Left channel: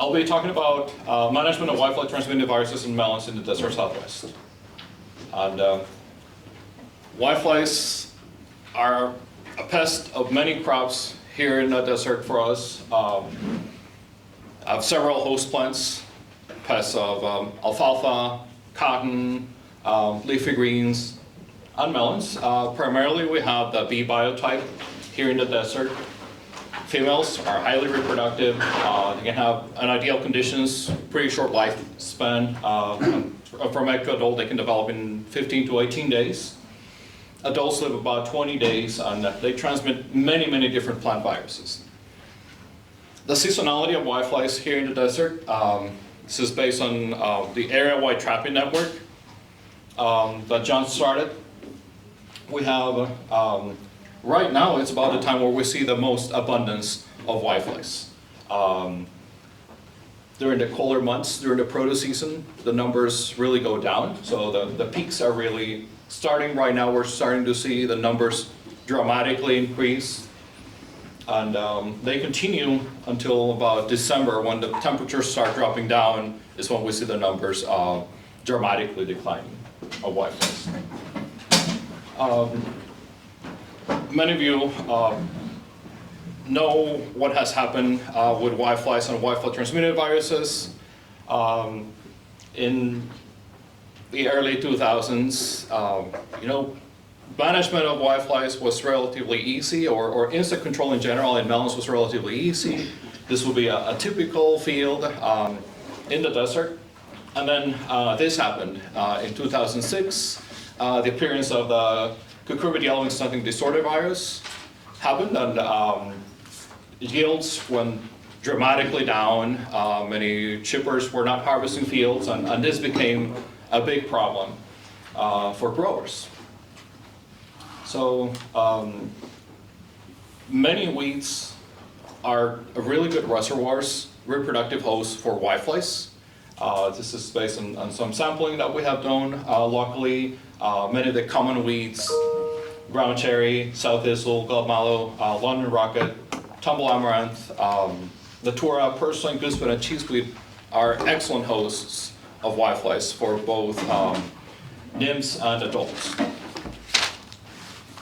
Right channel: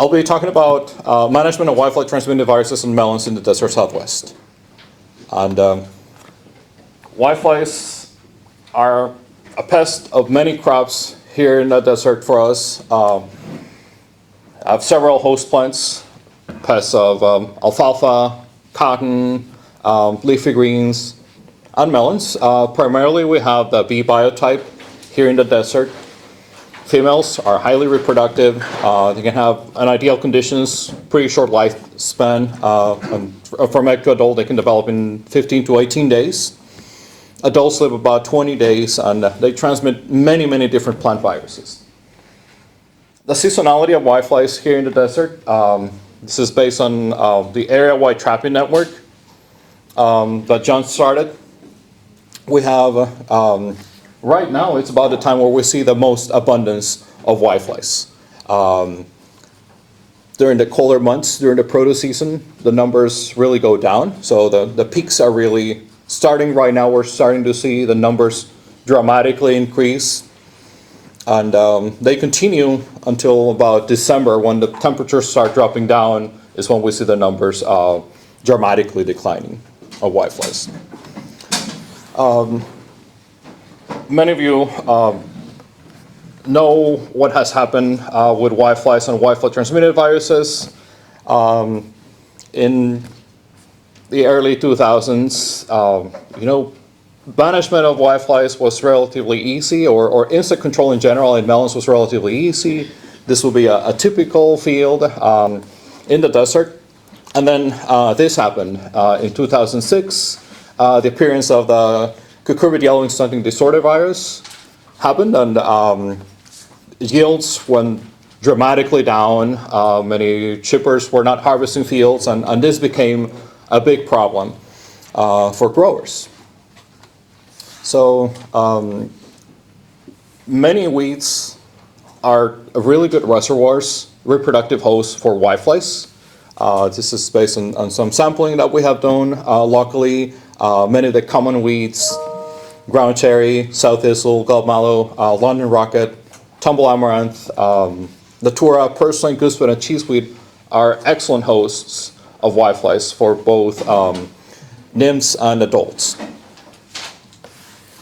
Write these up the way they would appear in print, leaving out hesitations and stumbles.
I'll be talking about management of whitefly transmitted viruses and melons in the desert Southwest. And whiteflies are a pest of many crops here in the desert for us. I have several host plants, pests of alfalfa, cotton, leafy greens, and melons. Primarily we have the bee biotype here in the desert. Females are highly reproductive. They can have an ideal conditions, pretty short lifespan. From egg to adult, they can develop in 15 to 18 days. Adults live about 20 days, and they transmit many, many different plant viruses. The seasonality of whiteflies here in the desert, this is based on the area-wide trapping network that John started. We have right now, it's about the time where we see the most abundance of whiteflies. During the colder months, during the produce season, the numbers really go down. So the peaks are really starting right now. We're starting to see the numbers dramatically increase. And they continue until about December, when the temperatures start dropping down, is when we see the numbers dramatically declining of whiteflies. Many of you know what has happened with whiteflies and whitefly transmitted viruses. In the early 2000s, management of whiteflies was relatively easy, or insect control in general in melons was relatively easy. This will be a typical field in the desert. And then this happened in 2006. The appearance of the Cooperative yellowing stunting disorder virus happened, and yields went dramatically down. Many chippers were not harvesting fields, and this became a big problem for growers. So many weeds are really good reservoirs, reproductive hosts for whiteflies. This is based on some sampling that we have done locally. Many of the common weeds, ground cherry, south thistle, gulp mallow, London rocket, tumble amaranth, datura, purslane, goosewood, and cheeseweed are excellent hosts of whiteflies for both nymphs and adults.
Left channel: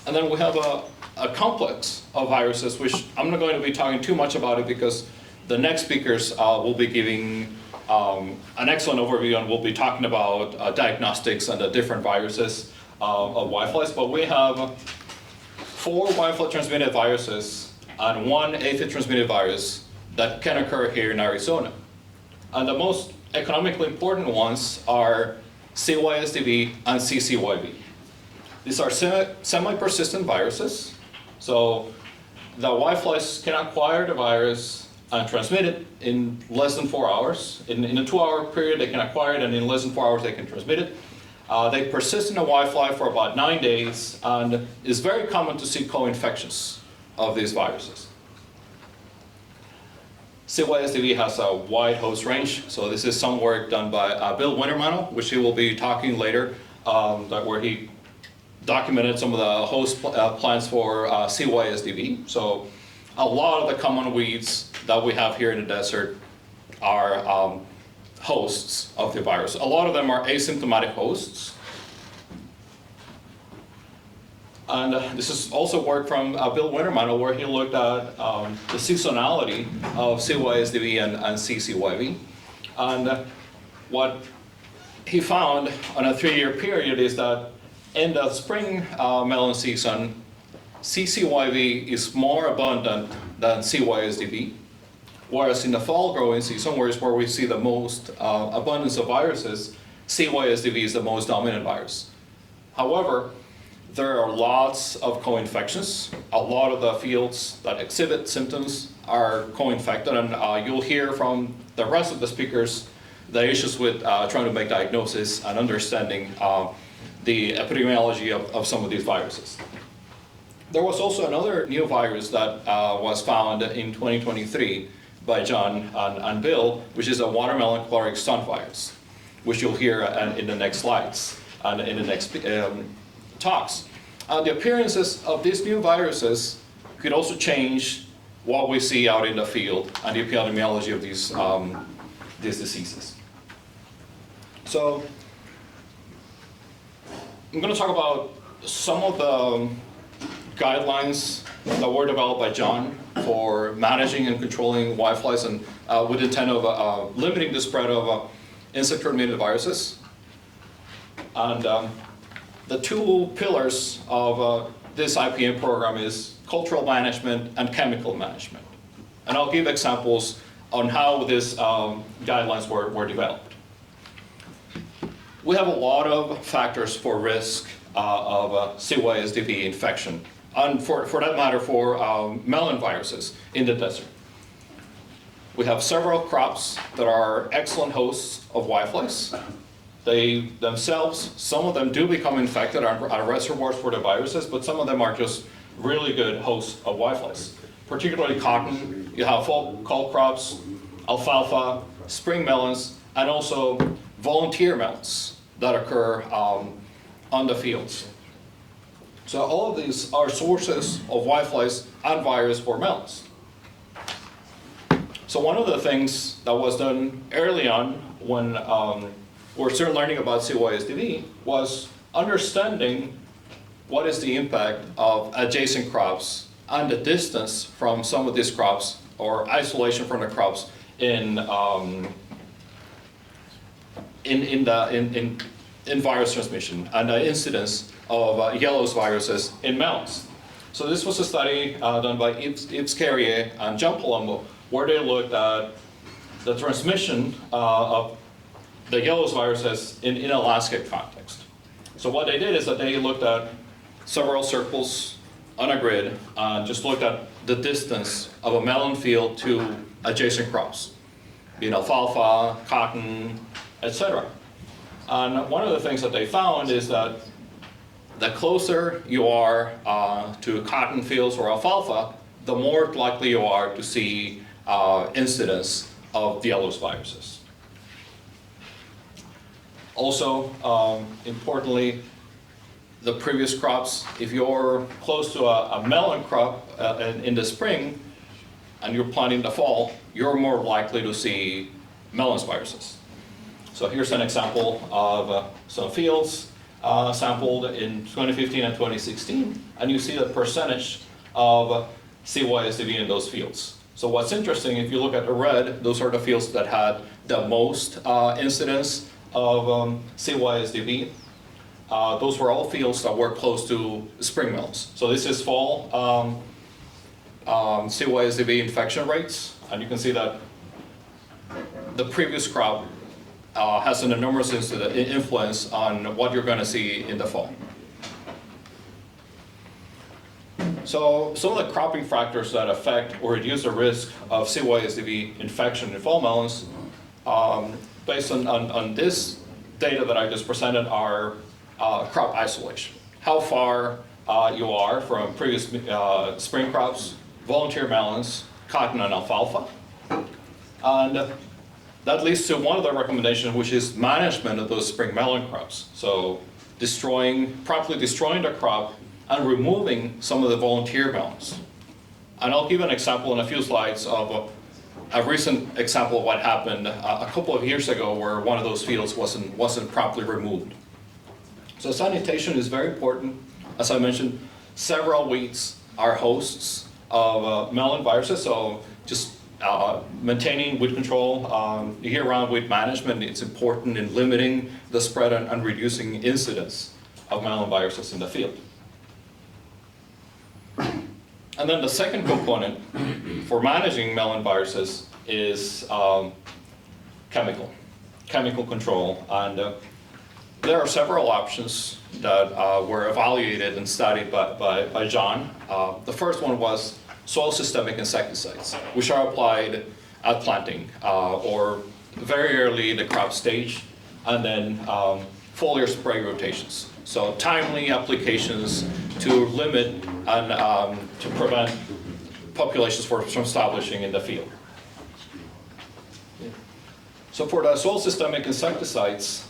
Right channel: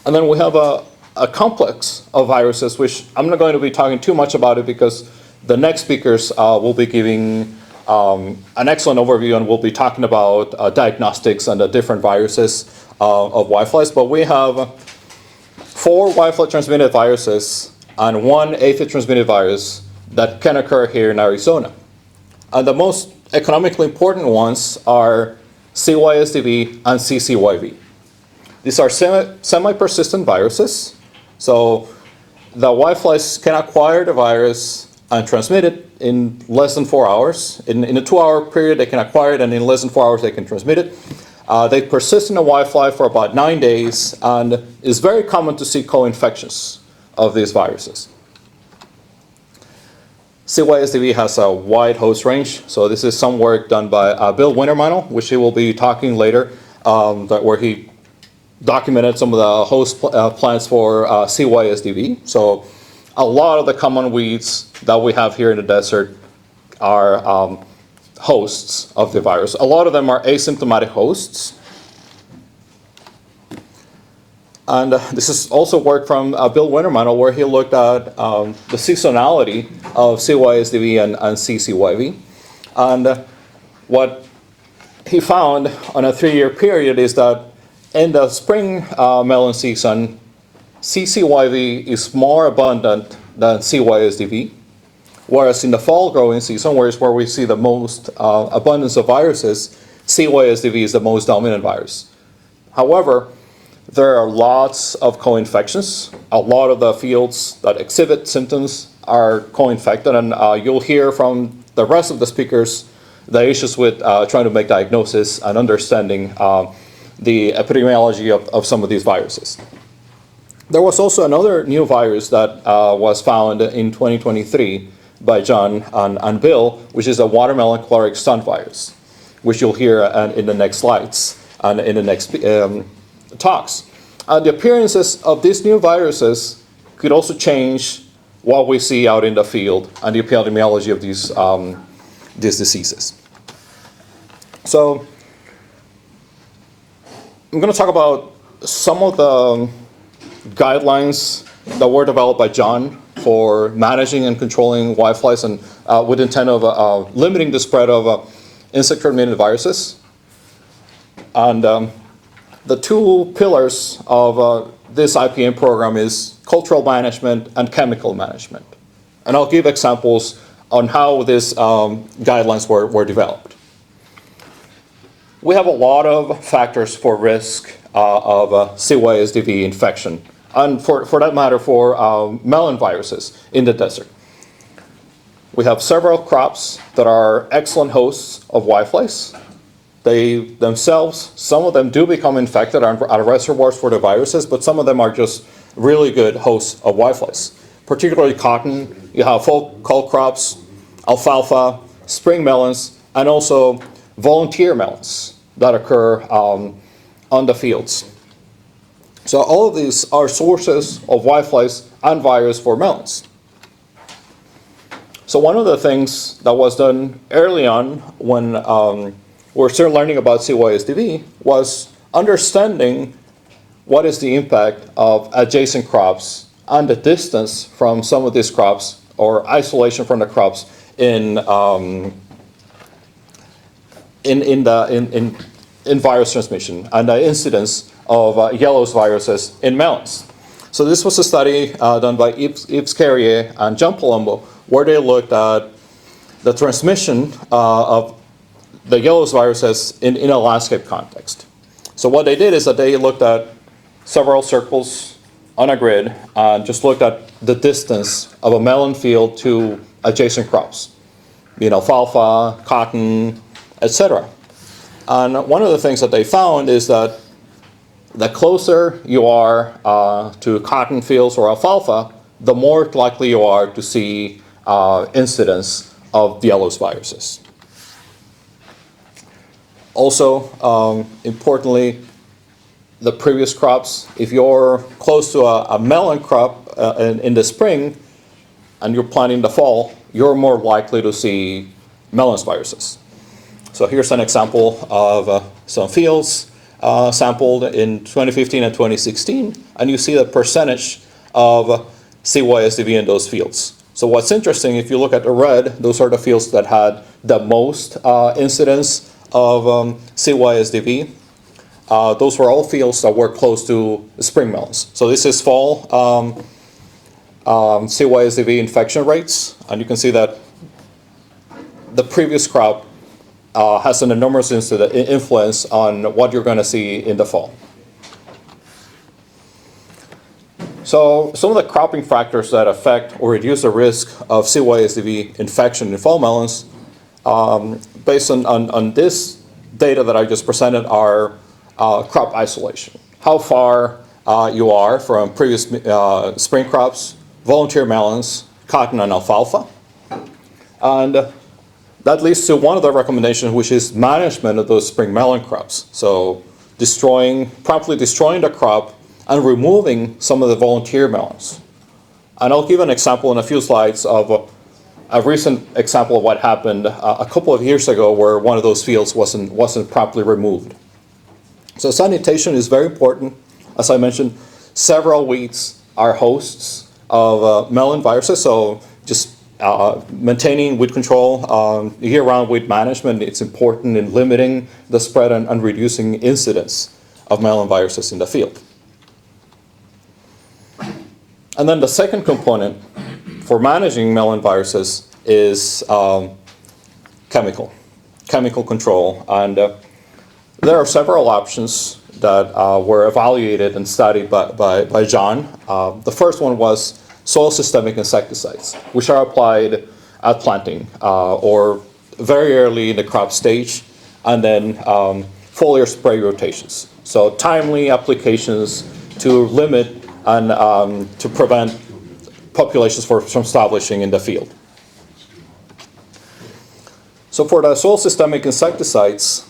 And then we have a complex of viruses, which I'm not going to be talking too much about it because the next speakers will be giving an excellent overview, and we'll be talking about diagnostics and the different viruses of whiteflies. But we have 4 whitefly transmitted viruses and 1 aphid transmitted virus that can occur here in Arizona. And the most economically important ones are CYSDV and CCYV. These are semi-persistent viruses. So the whiteflies can acquire the virus and transmit it in less than 4 hours. In a 2-hour period, they can acquire it, and in less than 4 hours, they can transmit it. They persist in a whitefly for about 9 days, and it's very common to see co-infections of these viruses. CYSDV has a wide host range, so this is some work done by Bill Wintermantel, which he will be talking later, where he documented some of the host plants for CYSDV. So a lot of the common weeds that we have here in the desert are hosts of the virus. A lot of them are asymptomatic hosts. And this is also work from Bill Wintermantel, where he looked at the seasonality of CYSDV and CCYV. And what he found on a 3-year period is that in the spring melon season, CCYV is more abundant than CYSDV. Whereas in the fall growing season, where we see the most abundance of viruses, CYSDV is the most dominant virus. However, there are lots of co-infections. A lot of the fields that exhibit symptoms are co-infected, and you'll hear from the rest of the speakers the issues with trying to make diagnosis and understanding the epidemiology of some of these viruses. There was also another new virus that was found in 2023 by John and Bill, which is a watermelon chloric stunt virus, which you'll hear in the next slides and in the next talks. The appearances of these new viruses could also change what we see out in the field and the epidemiology of these diseases. So I'm going to talk about some of the guidelines that were developed by John for managing and controlling whiteflies, and with the intent of limiting the spread of insect-transmitted viruses. And the two pillars of this IPM program is cultural management and chemical management. And I'll give examples on how these guidelines were developed. We have a lot of factors for risk of CYSDV infection, and for that matter, for melon viruses in the desert. We have several crops that are excellent hosts of whiteflies. They themselves, some of them do become infected and are reservoirs for the viruses, but some of them are just really good hosts of whiteflies. Particularly cotton, you have fall col crops, alfalfa, spring melons, and also volunteer melons that occur on the fields. So all of these are sources of whiteflies and virus for melons. So one of the things that was done early on when we're still learning about CYSDV was understanding what is the impact of adjacent crops and the distance from some of these crops or isolation from the crops in virus transmission and the incidence of yellow viruses in melons. So this was a study done by Yves Carrier and John Palumbo, where they looked at the transmission of the yellow viruses in a landscape context. So what they did is that they looked at several circles on a grid and just looked at the distance of a melon field to adjacent crops, alfalfa, cotton, etc. And one of the things that they found is that the closer you are to cotton fields or alfalfa, the more likely you are to see incidence of the yellow viruses. Also, importantly, the previous crops, if you're close to a melon crop in the spring and you're planting the fall, you're more likely to see melons viruses. So here's an example of some fields sampled in 2015 and 2016, and you see the percentage of CYSDV in those fields. So what's interesting, if you look at the red, those are the fields that had the most incidence of CYSDV. Those were all fields that were close to spring melons. So this is fall CYSDV infection rates, and you can see that the previous crop has an enormous influence on what you're going to see in the fall. So some of the cropping factors that affect or reduce the risk of CYSDV infection in fall melons, based on this data that I just presented, are crop isolation. How far you are from previous spring crops, volunteer melons, cotton, and alfalfa. And that leads to one of the recommendations, which is management of those spring melon crops. So promptly destroying the crop and removing some of the volunteer melons. And I'll give an example in a few slides of a recent example of what happened a couple of years ago where one of those fields wasn't properly removed. So sanitation is very important. As I mentioned, several weeds are hosts of melon viruses, so just maintaining weed control, year-round weed management, it's important in limiting the spread and reducing incidence of melon viruses in the field. And then the second component for managing melon viruses is chemical control. And there are several options that were evaluated and studied by John. The first one was soil systemic insecticides, which are applied at planting or very early in the crop stage, and then foliar spray rotations. So timely applications to limit and to prevent populations from establishing in the field. So for the soil systemic insecticides,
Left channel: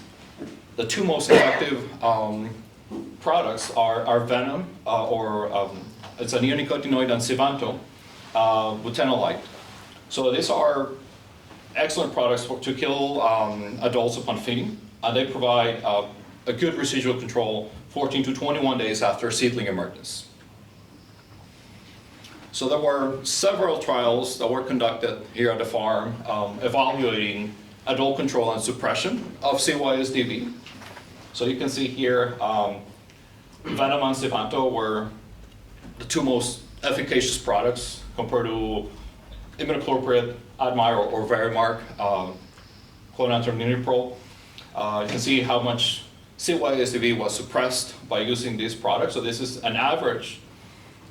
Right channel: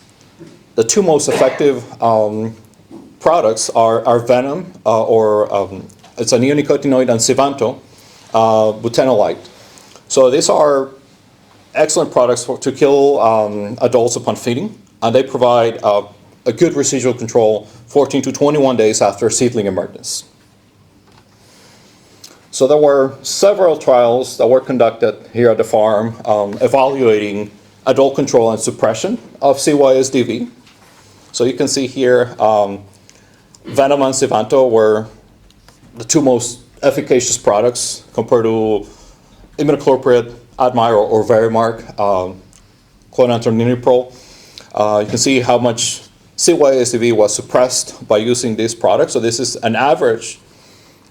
the two most effective products are venom, it's a neonicotinoid, and Sivanto. butenolide. So these are excellent products to kill adults upon feeding, and they provide a good residual control 14 to 21 days after seedling emergence. So there were several trials that were conducted here at the farm evaluating adult control and suppression of CYSDV. So you can see here, Venom and Sivanto were the two most efficacious products compared to imidacloprid, Admire, or Verimark, clonantraniliprole. You can see how much CYSDV was suppressed by using these products. So this is an average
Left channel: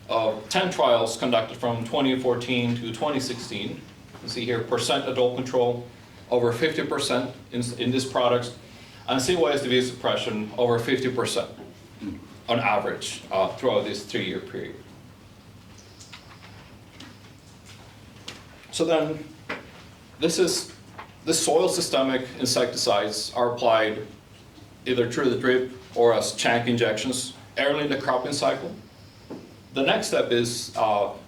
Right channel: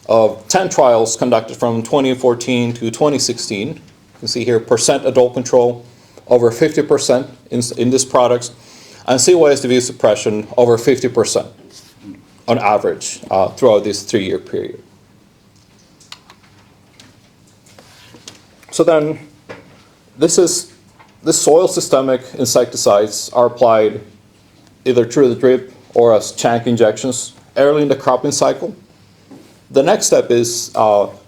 of 10 trials conducted from 2014 to 2016. You can see here percent adult control, over 50% in these products, and CYSDV suppression over 50% on average throughout this 3-year period. So then, this soil systemic insecticides are applied either through the drip or as chunk injections early in the cropping cycle. The next step is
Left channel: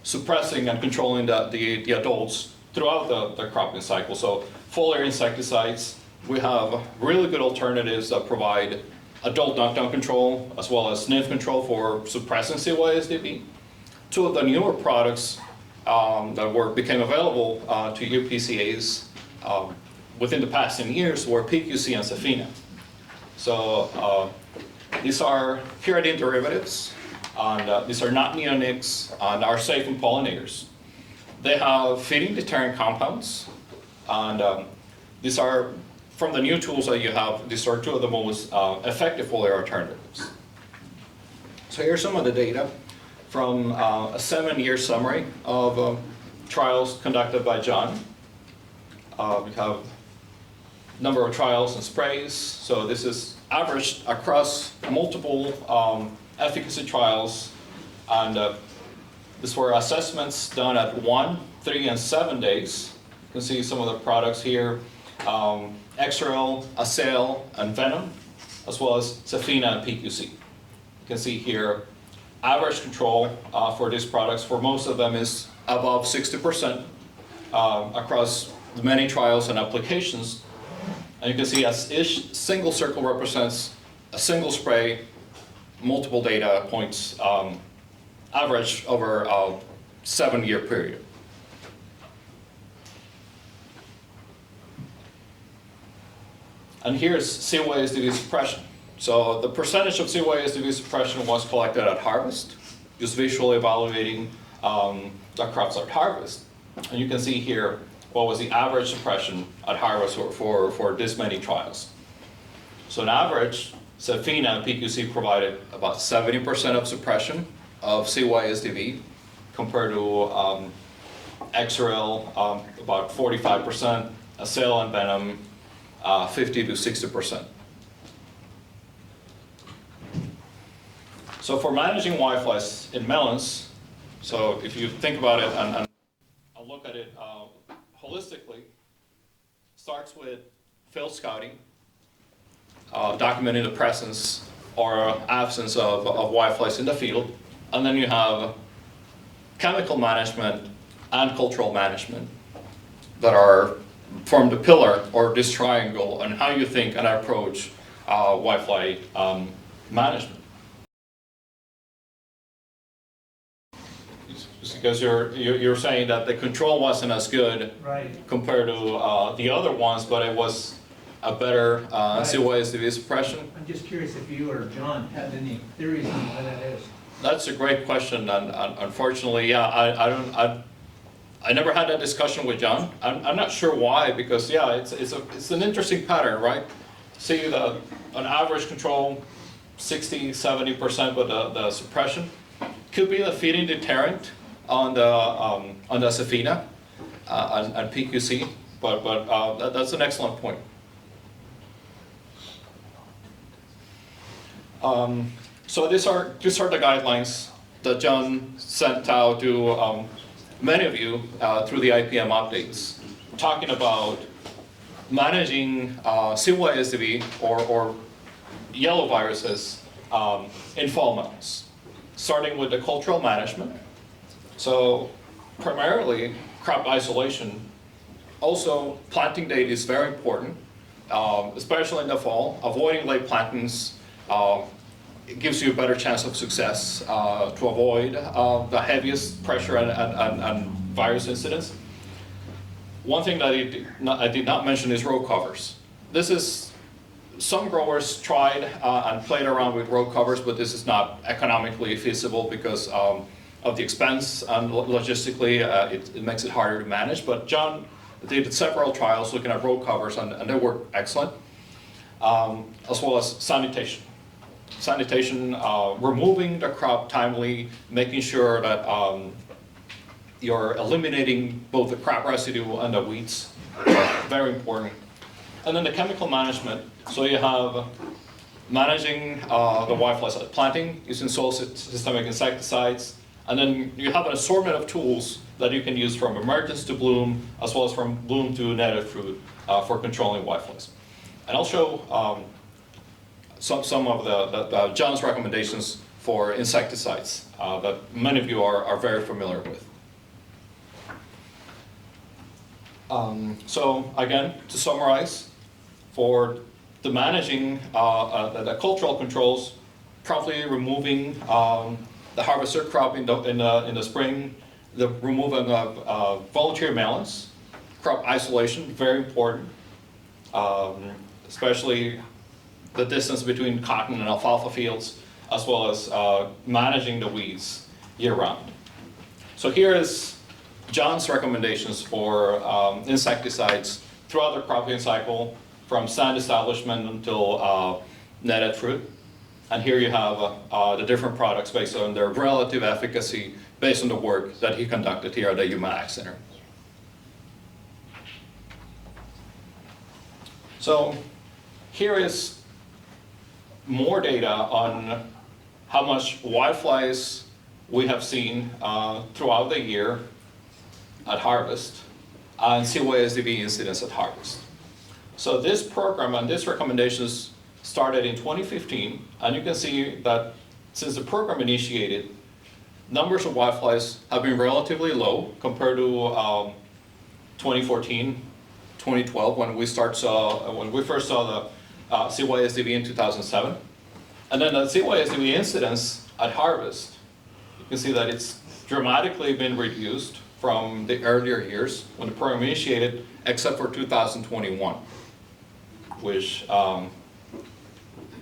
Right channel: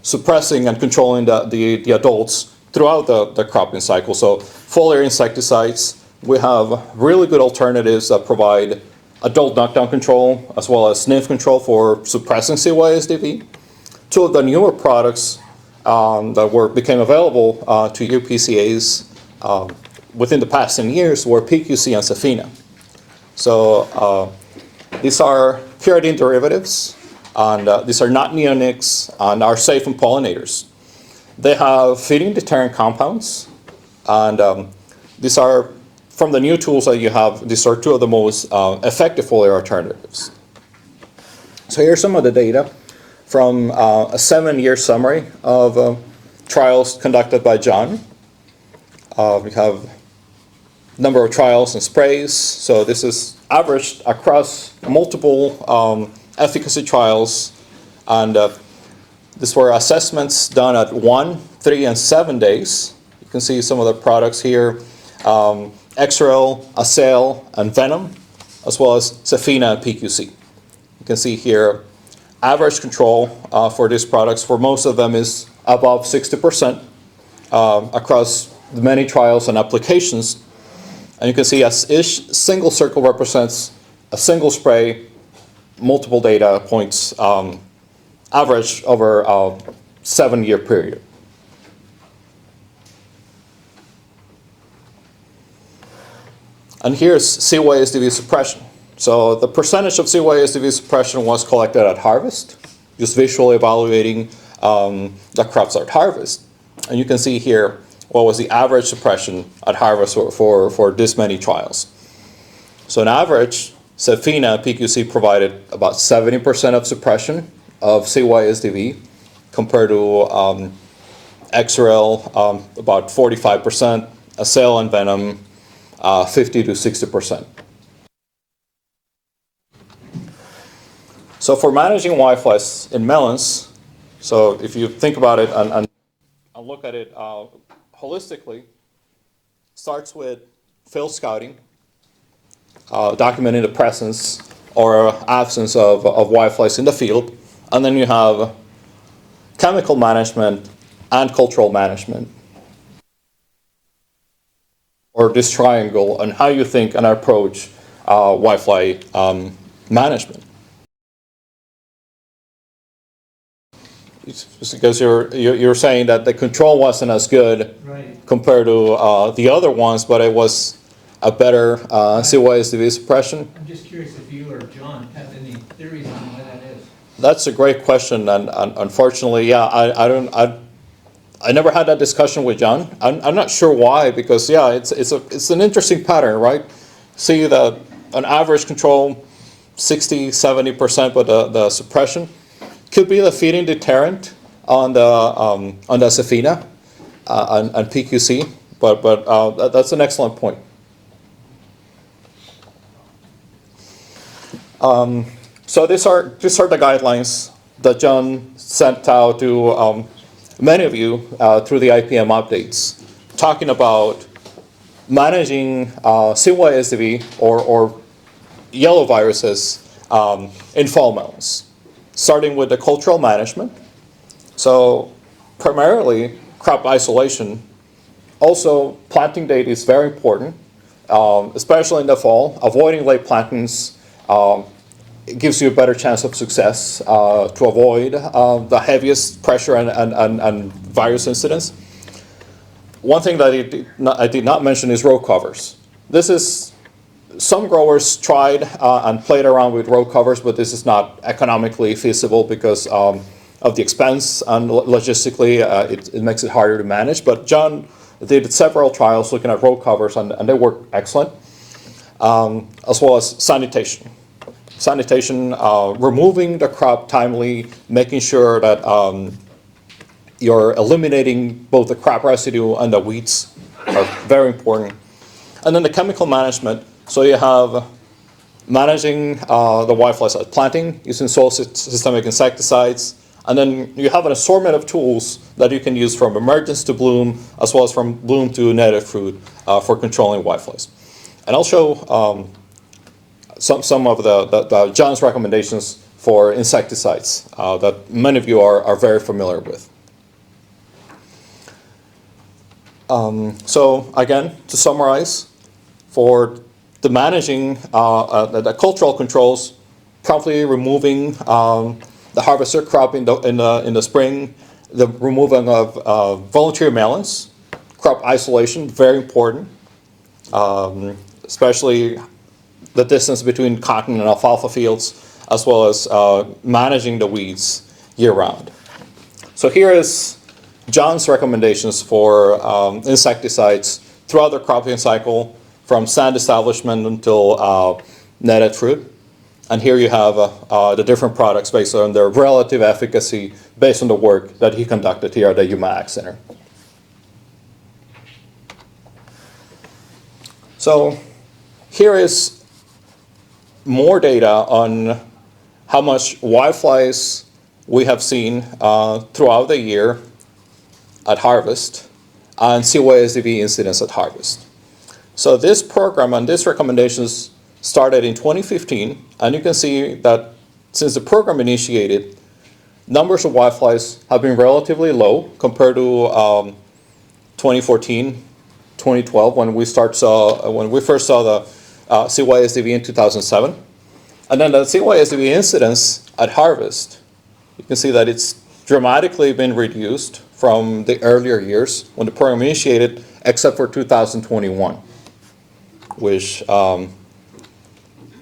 suppressing and controlling the adults throughout the cropping cycle. So foliar insecticides, we have really good alternatives that provide adult knockdown control as well as nymph control for suppressing CYSDV. Two of the newer products that became available to UPCAs within the past 10 years were PQC and Safina. So these are pyridine derivatives, and these are not neonics and are safe in pollinators. They have feeding deterrent compounds, and these are, from the new tools that you have, these are two of the most effective foliar alternatives. So here's some of the data from a 7-year summary of trials conducted by John. We have number of trials and sprays. So this is averaged across multiple efficacy trials, and these were assessments done at 1, 3, and 7 days. You can see some of the products here, Xrel, Acel, and Venom, as well as Safina and PQC. You can see here average control for these products for most of them is above 60% across the many trials and applications. And you can see as each single circle represents a single spray, multiple data points average over a 7-year period. And here's CYSDV suppression. So the percentage of CYSDV suppression was collected at harvest, just visually evaluating the crops at harvest. And you can see here what was the average suppression at harvest for this many trials. So on average, Safina and PQC provided about 70% of suppression of CYSDV compared to Xrel, about 45%, Acel and Venom, 50 to 60%. So for managing whiteflies in melons, so if you think about it and look at it holistically, starts with field scouting, documenting the presence or absence of whiteflies in the field, and then you have chemical management and cultural management that are form the pillar or this triangle on how you think and approach whitefly management. It's because you're saying that the control wasn't as good compared to the other ones, but it was a better CYSDV suppression. I'm just curious if you or John have any theories on why that is. That's a great question, and unfortunately, yeah, I never had that discussion with John. I'm not sure why, because yeah, it's an interesting pattern, right? See that on average control, 60-70%, but the suppression could be the feeding deterrent on the Safina and PQC, but that's an excellent point. So these are the guidelines that John sent out to many of you through the IPM updates, talking about managing CYSDV or yellow viruses in fall melons, starting with the cultural management. So primarily crop isolation. Also, planting date is very important, especially in the fall. Avoiding late plantings it gives you a better chance of success to avoid the heaviest pressure and virus incidents. One thing that I did not mention is row covers. This is, some growers tried and played around with row covers, but this is not economically feasible because of the expense, and logistically it makes it harder to manage. But John did several trials looking at row covers, and they work excellent, as well as sanitation. Sanitation, removing the crop timely, making sure that you're eliminating both the crop residue and the weeds are very important. And then the chemical management. So you have managing the whiteflies at planting using soil systemic insecticides. And then you have an assortment of tools that you can use from emergence to bloom, as well as from bloom to native fruit for controlling whiteflies. And I'll show some of the John's recommendations for insecticides that many of you are very familiar with. So again, to summarize, for the managing the cultural controls, promptly removing the harvester crop in the spring, the removing of voluntary melons, crop isolation, very important, especially the distance between cotton and alfalfa fields, as well as managing the weeds year-round. So here is John's recommendations for insecticides throughout the cropping cycle, from stand establishment until netted fruit. And here you have the different products based on their relative efficacy based on the work that he conducted here at the Yuma Ag Center. So here is more data on how much whiteflies we have seen throughout the year at harvest and CYSDV incidents at harvest. So this program and these recommendations started in 2015, and you can see that since the program initiated, numbers of whiteflies have been relatively low compared to 2014, 2012, when we first saw the CYSDV in 2007. And then the CYSDV incidence at harvest, you can see that it's dramatically been reduced from the earlier years when the program initiated, except for 2021, which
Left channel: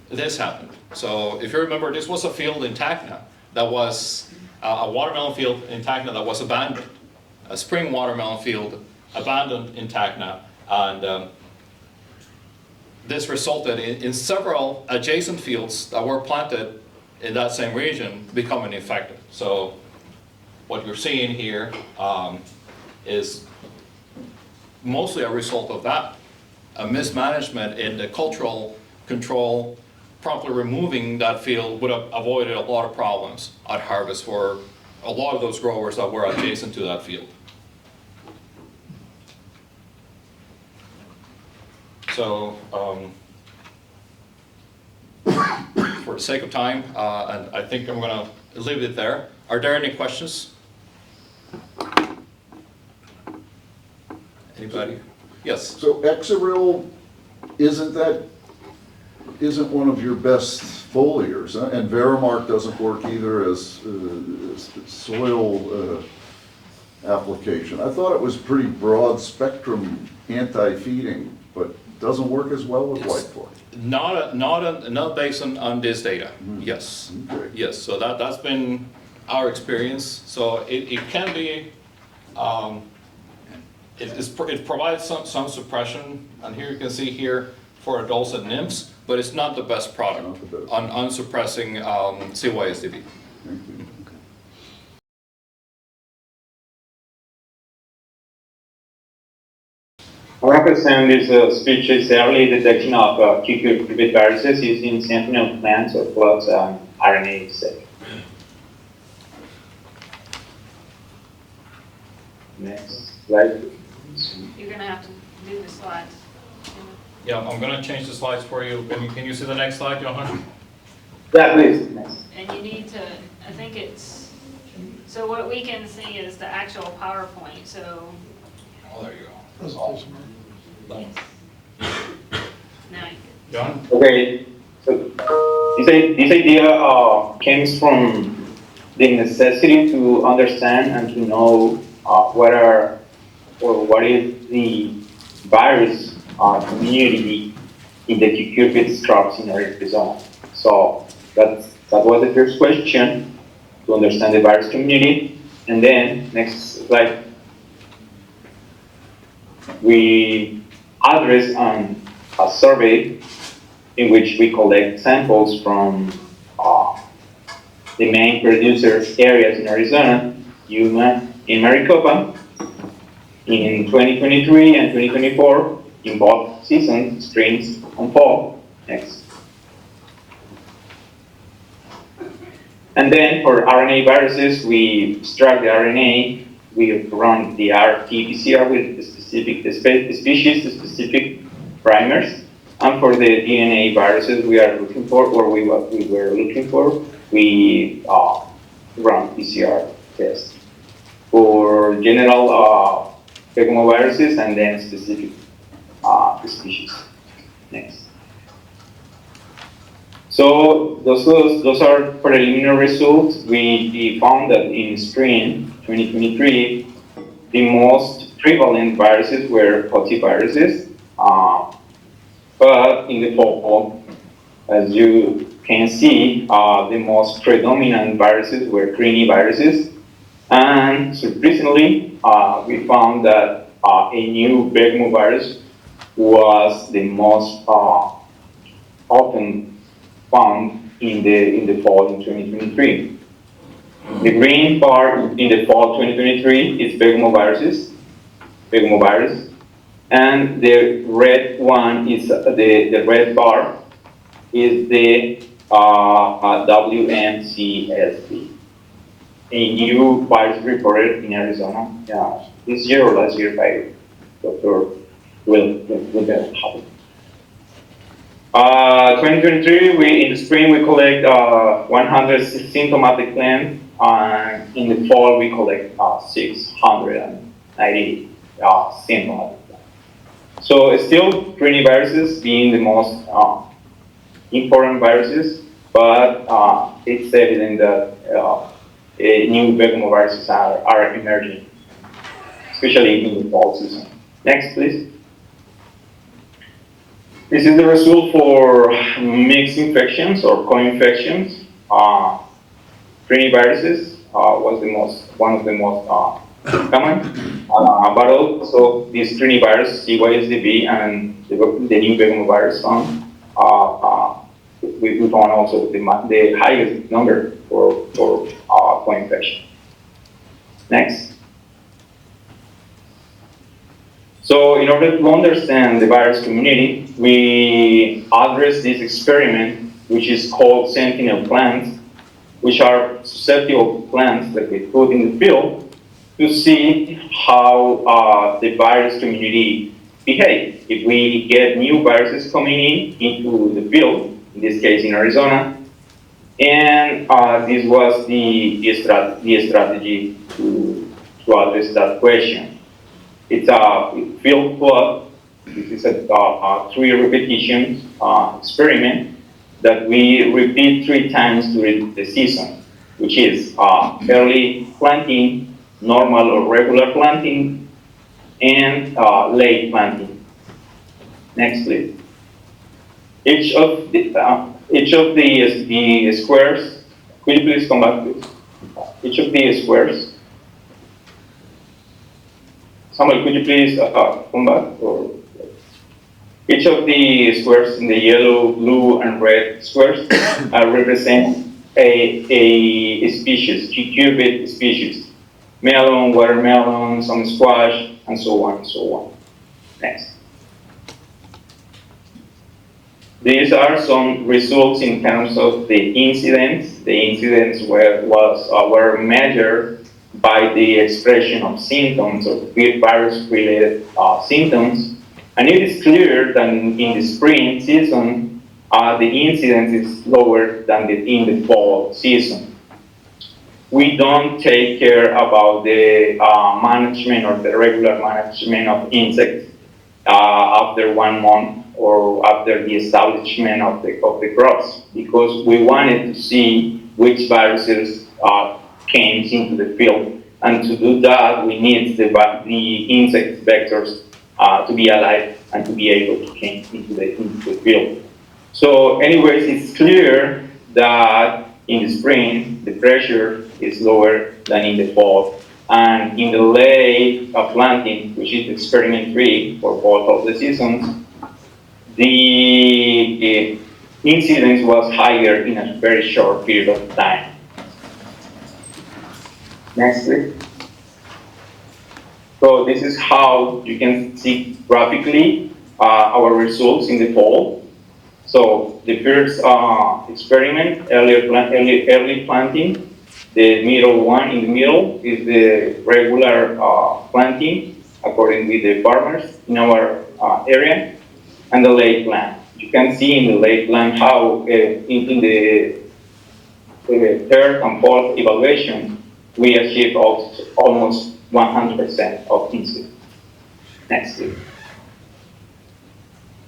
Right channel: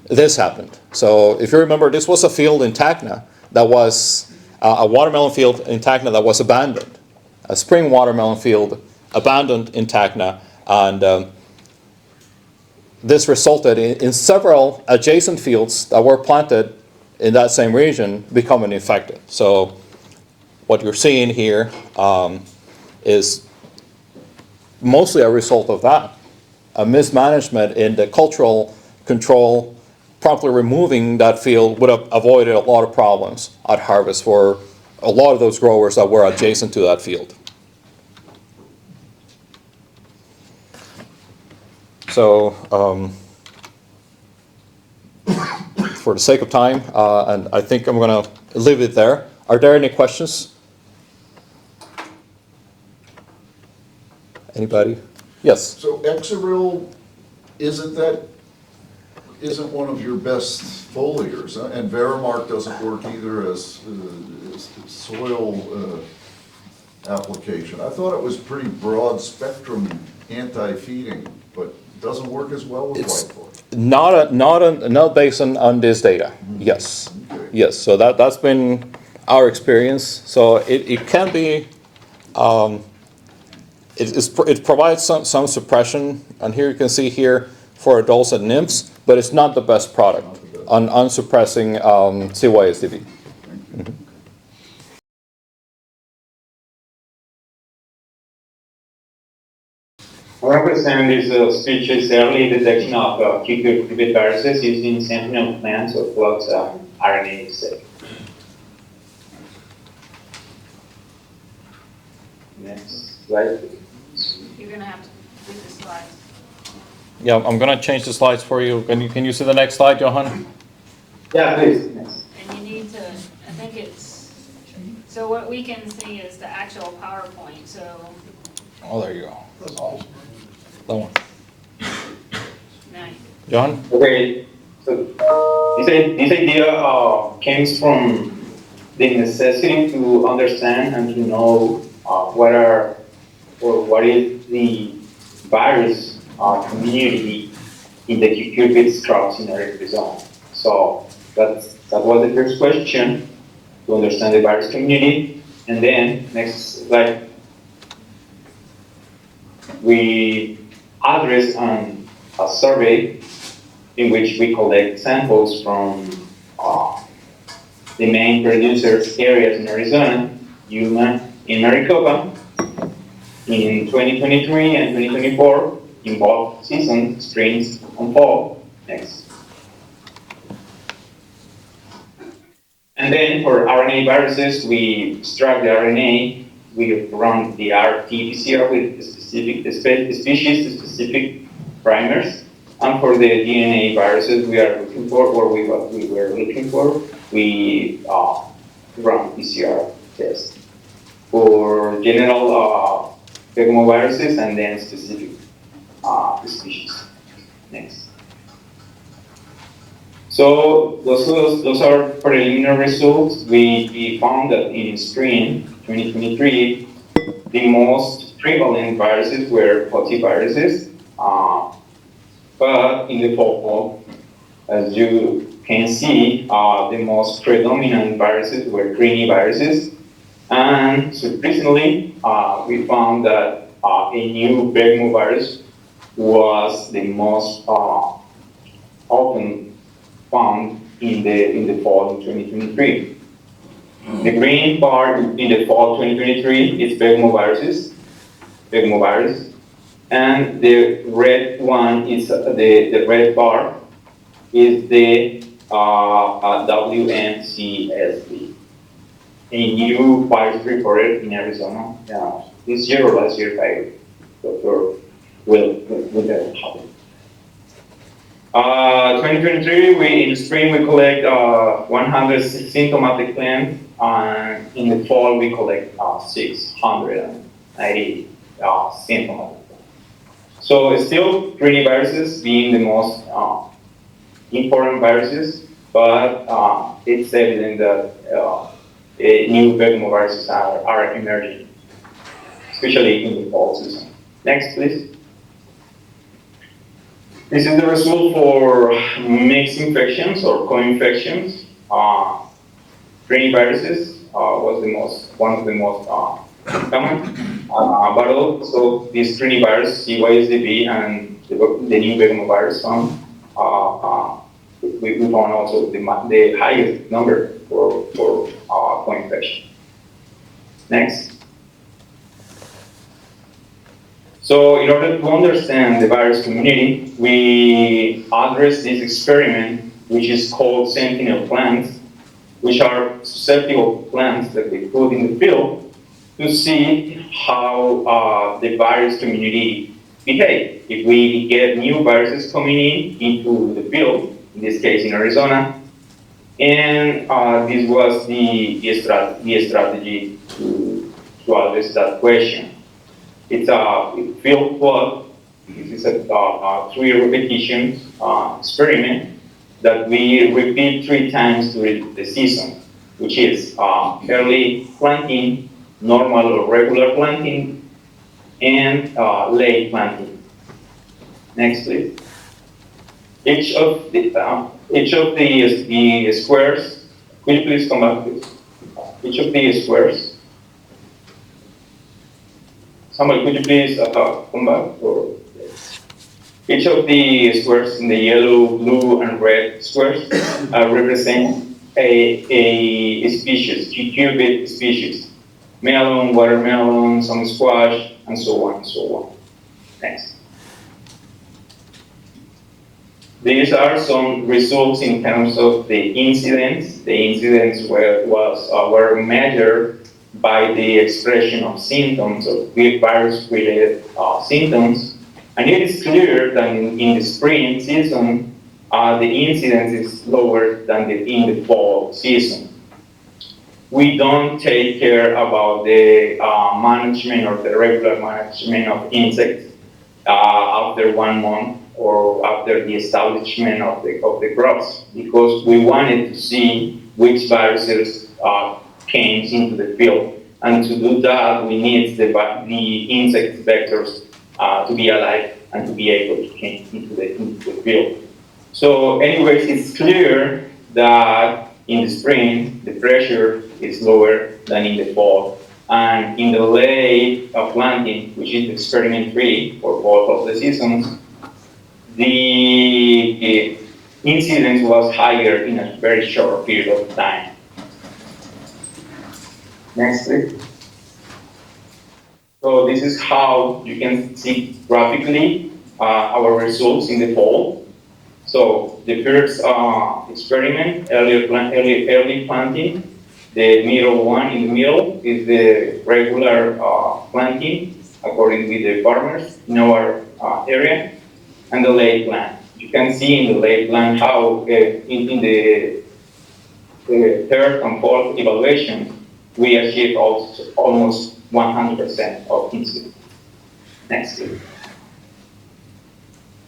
this happened. So if you remember, this was a field in Tacna that was a watermelon field in Tacna that was abandoned, a spring watermelon field abandoned in Tacna, and this resulted in several adjacent fields that were planted in that same region becoming infected. So what you're seeing here is mostly a result of that, a mismanagement in the cultural control. Promptly removing that field would have avoided a lot of problems at harvest for a lot of those growers that were adjacent to that field. So for the sake of time, and I think I'm going to leave it there. Are there any questions? Anybody? Yes. So Exaril, isn't one of your best foliars, and Verimark doesn't work either as soil application. I thought it was pretty broad spectrum anti-feeding, but doesn't work as well with whitefly. Not based on this data. Mm-hmm. Yes. Okay. Yes. So that's been our experience. So it can be. It provides some suppression, and here you can see here for adults and nymphs, but it's not the best product on suppressing CYSDV. Mm-hmm. Our represent is species early detection of cucurbit viruses using sentinel plants or flux RNA assay. Next slide. You're going to have to do the slides. Yeah, I'm going to change the slides for you. Can you see the next slide, Johan? Yeah, please. Next. And you need to, I think it's So what we can see is the actual PowerPoint, so Oh, there you go. Oh, that one. now you John? Okay, so this idea came from the necessity to understand and to know what is the virus community in the cucurbit crops in Arizona. So that was the first question, to understand the virus community. And then next slide, we address on a survey in which we collect samples from the main producers areas in Arizona, Yuma and Maricopa, in 2023 and 2024, in both seasons, springs and fall. Next. And then for RNA viruses, we extract the RNA, we run the RT-PCR with specific species-specific primers. And for the DNA viruses we are looking for, or what we were looking for, we run PCR tests for general pegomoviruses and then specific species. Next. So those are preliminary results. We found that in spring 2023, the most prevalent viruses were viruses. But in the fall, as you can see, the most predominant viruses were greeny viruses. And surprisingly, we found that a new virus was the most often found in the fall in 2023. The green part in the fall 2023 is pegomovirus, and the red one is the red bar is the WMCSD, a new virus reported in Arizona this year or last year by Dr. Will. 2023, in the spring we collect 100 symptomatic plants, and in the fall we collect 690 symptomatic plants. So it's still greeny viruses being the most important viruses, but it's evident that new viruses are emerging, especially in the fall season. Next, please. This is the result for mixed infections or co-infections. Greeny viruses was one of the most common, but also this greeny virus, CYSDB, and the new virus found. We found also the highest number for co-infection. Next. So in order to understand the virus community, we address this experiment, which is called sentinel plants, which are susceptible plants that we put in the field to see how the virus community behaves. If we get new viruses coming into the field, in this case in Arizona, and this was the strategy to address that question. It's a field plot. This is a 3 repetitions experiment that we repeat 3 times during the season, which is early planting, normal or regular planting, and late planting. Next, please. Each of the squares. Could you please come back, please? Each of the squares. Samuel, could you please come back? Each of the squares in the yellow, blue, and red squares represent a species, cucurbit species. Melon, watermelon, some squash, and so on and so on. Next. These are some results in terms of the incidence. The incidence were measured by the expression of symptoms of virus-related symptoms. And it is clear that in the spring season, the incidence is lower than in the fall season. we don't take care about the management or the regular management of insects after 1 month or after the establishment of the crops, because we wanted to see which viruses came into the field. And to do that, we need the insect vectors to be alive and to be able to came into the field. So anyways, it's clear that in the spring, the pressure is lower than in the fall. And in the late planting, which is experiment 3 for both of the seasons, the incidence was higher in a very short period of time. Next, please. So this is how you can see graphically our results in the fall. So the first experiment, early planting, the middle one in the middle is the regular planting according with the farmers in our area, and the late plant. You can see in the late plant how in the third and fourth evaluation we achieved almost 100% of incidence. Next, please.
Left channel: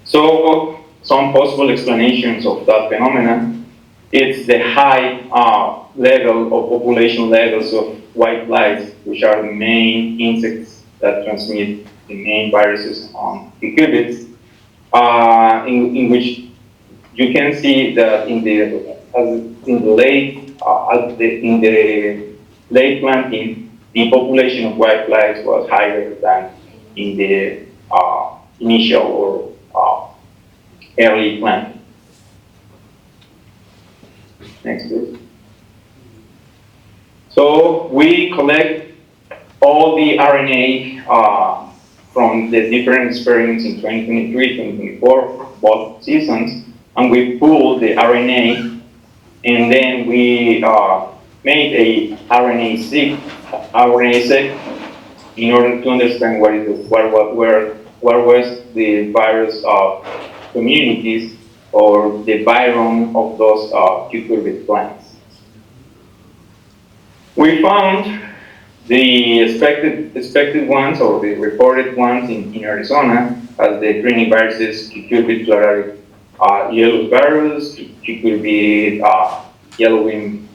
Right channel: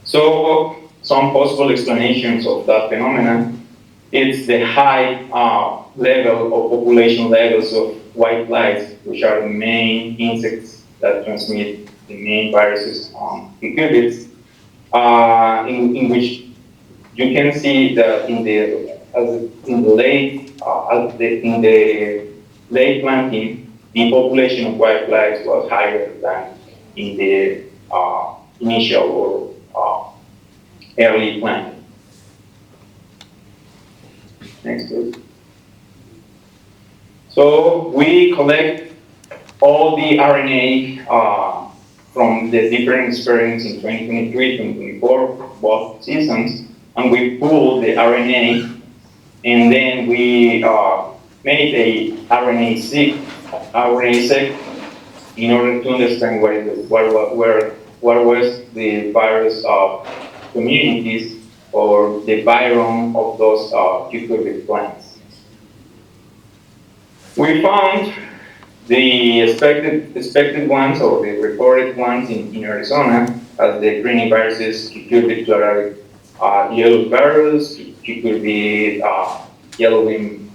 So some possible explanations of that phenomenon. It's the high level of population levels of whiteflies, which are the main insects that transmit the main viruses on cucurbits, in which you can see that in the late planting, the population of whiteflies was higher than in the initial or early planting. Next, please. So we collect all the RNA from the different experiments in 2023, 2024, both seasons, and we pool the RNA, and then we made a RNA-seq in order to understand what was the virus communities or the biome of those cucurbit plants. We found the expected ones or the reported ones in Arizona as the greening viruses, cucurbit pleurotic yellow virus, cucurbit yellowing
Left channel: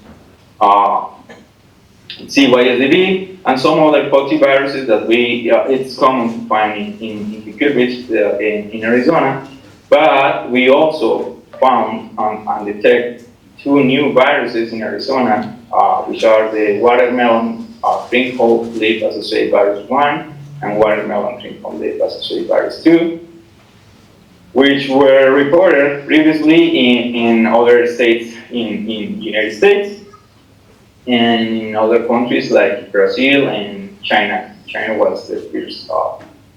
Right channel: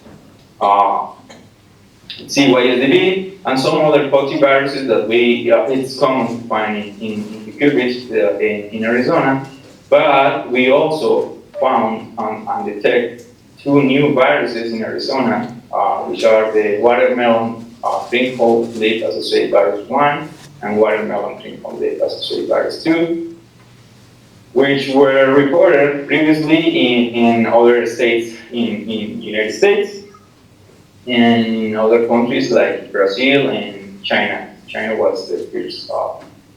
CYSDB, and some other viruses that it's common to find in cucurbits in Arizona. But we also found and detect 2 new viruses in Arizona, which are the watermelon trinkhole leaf associated virus 1 and watermelon trinkhole leaf associated virus 2, which were reported previously in other states in the United States and in other countries like Brazil and China. China was the first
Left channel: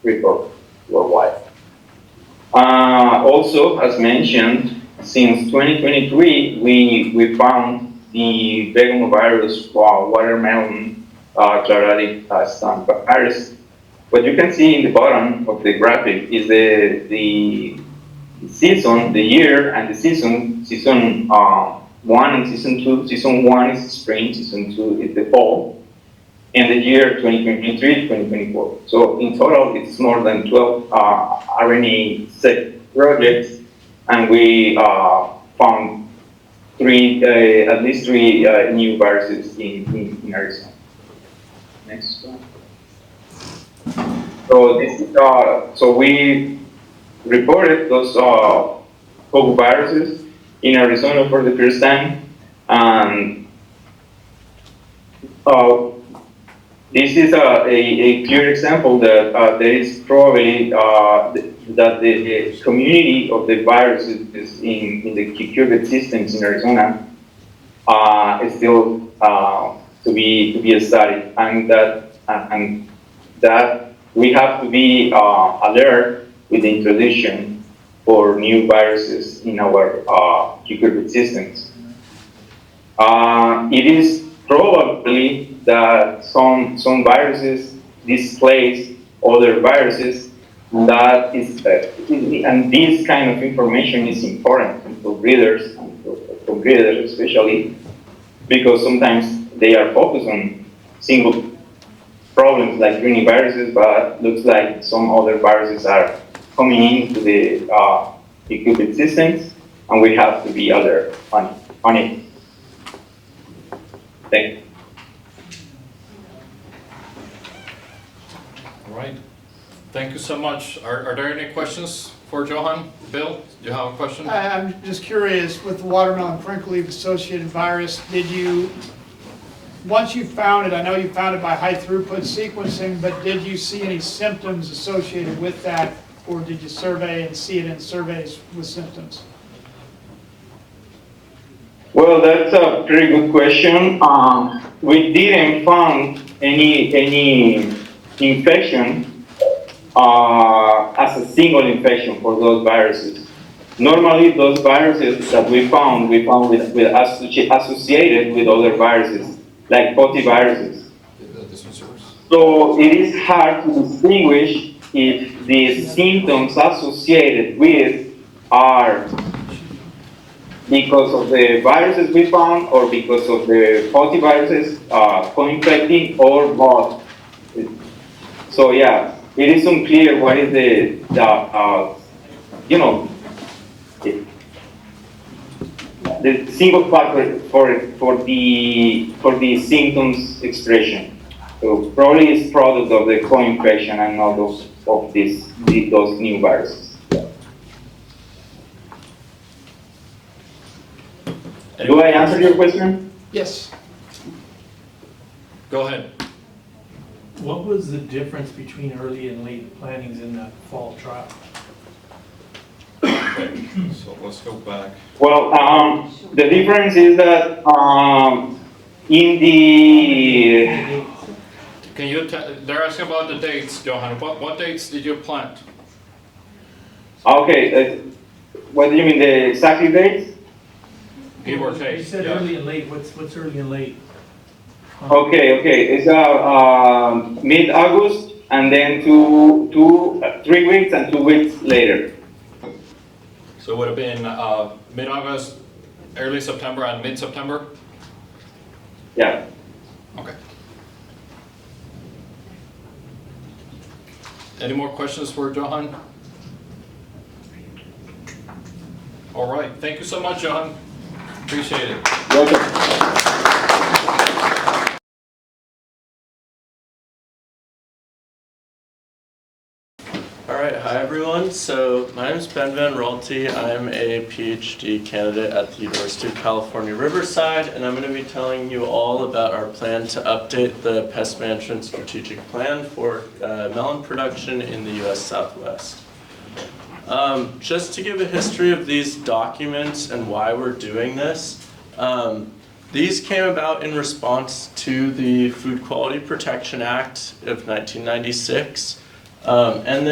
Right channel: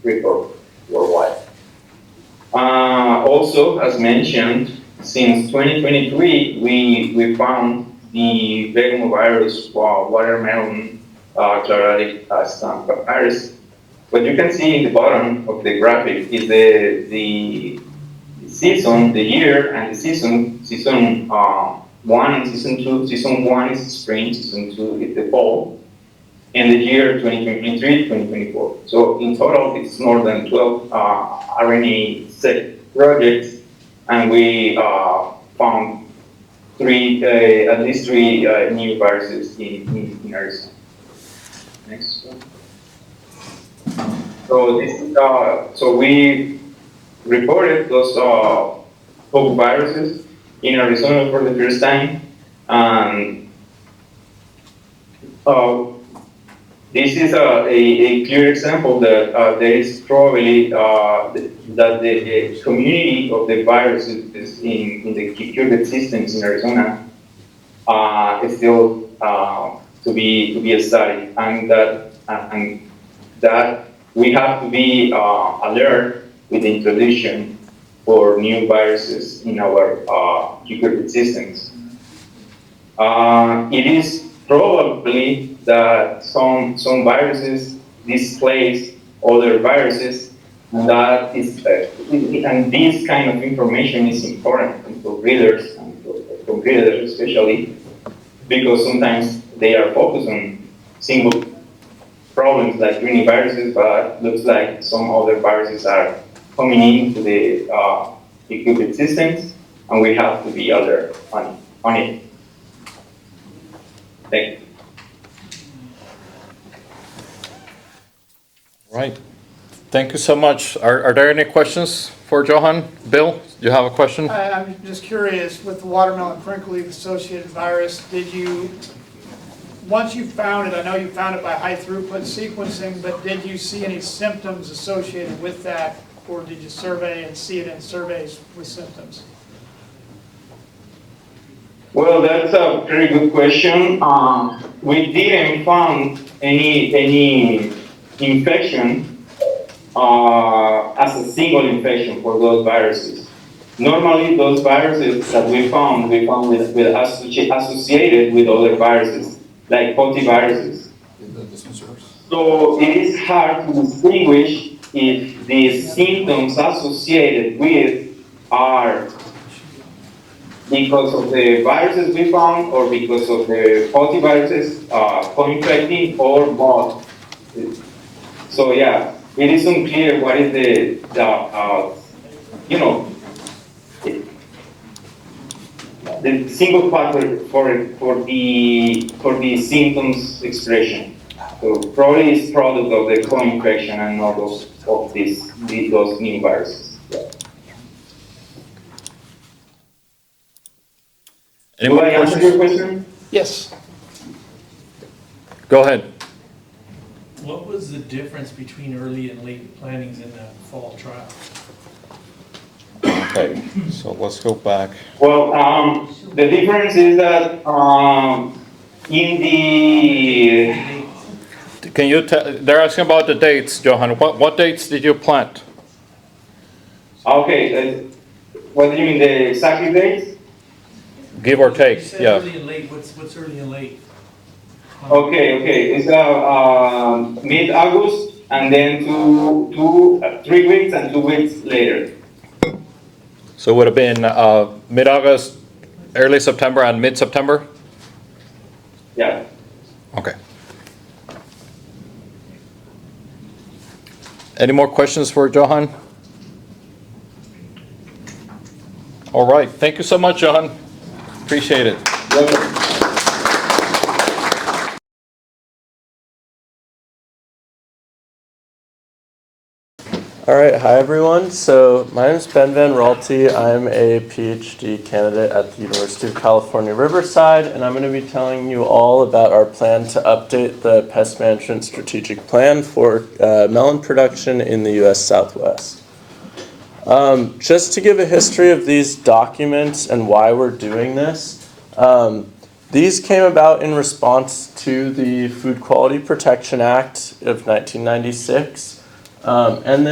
report worldwide. Also, as mentioned, since 2023, we found the vegomovirus watermelon chlorotic stump virus. What you can see in the bottom of the graphic is the season, the year, and the season 1 and season 2. Season 1 is spring, season 2 is the fall, and the year 2023, 2024. So in total, it's more than 12 RNA-seq projects, and we found at least three new viruses in Arizona. Next one. So we reported those viruses in Arizona for the first time. This is a clear example that there is probably that the community of the viruses in the cucurbit systems in Arizona is still to be studied, and that we have to be alert with the introduction for new viruses in our cucurbit systems. It is probably that some viruses displace other viruses, and and this kind of information is important for breeders, and for breeders especially, because sometimes they are focused on single problems like univiruses, but looks like some other viruses are coming into the equipment systems, and we have to be alert on it. Thank you. Right. Thank you so much. Are there any questions for Johan? Bill, you have a question? I'm just curious, with the watermelon crinkle leaf associated virus, did you, once you found it, I know you found it by high throughput sequencing, but did you see any symptoms associated with that, or did you survey and see it in surveys with symptoms? Well, that's a pretty good question. We didn't find any infection as a single infection for those viruses. Normally, those viruses that we found with associated with other viruses, like viruses. So it is hard to distinguish if the symptoms associated with are because of the viruses we found or because of the viruses co-infecting or both. So yeah, it is unclear what is the single factor for the symptoms expression. So probably it's product of the co-infection and not those new viruses. Any Do more I answer your question? Yes. Go ahead. What was the difference between early and late plantings in the fall trial? Okay, so let's go back. Well, the difference is that in the Can you tell, they're asking about the dates, Johan. What dates did you plant? okay, what do you mean the exact dates? Give or You take, said yeah. early and late, what's early and late? Okay, it's mid-August and then 3 weeks and 2 weeks later. So it would have been mid-August, early September, and mid-September? Yeah. Okay. Any more questions for Johan? All right, thank you so much, Johan. Appreciate it. Welcome. All right, hi everyone. So my name is Ben Van Raalte. I'm a PhD candidate at the University of California, Riverside, and I'm going to be telling you all about our plan to update the pest management strategic plan for melon production in the U.S. Southwest. Just to give a history of these documents and why we're doing this, these came about in response to the Food Quality Protection Act of 1996. And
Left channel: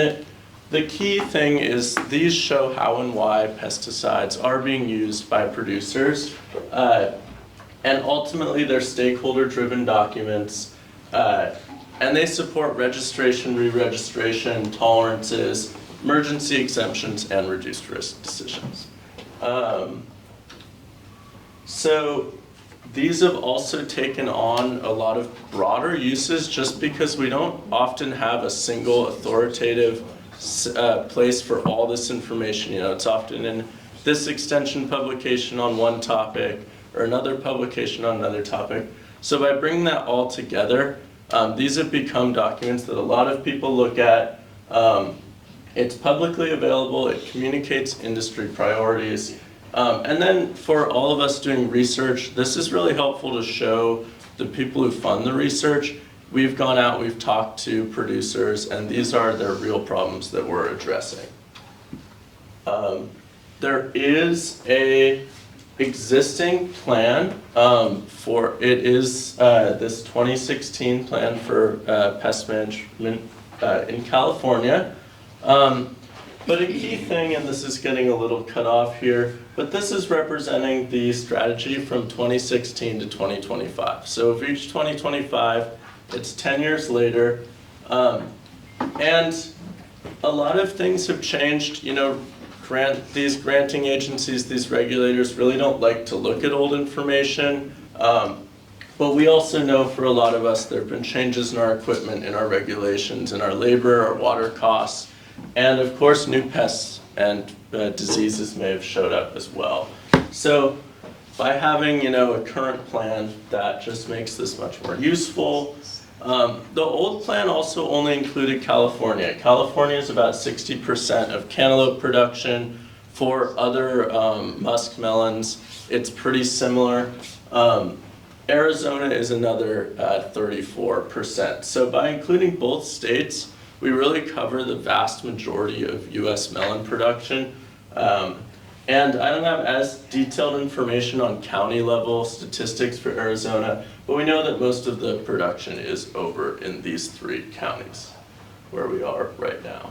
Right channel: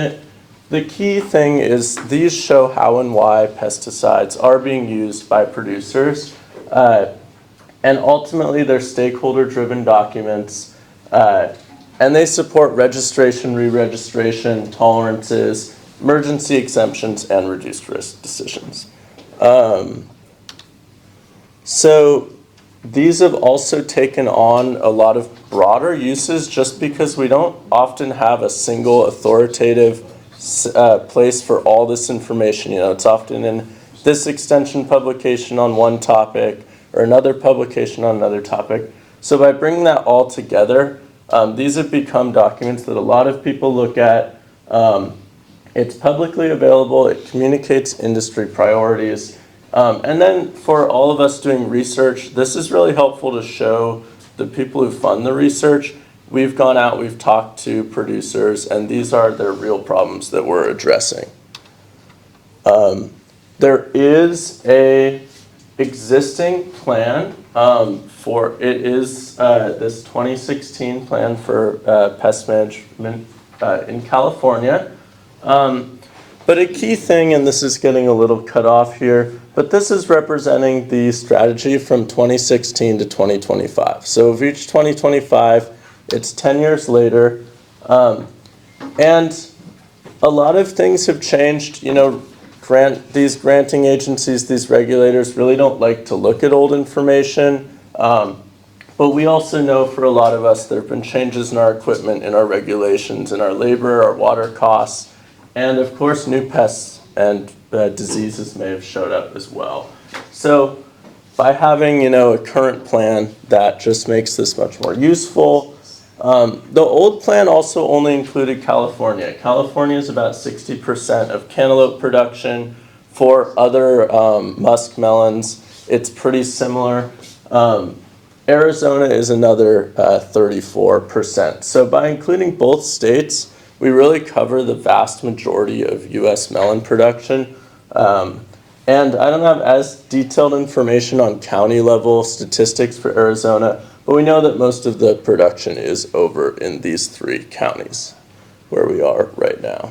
the key thing is these show how and why pesticides are being used by producers. And ultimately they're stakeholder-driven documents. And they support registration, re-registration, tolerances, emergency exemptions, and reduced risk decisions. So these have also taken on a lot of broader uses just because we don't often have a single authoritative place for all this information. You know, it's often in this extension publication on one topic or another publication on another topic. So by bringing that all together, these have become documents that a lot of people look at. It's publicly available, it communicates industry priorities. And then for all of us doing research, this is really helpful to show the people who fund the research. We've gone out, we've talked to producers, and these are their real problems that we're addressing. There is a existing plan for, it is this 2016 plan for pest management in California. But a key thing, and this is getting a little cut off here, but this is representing the strategy from 2016 to 2025. So we've reached 2025, it's 10 years later, and a lot of things have changed. You know, these granting agencies, these regulators really don't like to look at old information. But we also know for a lot of us, there have been changes in our equipment, in our regulations, in our labor, our water costs, and of course, new pests and diseases may have showed up as well. So by having, a current plan, that just makes this much more useful. The old plan also only included California. California is about 60% of cantaloupe production. For other musk melons, it's pretty similar. Arizona is another 34%. So by including both states, we really cover the vast majority of US melon production. And I don't have as detailed information on county level statistics for Arizona, but we know that most of the production is over in these 3 counties where we are right now.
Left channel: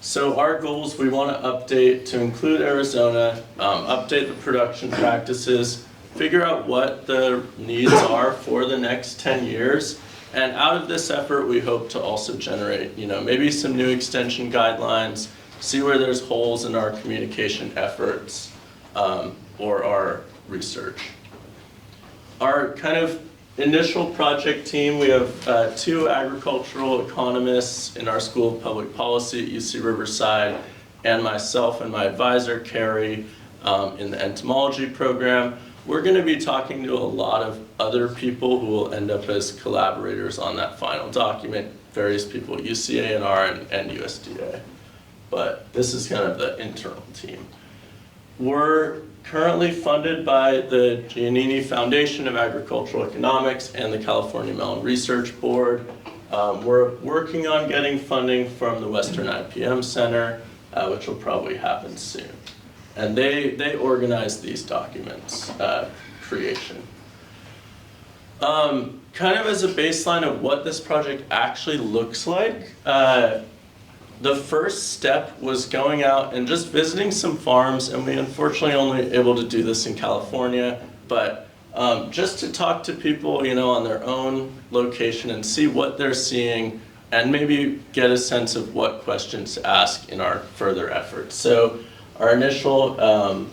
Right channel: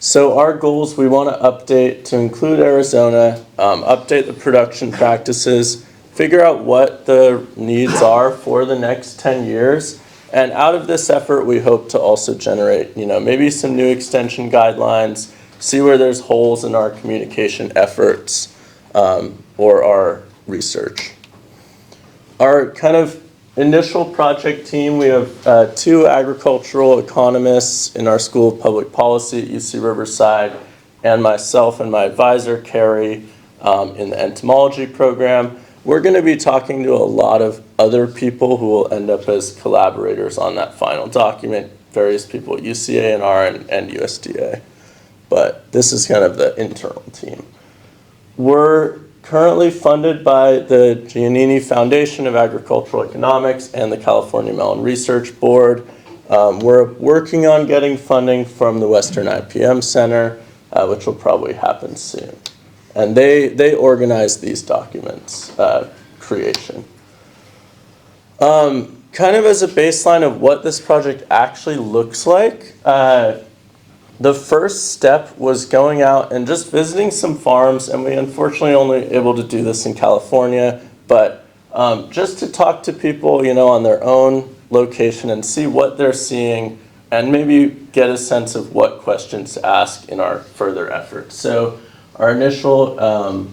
So our goals, we want to update to include Arizona, update the production practices, figure out what the needs are for the next 10 years. And out of this effort, we hope to also generate, maybe some new extension guidelines, see where there's holes in our communication efforts or our research. Our kind of initial project team, we have 2 agricultural economists in our School of Public Policy at UC Riverside, and myself and my advisor, Carrie, in the entomology program. We're going to be talking to a lot of other people who will end up as collaborators on that final document, various people at UCANR and USDA. But this is kind of the internal team. We're currently funded by the Giannini Foundation of Agricultural Economics and the California Melon Research Board. We're working on getting funding from the Western IPM Center, which will probably happen soon. And they organize these documents creation. Kind of as a baseline of what this project actually looks like, the first step was going out and just visiting some farms, and we unfortunately only able to do this in California, but just to talk to people, on their own location and see what they're seeing and maybe get a sense of what questions to ask in our further efforts. So our initial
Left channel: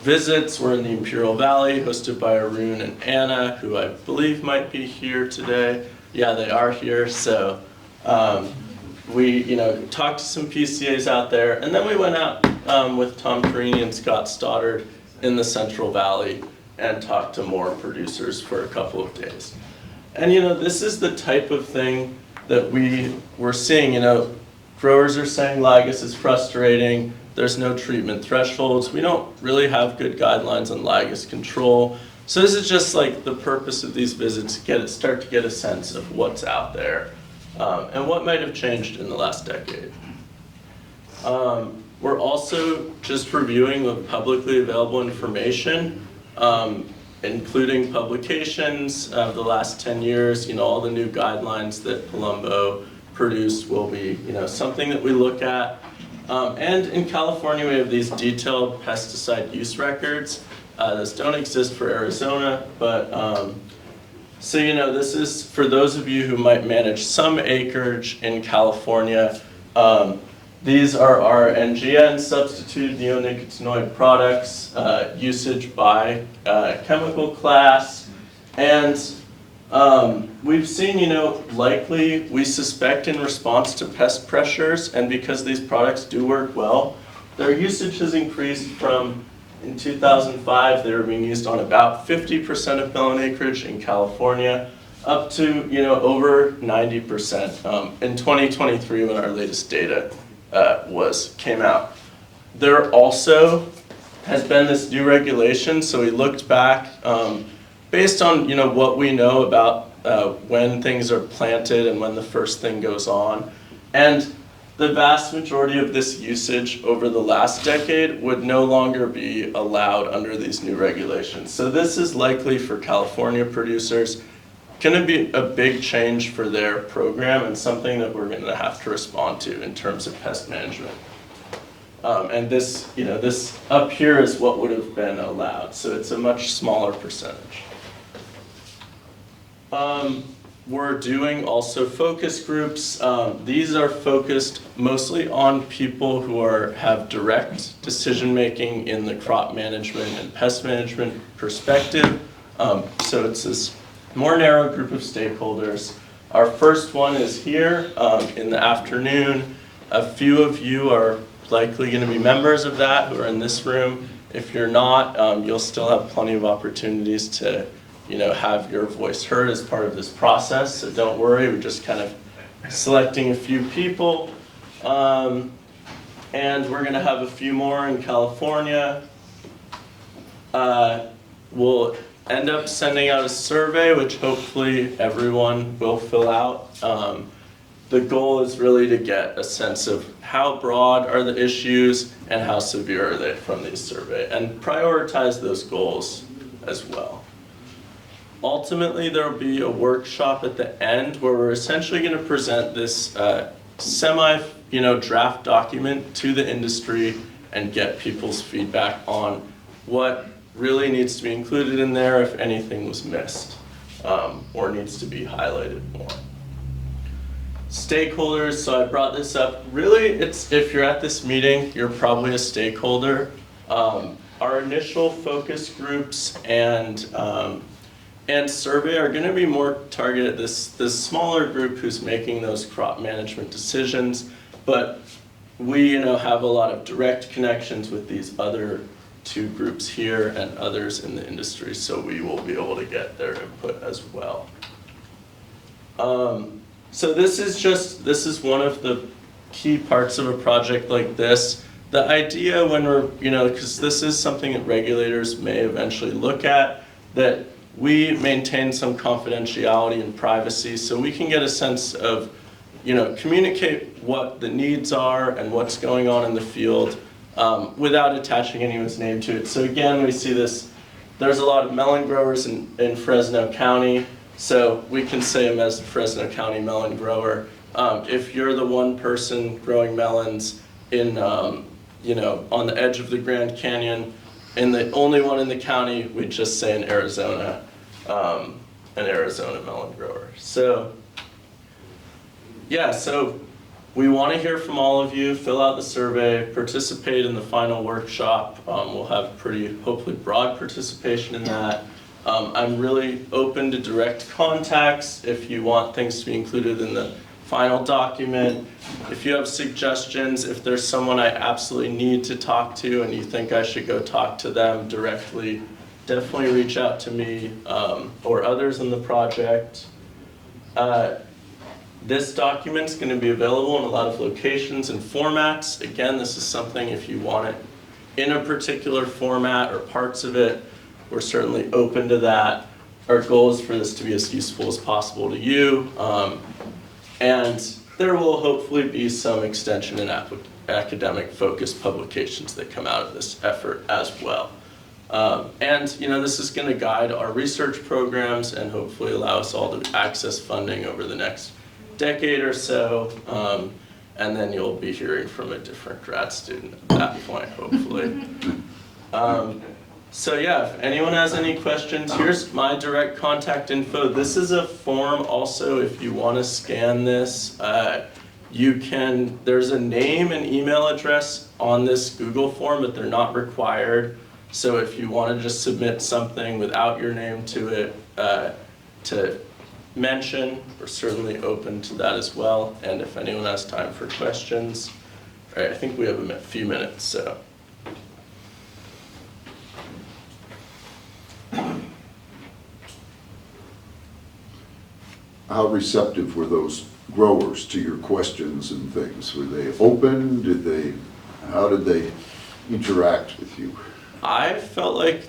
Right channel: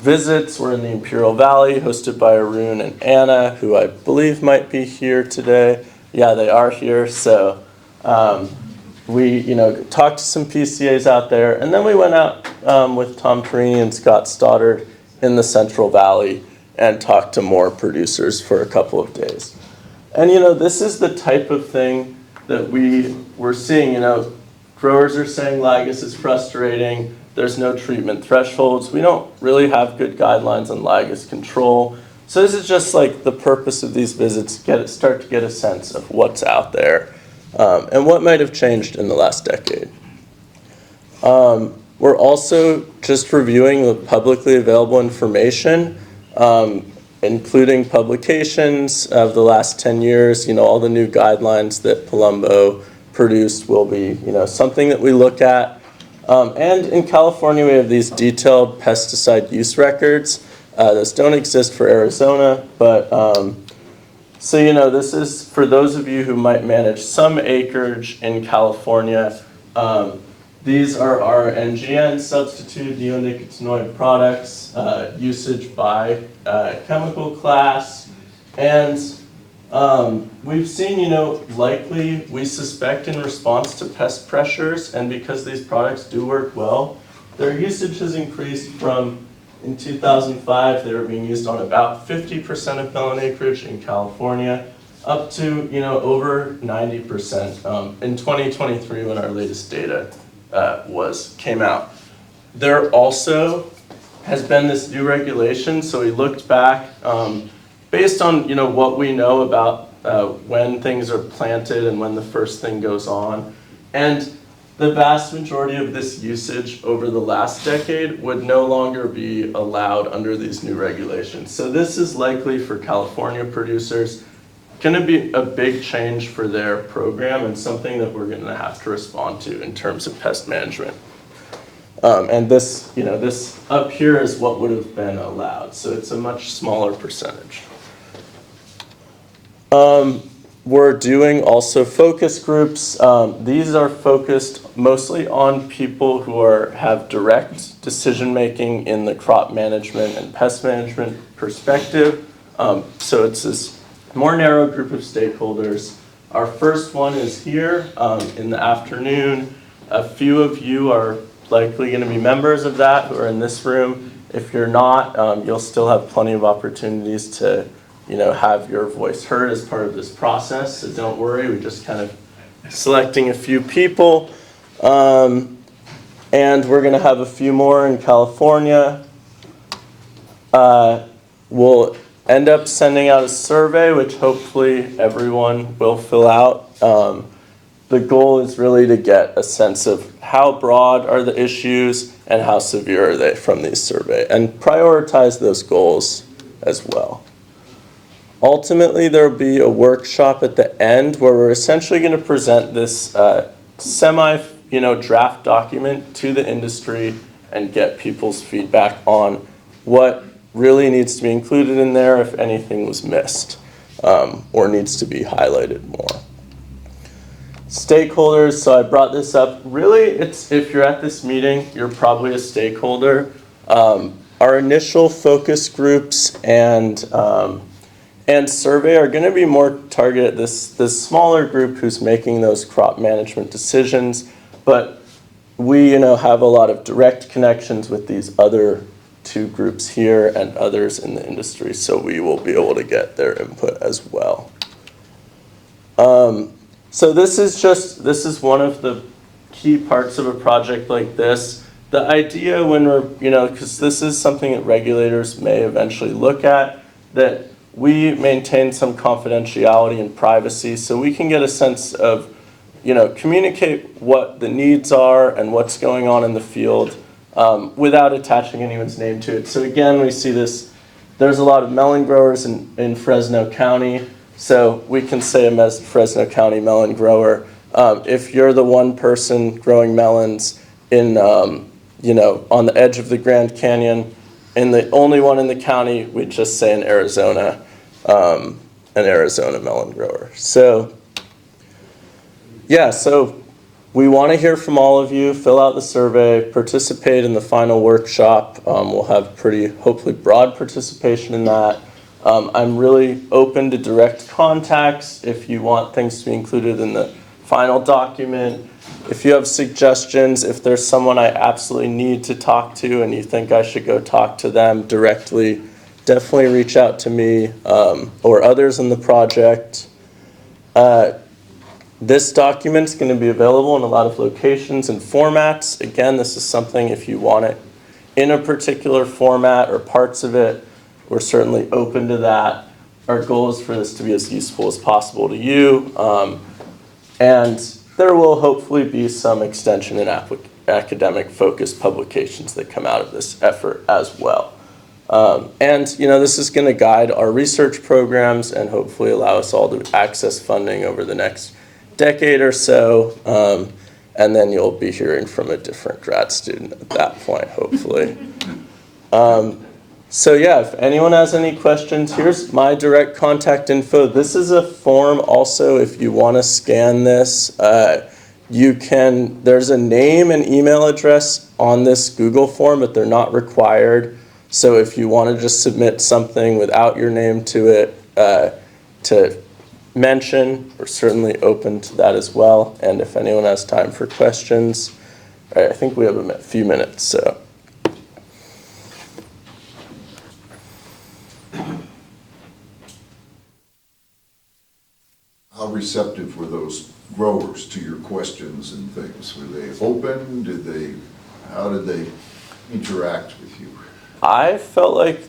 visits were in the Imperial Valley, hosted by Arun and Anna, who I believe might be here today. Yeah, they are here. So we, talked to some PCAs out there, and then we went out with Tom Perini and Scott Stoddard in the Central Valley and talked to more producers for a couple of days. And this is the type of thing that we were seeing. Growers are saying Lygus is frustrating. There's no treatment thresholds. We don't really have good guidelines on Lygus control. So this is just like the purpose of these visits, start to get a sense of what's out there and what might have changed in the last decade. We're also just reviewing the publicly available information, including publications of the last 10 years. All the new guidelines that Palumbo produced will be, something that we look at. And in California, we have these detailed pesticide use records. Those don't exist for Arizona, but so this is for those of you who might manage some acreage in California. These are our NGN substituted neonicotinoid products, usage by chemical class, and we've seen, likely we suspect in response to pest pressures, and because these products do work well, their usage has increased from, in 2005, they were being used on about 50% of melon acreage in California, up to, over 90% in 2023 when our latest data came out. There also has been this new regulation, so we looked back based on what we know about when things are planted and when the first thing goes on. And the vast majority of this usage over the last decade would no longer be allowed under these new regulations. So this is likely for California producers going to be a big change for their program and something that we're going to have to respond to in terms of pest management. And this, this up here is what would have been allowed. So it's a much smaller percentage. We're doing also focus groups. These are focused mostly on people who have direct decision making in the crop management and pest management perspective. So it's this more narrow group of stakeholders. Our first one is here in the afternoon. A few of you are likely going to be members of that who are in this room. If you're not, you'll still have plenty of opportunities to, have your voice heard as part of this process. So don't worry, we're just kind of selecting a few people. And we're going to have a few more in California. We'll end up sending out a survey, which hopefully everyone will fill out. The goal is really to get a sense of how broad are the issues and how severe are they from these survey, and prioritize those goals as well. Ultimately, there will be a workshop at the end where we're essentially going to present this draft document to the industry and get people's feedback on what really needs to be included in there, if anything was missed or needs to be highlighted more. Stakeholders, so I brought this up. Really, it's if you're at this meeting, you're probably a stakeholder. Our initial focus groups and survey are going to be more targeted at this smaller group who's making those crop management decisions, but we have a lot of direct connections with these other two groups here and others in the industry, so we will be able to get their input as well. So this is one of the key parts of a project like this. The idea when we're, because this is something that regulators may eventually look at, that we maintain some confidentiality and privacy so we can get a sense of, communicate what the needs are and what's going on in the field without attaching anyone's name to it. So again, we see this, there's a lot of melon growers in Fresno County. So we can say a Fresno County melon grower. If you're the one person growing melons in, on the edge of the Grand Canyon, and the only one in the county, we just say an Arizona melon grower. So, yeah, so we want to hear from all of you. Fill out the survey, participate in the final workshop. We'll have hopefully broad participation in that. I'm really open to direct contacts if you want things to be included in the final document. If you have suggestions, if there's someone I absolutely need to talk to and you think I should go talk to them directly, definitely reach out to me or others in the project. This document's going to be available in a lot of locations and formats. Again, this is something if you want it in a particular format or parts of it, we're certainly open to that. Our goal is for this to be as useful as possible to you. And there will hopefully be some extension in academic focused publications that come out of this effort as well. And this is going to guide our research programs and hopefully allow us all to access funding over the next decade or so. And then you'll be hearing from a different grad student at that point, hopefully. So yeah, if anyone has any questions, here's my direct contact info. This is a form also if you want to scan this. There's a name and email address on this Google form, but they're not required. So if you want to just submit something without your name to it, to mention, we're certainly open to that as well. And if anyone has time for questions, all right, I think we have a few minutes, so. How receptive were those growers to your questions and things? Were they open? How did they interact with you? I felt like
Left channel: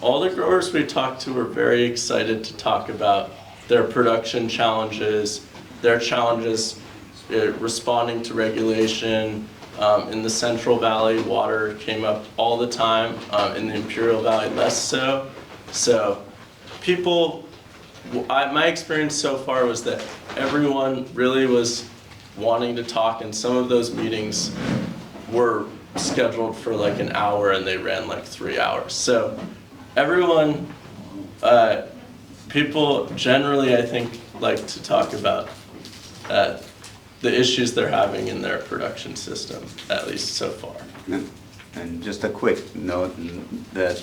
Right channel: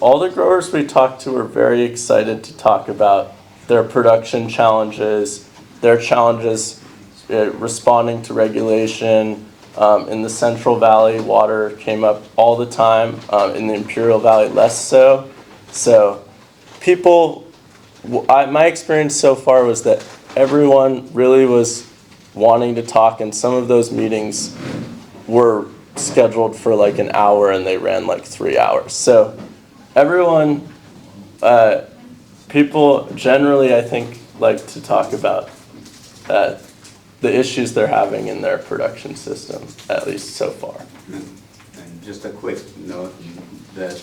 all the growers we talked to were very excited to talk about their production challenges, their challenges responding to regulation. In the Central Valley, water came up all the time. In the Imperial Valley, less so. So my experience so far was that everyone really was wanting to talk, and some of those meetings were scheduled for like an hour and they ran like 3 hours. So everyone, people generally I think like to talk about the issues they're having in their production system, at least so far. And just a quick note that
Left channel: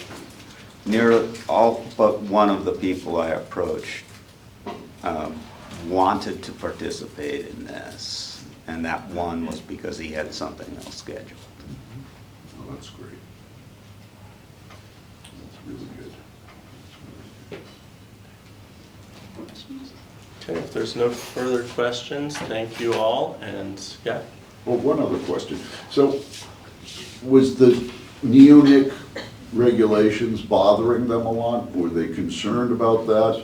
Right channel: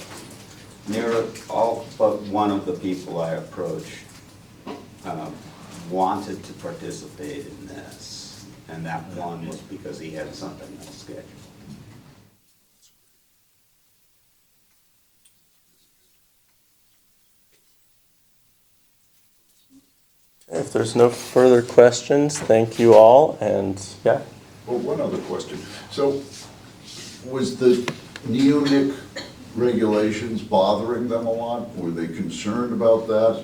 nearly all but one of the people I approached wanted to participate in this, and that one was because he had something else scheduled. Oh, that's great. That's really good. Okay, if there's no further questions, thank you all, and yeah. Well, one other question. So, was the neonic regulations bothering them a lot? Were they concerned about that?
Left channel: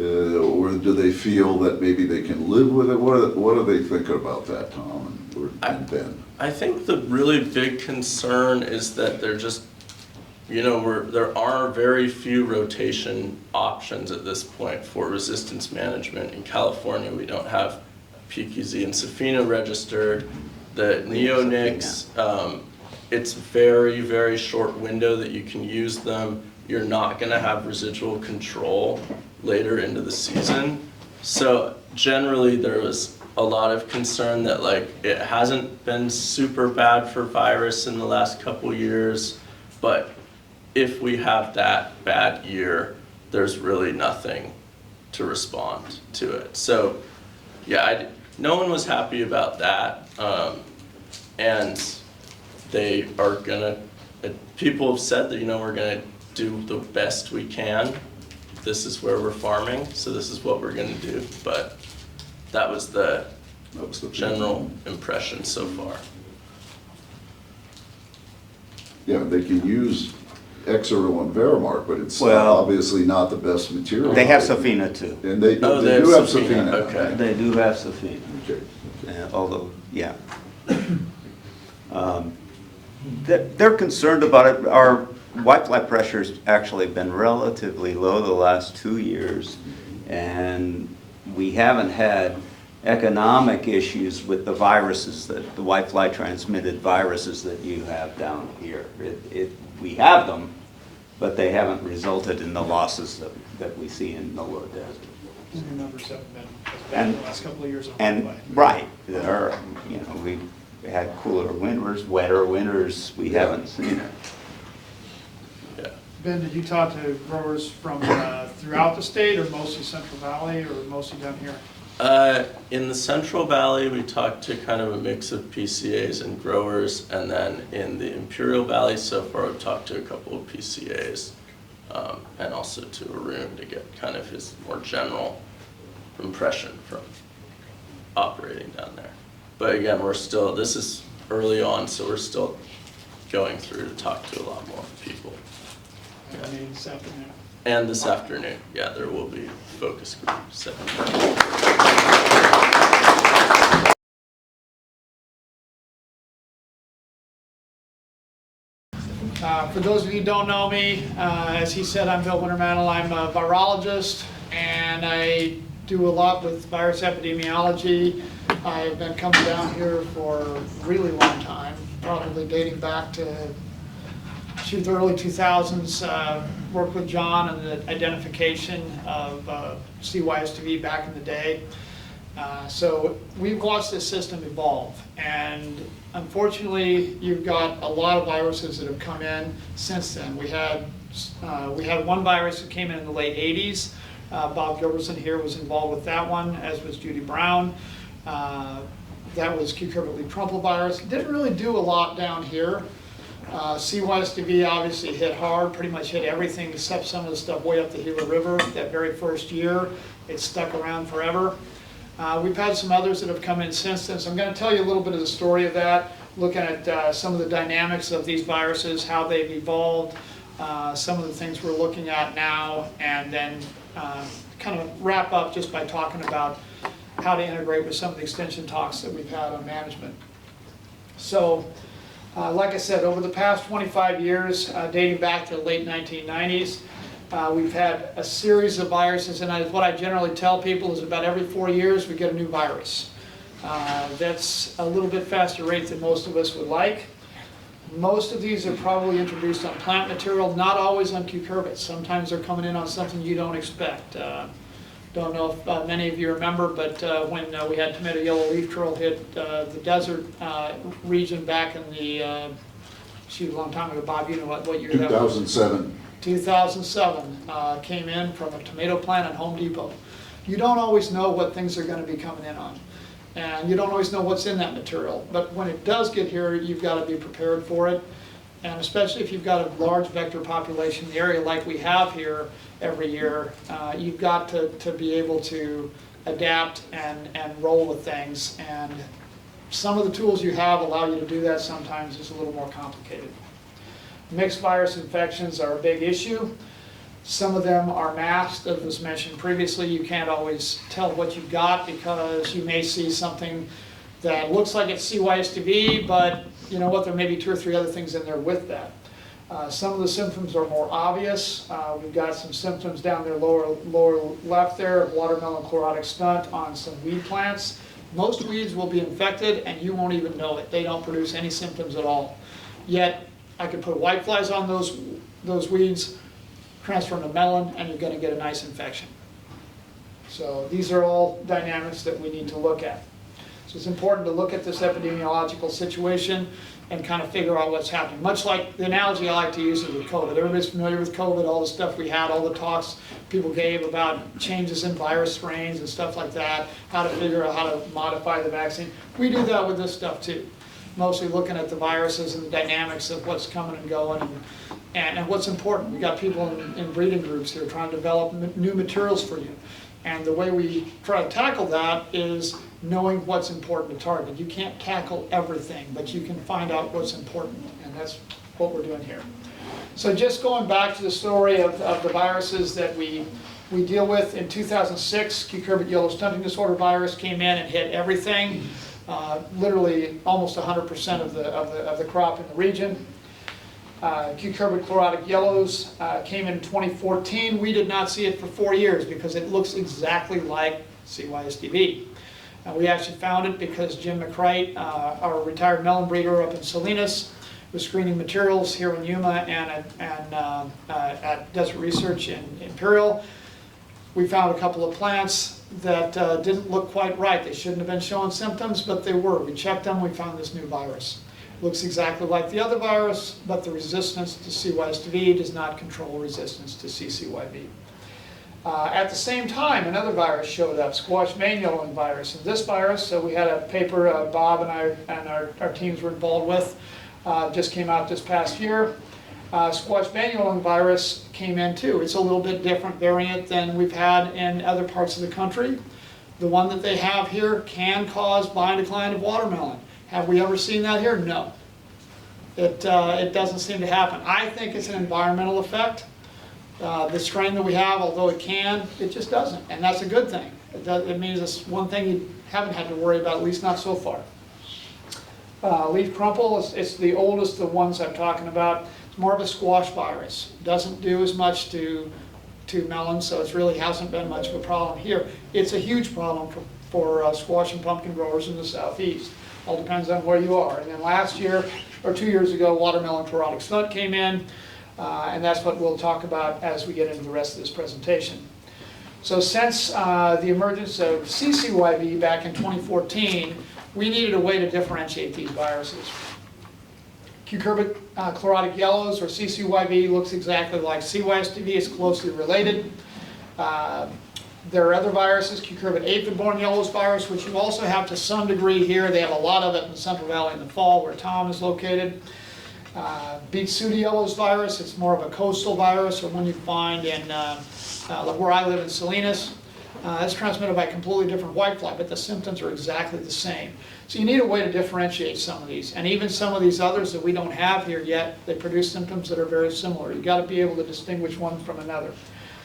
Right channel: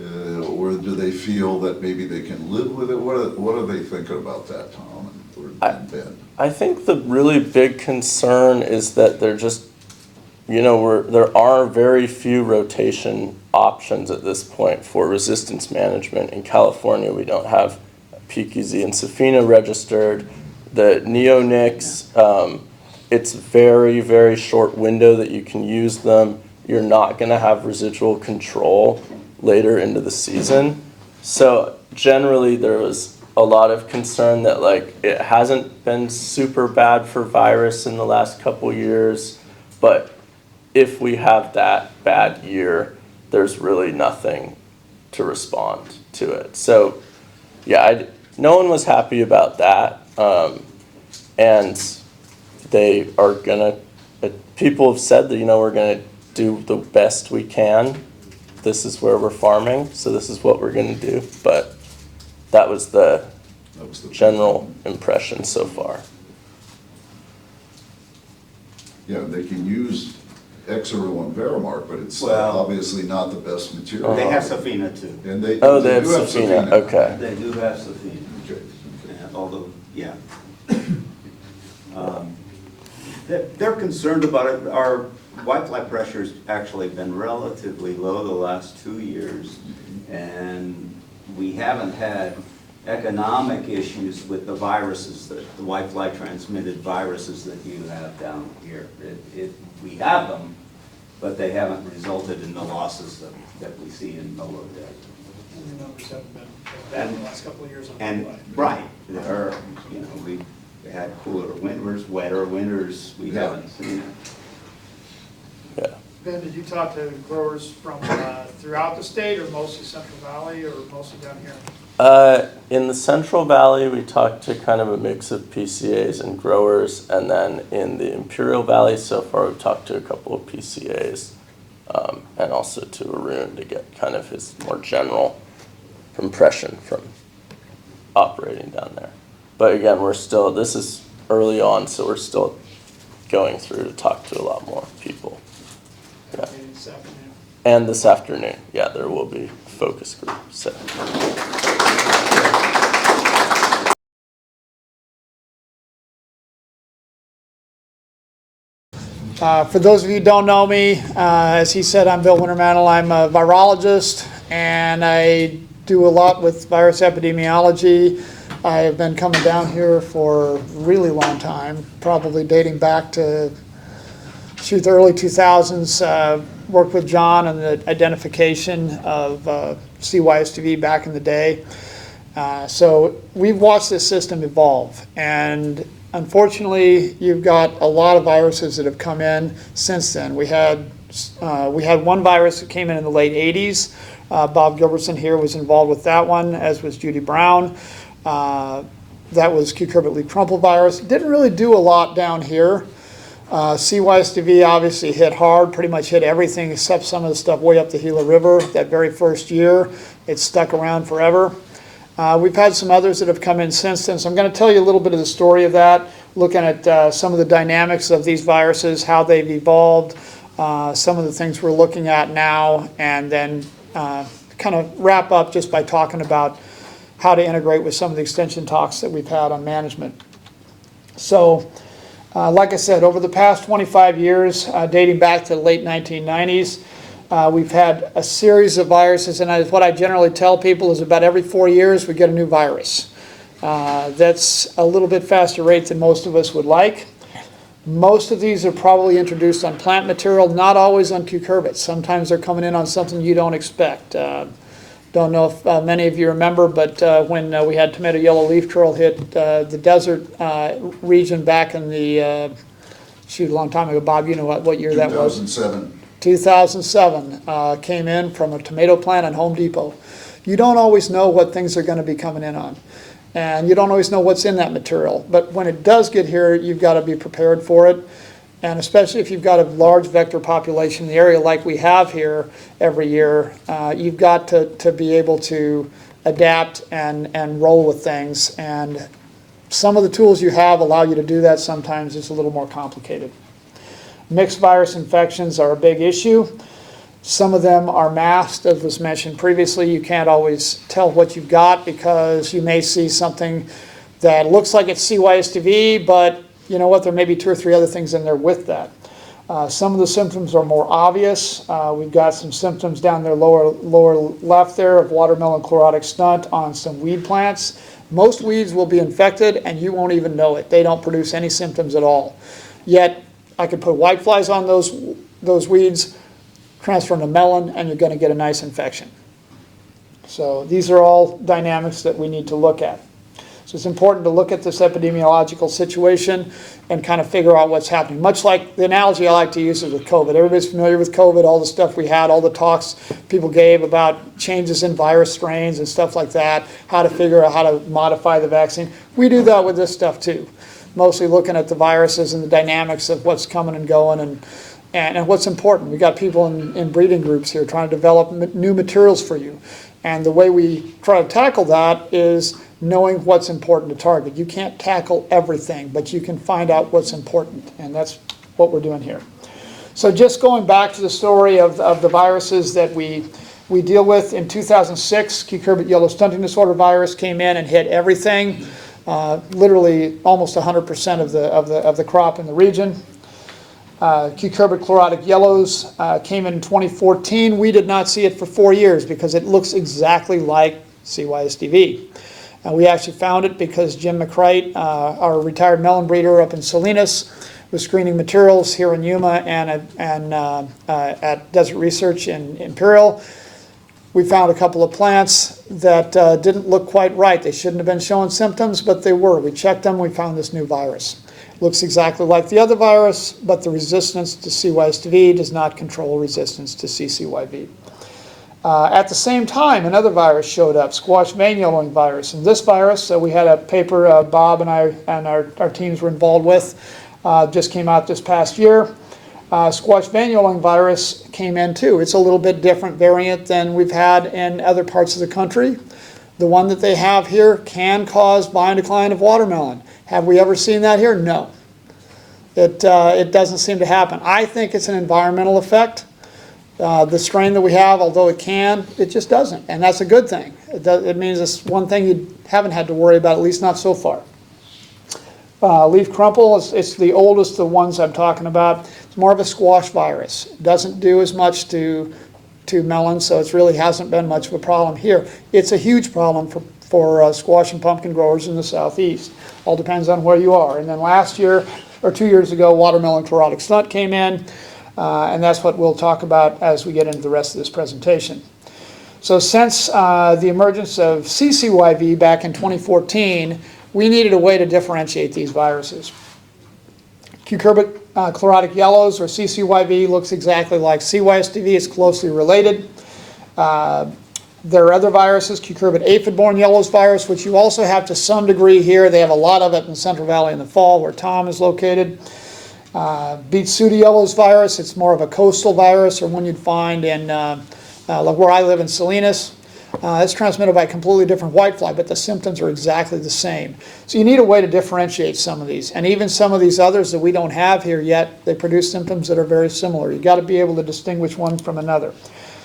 Or do they feel that maybe they can live with it? What are they thinking about that, Tom and Ben? I think the really big concern is that they're just, there are very few rotation options at this point for resistance management. In California, we don't have PQZ and Safina registered. The neonics, it's very, very short window that you can use them. You're not going to have residual control later into the season. So generally there was a lot of concern that it hasn't been super bad for virus in the last couple years, but if we have that bad year, there's really nothing to respond to it. So yeah, no one was happy about that. And they are gonna, people have said that, we're gonna do the best we can. This is where we're farming, so this is what we're gonna do. But that was the general impression so far. Yeah, they can use Exero and Verimark, but it's Well, obviously not the best material. They have Safina too. And they Oh, they do have have Safina, Safina. okay. They do have Safina, Okay. although, yeah. They're concerned about it. Our whitefly pressure's actually been relatively low the last 2 years, and we haven't had economic issues with the viruses, the whitefly transmitted viruses that you have down here. We have them, but they haven't resulted in the losses that we see in the low desert. Your numbers have been bad in the last couple of years on And, Hawaii. right, we've had cooler winters, wetter winters, we haven't seen it. Yeah. Ben, did you talk to growers from throughout the state, or mostly Central Valley, or mostly down here? In the Central Valley, we talked to kind of a mix of PCAs and growers, and then in the Imperial Valley, so far we've talked to a couple of PCAs, and also to Arun to get kind of his more general impression from operating down there. But again, this is early on, so we're still going through to talk to a lot more people. Have a meeting this afternoon. And this afternoon, yeah, there will be focus groups. For those of you who don't know me, as he said, I'm Bill Wintermantle. I'm a virologist, and I do a lot with virus epidemiology. I have been coming down here for a really long time, probably dating back to the early 2000s. Worked with John on the identification of CYSTV back in the day. So we've watched this system evolve, and unfortunately, you've got a lot of viruses that have come in since then. We had one virus that came in the late 80s. Bob Gilbertson here was involved with that one, as was Judy Brown. That was cucurbit leaf crumple virus. Didn't really do a lot down here. CYSTV obviously hit hard, pretty much hit everything except some of the stuff way up the Gila River that very first year. It stuck around forever. We've had some others that have come in since then, so I'm going to tell you a little bit of the story of that, looking at some of the dynamics of these viruses, how they've evolved, some of the things we're looking at now, and then kind of wrap up just by talking about how to integrate with some of the extension talks that we've had on management. So, like I said, over the past 25 years, dating back to the late 1990s, we've had a series of viruses, and what I generally tell people is about every 4 years we get a new virus. That's a little bit faster rate than most of us would like. Most of these are probably introduced on plant material, not always on cucurbits. Sometimes they're coming in on something you don't expect. Don't know if many of you remember, but when we had tomato yellow leaf curl hit the desert region back in the shoot, a long time ago. Bob, you know what year that was? 2007. 2007, came in from a tomato plant at Home Depot. You don't always know what things are going to be coming in on. And you don't always know what's in that material. But when it does get here, you've got to be prepared for it. And especially if you've got a large vector population in the area like we have here every year, you've got to be able to adapt and roll with things. And some of the tools you have allow you to do that. Sometimes it's a little more complicated. Mixed virus infections are a big issue. Some of them are masked, as was mentioned previously. You can't always tell what you've got because you may see something that looks like it's CYSTV, but you know what, there may be 2 or 3 other things in there with that. Some of the symptoms are more obvious. We've got some symptoms down there, lower left there, of watermelon chlorotic stunt on some weed plants. Most weeds will be infected and you won't even know it. They don't produce any symptoms at all. Yet, I could put whiteflies on those weeds, transfer them to melon, and you're going to get a nice infection. So these are all dynamics that we need to look at. So it's important to look at this epidemiological situation and kind of figure out what's happening. Much like the analogy I like to use is with COVID. Everybody's familiar with COVID, all the stuff we had, all the talks people gave about changes in virus strains and stuff like that, how to figure out how to modify the vaccine. We do that with this stuff too. Mostly looking at the viruses and the dynamics of what's coming and going and what's important. We've got people in breeding groups here trying to develop new materials for you. And the way we try to tackle that is knowing what's important to target. You can't tackle everything, but you can find out what's important, and that's what we're doing here. So just going back to the story of the viruses that we deal with, in 2006, cucurbit yellow stunting disorder virus came in and hit everything. Literally almost 100% of the crop in the region. Cucurbit chlorotic yellows came in 2014. We did not see it for 4 years because it looks exactly like CYSDV. We actually found it because Jim McCrite, our retired melon breeder up in Salinas, was screening materials here in Yuma and at Desert Research in Imperial. We found a couple of plants that didn't look quite right. They shouldn't have been showing symptoms, but they were. We checked them, we found this new virus. Looks exactly like the other virus, but the resistance to CYSDV does not control resistance to CCYV. At the same time, another virus showed up, squash vein yellowing virus. And this virus, we had a paper Bob and I and our teams were involved with, just came out this past year. Squash vein yellowing virus came in too. It's a little bit different variant than we've had in other parts of the country. The one that they have here can cause vine decline of watermelon. Have we ever seen that here? No. It doesn't seem to happen. I think it's an environmental effect. The strain that we have, although it can, it just doesn't. And that's a good thing. It means it's one thing you haven't had to worry about, at least not so far. Leaf crumple, it's the oldest of the ones I'm talking about. It's more of a squash virus. It doesn't do as much to melons, so it really hasn't been much of a problem here. It's a huge problem for squash and pumpkin growers in the southeast. All depends on where you are. And then last year, or 2 years ago, watermelon chlorotic stunt came in, and that's what we'll talk about as we get into the rest of this presentation. So since the emergence of CCYV back in 2014, we needed a way to differentiate these viruses. Cucurbit chlorotic yellows, or CCYV, looks exactly like CYSDV. It's closely related. There are other viruses, cucurbit aphid-borne yellows virus, which you also have to some degree here. They have a lot of it in the Central Valley in the fall, where Tom is located. Beet sooty yellows virus, it's more of a coastal virus, or one you'd find in like where I live in Salinas. It's transmitted by a completely different whitefly, but the symptoms are exactly the same. So you need a way to differentiate some of these. And even some of these others that we don't have here yet, they produce symptoms that are very similar. You've got to be able to distinguish one from another.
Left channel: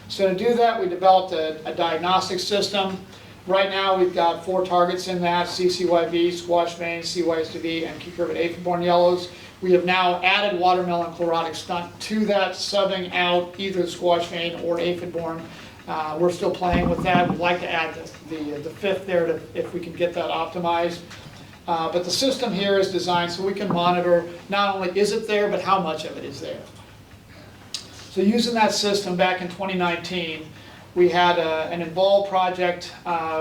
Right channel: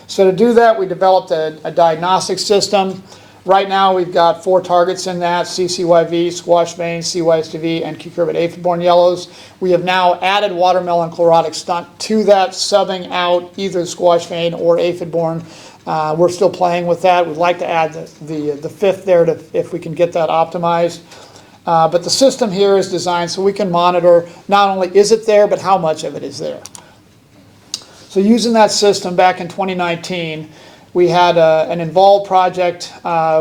So to do that, we developed a diagnostic system. Right now, we've got 4 targets in that: CCYV, squash vein, CYSDV, and cucurbit aphid-borne yellows. We have now added watermelon chlorotic stunt to that, subbing out either squash vein or aphid-borne. We're still playing with that. We'd like to add the 5th there if we can get that optimized. But the system here is designed so we can monitor not only is it there, but how much of it is there. So using that system back in 2019, we had an involved project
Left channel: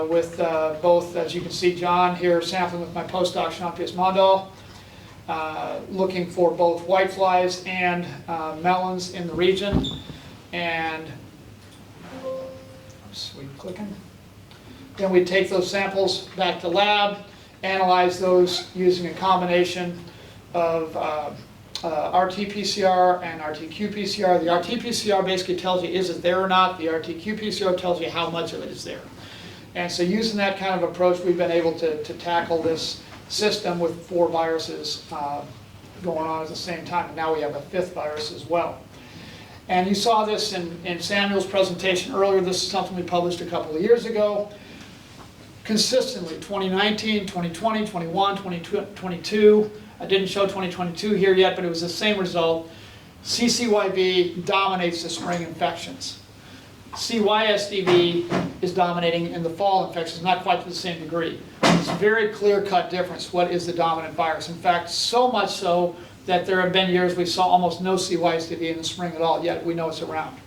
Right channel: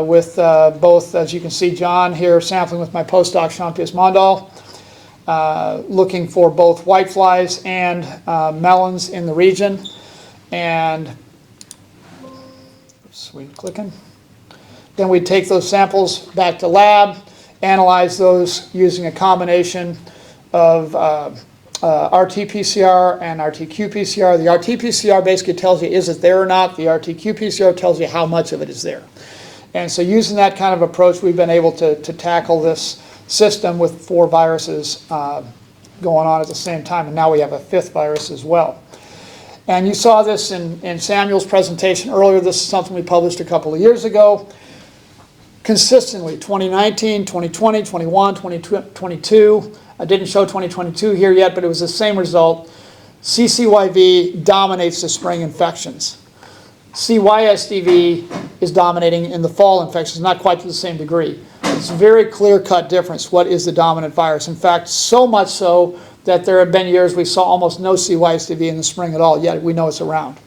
with both, as you can see, John here sampling with my postdoc, Jean-Pierre Mondal, looking for both whiteflies and melons in the region. And, oops, we clicking. Then we'd take those samples back to lab, analyze those using a combination of RT-PCR and RT-qPCR. The RT-PCR basically tells you is it there or not. The RT-qPCR tells you how much of it is there. And so using that kind of approach, we've been able to tackle this system with 4 viruses going on at the same time, and now we have a 5th virus as well. And you saw this in Samuel's presentation earlier. This is something we published a couple of years ago. Consistently, 2019, 2020, 21, 2022. I didn't show 2022 here yet, but it was the same result. CCYV dominates the spring infections. CYSDV is dominating in the fall infections, not quite to the same degree. It's a very clear-cut difference. What is the dominant virus? In fact, so much so that there have been years we saw almost no CYSDV in the spring at all, yet we know it's around.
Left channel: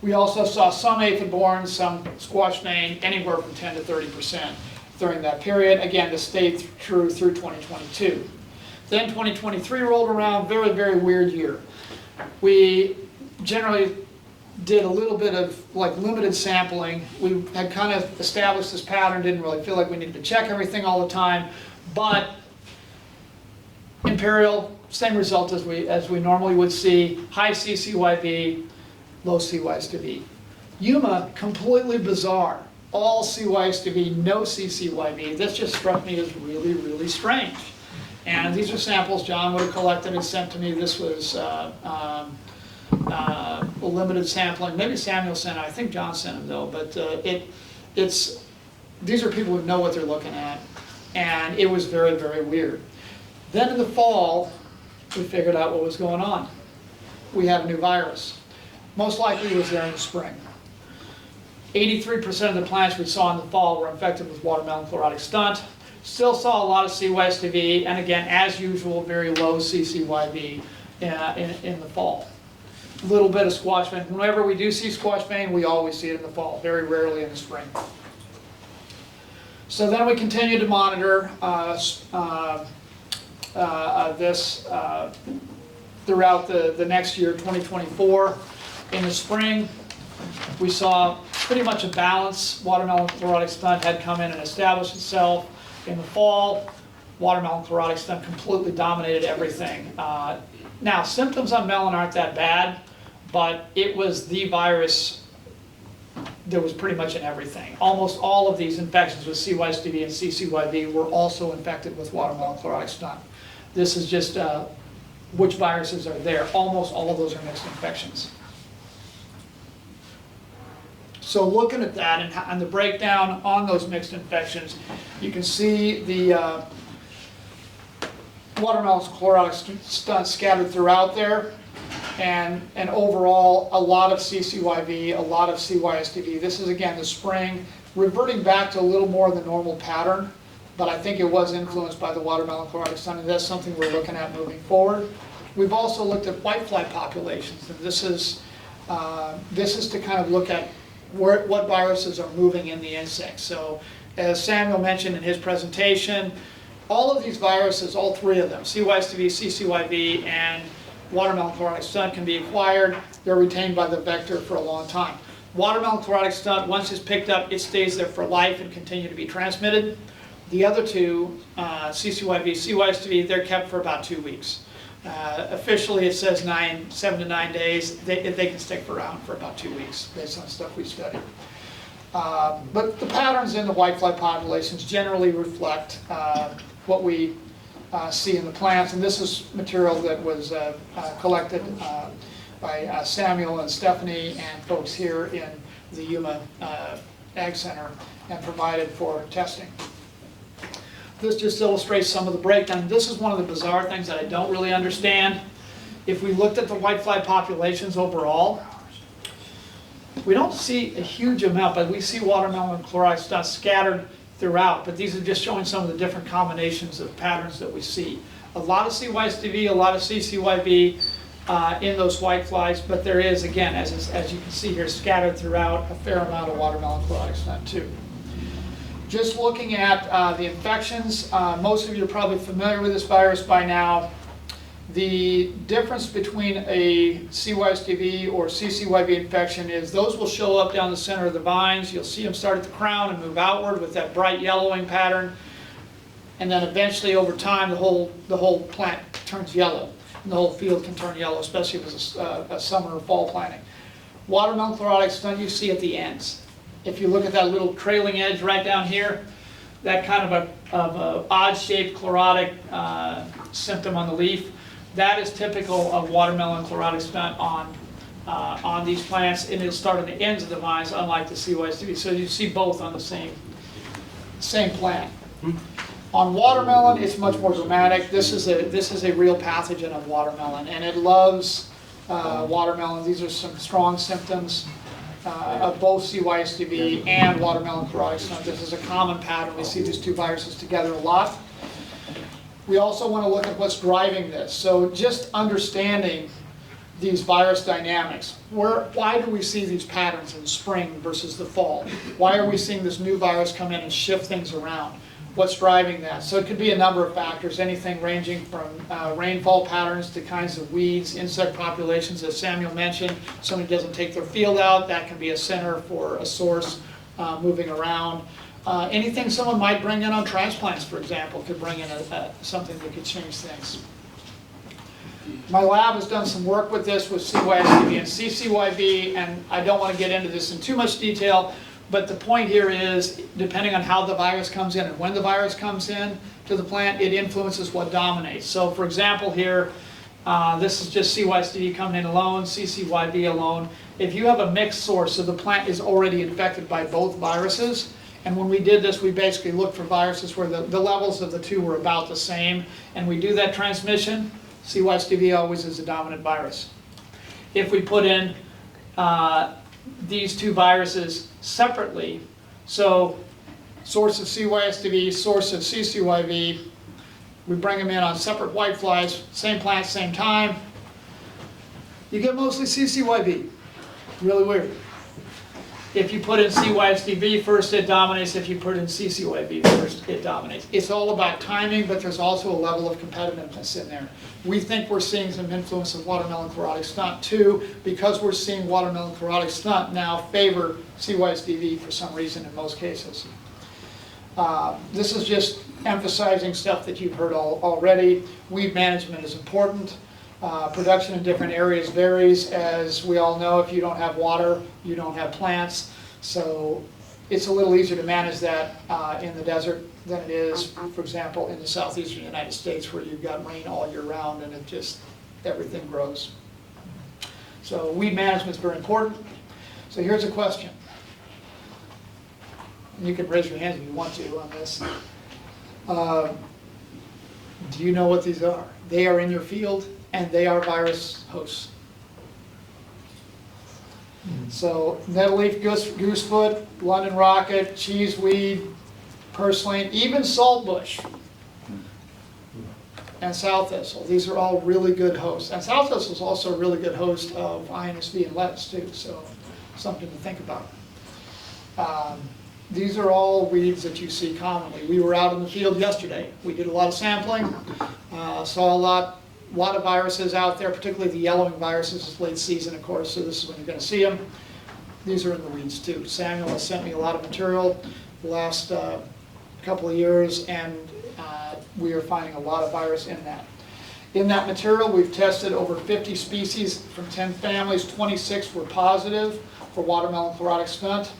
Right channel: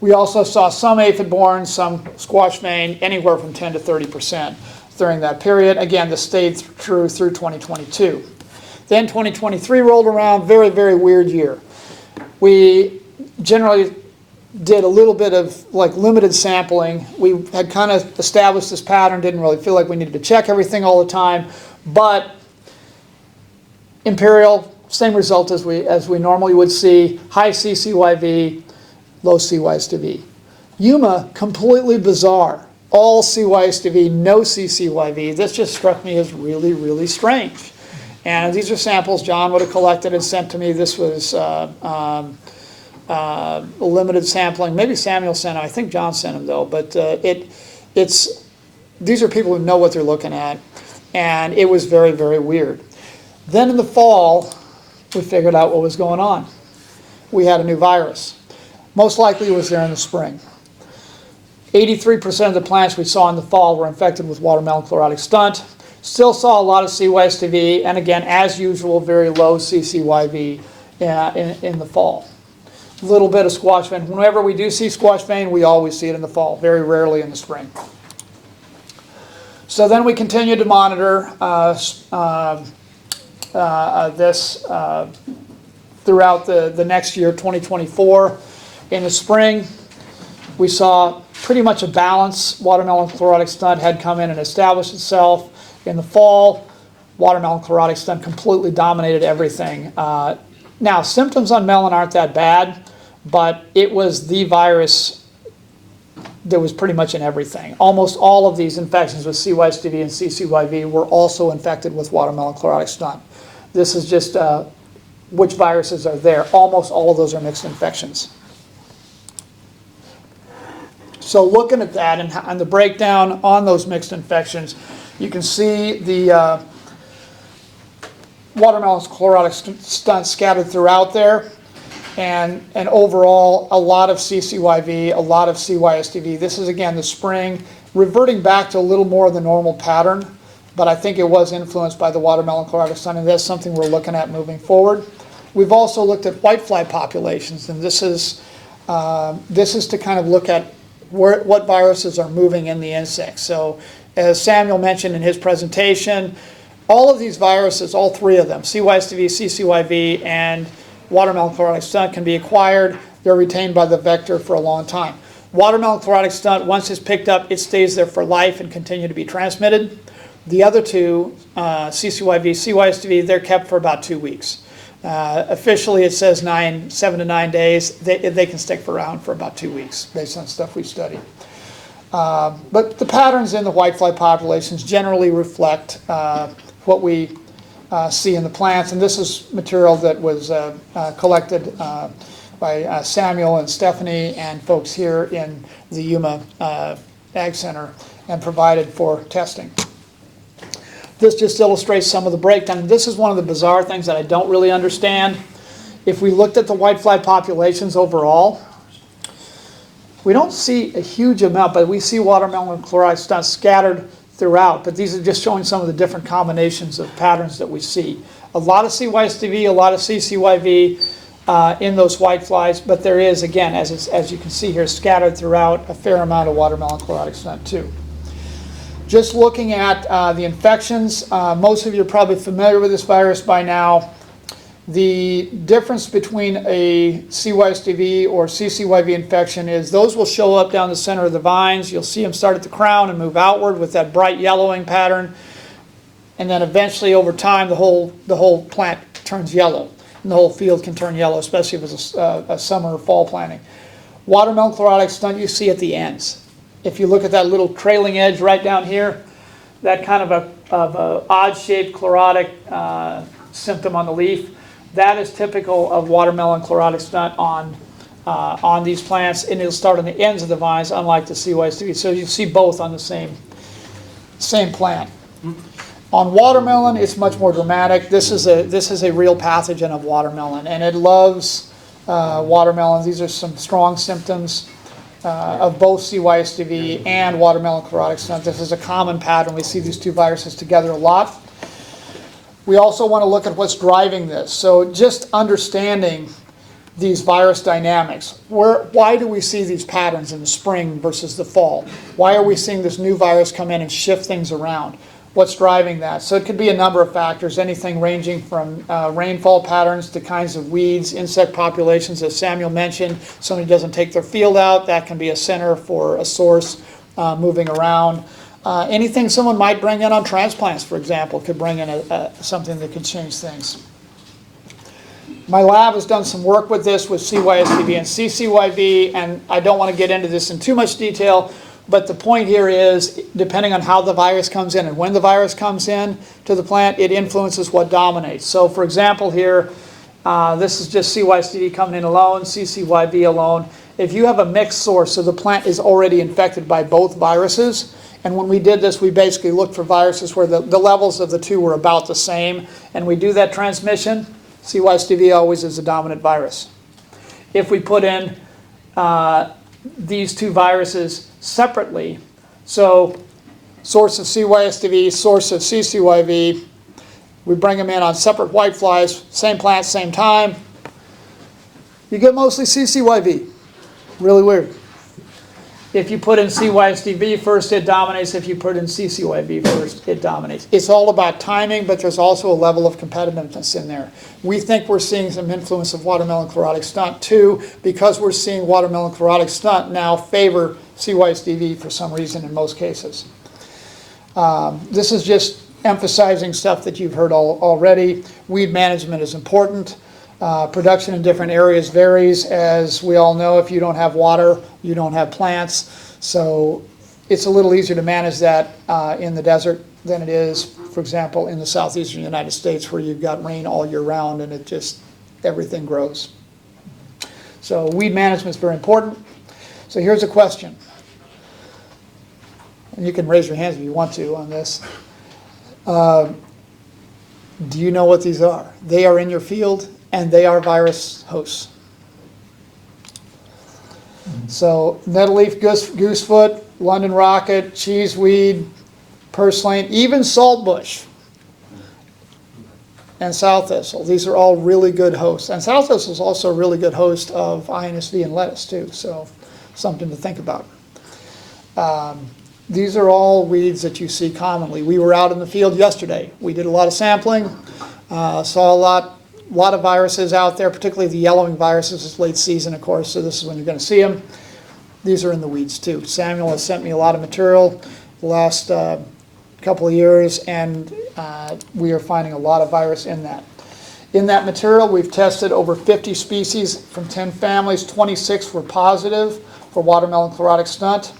We also saw some aphid-borne, some squash mane, anywhere from 10 to 30% during that period. Again, this stayed through 2022. Then 2023 rolled around, very, very weird year. We generally did a little bit of like limited sampling. We had kind of established this pattern, didn't really feel like we needed to check everything all the time, but Imperial, same result as we normally would see, high CCYV, low CYSDV. Yuma, completely bizarre. All CYSDV, no CCYV. This just struck me as really, really strange. And these are samples John would have collected and sent to me. This was limited sampling. Maybe Samuel sent them. I think John sent them though. But these are people who know what they're looking at. And it was very, very weird. Then in the fall, we figured out what was going on. We had a new virus. Most likely it was there in the spring. 83% of the plants we saw in the fall were infected with watermelon chlorotic stunt. Still saw a lot of CYSDV, and again, as usual, very low CCYV in the fall. A little bit of squash mane. Whenever we do see squash mane, we always see it in the fall, very rarely in the spring. So then we continued to monitor this throughout the next year, 2024. In the spring, we saw pretty much a balance. Watermelon chlorotic stunt had come in and established itself. In the fall, watermelon chlorotic stunt completely dominated everything. Now, symptoms on melon aren't that bad, but it was the virus that was pretty much in everything. Almost all of these infections with CYSDV and CCYV were also infected with watermelon chlorotic stunt. This is just which viruses are there. Almost all of those are mixed infections. So looking at that and the breakdown on those mixed infections, you can see the watermelon chlorotic stunt scattered throughout there, and overall a lot of CCYV, a lot of CYSDV. This is again the spring, reverting back to a little more of the normal pattern, but I think it was influenced by the watermelon chlorotic stunt, and that's something we're looking at moving forward. We've also looked at whitefly populations, and this is to kind of look at what viruses are moving in the insects. So as Samuel mentioned in his presentation, all of these viruses, all 3 of them, CYSDV, CCYV, and watermelon chlorotic stunt, can be acquired. They're retained by the vector for a long time. Watermelon chlorotic stunt, once it's picked up, it stays there for life and continue to be transmitted. The other 2, CCYV, CYSDV, they're kept for about 2 weeks. Officially it says 7 to 9 days. They can stick around for about 2 weeks based on stuff we've studied. But the patterns in the whitefly populations generally reflect what we see in the plants, and this is material that was collected by Samuel and Stephanie and folks here in the Yuma Ag Center and provided for testing. This just illustrates some of the breakdown. This is one of the bizarre things that I don't really understand. If we looked at the whitefly populations overall, we don't see a huge amount, but we see watermelon chlorotic stunt scattered throughout. But these are just showing some of the different combinations of patterns that we see. A lot of CYSDV, a lot of CCYV in those whiteflies, but there is, again, as you can see here, scattered throughout a fair amount of watermelon chlorotic stunt too. Just looking at the infections, most of you are probably familiar with this virus by now. The difference between a CYSDV or CCYV infection is those will show up down the center of the vines. You'll see them start at the crown and move outward with that bright yellowing pattern. And then eventually over time the whole plant turns yellow. And the whole field can turn yellow, especially if it's a summer or fall planting. Watermelon chlorotic stunt you see at the ends. If you look at that little trailing edge right down here, that kind of a odd-shaped chlorotic symptom on the leaf, that is typical of watermelon chlorotic stunt on these plants, and it'll start on the ends of the vines, unlike the CYSDV. So you see both on the same plant. On watermelon, it's much more dramatic. This is a real pathogen of watermelon, and it loves watermelon. These are some strong symptoms of both CYSDV and watermelon chlorotic stunt. This is a common pattern. We see these two viruses together a lot. We also want to look at what's driving this. So just understanding these virus dynamics. Why do we see these patterns in the spring versus the fall? Why are we seeing this new virus come in and shift things around? What's driving that? So it could be a number of factors, anything ranging from rainfall patterns to kinds of weeds, insect populations, as Samuel mentioned. Somebody doesn't take their field out, that can be a center for a source moving around. Anything someone might bring in on transplants, for example, could bring in something that could change things. My lab has done some work with this with CYSDV and CCYV, and I don't want to get into this in too much detail, but the point here is, depending on how the virus comes in and when the virus comes in to the plant, it influences what dominates. So for example here, this is just CYSDV coming in alone, CCYV alone. If you have a mixed source, so the plant is already infected by both viruses, and when we did this, we basically looked for viruses where the levels of the two were about the same, and we do that transmission. CYSDV always is a dominant virus. If we put in these two viruses separately, so source of CYSDV, source of CCYV, we bring them in on separate whiteflies, same plant, same time, you get mostly CCYV. Really weird. If you put in CYSDV first, it dominates. If you put in CCYV first, it dominates. It's all about timing, but there's also a level of competitiveness in there. We think we're seeing some influence of watermelon chlorotic stunt too, because we're seeing watermelon chlorotic stunt now favor CYSDV for some reason in most cases. This is just emphasizing stuff that you've heard already. Weed management is important. Production in different areas varies. As we all know, if you don't have water, you don't have plants. So it's a little easier to manage that in the desert than it is, for example, in the southeastern United States, where you've got rain all year round and everything grows. So weed management is very important. So here's a question. And you can raise your hands if you want to on this. Do you know what these are? They are in your field, and they are virus hosts. So nettleleaf goosefoot, London rocket, cheeseweed, purslane, even saltbush, and sow thistle. These are all really good hosts. And sow thistle is also a really good host of INSV and lettuce too, so something to think about. These are all weeds that you see commonly. We were out in the field yesterday. We did a lot of sampling, saw a lot of viruses out there, particularly the yellowing viruses. It's late season, of course, so this is when you're going to see them. These are in the weeds too. Samuel has sent me a lot of material the last couple of years, and we are finding a lot of virus in that. In that material, we've tested over 50 species from 10 families. 26 were positive for watermelon chlorotic stunt.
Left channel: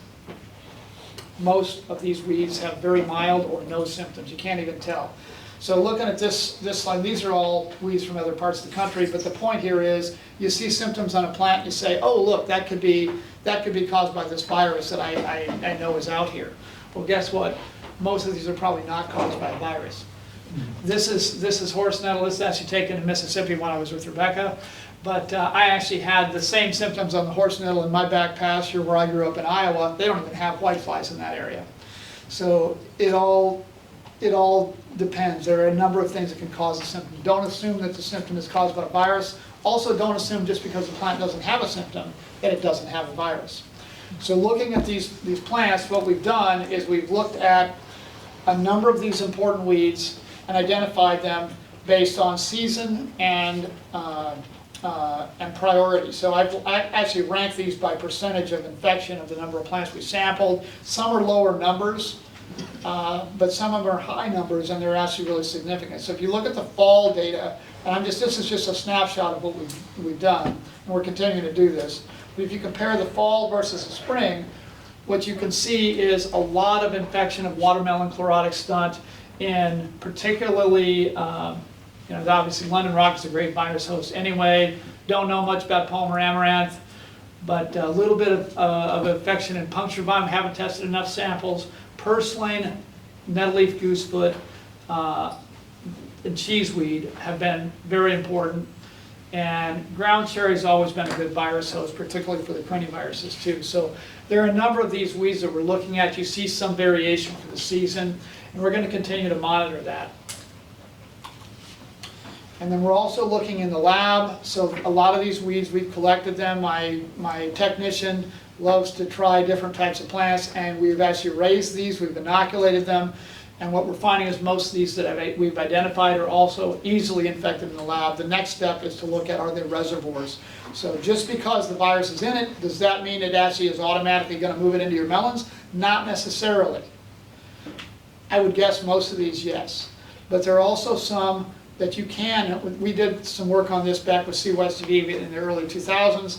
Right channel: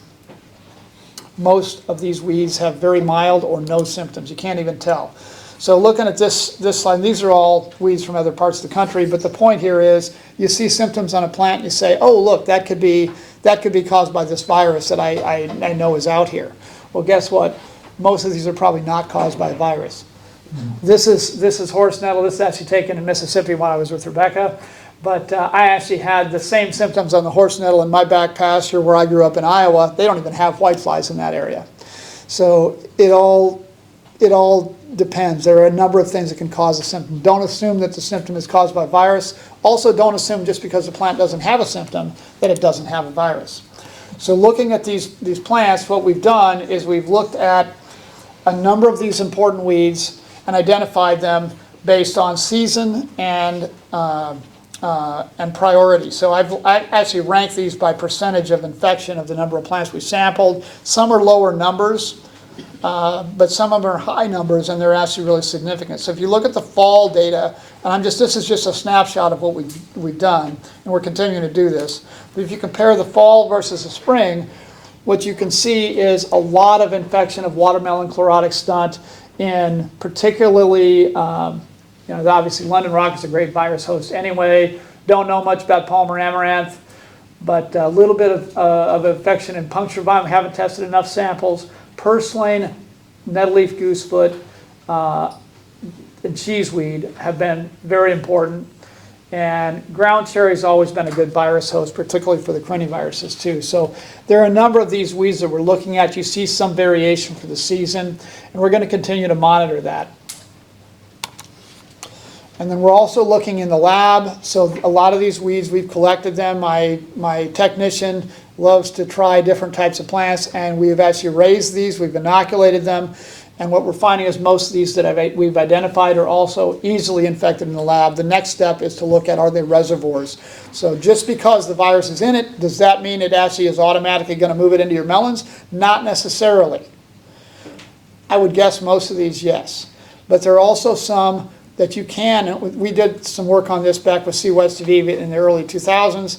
Most of these weeds have very mild or no symptoms. You can't even tell. So looking at this slide, these are all weeds from other parts of the country, but the point here is you see symptoms on a plant and you say, oh look, that could be caused by this virus that I know is out here. Well, guess what? Most of these are probably not caused by a virus. This is horse nettle. This is actually taken in Mississippi when I was with Rebecca. But I actually had the same symptoms on the horse nettle in my back pasture where I grew up in Iowa. They don't even have whiteflies in that area. So it all depends. There are a number of things that can cause a symptom. Don't assume that the symptom is caused by a virus. Also, don't assume just because the plant doesn't have a symptom that it doesn't have a virus. So looking at these plants, what we've done is we've looked at a number of these important weeds and identified them based on season and priority. So I actually ranked these by percentage of infection of the number of plants we sampled. Some are lower numbers, but some of them are high numbers, and they're actually really significant. So if you look at the fall data, and this is just a snapshot of what we've done, and we're continuing to do this. But if you compare the fall versus the spring, what you can see is a lot of infection of watermelon chlorotic stunt in particularly, obviously London rock is a great virus host anyway. Don't know much about Palmer amaranth, but a little bit of infection in puncture vine. We haven't tested enough samples. Purslane, nettleleaf goosefoot, and cheeseweed have been very important. And ground cherry has always been a good virus host, particularly for the criniviruses too. So there are a number of these weeds that we're looking at. You see some variation for the season, and we're going to continue to monitor that. And then we're also looking in the lab. So a lot of these weeds, we've collected them. My technician loves to try different types of plants, and we've actually raised these, we've inoculated them. And what we're finding is most of these that we've identified are also easily infected in the lab. The next step is to look at, are they reservoirs? So just because the virus is in it, does that mean it actually is automatically going to move it into your melons? Not necessarily. I would guess most of these, yes. But there are also some that you can, we did some work on this back with CYSTV in the early 2000s.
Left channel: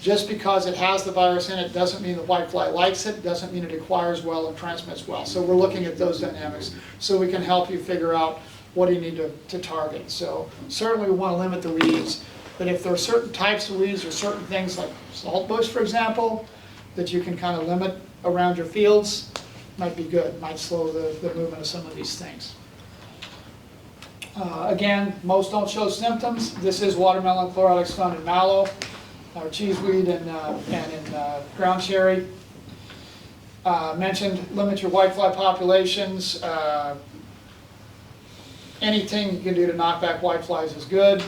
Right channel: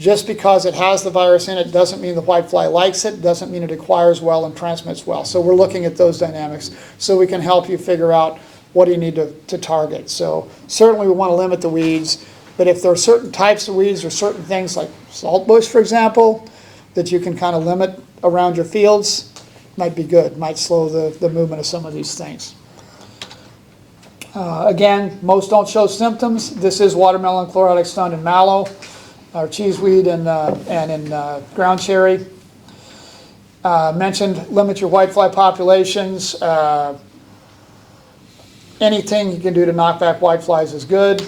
Just because it has the virus in it doesn't mean the whitefly likes it, doesn't mean it acquires well and transmits well. So we're looking at those dynamics so we can help you figure out what do you need to target. So certainly we want to limit the weeds, but if there are certain types of weeds or certain things like saltbush, for example, that you can kind of limit around your fields, might be good, might slow the movement of some of these things. Again, most don't show symptoms. This is watermelon chlorotic stunt in mallow, or cheeseweed, and in ground cherry. Mentioned limit your whitefly populations. Anything you can do to knock back whiteflies is good.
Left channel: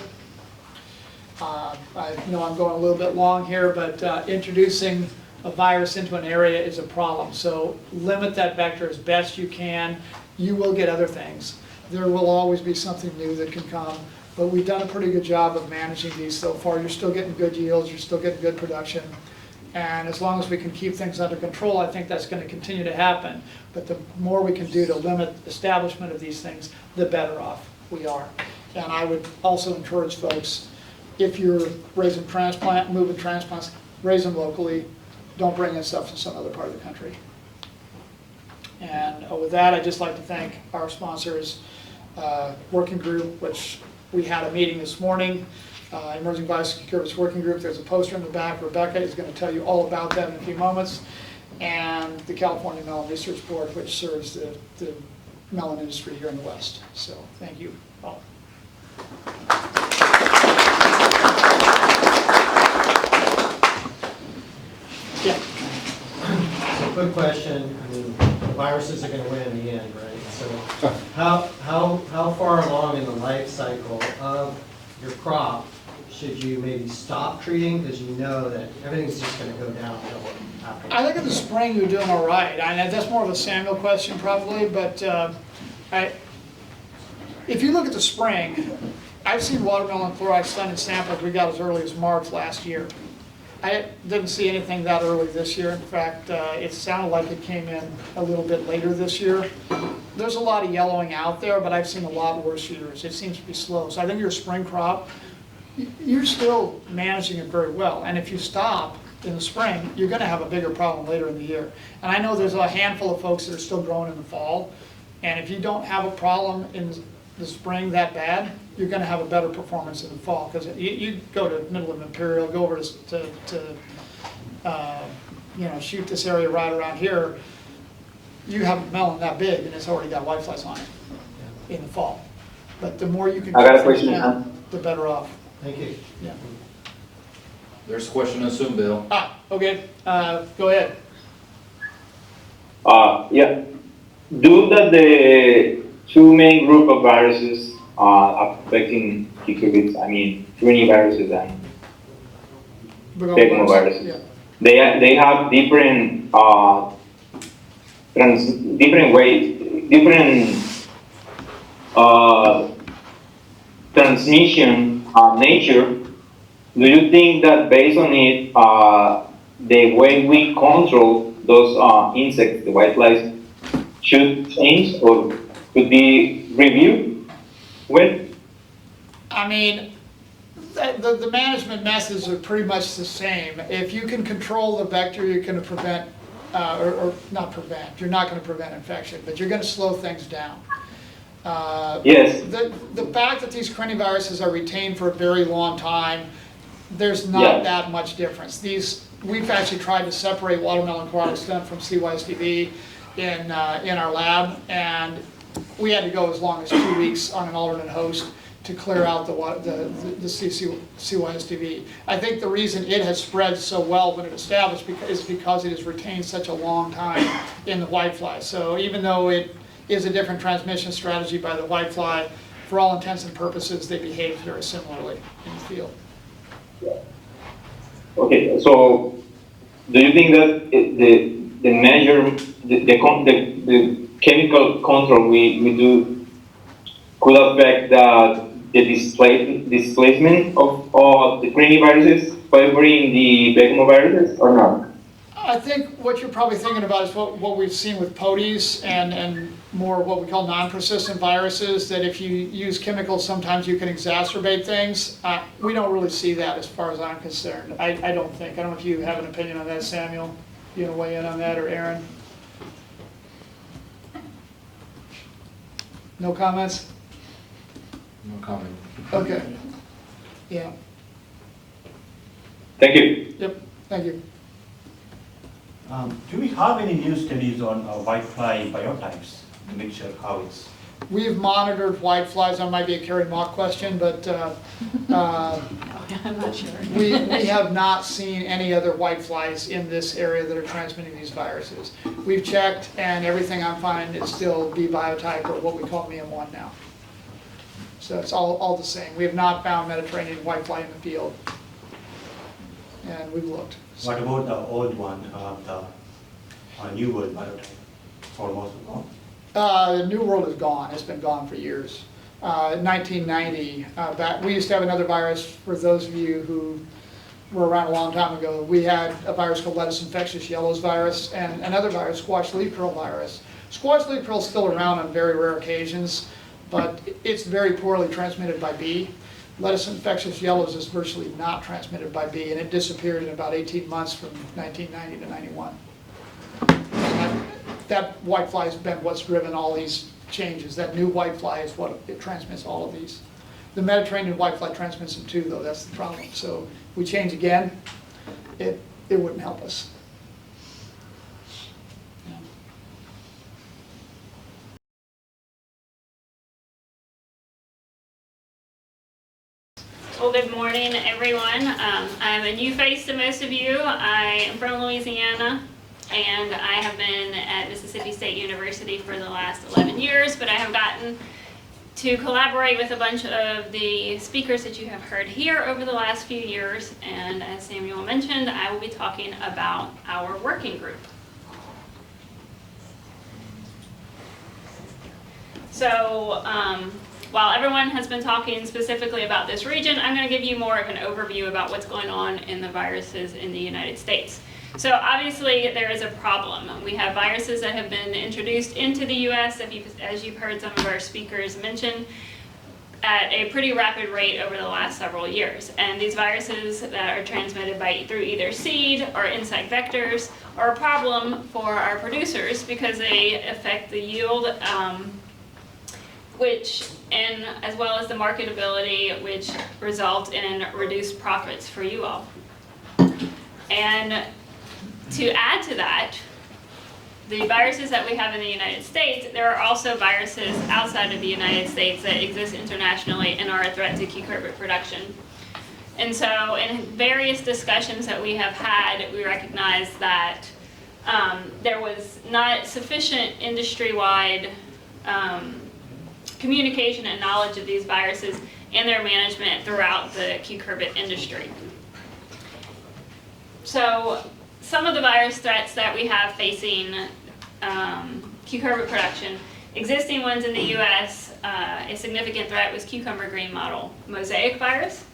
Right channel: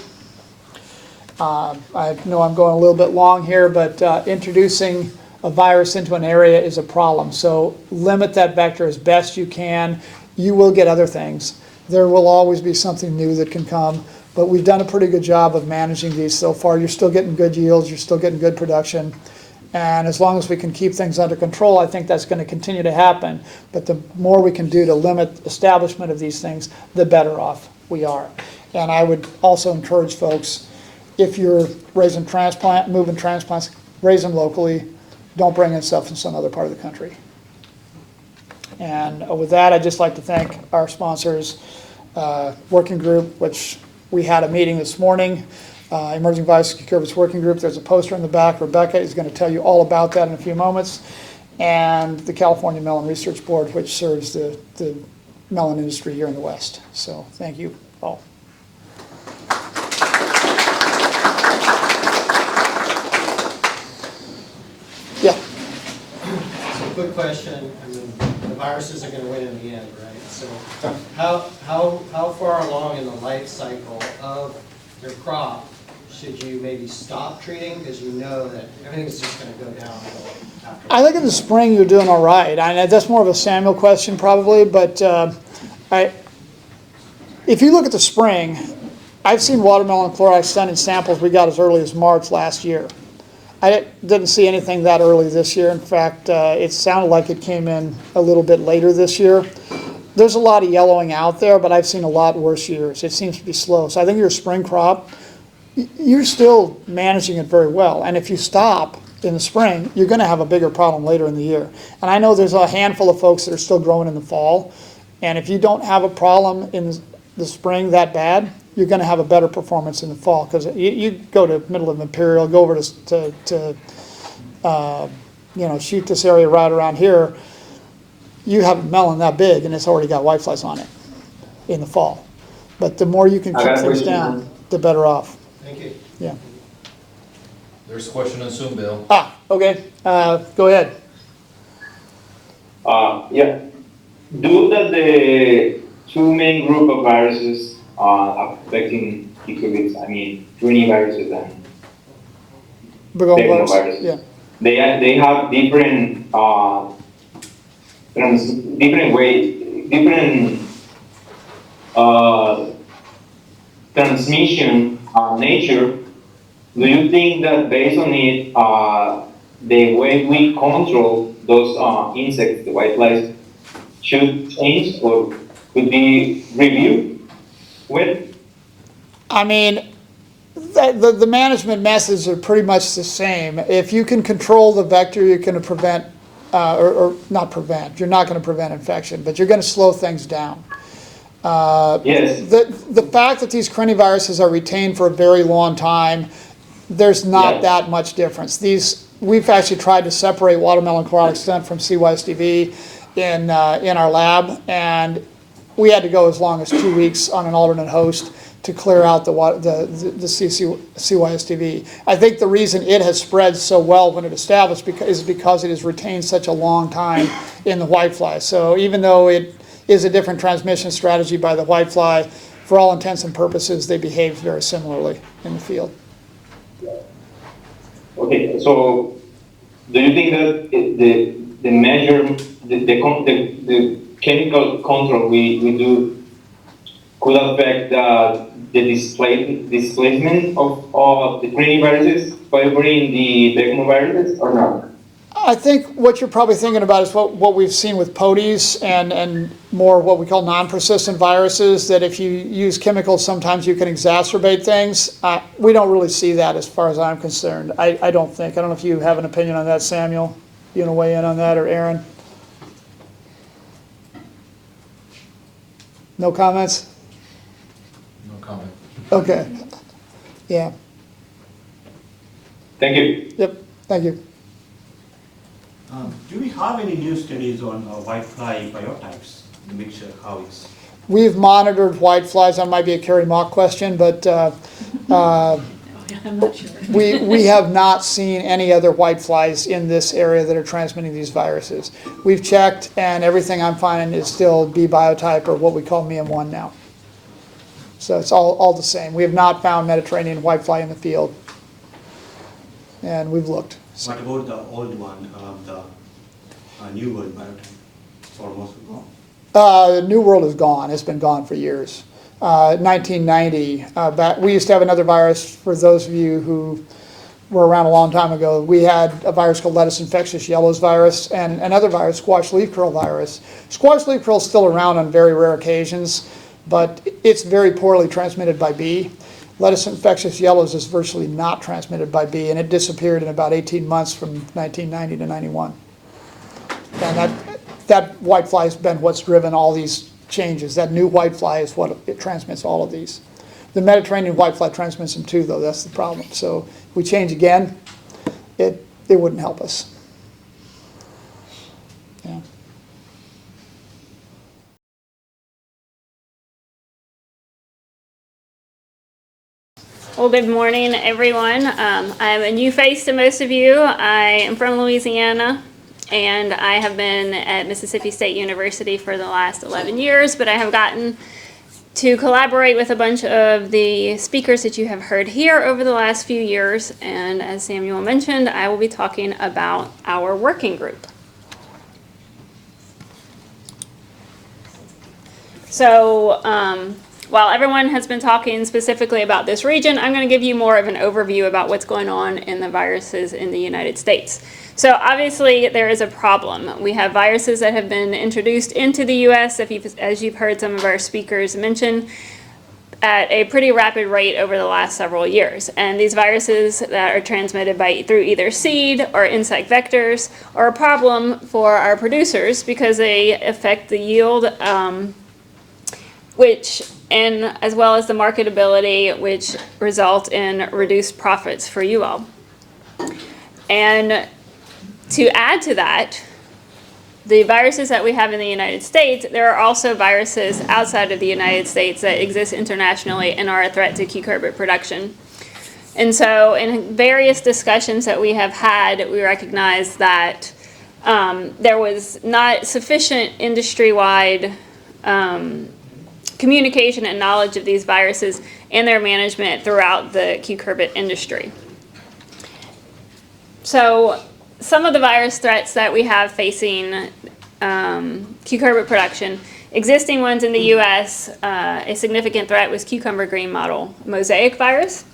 I know I'm going a little bit long here, but introducing a virus into an area is a problem. So limit that vector as best you can. You will get other things. There will always be something new that can come, but we've done a pretty good job of managing these so far. You're still getting good yields, you're still getting good production, and as long as we can keep things under control, I think that's going to continue to happen. But the more we can do to limit establishment of these things, the better off we are. And I would also encourage folks, if you're moving transplants, raise them locally. Don't bring in stuff from some other part of the country. And with that, I'd just like to thank our sponsors, working group, which we had a meeting this morning, Emerging Virus Curves Working Group. There's a poster in the back. Rebecca is going to tell you all about that in a few moments. And the California Melon Research Board, which serves the melon industry here in the West. So thank you all. Yeah. So quick question, I mean, the viruses are gonna win in the end, right? So how far along in the life cycle of your crop should you maybe stop treating because you know that everything's just gonna go downhill after? I think in the spring you're doing all right. That's more of a Samuel question probably, but if you look at the spring, I've seen watermelon chloride stunt in samples we got as early as March last year. I didn't see anything that early this year. In fact, it sounded like it came in a little bit later this year. There's a lot of yellowing out there, but I've seen a lot worse years. It seems to be slow. So I think your spring crop, you're still managing it very well. And if you stop in the spring, you're going to have a bigger problem later in the year. And I know there's a handful of folks that are still growing in the fall. And if you don't have a problem in the spring that bad, you're going to have a better performance in the fall. Because you go to middle of Imperial, go over to shoot this area right around here, you have a melon that big and it's already got whiteflies on it in the fall. But the more you can keep things down, the better off. Thank you. Yeah. There's a question on Zoom, Bill. Okay. Go ahead. Yeah. Due to the two main group of viruses affecting cucurbits, I mean, criniviruses and technoviruses. Yeah. they have different different transmission nature. Do you think that based on it, the way we control those insects, the whiteflies, should change or could be reviewed with? I mean, the management methods are pretty much the same. If you can control the vector, you're going to prevent, or not prevent, you're not going to prevent infection, but you're going to slow things down. Yes. The fact that these craniviruses are retained for a very long time, there's not that much difference. We've actually tried to separate watermelon chlorotic stunt from CYSDV in our lab, and we had to go as long as 2 weeks on an alternate host to clear out the CYSDV. I think the reason it has spread so well when it established is because it has retained such a long time in the whitefly. So even though it is a different transmission strategy by the whitefly, for all intents and purposes, they behave very similarly in the field. Okay, so do you think that the measure, the chemical control we do could affect the displacement of the craniviruses favoring the begomoviruses or not? I think what you're probably thinking about is what we've seen with POTIs and more what we call non-persistent viruses, that if you use chemicals, sometimes you can exacerbate things. We don't really see that as far as I'm concerned. I don't think. I don't know if you have an opinion on that, Samuel. You want to weigh in on that, or Aaron? No comments? No comment. Okay. Yeah. Thank you. Yep. Thank you. Do we have any new studies on whitefly biotypes, mixture cows? We've monitored whiteflies. That might be a Carrie Mock question, but I'm not sure. we have not seen any other whiteflies in this area that are transmitting these viruses. We've checked, and everything I'm finding is still B biotype, or what we call MEM1 now. So it's all the same. We have not found Mediterranean whitefly in the field, and we've looked. What about the old one, the New World biotype? It's almost gone. The New World is gone. It's been gone for years. 1990, we used to have another virus, for those of you who were around a long time ago. We had a virus called lettuce infectious yellows virus, and another virus, squash leaf curl virus. Squash leaf curl is still around on very rare occasions, but it's very poorly transmitted by bee. Lettuce infectious yellows is virtually not transmitted by bee, and it disappeared in about 18 months from 1990 to 91. And that whitefly has been what's driven all these changes. That new whitefly is what it transmits all of these. The Mediterranean whitefly transmits them too, though. That's the problem. So if we change again, it wouldn't help us. Yeah. Well, good morning, everyone. I'm a new face to most of you. I am from Louisiana, and I have been at Mississippi State University for the last 11 years, but I have gotten to collaborate with a bunch of the speakers that you have heard here over the last few years, and as Samuel mentioned, I will be talking about our working group. So, while everyone has been talking specifically about this region, I'm going to give you more of an overview about what's going on in the viruses in the United States. So obviously there is a problem. We have viruses that have been introduced into the U.S., as you've heard some of our speakers mention, at a pretty rapid rate over the last several years. And these viruses that are transmitted through either seed or insect vectors are a problem for our producers because they affect the yield, and as well as the marketability, which result in reduced profits for you all. And to add to that, the viruses that we have in the United States, there are also viruses outside of the United States that exist internationally and are a threat to cucurbit production. And so in various discussions that we have had, we recognize that there was not sufficient industry-wide communication and knowledge of these viruses and their management throughout the cucurbit industry. So some of the virus threats that we have facing cucurbit production. Existing ones in the U.S., a significant threat was cucumber green mottle mosaic virus,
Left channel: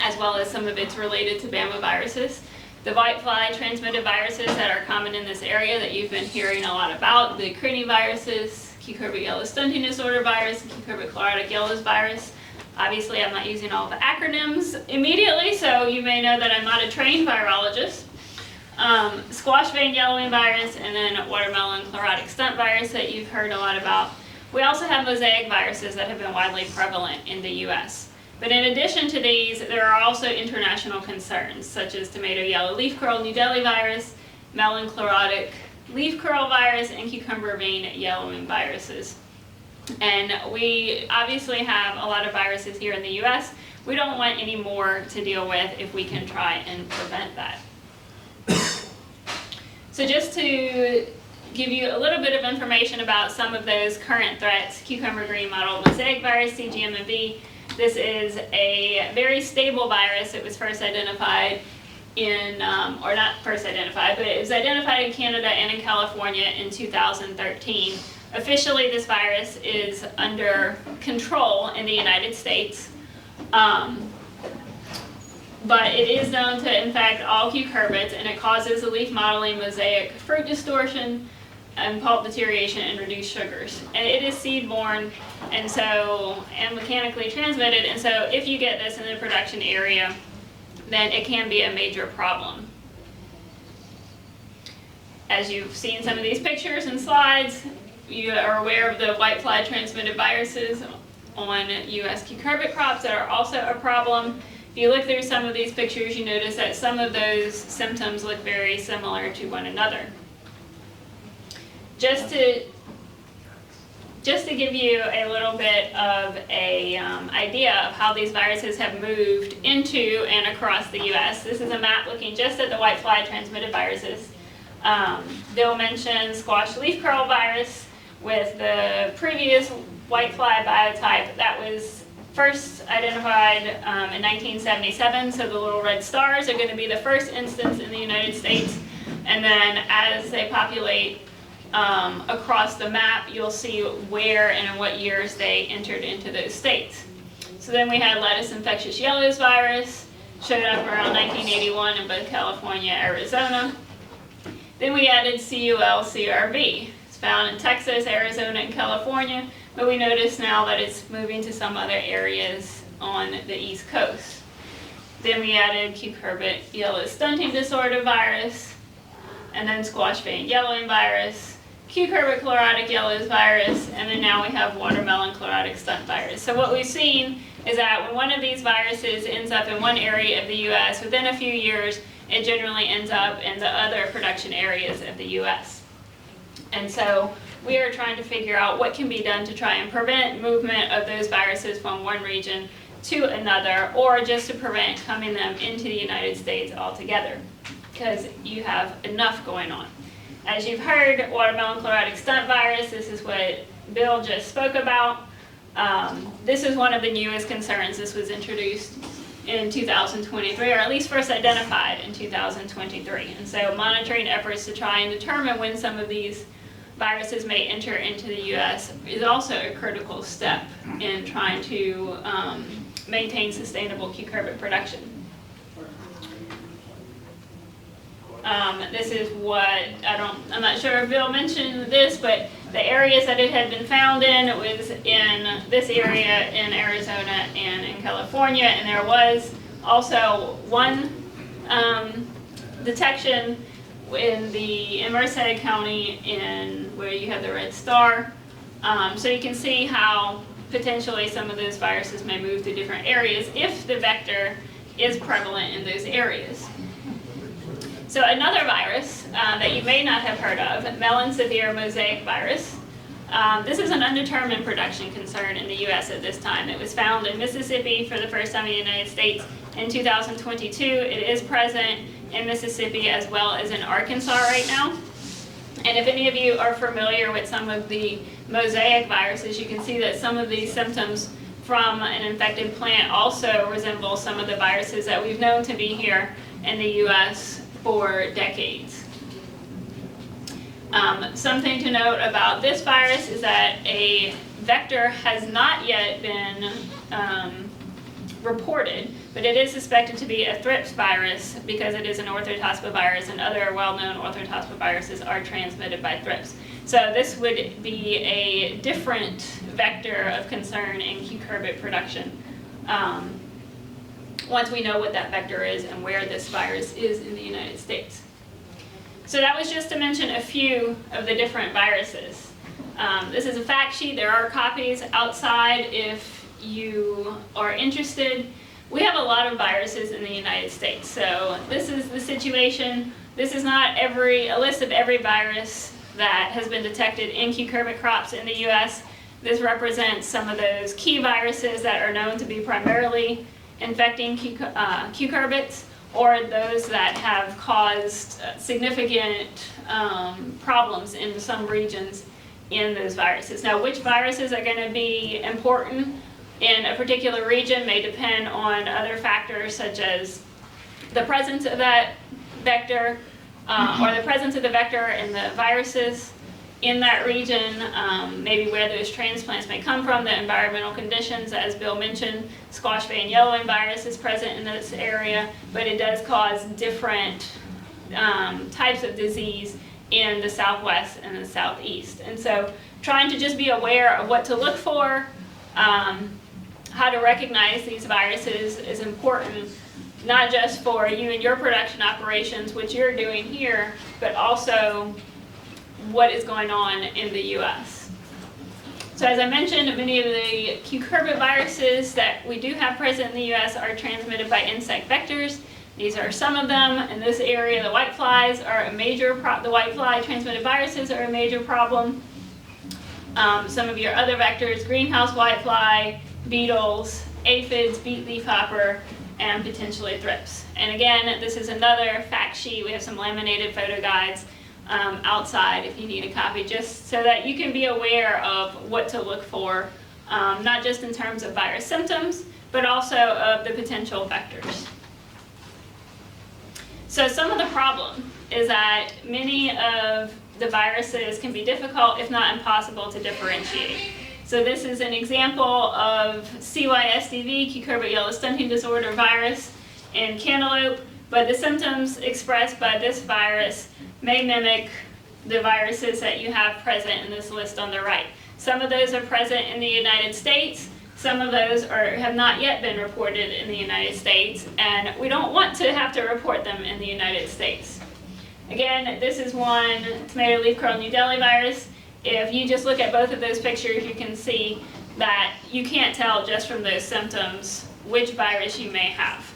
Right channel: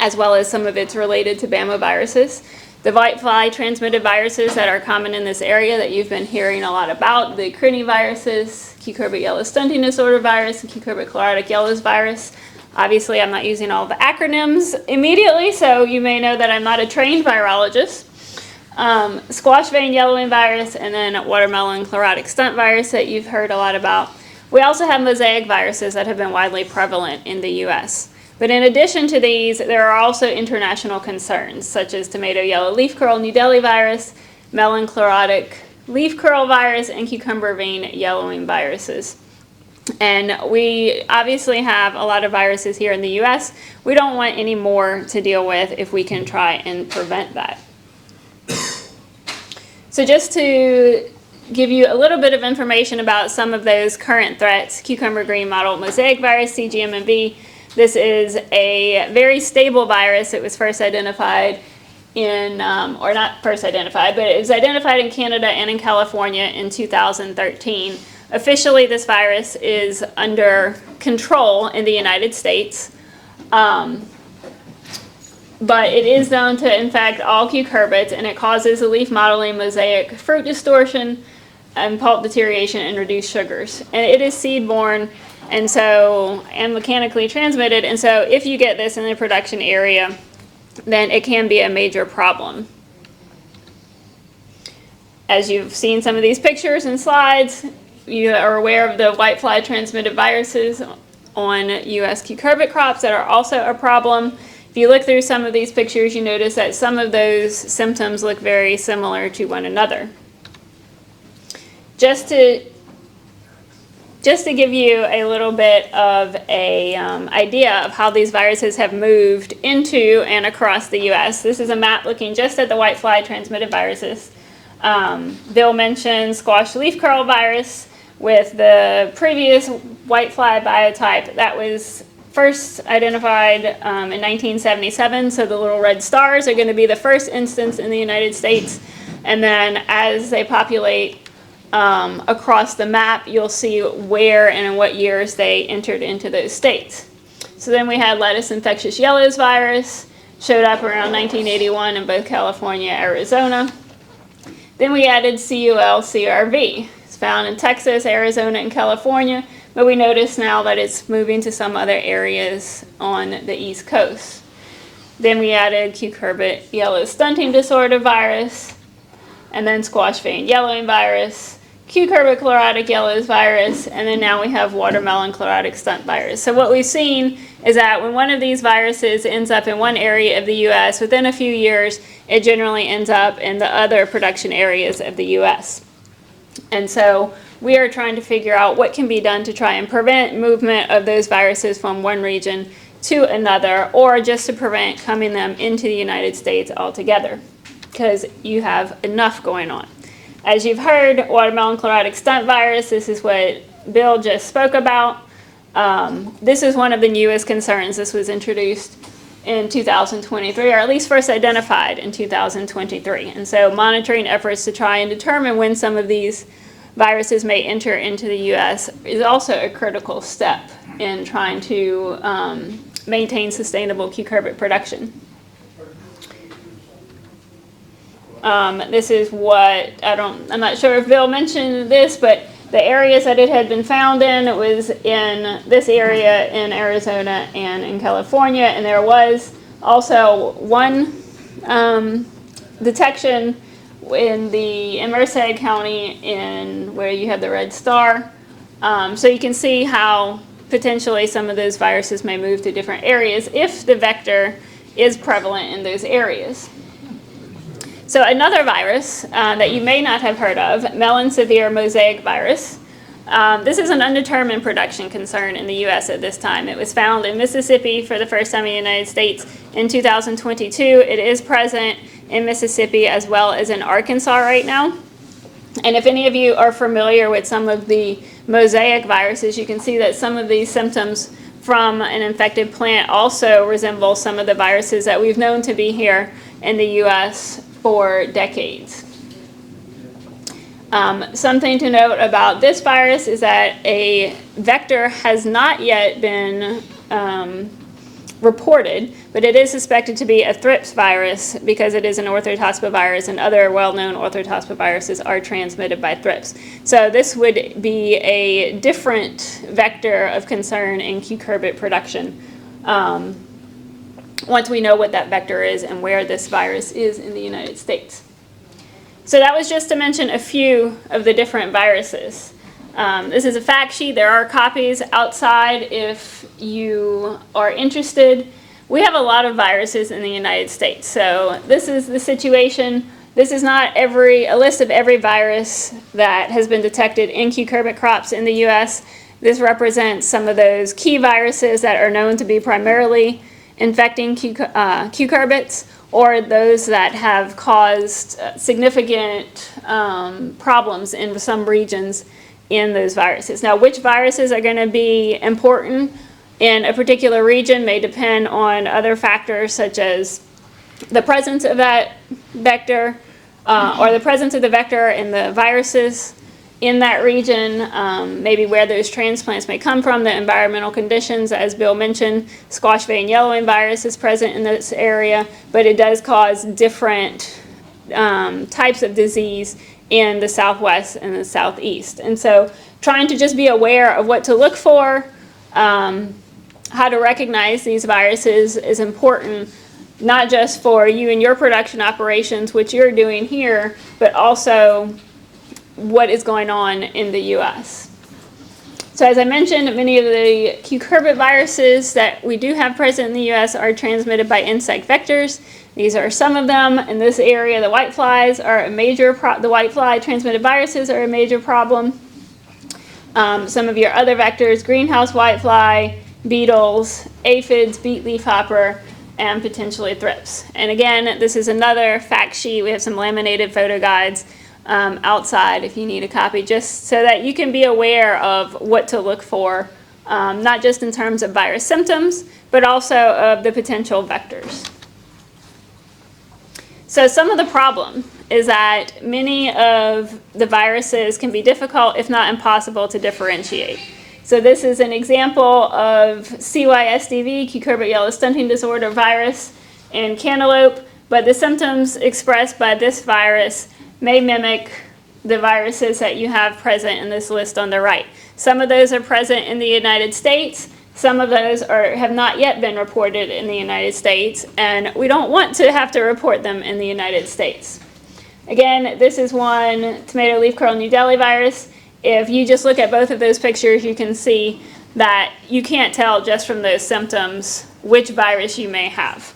as well as some of its related to Bama viruses. The whitefly transmitted viruses that are common in this area that you've been hearing a lot about, the Crini viruses, cucurbit yellow stunting disorder virus, and cucurbit chlorotic yellows virus. Obviously, I'm not using all the acronyms immediately, so you may know that I'm not a trained virologist. Squash vein yellowing virus, and then watermelon chlorotic stunt virus that you've heard a lot about. We also have mosaic viruses that have been widely prevalent in the U.S. But in addition to these, there are also international concerns, such as tomato yellow leaf curl New Delhi virus, melon chlorotic leaf curl virus, and cucumber vein yellowing viruses. And we obviously have a lot of viruses here in the U.S. We don't want any more to deal with if we can try and prevent that. So just to give you a little bit of information about some of those current threats, cucumber green mottle mosaic virus, CGMMV. This is a very stable virus. It was first identified in, or not first identified, but it was identified in Canada and in California in 2013. Officially, this virus is under control in the United States. But it is known to infect all cucurbits, and it causes a leaf mottling, mosaic fruit distortion, and pulp deterioration, and reduced sugars. And it is seed-borne, and mechanically transmitted, and so if you get this in the production area, then it can be a major problem. As you've seen some of these pictures and slides, you are aware of the whitefly transmitted viruses on U.S. cucurbit crops that are also a problem. If you look through some of these pictures, you notice that some of those symptoms look very similar to one another. Just to give you a little bit of a idea of how these viruses have moved into and across the U.S. This is a map looking just at the whitefly transmitted viruses. Bill mentioned squash leaf curl virus with the previous whitefly biotype that was first identified in 1977, so the little red stars are going to be the first instance in the United States, and then as they populate across the map, you'll see where and in what years they entered into those states. So then we had lettuce infectious yellows virus, showed up around 1981 in both California and Arizona. Then we added CUL-CRV. It's found in Texas, Arizona, and California, but we notice now that it's moving to some other areas on the East Coast. Then we added cucurbit yellow stunting disorder virus, and then squash vein yellowing virus, cucurbit chlorotic yellows virus, and then now we have watermelon chlorotic stunt virus. So what we've seen is that when one of these viruses ends up in one area of the U.S., within a few years, it generally ends up in the other production areas of the U.S. And so we are trying to figure out what can be done to try and prevent movement of those viruses from one region to another, or just to prevent coming them into the United States altogether, because you have enough going on. As you've heard, watermelon chlorotic stunt virus, this is what Bill just spoke about. This is one of the newest concerns. This was introduced in 2023, or at least first identified in 2023. And so monitoring efforts to try and determine when some of these viruses may enter into the U.S. is also a critical step in trying to maintain sustainable cucurbit production. This is what, I'm not sure if Bill mentioned this, but the areas that it had been found in, it was in this area in Arizona and in California, and there was also one detection in Merced County where you have the red star. So you can see how potentially some of those viruses may move to different areas if the vector is prevalent in those areas. So another virus that you may not have heard of, melon severe mosaic virus. This is an undetermined production concern in the U.S. at this time. It was found in Mississippi for the first time in the United States in 2022. It is present in Mississippi as well as in Arkansas right now. And if any of you are familiar with some of the mosaic viruses, you can see that some of these symptoms from an infected plant also resemble some of the viruses that we've known to be here in the U.S. for decades. Something to note about this virus is that a vector has not yet been reported, but it is suspected to be a thrips virus because it is an orthotospivirus, and other well-known orthotospiviruses are transmitted by thrips. So this would be a different vector of concern in cucurbit production once we know what that vector is and where this virus is in the United States. So that was just to mention a few of the different viruses. This is a fact sheet. There are copies outside if you are interested. We have a lot of viruses in the United States. So this is the situation. This is not a list of every virus that has been detected in cucurbit crops in the U.S. This represents some of those key viruses that are known to be primarily infecting cucurbits, or those that have caused significant problems in some regions in those viruses. Now, which viruses are going to be important in a particular region may depend on other factors such as the presence of that vector or the presence of the vector and the viruses in that region, maybe where those transplants may come from, the environmental conditions. As Bill mentioned, squash vein yellowing virus is present in this area, but it does cause different types of disease in the Southwest and the Southeast. And so trying to just be aware of what to look for, how to recognize these viruses is important, not just for you and your production operations, which you're doing here, but also what is going on in the U.S. So as I mentioned, many of the cucurbit viruses that we do have present in the U.S. are transmitted by insect vectors. These are some of them. In this area, the whiteflies are a major the whitefly transmitted viruses are a major problem. Some of your other vectors, greenhouse whitefly, beetles, aphids, beet leafhopper, and potentially thrips. And again, this is another fact sheet. We have some laminated photo guides outside if you need a copy, just so that you can be aware of what to look for, not just in terms of virus symptoms, but also of the potential vectors. So some of the problem is that many of the viruses can be difficult, if not impossible, to differentiate. So this is an example of CYSDV, cucurbit yellow stunting disorder virus, in cantaloupe, but the symptoms expressed by this virus may mimic the viruses that you have present in this list on the right. Some of those are present in the United States. Some of those have not yet been reported in the United States, and we don't want to have to report them in the United States. Again, this is one tomato leaf curl New Delhi virus. If you just look at both of those pictures, you can see that you can't tell just from those symptoms which virus you may have.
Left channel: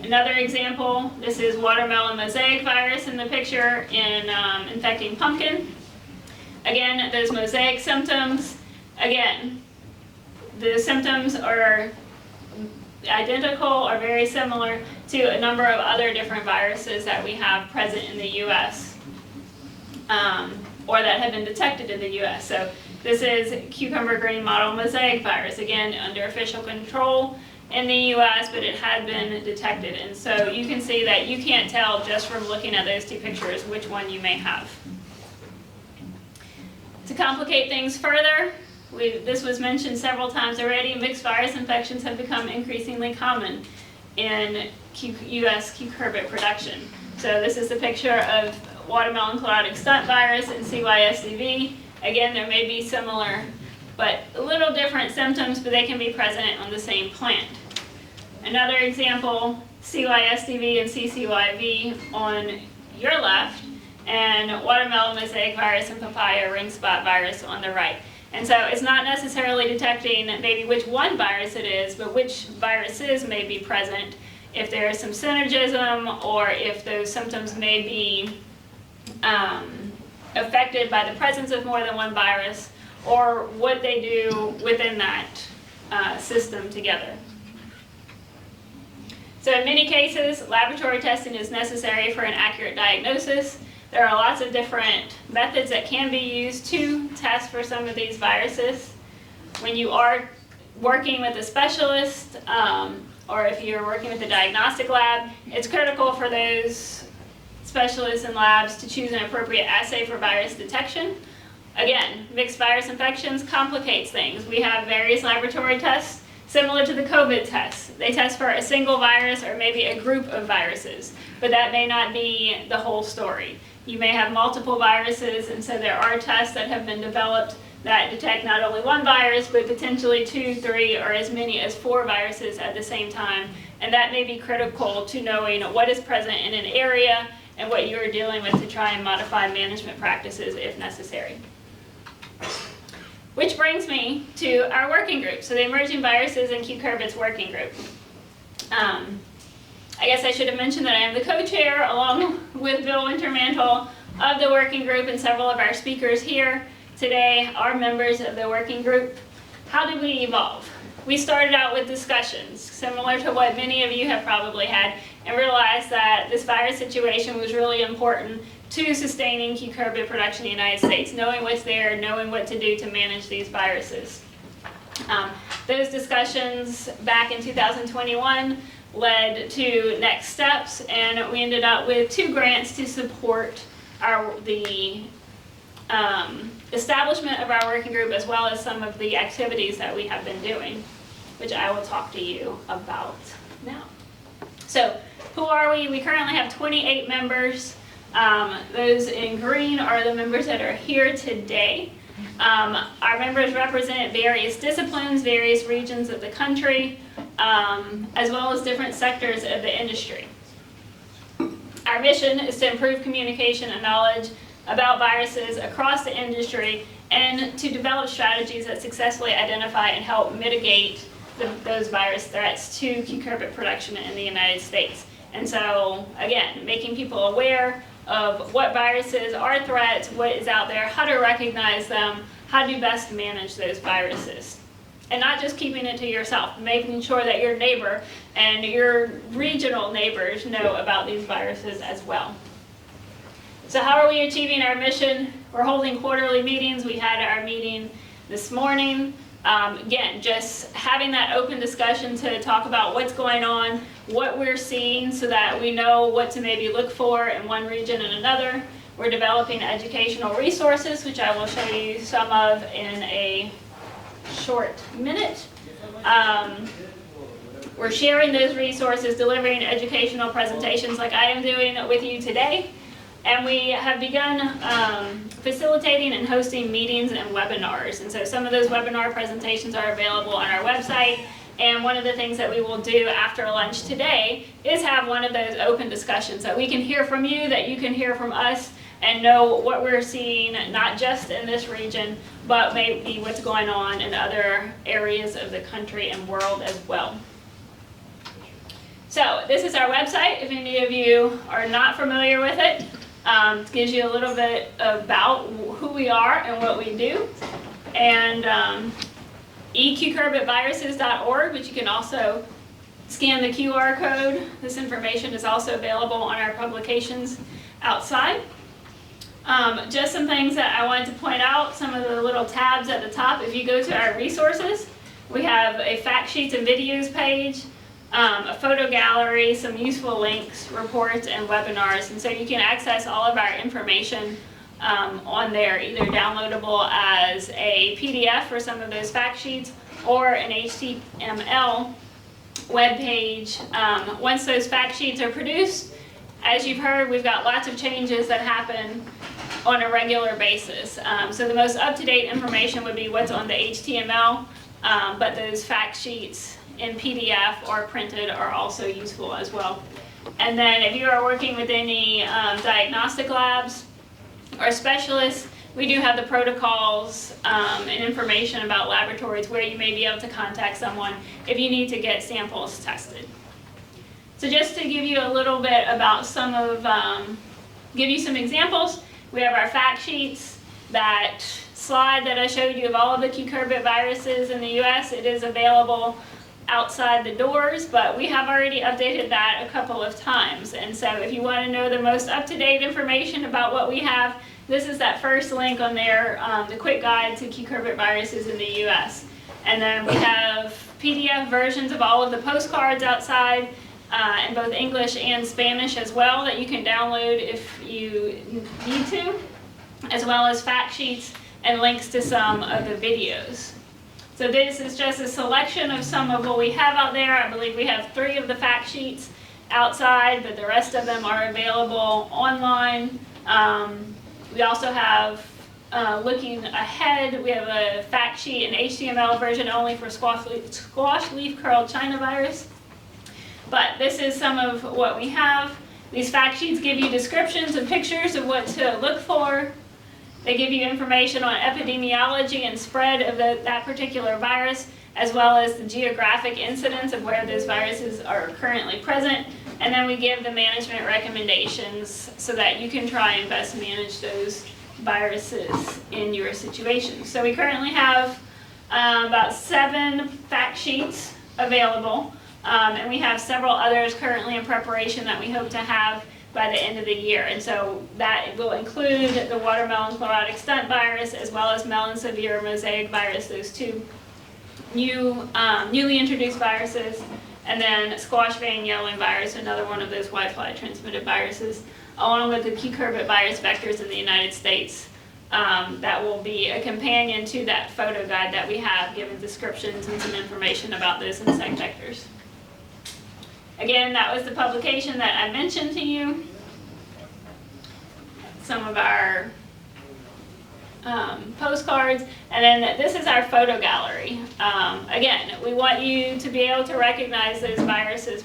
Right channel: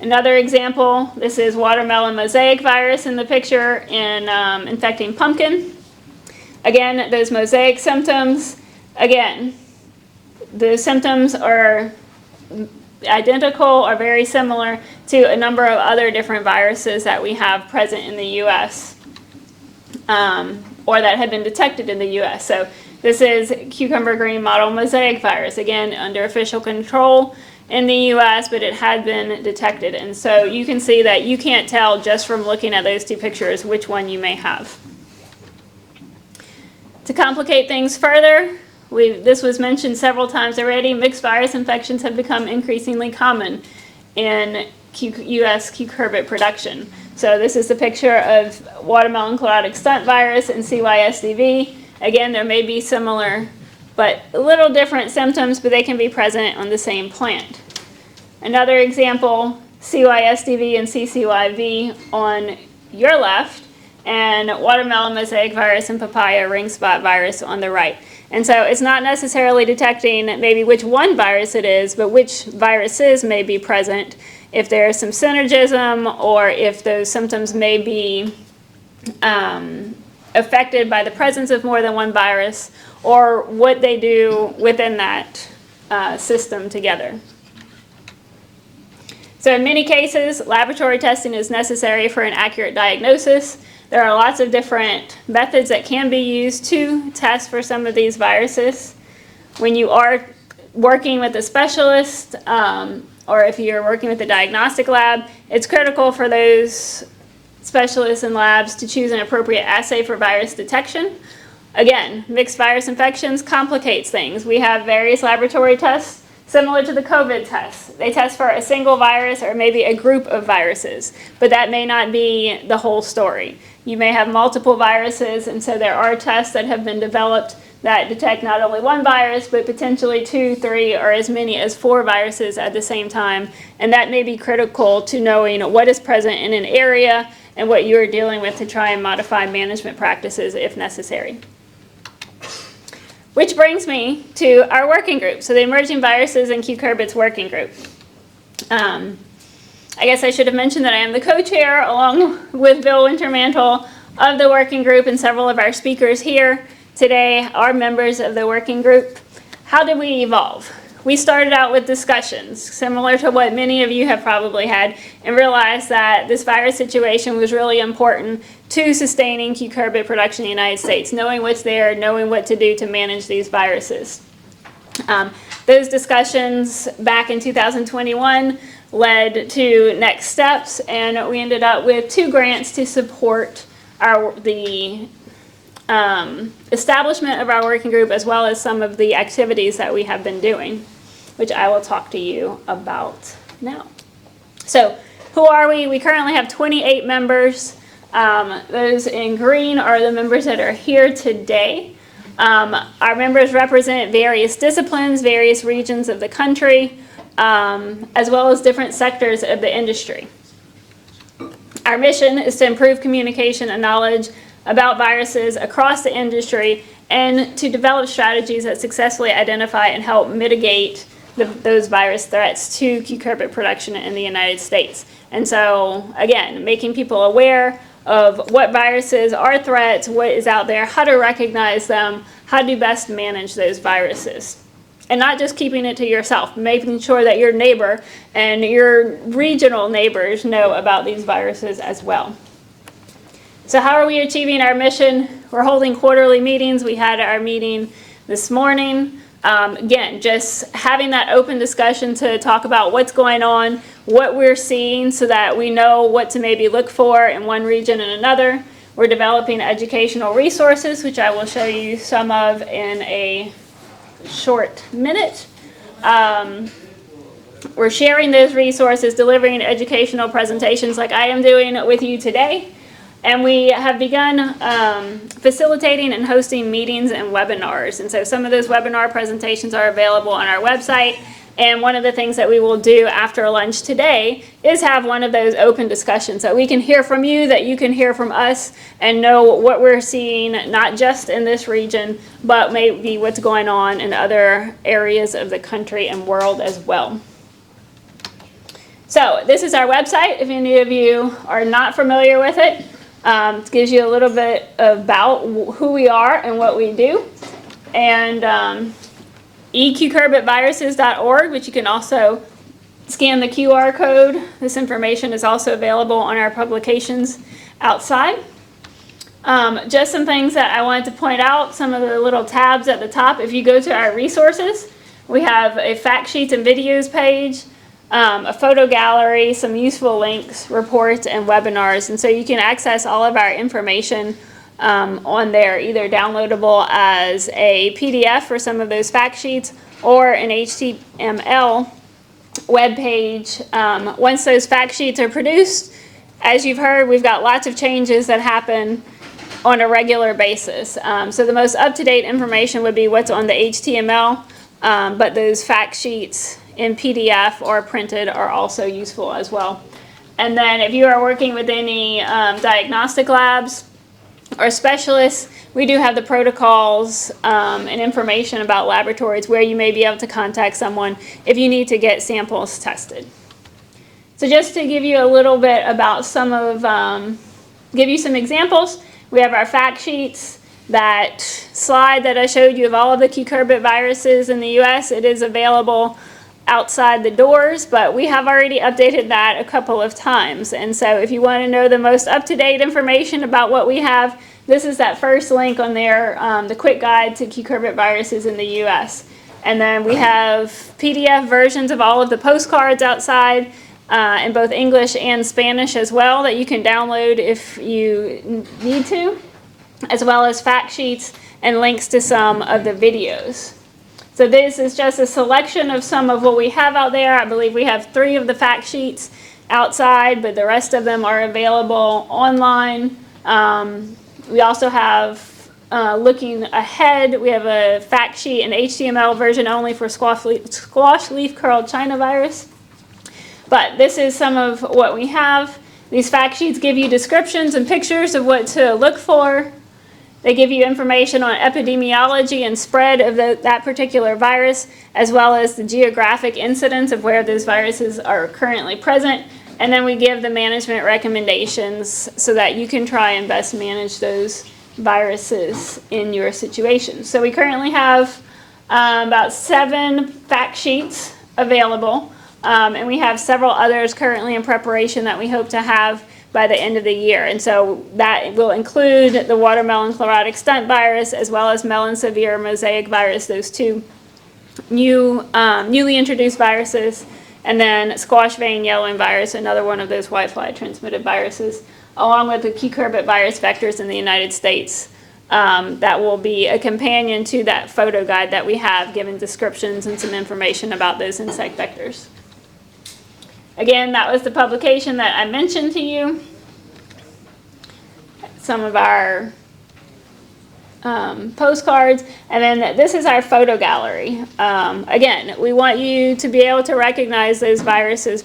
Another example, this is watermelon mosaic virus in the picture in infecting pumpkin. Again, those mosaic symptoms, again, the symptoms are identical or very similar to a number of other different viruses that we have present in the U.S. Or that have been detected in the U.S. So this is cucumber green mottle mosaic virus, again, under official control in the U.S., but it had been detected. And so you can see that you can't tell just from looking at those two pictures which one you may have. To complicate things further, this was mentioned several times already, mixed virus infections have become increasingly common in U.S. cucurbit production. So this is the picture of watermelon chlorotic stunt virus and CYSDV. Again, there may be similar but a little different symptoms, but they can be present on the same plant. Another example, CYSDV and CCYV on your left, and watermelon mosaic virus and papaya ring spot virus on the right. And so it's not necessarily detecting maybe which one virus it is, but which viruses may be present, if there is some synergism, or if those symptoms may be affected by the presence of more than one virus, or what they do within that system together. So in many cases, laboratory testing is necessary for an accurate diagnosis. There are lots of different methods that can be used to test for some of these viruses. When you are working with a specialist, or if you're working with a diagnostic lab, it's critical for those specialists and labs to choose an appropriate assay for virus detection. Again, mixed virus infections complicates things. We have various laboratory tests similar to the COVID test. They test for a single virus or maybe a group of viruses, but that may not be the whole story. You may have multiple viruses, and so there are tests that have been developed that detect not only one virus, but potentially 2, 3, or as many as 4 viruses at the same time. And that may be critical to knowing what is present in an area and what you are dealing with to try and modify management practices if necessary. Which brings me to our working group. So the Emerging Viruses and Cucurbits Working Group. I guess I should have mentioned that I am the co-chair along with Bill Wintermantle of the working group, and several of our speakers here today are members of the working group. How did we evolve? We started out with discussions similar to what many of you have probably had, and realized that this virus situation was really important to sustaining cucurbit production in the United States, knowing what's there, knowing what to do to manage these viruses. Those discussions back in 2021 led to next steps, and we ended up with 2 grants to support the establishment of our working group, as well as some of the activities that we have been doing, which I will talk to you about now. So, who are we? We currently have 28 members. Those in green are the members that are here today. Our members represent various disciplines, various regions of the country, as well as different sectors of the industry. Our mission is to improve communication and knowledge about viruses across the industry, and to develop strategies that successfully identify and help mitigate those virus threats to cucurbit production in the United States. And so, again, making people aware of what viruses are threats, what is out there, how to recognize them, how to best manage those viruses. And not just keeping it to yourself, making sure that your neighbor and your regional neighbors know about these viruses as well. So how are we achieving our mission? We're holding quarterly meetings. We had our meeting this morning. Again, just having that open discussion to talk about what's going on, what we're seeing, so that we know what to maybe look for in one region and another. We're developing educational resources, which I will show you some of in a short minute. We're sharing those resources, delivering educational presentations like I am doing with you today. And we have begun facilitating and hosting meetings and webinars. And so some of those webinar presentations are available on our website. And one of the things that we will do after lunch today is have one of those open discussions that we can hear from you, that you can hear from us, and know what we're seeing, not just in this region, but maybe what's going on in other areas of the country and world as well. So this is our website. If any of you are not familiar with it, it gives you a little bit about who we are and what we do. And ecucurbitviruses.org, which you can also scan the QR code. This information is also available on our publications outside. Just some things that I wanted to point out, some of the little tabs at the top. If you go to our resources, we have a fact sheets and videos page, a photo gallery, some useful links, reports, and webinars. And so you can access all of our information on there, either downloadable as a PDF for some of those fact sheets or an HTML web page. Once those fact sheets are produced, as you've heard, we've got lots of changes that happen on a regular basis. So the most up-to-date information would be what's on the HTML, but those fact sheets in PDF or printed are also useful as well. And then if you are working with any diagnostic labs or specialists, we do have the protocols and information about laboratories where you may be able to contact someone if you need to get samples tested. So just to give you a little bit about some of, give you some examples, we have our fact sheets. That slide that I showed you of all of the cucurbit viruses in the US, it is available outside the doors, but we have already updated that a couple of times. And so if you want to know the most up-to-date information about what we have, this is that first link on there, the quick guide to cucurbit viruses in the US. And then we have PDF versions of all of the postcards outside. in both English and Spanish as well that you can download if you need to, as well as fact sheets and links to some of the videos. So this is just a selection of some of what we have out there. I believe we have 3 of the fact sheets outside, but the rest of them are available online. We also have, looking ahead, we have a fact sheet in HTML version only for squash leaf curl China virus. But this is some of what we have. These fact sheets give you descriptions and pictures of what to look for. They give you information on epidemiology and spread of that particular virus, as well as the geographic incidence of where those viruses are currently present. And then we give the management recommendations so that you can try and best manage those viruses in your situation. So we currently have about 7 fact sheets available, and we have several others currently in preparation that we hope to have by the end of the year. And so that will include the watermelon chlorotic stunt virus as well as melon severe mosaic virus, those 2 newly introduced viruses, and then squash vein yellowing virus, another one of those whitefly transmitted viruses, along with the cucurbit virus vectors in the United States. That will be a companion to that photo guide that we have, giving descriptions and some information about those insect vectors. Again, that was the publication that I mentioned to you. Some of our postcards, and then this is our photo gallery. Again, we want you to be able to recognize those viruses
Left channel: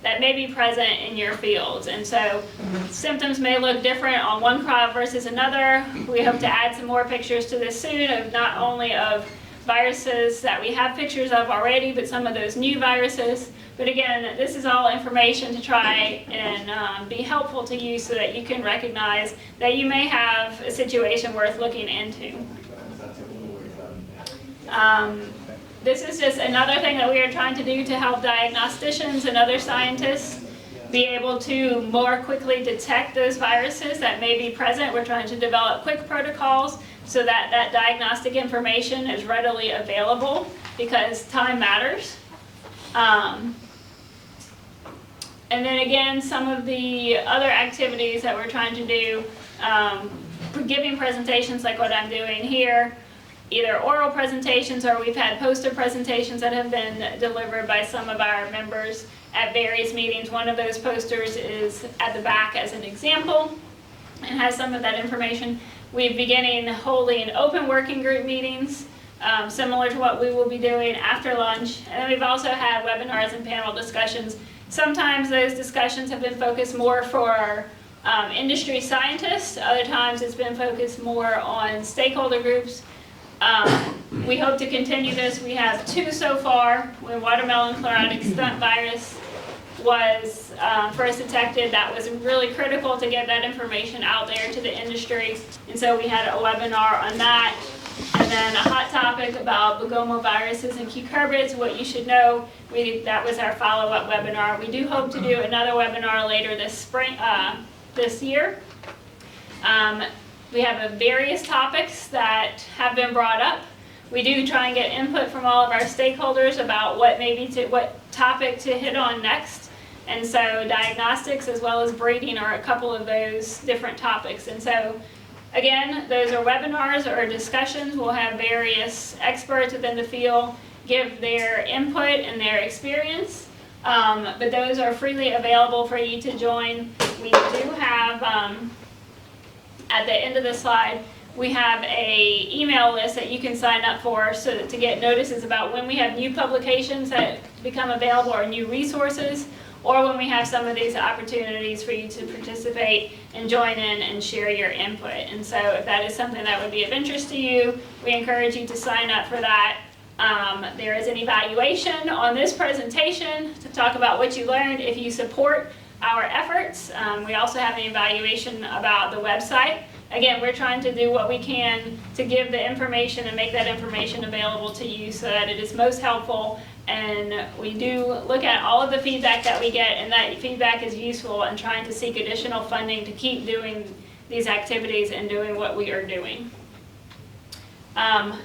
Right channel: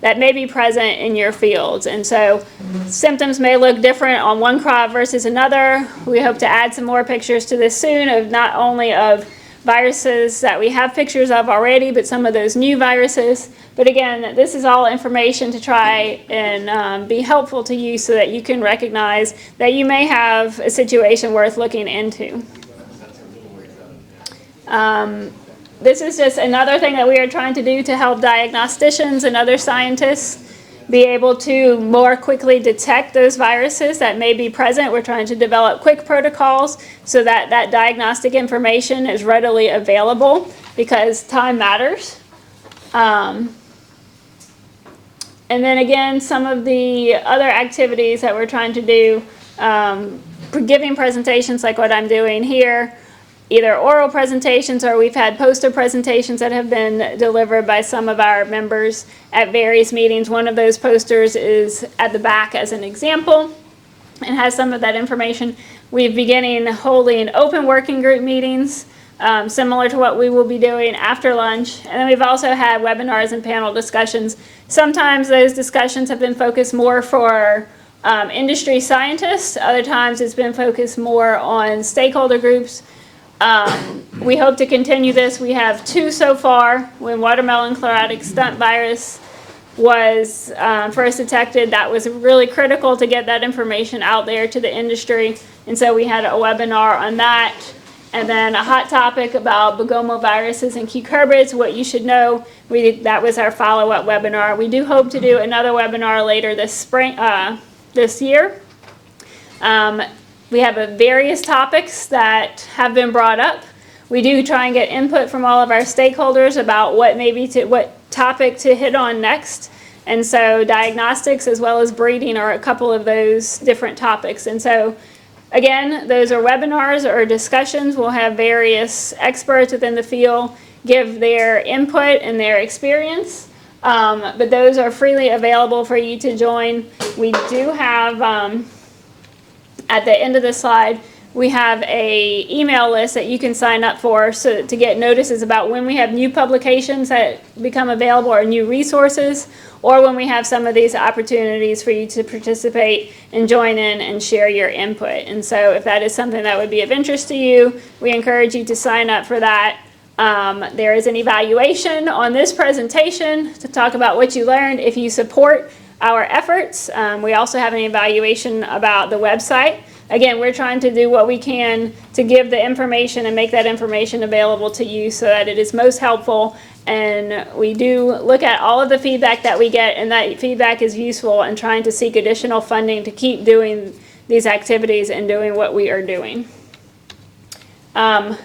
that may be present in your fields. And so symptoms may look different on one crop versus another. We hope to add some more pictures to this soon of not only of viruses that we have pictures of already, but some of those new viruses. But again, this is all information to try and be helpful to you so that you can recognize that you may have a situation worth looking into. This is just another thing that we are trying to do to help diagnosticians and other scientists be able to more quickly detect those viruses that may be present. We're trying to develop quick protocols so that that diagnostic information is readily available, because time matters. And then again, some of the other activities that we're trying to do, giving presentations like what I'm doing here, either oral presentations or we've had poster presentations that have been delivered by some of our members at various meetings. One of those posters is at the back as an example and has some of that information. We're beginning holding open working group meetings, similar to what we will be doing after lunch. And then we've also had webinars and panel discussions. Sometimes those discussions have been focused more for industry scientists. Other times it's been focused more on stakeholder groups. We hope to continue this. We have 2 so far. When watermelon chlorotic stunt virus was first detected, that was really critical to get that information out there to the industry. And so we had a webinar on that. And then a hot topic about begomoviruses and cucurbits, what you should know. That was our follow-up webinar. We do hope to do another webinar later this spring, this year. We have various topics that have been brought up. We do try and get input from all of our stakeholders about what topic to hit on next. And so diagnostics as well as breeding are a couple of those different topics. And so again, those are webinars or discussions. We'll have various experts within the field give their input and their experience. But those are freely available for you to join. We do have, at the end of the slide, we have a email list that you can sign up for to get notices about when we have new publications that become available or new resources, or when we have some of these opportunities for you to participate and join in and share your input. And so if that is something that would be of interest to you, we encourage you to sign up for that. There is an evaluation on this presentation to talk about what you learned if you support our efforts. We also have an evaluation about the website. Again, we're trying to do what we can to give the information and make that information available to you so that it is most helpful. And we do look at all of the feedback that we get, and that feedback is useful in trying to seek additional funding to keep doing these activities and doing what we are doing. The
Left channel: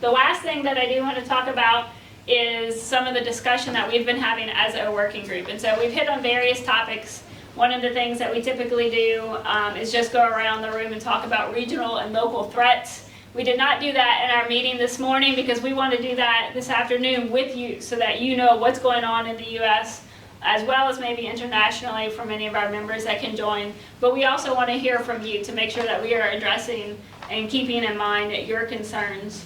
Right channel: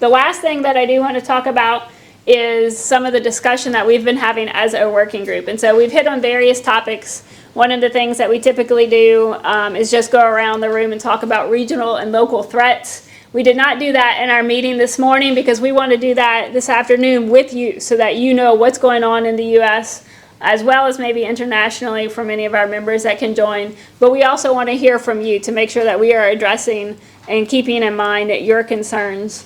last thing that I do want to talk about is some of the discussion that we've been having as a working group. And so we've hit on various topics. One of the things that we typically do is just go around the room and talk about regional and local threats. We did not do that in our meeting this morning because we want to do that this afternoon with you so that you know what's going on in the U.S. as well as maybe internationally for many of our members that can join. But we also want to hear from you to make sure that we are addressing and keeping in mind your concerns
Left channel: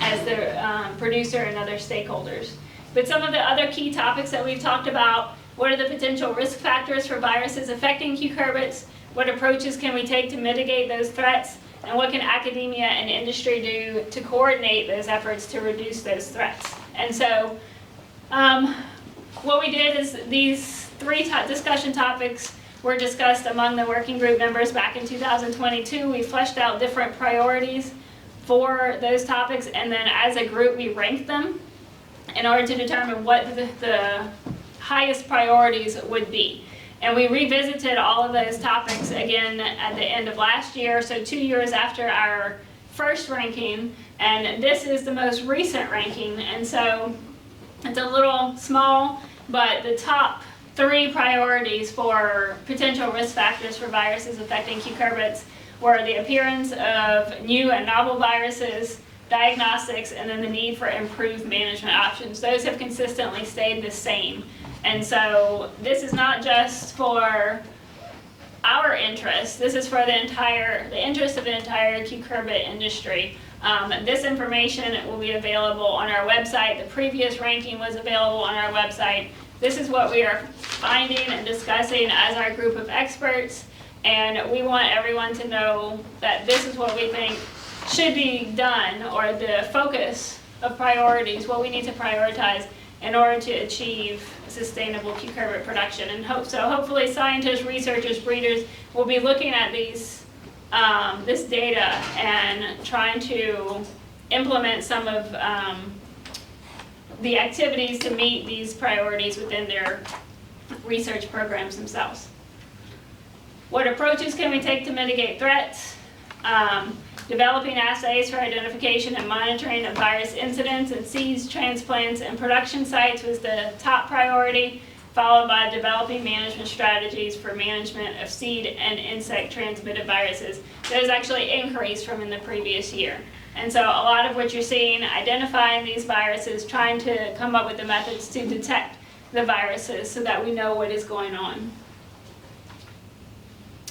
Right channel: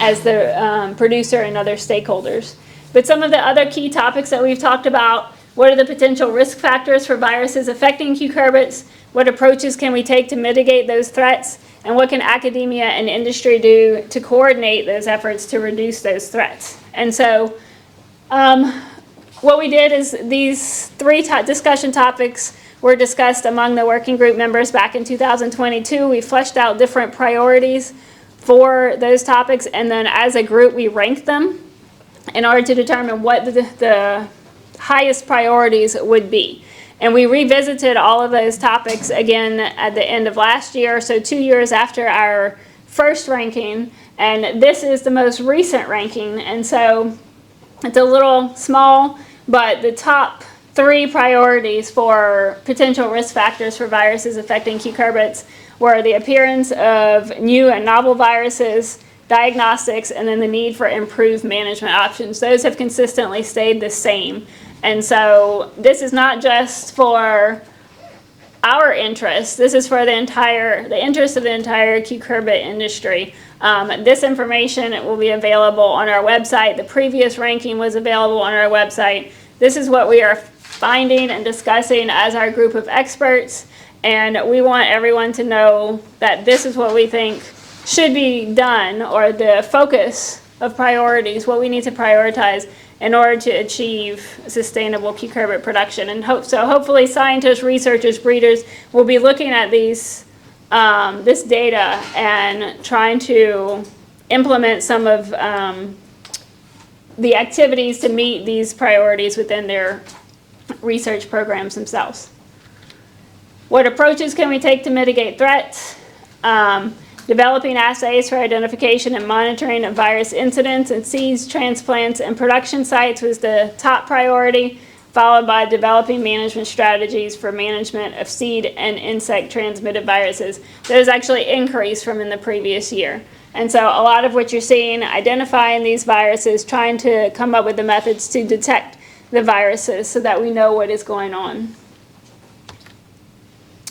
as the producer and other stakeholders. But some of the other key topics that we've talked about: what are the potential risk factors for viruses affecting cucurbits? What approaches can we take to mitigate those threats? And what can academia and industry do to coordinate those efforts to reduce those threats? And so what we did is these three discussion topics were discussed among the working group members back in 2022. We fleshed out different priorities for those topics, and then as a group we ranked them in order to determine what the highest priorities would be. And we revisited all of those topics again at the end of last year, so 2 years after our first ranking, and this is the most recent ranking. And so it's a little small, but the top 3 priorities for potential risk factors for viruses affecting cucurbits were the appearance of new and novel viruses, diagnostics, and then the need for improved management options. Those have consistently stayed the same. And so this is not just for our interest, this is for the interest of the entire cucurbit industry. This information will be available on our website. The previous ranking was available on our website. This is what we are finding and discussing as our group of experts, and we want everyone to know that this is what we think should be done, or the focus of priorities, what we need to prioritize in order to achieve sustainable cucurbit production. And hopefully scientists, researchers, breeders will be looking at this data and trying to implement some of the activities to meet these priorities within their research programs themselves. What approaches can we take to mitigate threats? Developing assays for identification and monitoring of virus incidents in seeds, transplants, and production sites was the top priority, followed by developing management strategies for management of seed and insect transmitted viruses. Those actually increased from in the previous year. And so a lot of what you're seeing, identifying these viruses, trying to come up with the methods to detect the viruses so that we know what is going on.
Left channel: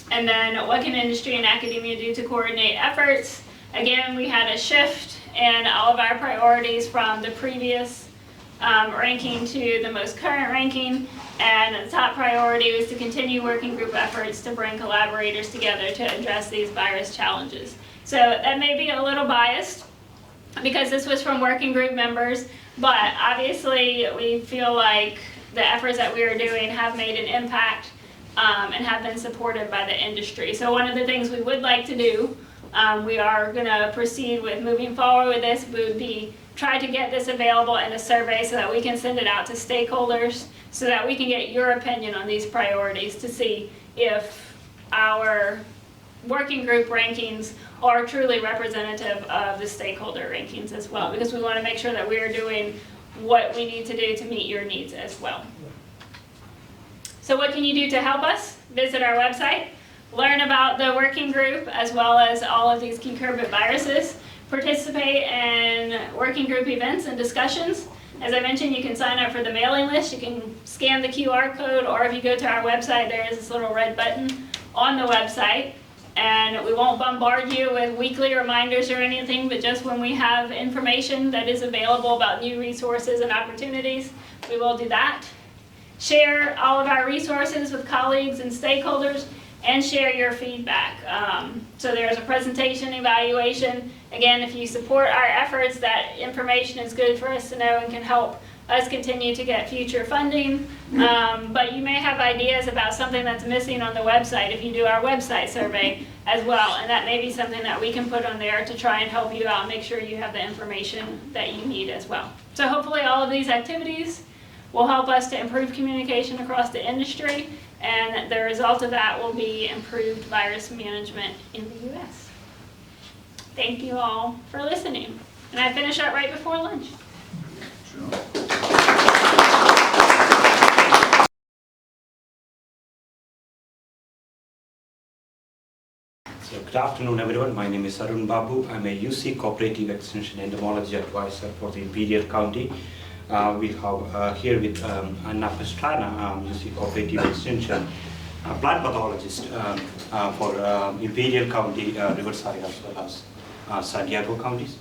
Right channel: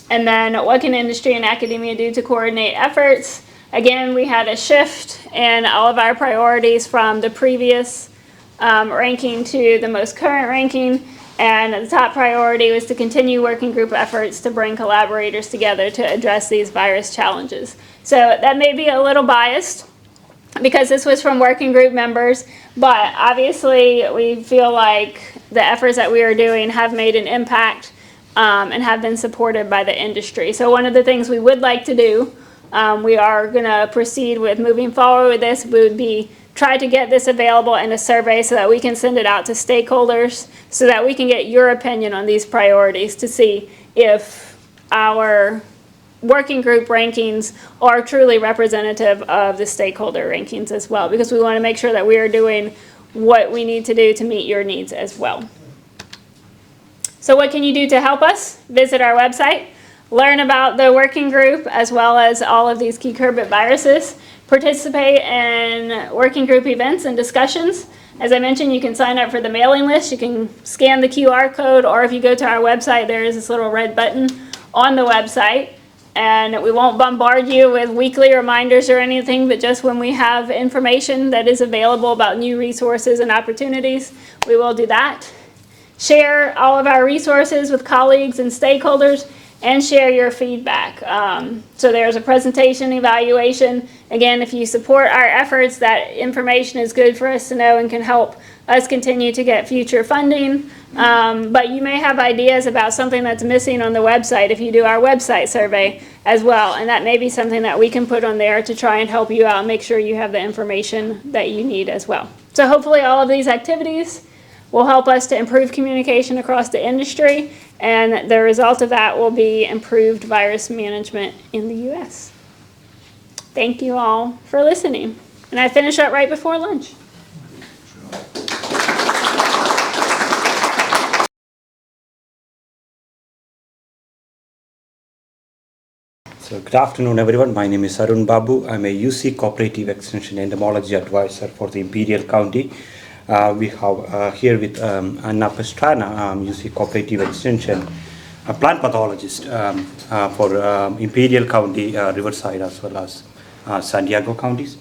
And then what can industry and academia do to coordinate efforts? Again, we had a shift in all of our priorities from the previous ranking to the most current ranking. And the top priority was to continue working group efforts to bring collaborators together to address these virus challenges. So that may be a little biased because this was from working group members, but obviously we feel like the efforts that we are doing have made an impact and have been supported by the industry. So one of the things we would like to do, we are going to proceed with moving forward with this, would be try to get this available in a survey so that we can send it out to stakeholders so that we can get your opinion on these priorities to see if our working group rankings are truly representative of the stakeholder rankings as well, because we want to make sure that we are doing what we need to do to meet your needs as well. So what can you do to help us? Visit our website, learn about the working group as well as all of these cucurbit viruses, participate in working group events and discussions. As I mentioned, you can sign up for the mailing list. You can scan the QR code, or if you go to our website, there is this little red button on the website. And we won't bombard you with weekly reminders or anything, but just when we have information that is available about new resources and opportunities, we will do that. Share all of our resources with colleagues and stakeholders, and share your feedback. So there's a presentation evaluation. Again, if you support our efforts, that information is good for us to know and can help us continue to get future funding. But you may have ideas about something that's missing on the website if you do our website survey as well. And that may be something that we can put on there to try and help you out and make sure you have the information that you need as well. So hopefully all of these activities will help us to improve communication across the industry, and the result of that will be improved virus management in the U.S. Thank you all for listening. And I finish up right before lunch. Good So good afternoon, everyone. My name is Arun Babu. I'm a UC Cooperative Extension Entomology Advisor for the Imperial County. We have here with Anna Pastrana, UC Cooperative Extension, a plant pathologist for Imperial County, Riverside, as well as San Diego counties.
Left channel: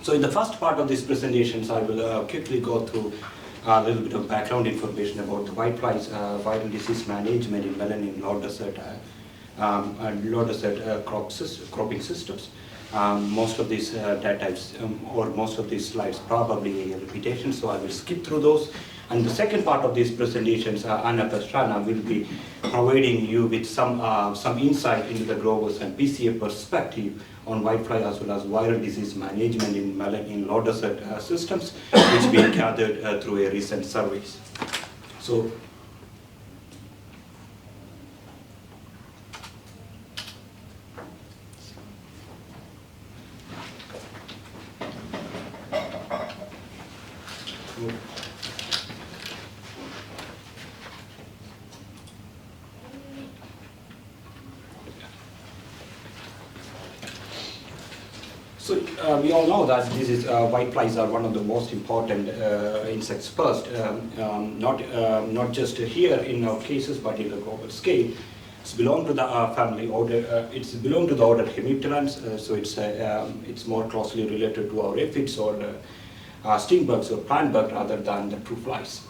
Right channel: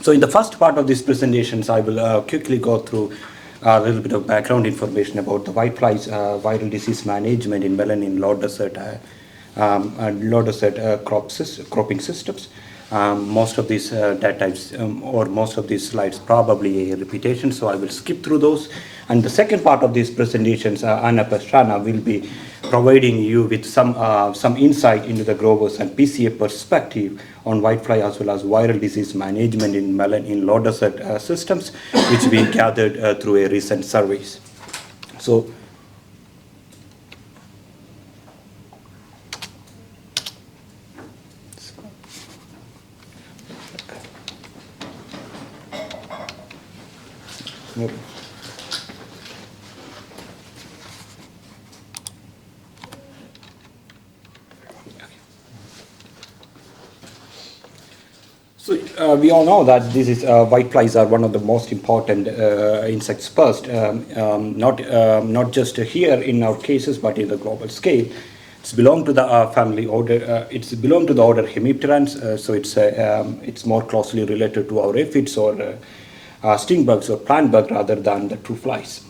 So in the first part of these presentations, I will quickly go through a little bit of background information about the whiteflies viral disease management in melon in low desert and low desert cropping systems. Most of these data types or most of these slides probably a repetition, so I will skip through those. And the second part of these presentations, Anna Pastrana will be providing you with some insight into the growers and PCA perspective on whitefly as well as viral disease management in melon in low desert systems, which we gathered through a recent surveys. So we all know that this is whiteflies are one of the most important insects pests, not just here in our cases, but in the global scale. It's belong to the family order. It's belong to the order Hemipterans, so it's more closely related to our aphids or sting bugs or plant bug rather than the true flies,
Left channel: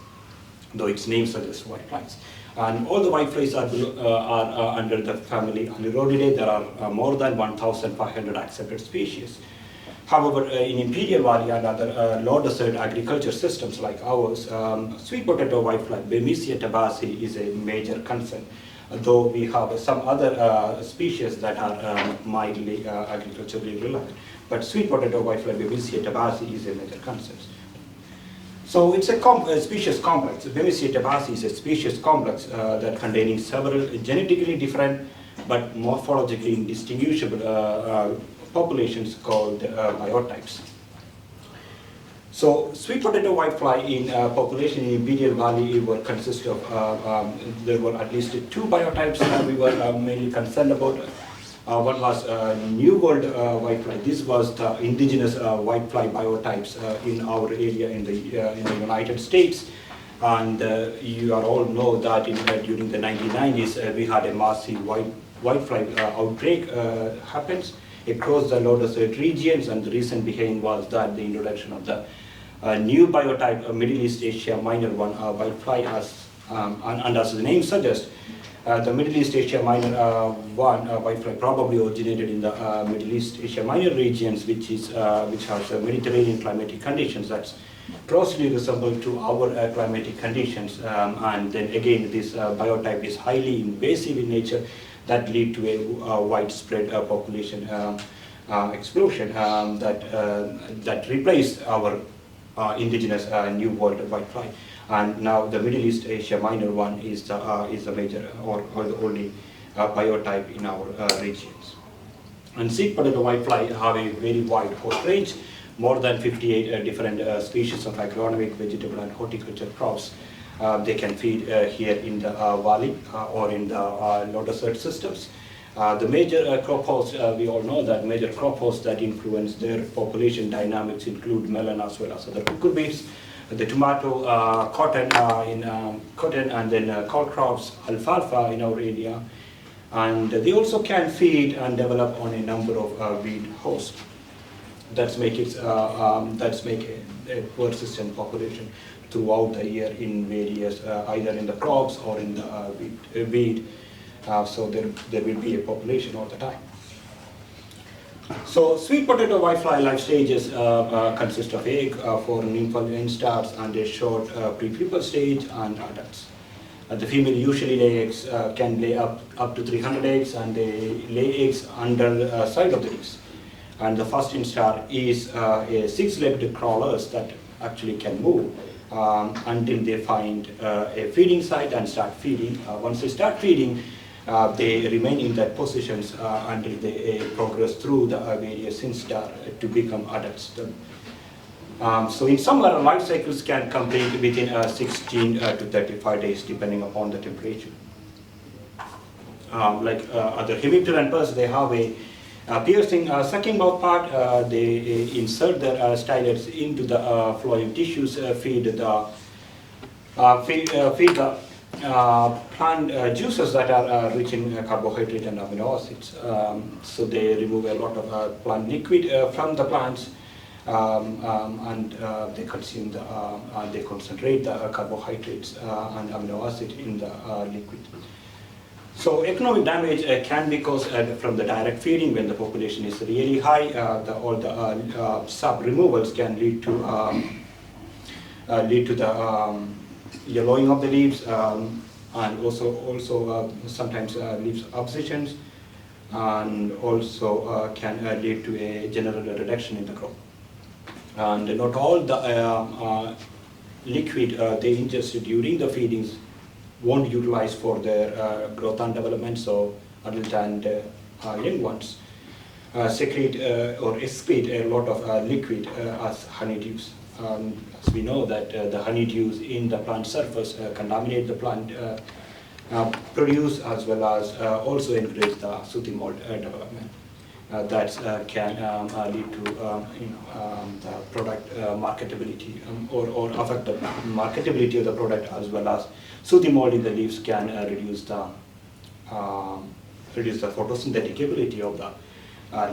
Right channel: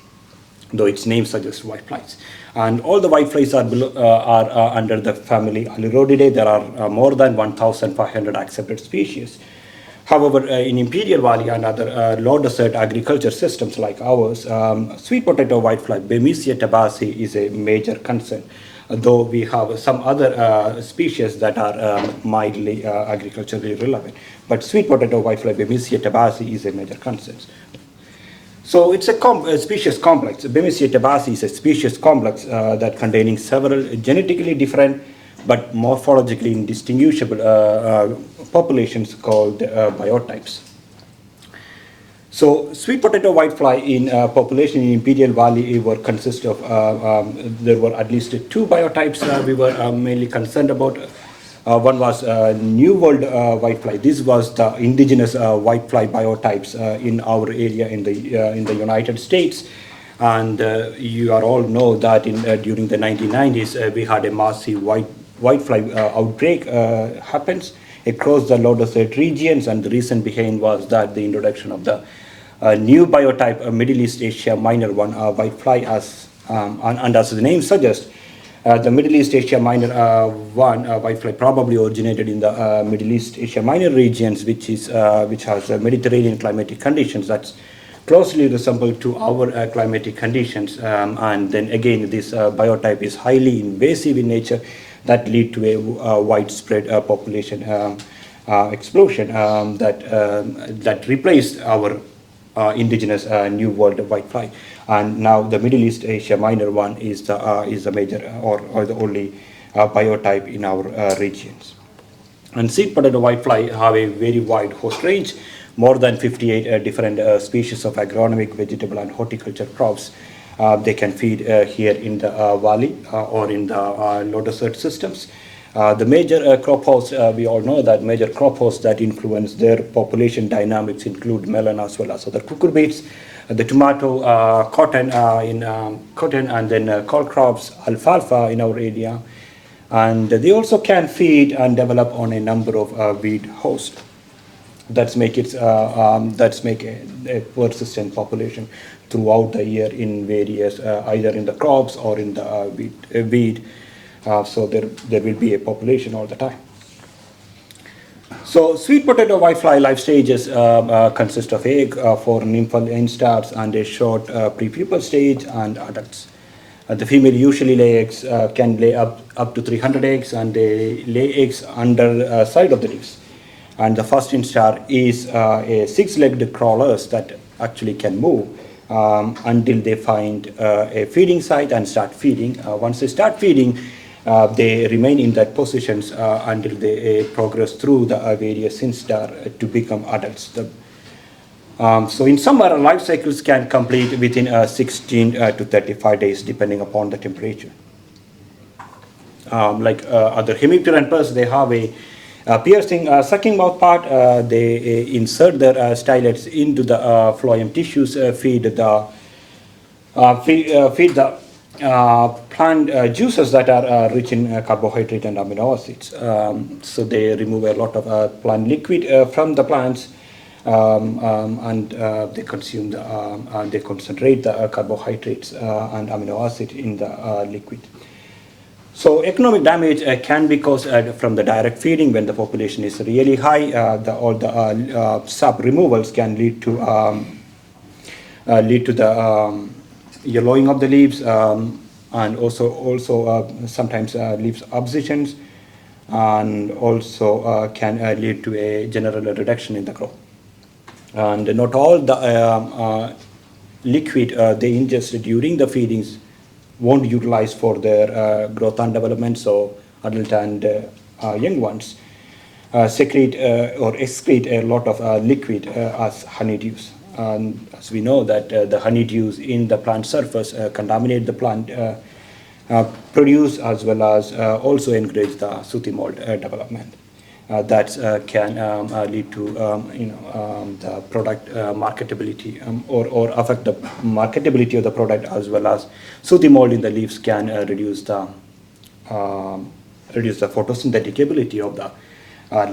though its name suggests whiteflies. And all the whiteflies are under the family Alirodidae. There are more than 1,500 accepted species. However, in Imperial Valley and other low desert agriculture systems like ours, sweet potato whitefly, Bemisia tabaci, is a major concern, though we have some other species that are mildly agriculturally relevant. But sweet potato whitefly, Bemisia tabaci, is a major concern. So it's a species complex. Bemisia tabaci is a species complex that containing several genetically different but morphologically indistinguishable populations called biotypes. So sweet potato whitefly in population in Imperial Valley were consist of, there were at least two biotypes we were mainly concerned about. One was New World whitefly. This was the indigenous whitefly biotypes in our area in the United States. And you are all know that during the 1990s, we had a massive whitefly outbreak happens across the low desert regions, and the reason behind was that the introduction of the new biotype, Middle East Asia Minor 1 whitefly, and as the name suggests, the Middle East Asia Minor 1 whitefly probably originated in the Middle East Asia Minor regions, which has Mediterranean climatic conditions that's closely resemble to our climatic conditions, and then again this biotype is highly invasive in nature that lead to a widespread population explosion that replaced our indigenous New World whitefly. And now the Middle East Asia Minor 1 is the major or the only biotype in our regions. And sweet potato whitefly have a very wide host range, more than 58 different species of agronomic, vegetable and horticulture crops. They can feed here in the valley or in the low desert systems. The major crop hosts, we all know that major crop hosts that influence their population dynamics include melon as well as other cucurbits, the tomato, cotton, and then col crops, alfalfa in our area. And they also can feed and develop on a number of weed hosts. That's make a persistent population throughout the year in various, either in the crops or in the weed. So there will be a population all the time. So sweet potato whitefly life stages consist of egg for nymphal instars and a short prepupal stage and adults. The female usually lay eggs, can lay up to 300 eggs, and they lay eggs under side of the leaves. And the first instar is a six-legged crawlers that actually can move until they find a feeding site and start feeding. Once they start feeding, they remain in that positions until they progress through the various instar to become adults. So in summer, life cycles can complete within 16 to 35 days depending upon the temperature. like other hemipteran pests, they have a piercing sucking mouth part. They insert their stylets into the phloem tissues, feed the plant juices that are rich in carbohydrate and amino acids. So they remove a lot of plant liquid from the plants, and they consume they concentrate the carbohydrates and amino acid in the liquid. So economic damage can be caused from the direct feeding when the population is really high. All the sap removals can lead to the yellowing of the leaves, and also sometimes leaves abscissions, and also can lead to a general reduction in the crop. And not all the liquid they ingest during the feedings won't utilize for their growth and development, so adult and young ones secrete or excrete a lot of liquid as honeydews. As we know that the honeydews in the plant surface contaminate the plant produce, as well as also encourage the sooty mold development. That can lead to the product marketability, or affect the marketability of the product, as well as sooty mold in the leaves can reduce the photosynthetic ability of the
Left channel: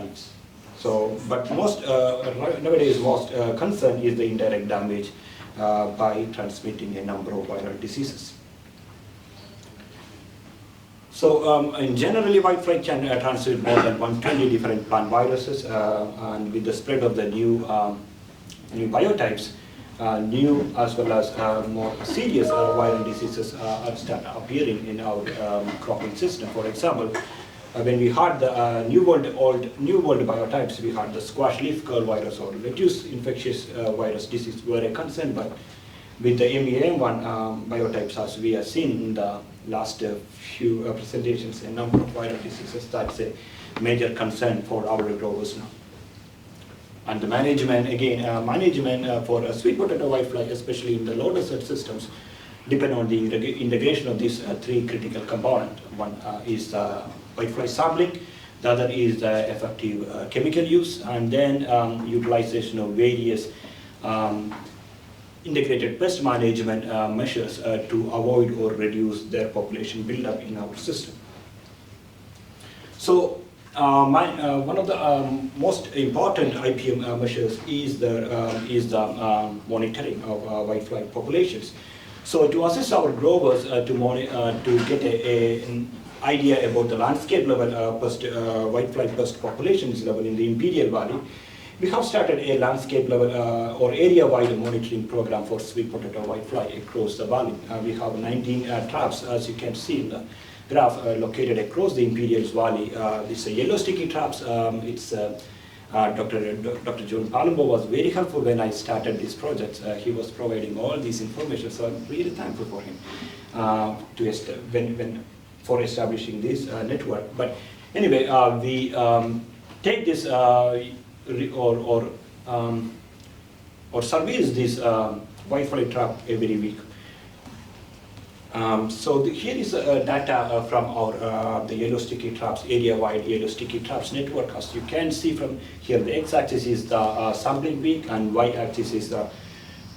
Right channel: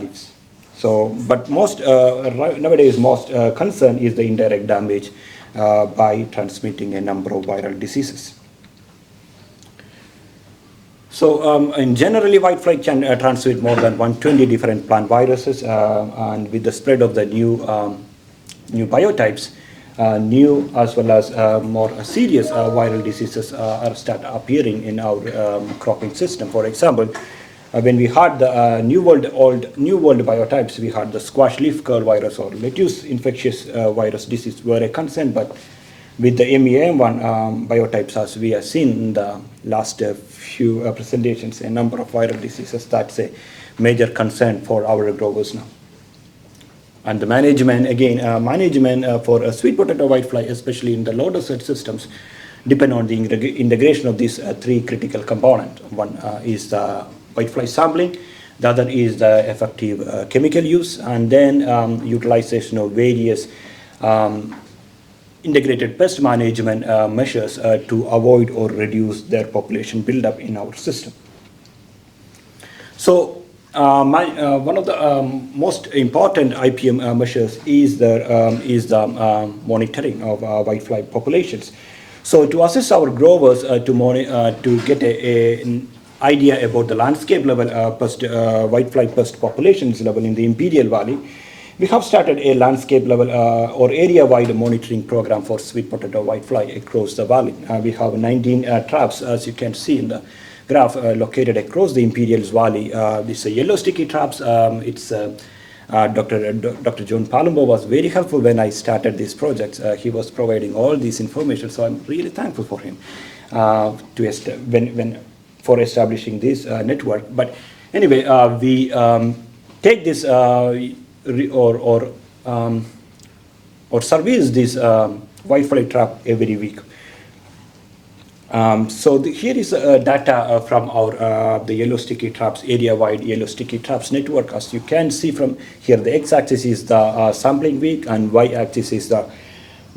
leaves. So, but most nowadays most concern is the indirect damage by transmitting a number of viral diseases. So, in generally, whitefly can transmit more than 120 different plant viruses, and with the spread of the new biotypes, new as well as more serious viral diseases are start appearing in our cropping system. For example, when we had the new world biotypes, we had the squash leaf curl virus or lettuce infectious virus disease were a concern, but with the MEAM1 biotypes, as we have seen in the last few presentations, a number of viral diseases, that's a major concern for our growers now. And the management, again, for a sweet potato whitefly, especially in the low dosage systems, depend on the integration of these three critical components. One is the whitefly sampling, the other is the effective chemical use, and then utilization of various integrated pest management measures to avoid or reduce their population buildup in our system. So one of the most important IPM measures is the monitoring of whitefly populations. So to assist our growers to get an idea about the landscape level whitefly pest populations level in the Imperial Valley, we have started a landscape level or area-wide monitoring program for sweet potato whitefly across the valley. We have 19 traps, as you can see in the graph, located across the Imperial Valley. These are yellow sticky traps. Dr. John Palumbo was very helpful when I started this project. He was providing all this information, so I'm really thankful for him for establishing this network. But anyway, we take this or service this whitefly trap every week. So here is data from our the yellow sticky traps, area-wide yellow sticky traps network. As you can see from here, the x-axis is the sampling week, and y-axis is the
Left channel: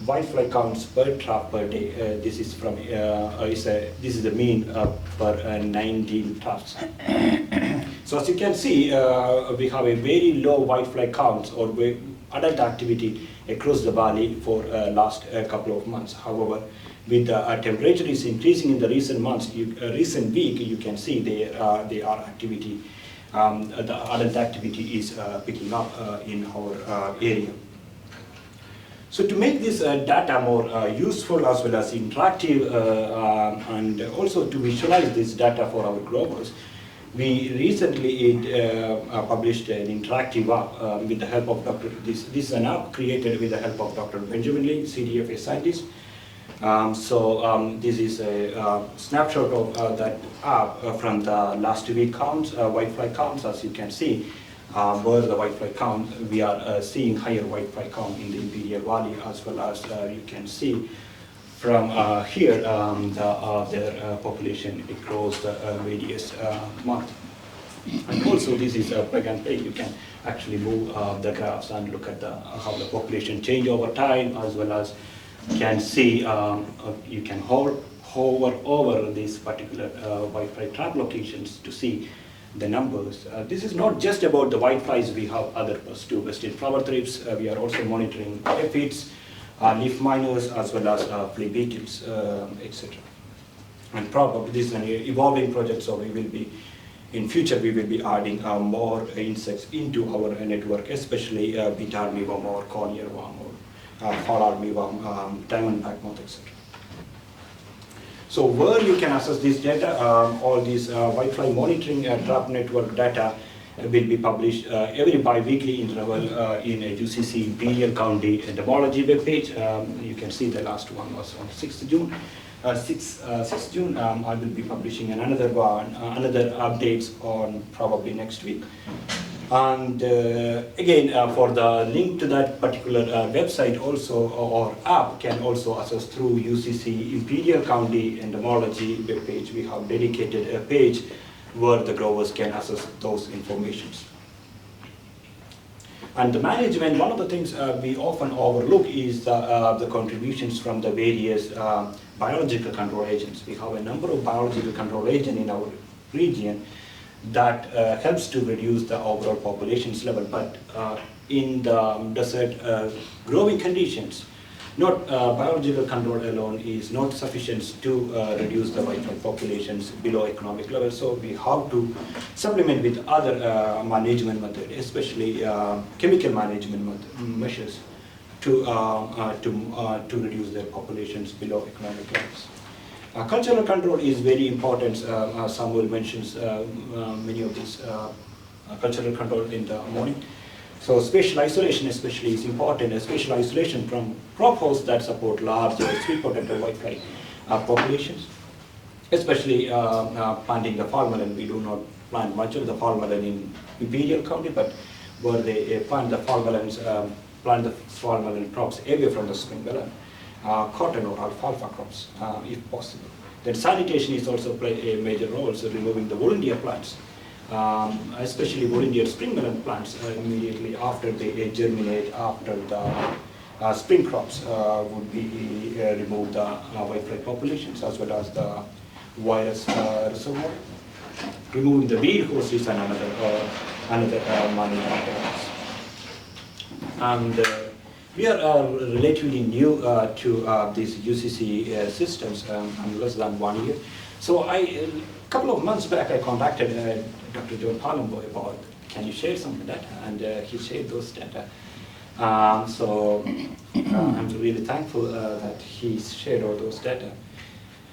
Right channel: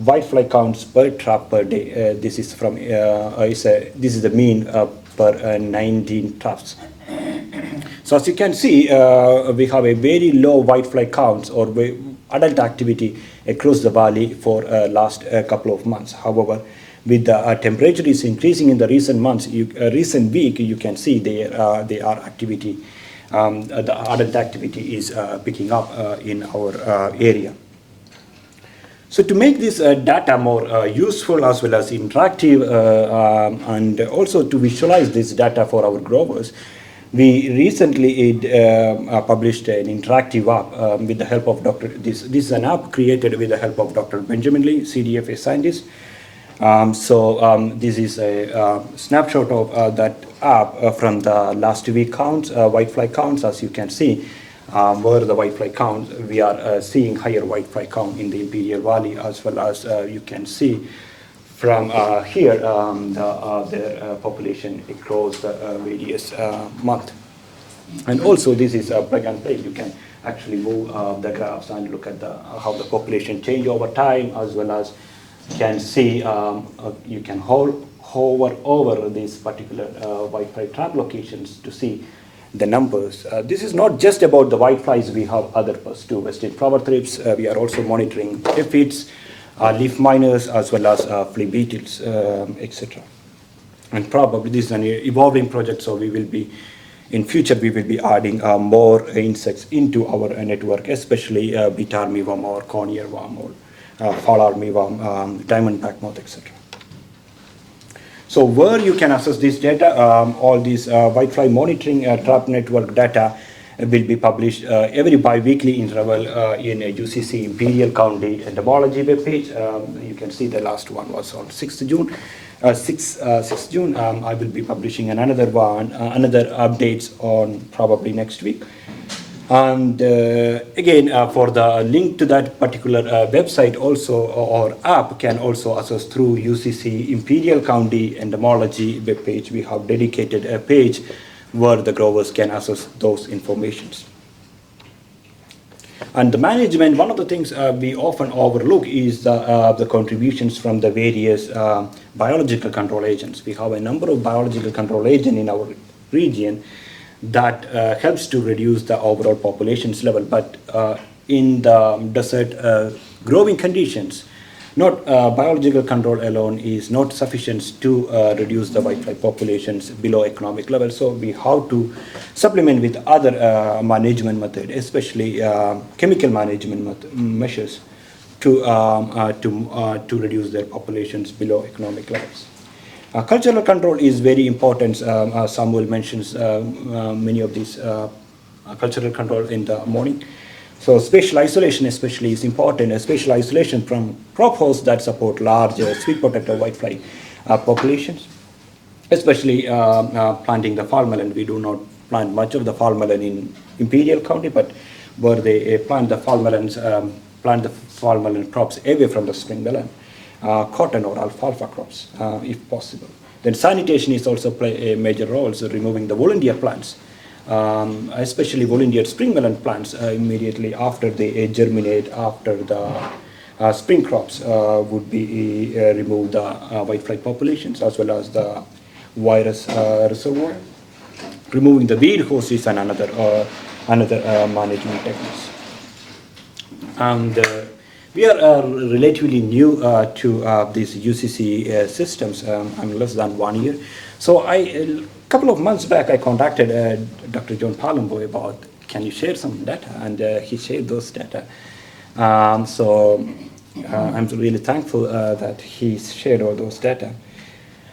whitefly counts per trap per day. This is from this is the mean per 19 traps. So as you can see, we have a very low whitefly counts or adult activity across the valley for last couple of months. However, with the temperature is increasing in the recent months, recent week, you can see their activity, the adult activity is picking up in our area. So to make this data more useful as well as interactive, and also to visualize this data for our growers, we recently published an interactive app with the help of This is an app created with the help of Dr. Benjamin Lee, CDFA scientist. This is a snapshot of that app from the last week counts, whitefly counts. As you can see, where the whitefly count, we are seeing higher whitefly count in the Imperial Valley, as well as you can see from here, their population across the various month. And also this is a plug and play. You can actually move the graphs and look at how the population change over time, as well as can see, you can hover over these particular Wi-Fi trap locations to see the numbers. This is not just about the whiteflies, we have other pests too, western flower thrips. We are also monitoring aphids, leaf miners, as well as flea beetles, etc. And probably this is an evolving project, so we will be, in future we will be adding more insects into our network, especially beta armyworm or corn earworm or fall armyworm, diamondback moth, etc. So where you can access this data, all these whitefly monitoring trap network data will be published every bi-weekly interval in a UCC Imperial County entomology webpage. You can see the last one was on 6th June. 6th June, I will be publishing another one, another updates on probably next week. And again, for the link to that particular website also, or app can also access through UCC Imperial County Entomology webpage. We have dedicated a page where the growers can access those informations. And the management, one of the things we often overlook is the contributions from the various biological control agents. We have a number of biological control agents in our region that helps to reduce the overall populations level. But in the desert growing conditions, not biological control alone is not sufficient to reduce the whitefly populations below economic level. So we have to supplement with other management methods, especially chemical management measures to reduce their populations below economic levels. Cultural control is very important. Samuel mentions many of these cultural control in the morning. So spatial isolation especially is important. Spatial isolation from crop hosts that support large sweet potato whitefly populations, especially planting the fall melon. We do not plant much of the fall melon in Imperial County, but where they plant the fall melons, plant the fall melon crops away from the spring melon. Cotton or alfalfa crops, if possible. Then sanitation is also play a major role, so removing the volunteer plants, especially volunteer spring melon plants immediately after they germinate, after the spring crops would be remove the whitefly populations as well as the virus reservoir. Removing the weed host is another management techniques. And we are relatively new to these UCC systems, less than 1 year. So a couple of months back, I contacted Dr. John Palumbo about, can you share some data? And he shared those data. So I'm really thankful that he shared all those data.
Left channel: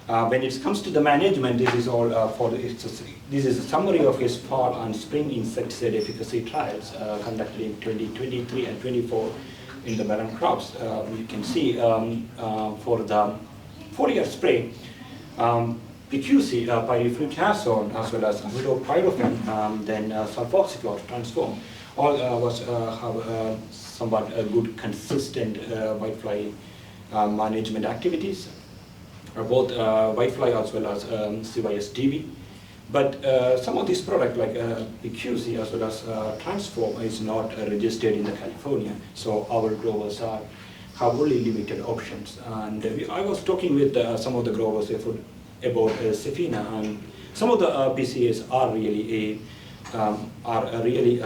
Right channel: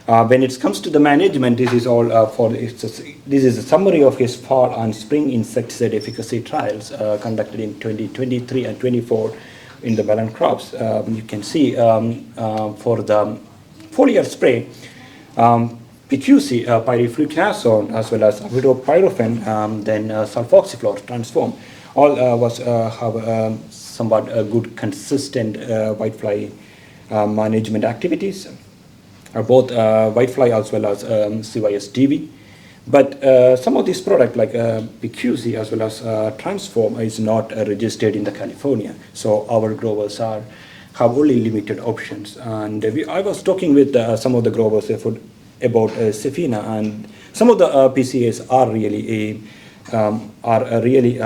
When it comes to the management, this is all this is a summary of his fall and spring insecticide efficacy trials conducted in 2023 and 24 in the melon crops. You can see for the foliar spray, PQC, pyrifluconazole, as well as pyrofen, then sulfoxyflor transform, all have somewhat good consistent whitefly management activities, both whitefly as well as CYSDV. But some of these products like PQC as well as Transform is not registered in the California. So our growers have only limited options. And I was talking with some of the growers about Sefina, and some of the PCAs are really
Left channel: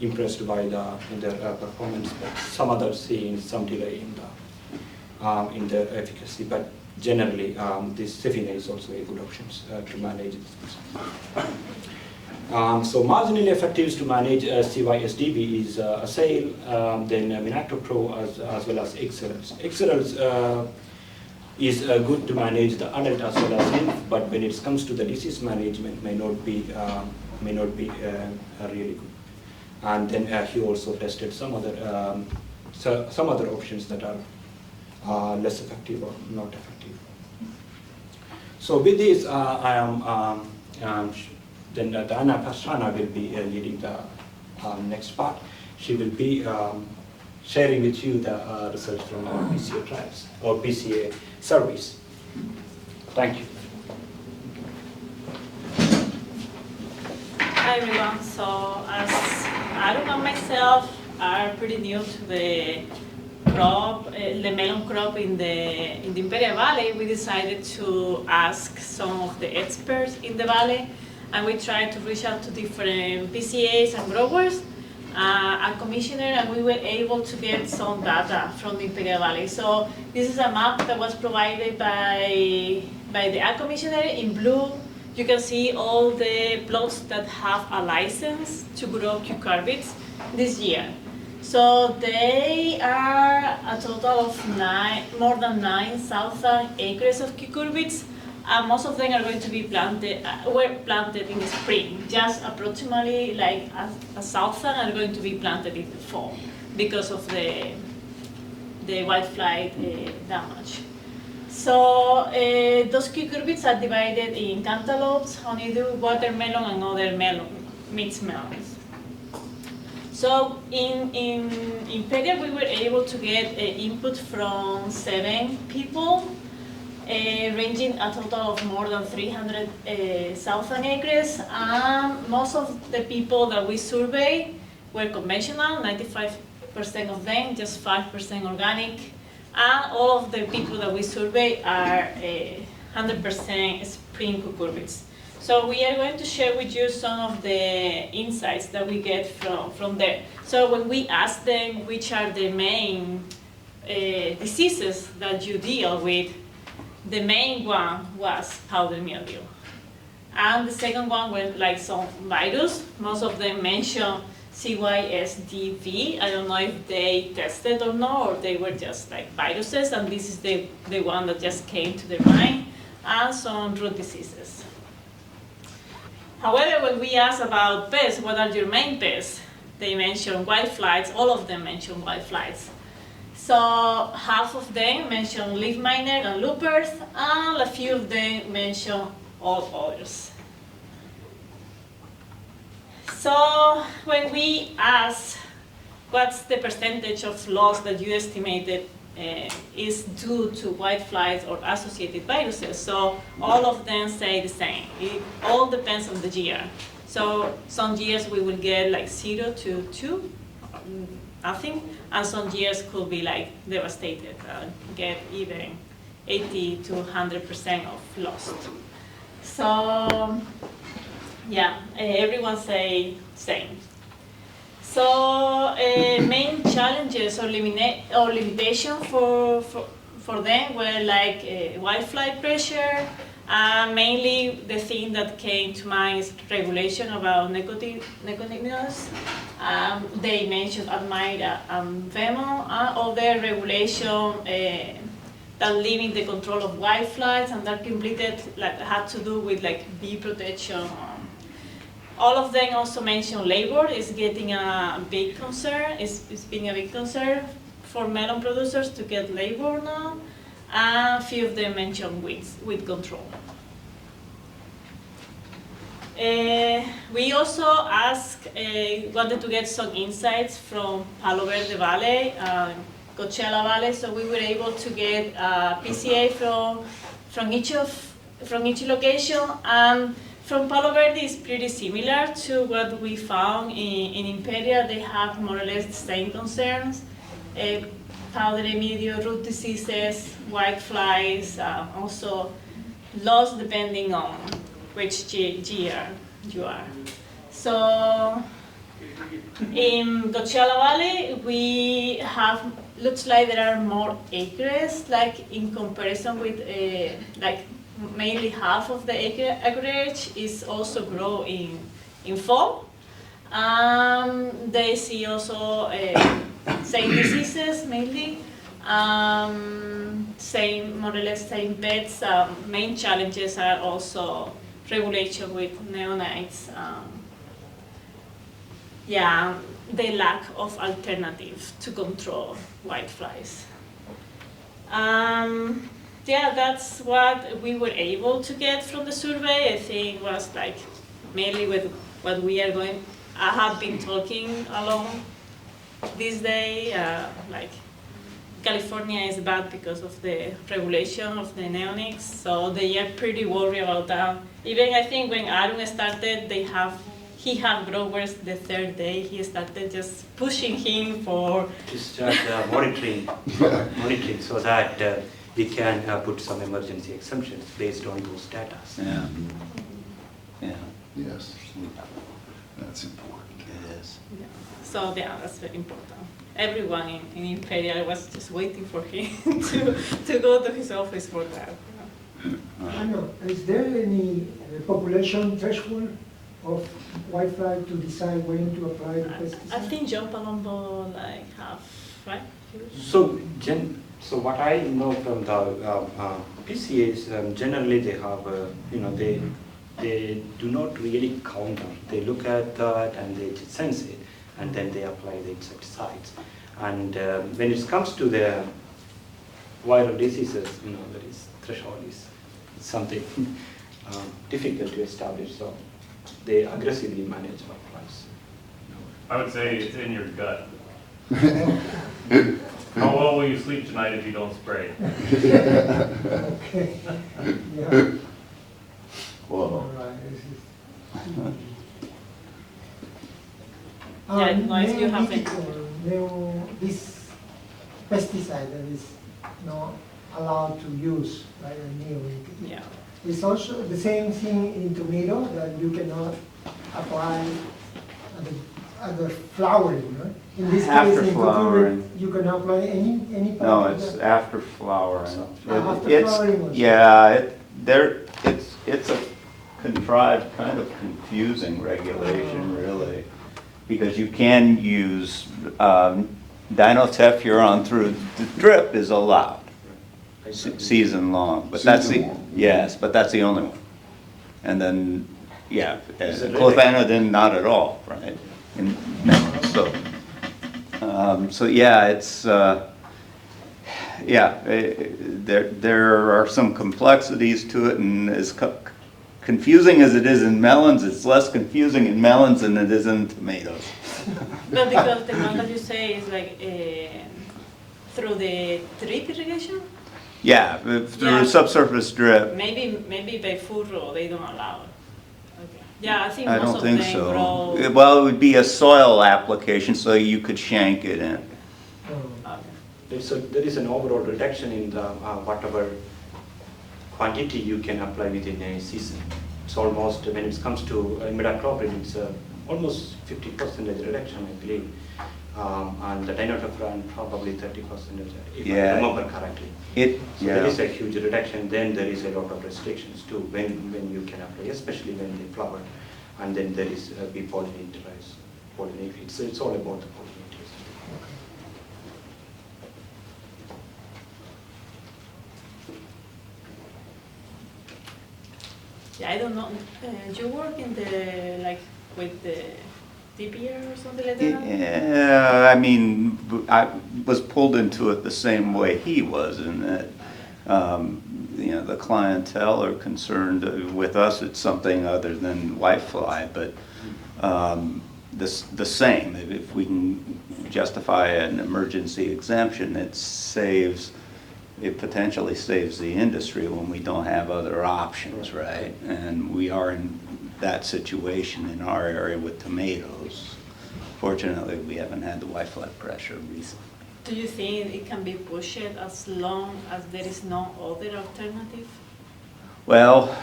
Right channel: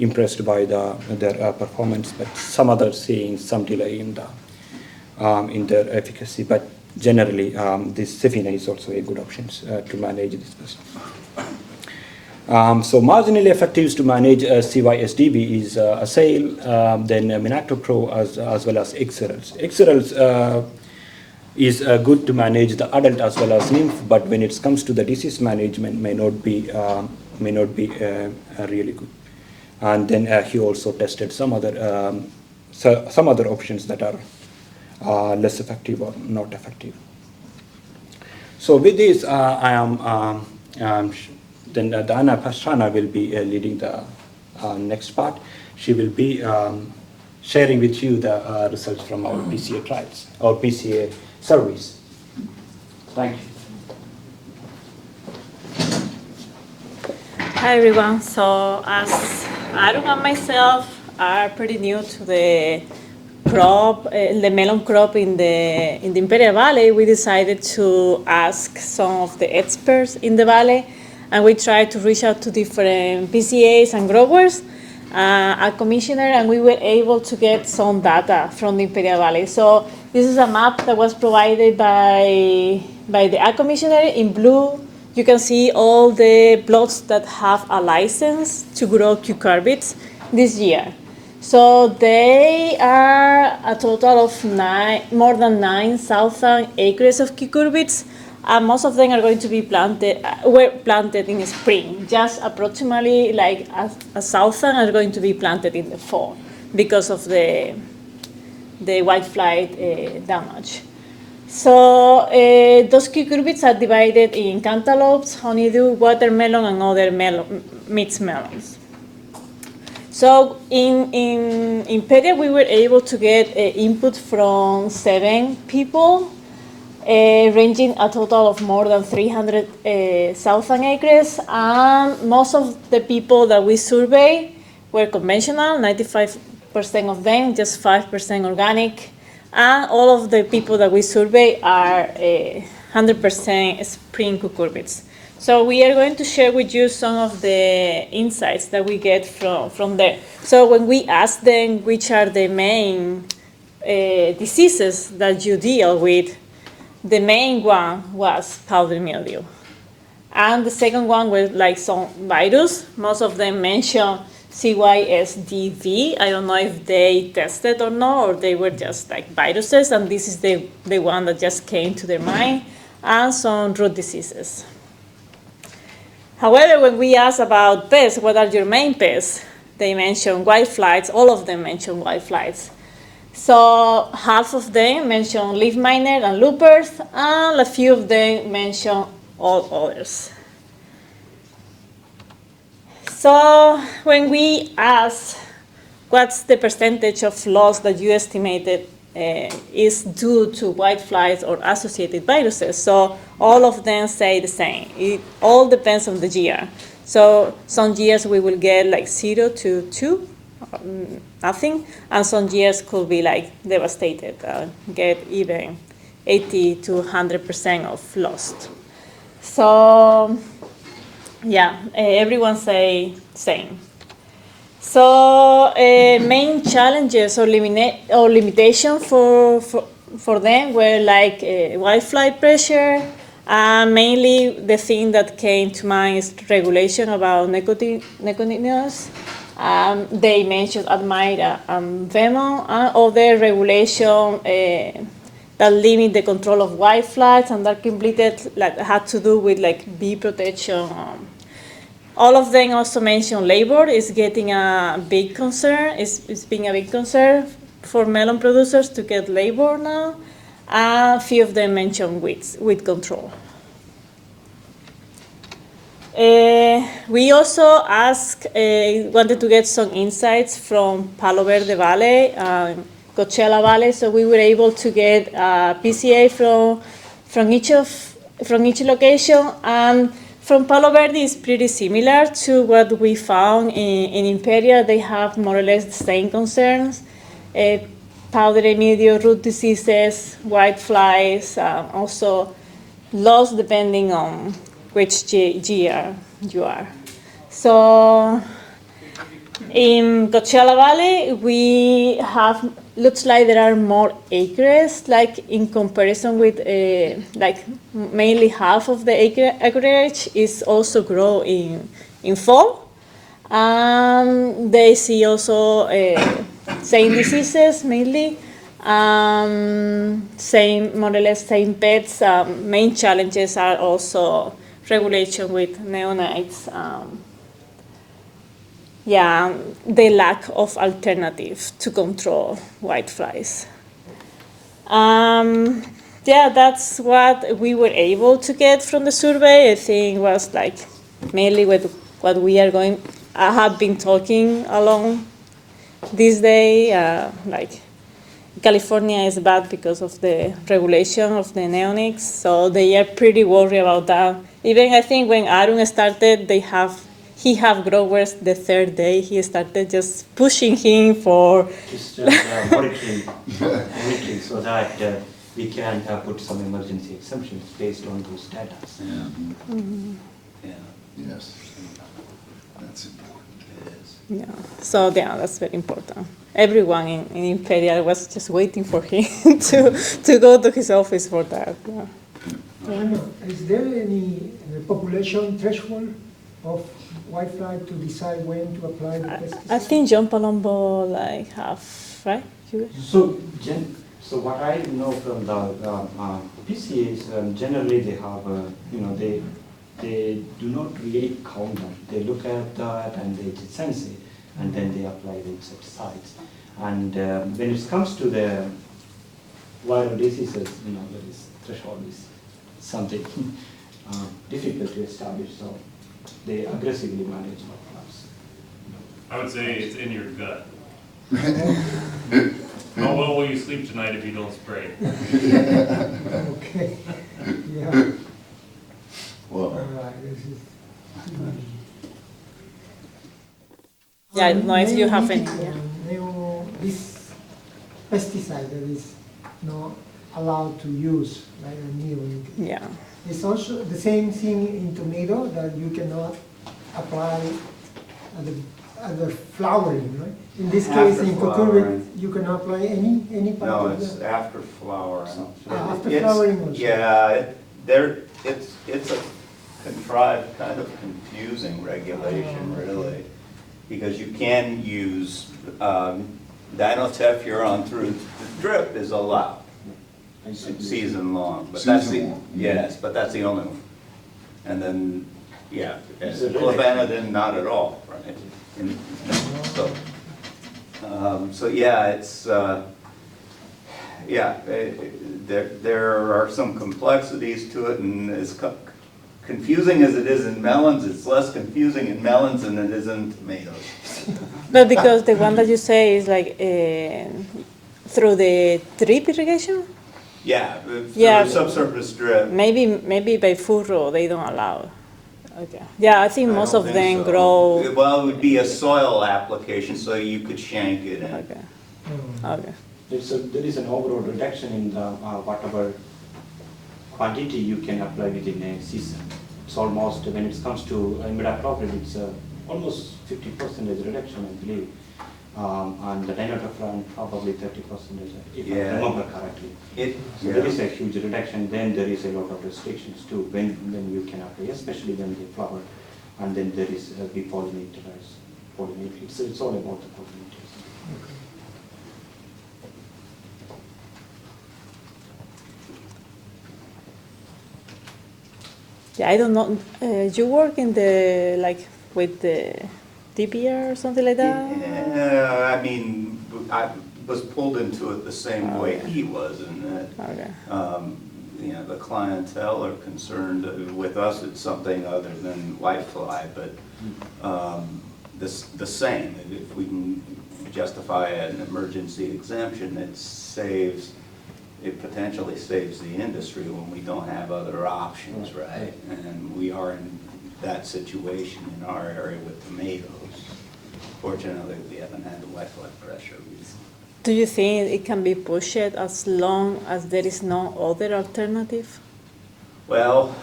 impressed by their performance, but some others seeing some delay in their efficacy. But generally, this Sefina is also a good option to manage this business. So marginally effective to manage CYSDB is Asail, then Minactopro as well as Xerels. Xerels is good to manage the adult as well as nymph, but when it comes to the disease management, may not be really good. And then he also tested some other options that are less effective or not effective. So with this, I am then Dana Pastrana will be leading the next part. She will be sharing with you the results from our PCA trials, our PCA surveys. Thank you. Hi everyone. So as Aaron and myself are pretty new to the crop, the melon crop in the Imperial Valley, we decided to ask some of the experts in the valley, and we tried to reach out to different PCAs and growers, a commissioner, and we were able to get some data from the Imperial Valley. So this is a map that was provided by the ag commissioner. In blue, you can see all the plots that have a license to grow cucurbits this year. So they are a total of more than 9,000 acres of cucurbits, and most of them are going to be were planted in the spring. Just approximately like 1,000 are going to be planted in the fall because of the whitefly damage. So those cucurbits are divided in cantaloupes, honeydew, watermelon, and other mixed melons. So in Imperial, we were able to get input from 7 people, ranging a total of more than 300,000 acres. And most of the people that we surveyed were conventional, 95% of them, just 5% organic. And all of the people that we survey are 100% spring cucurbits. So we are going to share with you some of the insights that we get from there. So when we ask them which are the main diseases that you deal with, the main one was powdery mildew. And the second one was like some virus. Most of them mentioned CYSDV. I don't know if they tested or not, or they were just like viruses, and this is the one that just came to their mind, and some root diseases. However, when we asked about pests, what are your main pests? They mentioned whiteflies. All of them mentioned whiteflies. So half of them mentioned leaf miner and loopers, and a few of them mentioned all others. So when we asked what's the percentage of loss that you estimated is due to whiteflies or associated viruses, so all of them say the same. It all depends on the year. So some years we will get like 0 to 2, nothing, and some years could be like devastated, get even 80 to 100% of lost. So yeah, everyone say same. So main challenges or limitation for them were like whitefly pressure. Mainly the thing that came to mind is regulation about neonicotinoids. They mentioned Admira and Vemon, and other regulation that limit the control of whiteflies, and that completed like had to do with like bee protection. All of them also mentioned labor is getting a big concern. It's being a big concern for melon producers to get labor now. A few of them mentioned weed control. We also wanted to get some insights from Palo Verde Valley, Coachella Valley, so we were able to get a PCA from each location. From Palo Verde is pretty similar to what we found in Imperial. They have more or less the same concerns. Powdery mildew, root diseases, whiteflies, also loss depending on which year you are. So in Coachella Valley, we have, looks like there are more acres, like in comparison with, like mainly half of the acreage is also grow in fall. They see also same diseases mainly, same, more or less same pests. Main challenges are also regulation with neonites. The lack of alternative to control whiteflies. That's what we were able to get from the survey. I think was like mainly with what we are I have been talking along this day, like California is bad because of the regulation of the neonics, so they are pretty worried about that. Even I think when Arun started, he have growers the third day. He started just pushing him for Just monitoring so that we can put some emergency exemptions based on those data. Yeah. Yeah, Yes, that's important. it is. yeah. So yeah, that's very important. Everyone in Imperial was just waiting for him to go to his office for that. Yeah. Is there any population threshold of whitefly to decide when to apply the pesticide? I think John Palumbo like have, right? So what I know from the PCAs, generally they have, they do not really count them. They look at that and they sense it, and then they apply the insecticides. And when it comes to the viral diseases, that is threshold is something difficult to establish. So they aggressively manage whiteflies. I would say it's in your gut. How well will you sleep tonight if you don't spray? Okay, yeah. Well, All right, this is- Yeah, I don't know if you have any. This pesticide that is not allowed to use, like a neonic. Yeah. It's also the same thing in tomato, that you cannot apply at the flowering, right? In this After case, in flowering. cucumber, you cannot apply any part No, of it's that? after flowering. After It's- flowering was- Yeah, it's a contrived, kind of confusing regulation, really, because you can use dinotephuron through the drip is allowed, season long, but that's the, Season long. yes, but that's the only one. And then, yeah, clothanidin, not at all, right? And so yeah, it's, yeah, there are some complexities to it, and as confusing as it is in melons, it's less confusing in melons than it is in tomatoes. But because the one that you say is like through the drip irrigation, Yeah, through Yeah. subsurface drip. maybe by furrow they don't allow. Okay. Yeah, I think I most don't of think them so. grow. Well, it would be a soil application, so you could shank it in. Okay. Okay. There is an overall reduction in the whatever quantity you can apply within a season. It's almost, when it comes to imidacloprid, it's almost 50% reduction, I believe. And the dinotephuron probably 30%, if I Yeah. remember correctly. So there is a huge reduction. Then there is a lot of restrictions too when you can apply, especially when they flower. And then there is be pollinators. It's all about the pollinators. Yeah, I don't know. You work in the like with the DBR or something like that? Yeah, I mean, I was pulled into it the same way he was, in that, Okay. the clientele are concerned with us, it's something other than whitefly, but the same. If we can justify an emergency exemption, it potentially saves the industry when we don't have other options, right? And we are in that situation in our area with tomatoes. Fortunately, we haven't had the whitefly pressure recently. Do you think it can be pushed as long as there is no other alternative? Well,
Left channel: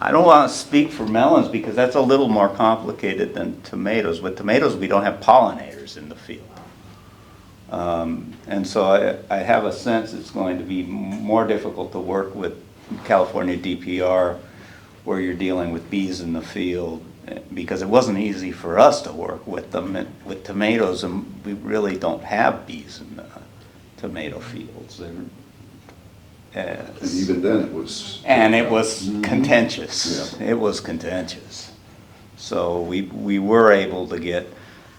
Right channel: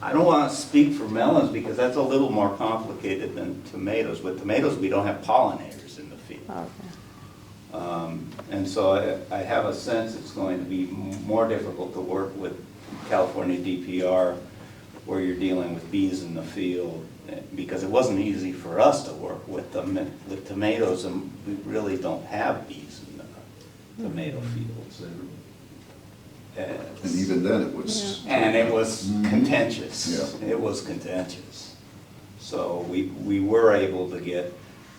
I don't want to speak for melons because that's a little more complicated than tomatoes. With tomatoes, we don't have pollinators in the field. Okay. And so I have a sense it's going to be more difficult to work with California DPR where you're dealing with bees in the field, because it wasn't easy for us to work with them. With tomatoes, and we really don't have bees in the tomato fields. and even then, it was. And it was contentious. Yeah. It was contentious. So we were able to get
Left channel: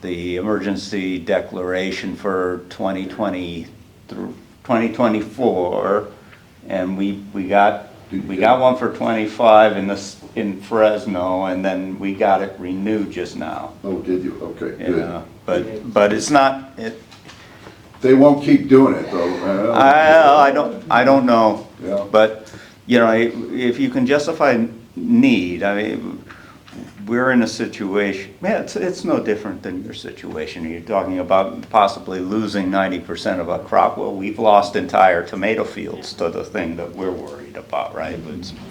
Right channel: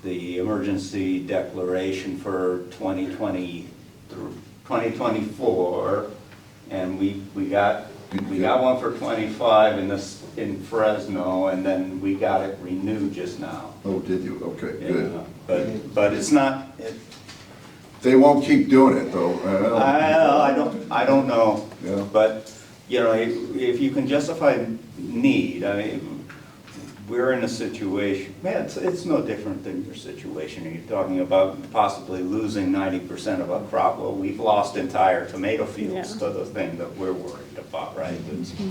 the emergency declaration for 2020 through 2024, and we got We got one for 25 in Fresno, and then we got it renewed just now. Oh, did you? Okay, You good. know, but it's not, They won't keep doing it, though. I don't know. Yeah. But, you know, if you can justify need, I mean, we're in a situation, man, it's no different than your situation. You're talking about possibly losing 90% of a crop. Well, we've lost entire tomato fields to the thing that we're worried about, right?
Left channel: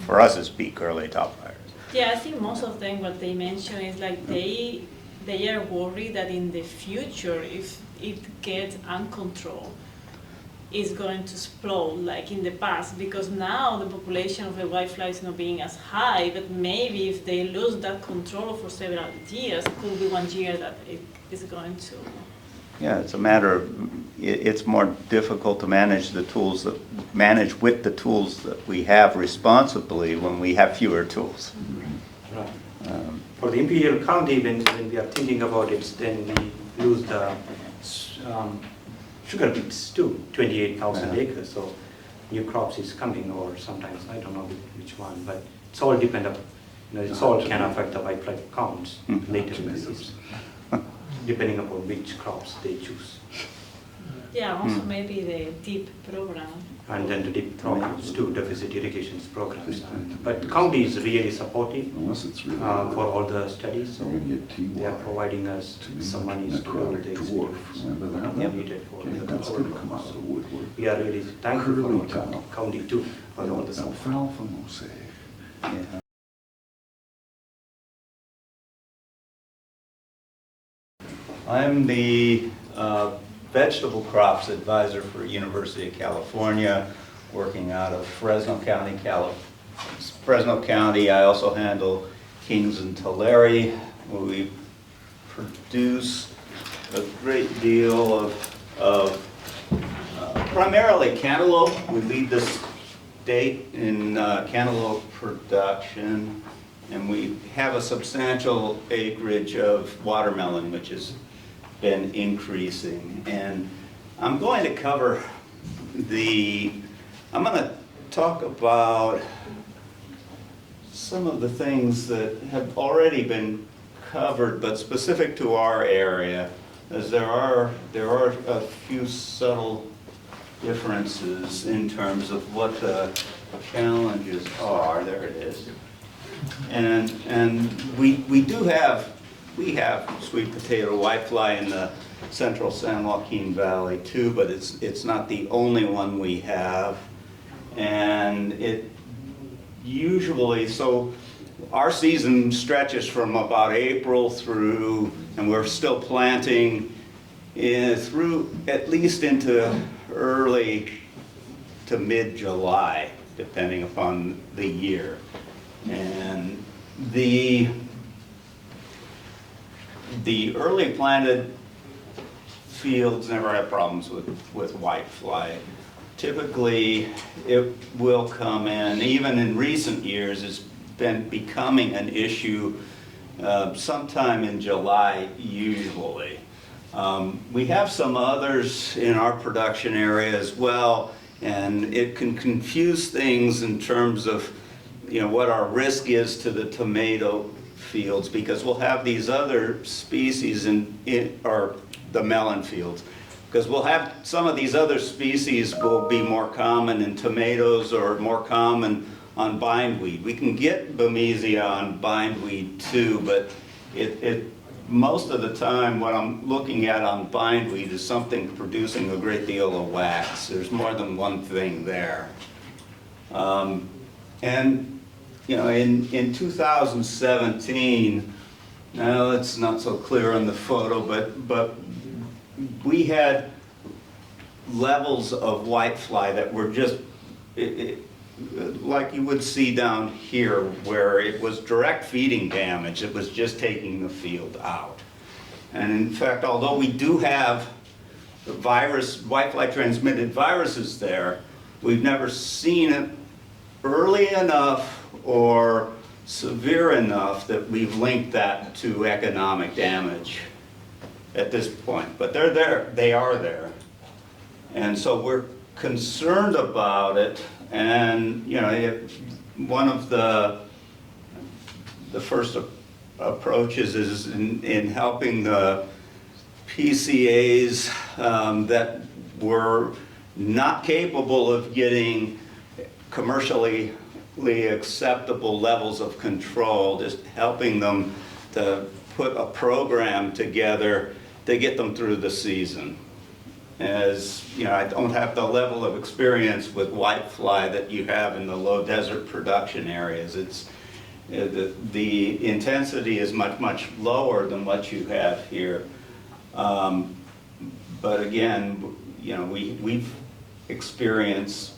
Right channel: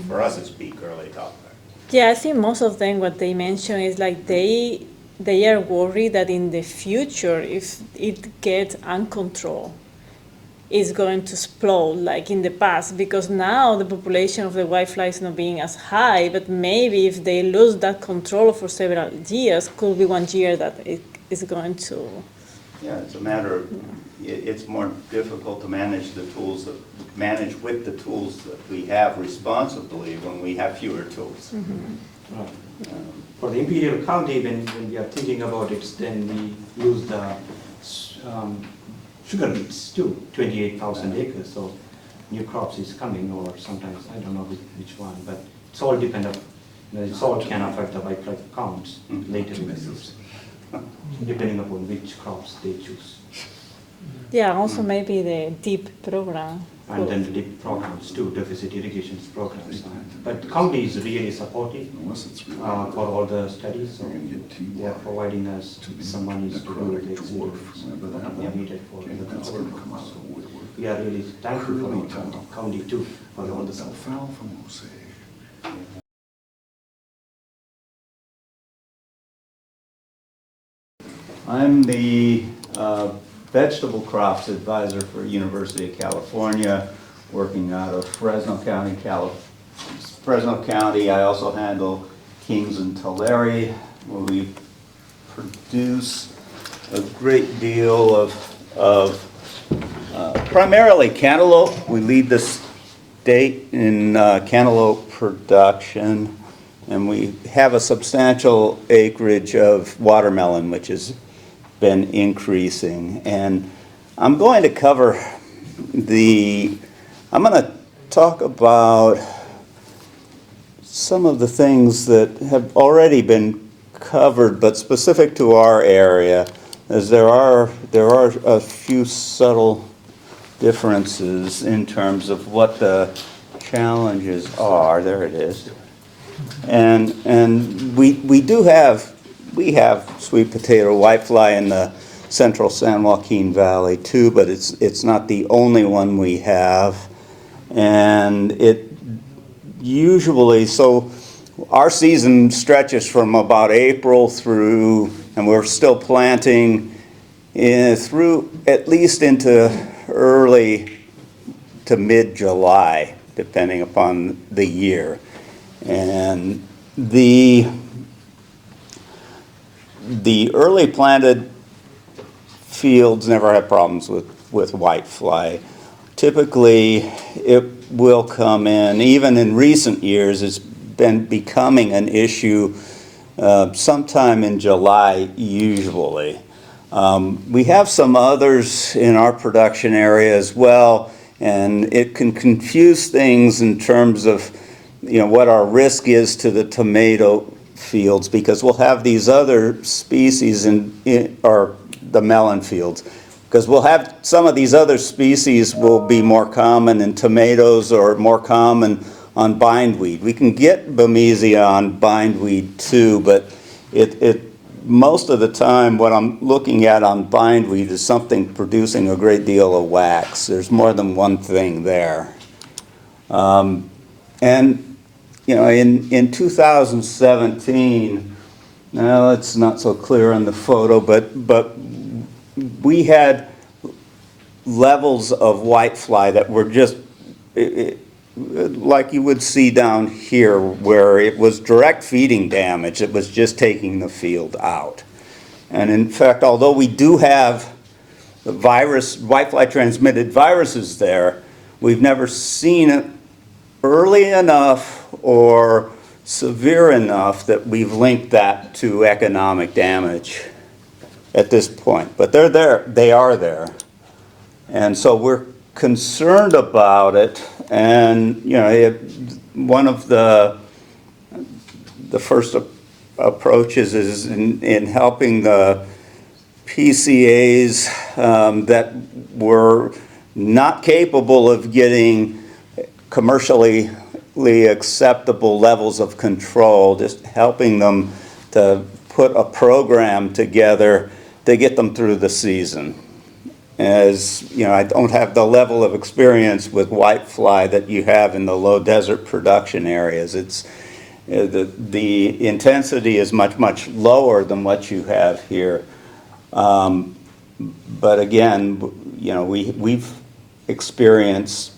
For us, it's peak early top fire. Yeah, I think most of them, what they mention is like they are worried that in the future, if it gets uncontrolled, it's going to explode like in the past, because now the population of the whitefly is not being as high, but maybe if they lose that control for several years, could be 1 year that it is going to. Yeah, it's a matter of, it's more difficult to manage with the tools that we have responsibly when we have fewer tools. Right. For the Imperial County, when we are thinking about it, then we lose the sugar beets too, 28,000 acres. So new crops is coming, or sometimes I don't know which one, but it's all dependent. You know, it's all can affect the whitefly counts later in the season, depending upon which crops they choose. Yeah, also maybe the DEEP program. And then the DEEP programs too, deficit irrigation programs. But the county is really supportive for all the studies, so they are providing us some money to do the experiments needed for the crops. So we are really thankful for the county too for all the support. I'm the vegetable crops advisor for University of California, working out of Fresno County, I also handle Kings and Tulare, where we produce a great deal of primarily cantaloupe. We lead the state in cantaloupe production, and we have a substantial acreage of watermelon, which has been increasing. And I'm going to cover I'm going to talk about some of the things that have already been covered, but specific to our area, as there are a few subtle differences in terms of what the challenges are. There it is. And we have sweet potato whitefly in the central San Joaquin Valley too, but it's not the only one we have. And it usually, so our season stretches from about April through, and we're still planting through at least into early to mid-July, depending upon the year. And the early planted fields never have problems with whitefly. Typically, it will come in, even in recent years, it's been becoming an issue sometime in July, usually. We have some others in our production area as well, and it can confuse things in terms of, you know, what our risk is to the tomato fields, because we'll have these other species or the melon fields, because we'll have some of these other species will be more common in tomatoes or more common on bindweed. We can get Bemisia on bindweed too, but most of the time what I'm looking at on bindweed is something producing a great deal of wax. There's more than one thing there. And you know, in 2017, now it's not so clear on the photo, but we had levels of whitefly that were just like you would see down here, where it was direct feeding damage. It was just taking the field out. And in fact, although we do have the whitefly transmitted viruses there, we've never seen it early enough or severe enough that we've linked that to economic damage at this point. But they're there, they are there. And so concerned about it, and one of the first approaches is in helping the PCAs that were not capable of getting commercially acceptable levels of control, just helping them to put a program together to get them through the season. As I don't have the level of experience with whitefly that you have in the low desert production areas. It's the intensity is much lower than what you have here. But again, we've experienced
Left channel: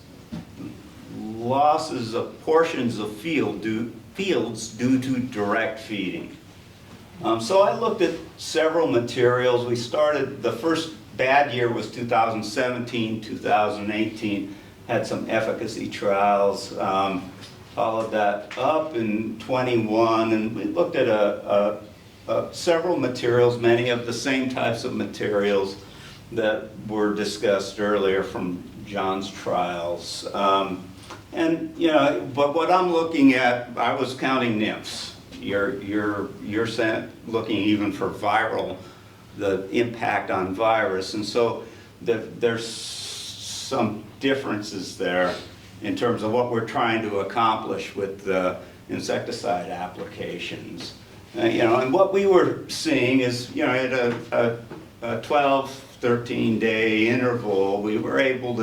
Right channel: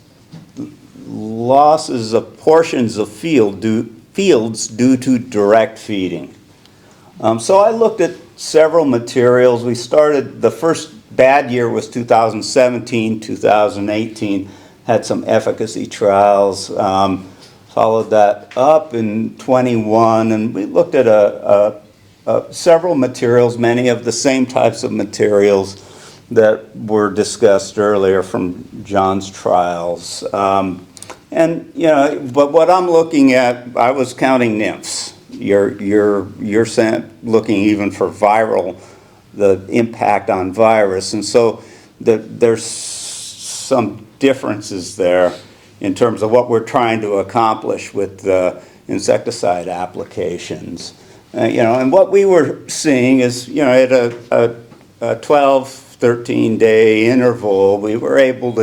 losses of portions of fields due to direct feeding. So I looked at several materials. We started, the first bad year was 2017, 2018, had some efficacy trials. Followed that up in 21, and we looked at several materials, many of the same types of materials that were discussed earlier from John's trials. But what I'm looking at, I was counting nymphs. You're looking even for viral, the impact on virus, and so there's some differences there in terms of what we're trying to accomplish with the insecticide applications. And what we were seeing is, at a 12, 13-day interval, we were able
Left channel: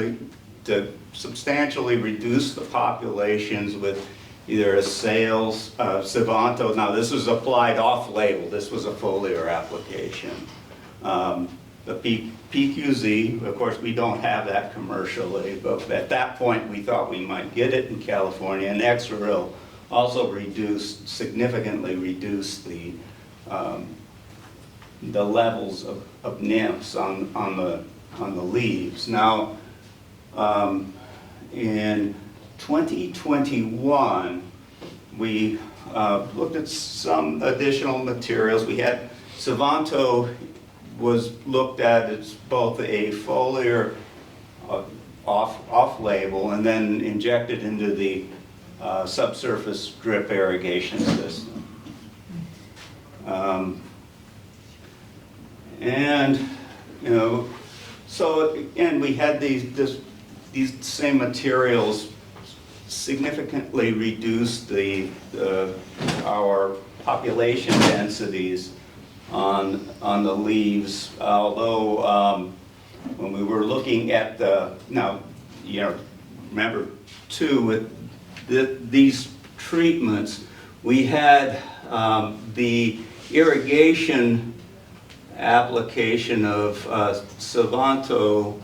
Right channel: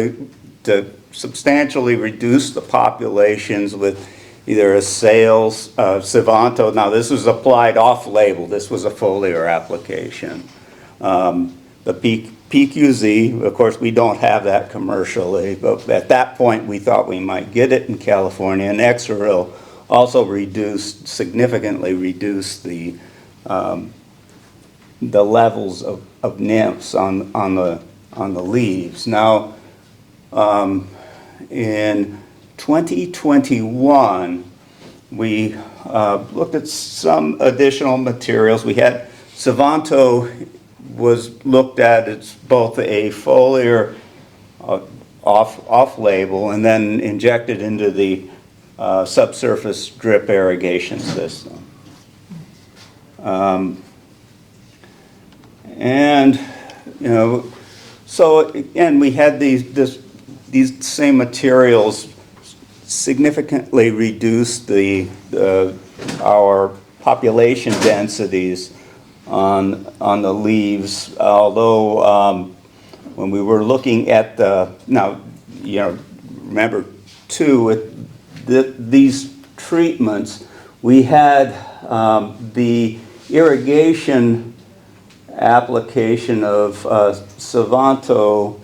to substantially reduce the populations with either a sales, Sivanto. Now this was applied off-label. This was a foliar application. The PQZ, of course, we don't have that commercially, but at that point we thought we might get it in California. And Exaril also significantly reduced the levels of nymphs on the leaves. Now, in 2021, we looked at some additional materials. We had Sivanto was looked at as both a foliar off-label and then injected into the subsurface drip irrigation system. So again, we had these same materials significantly reduce our population densities on the leaves, although when we were looking at remember too, with these treatments, we had the irrigation application of Sivanto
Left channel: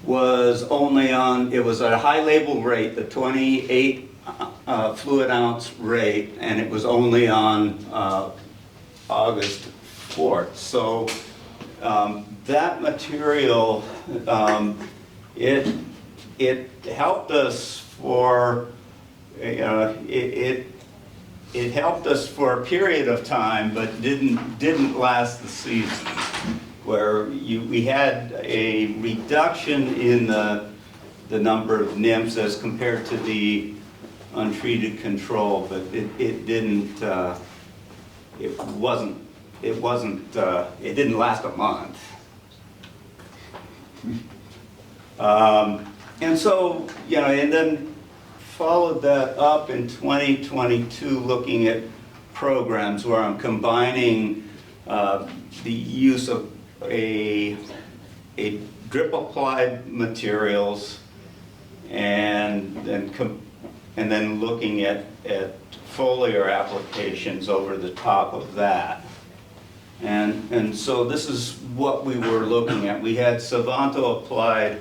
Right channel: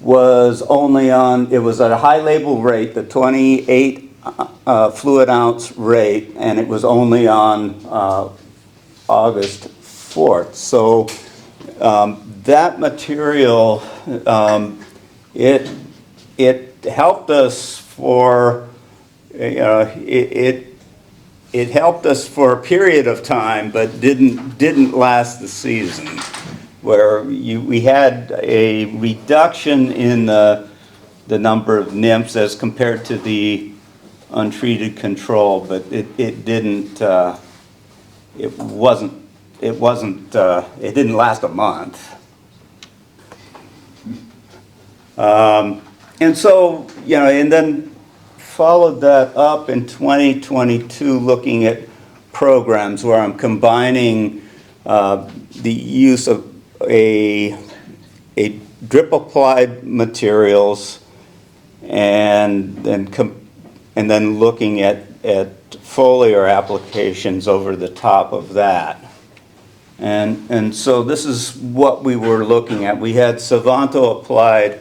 was only it was at a high label rate, the 28 fluid ounce rate, and it was only on August 4th. So that material, it helped us for, it helped us for a period of time, but didn't last the season, where we had a reduction in the number of nymphs as compared to the untreated control, but it didn't last a month. And so, and then followed that up in 2022 looking at programs where I'm combining the use of a drip applied materials and then looking at foliar applications over the top of that. And so this is what we were looking at. We had Sivanto applied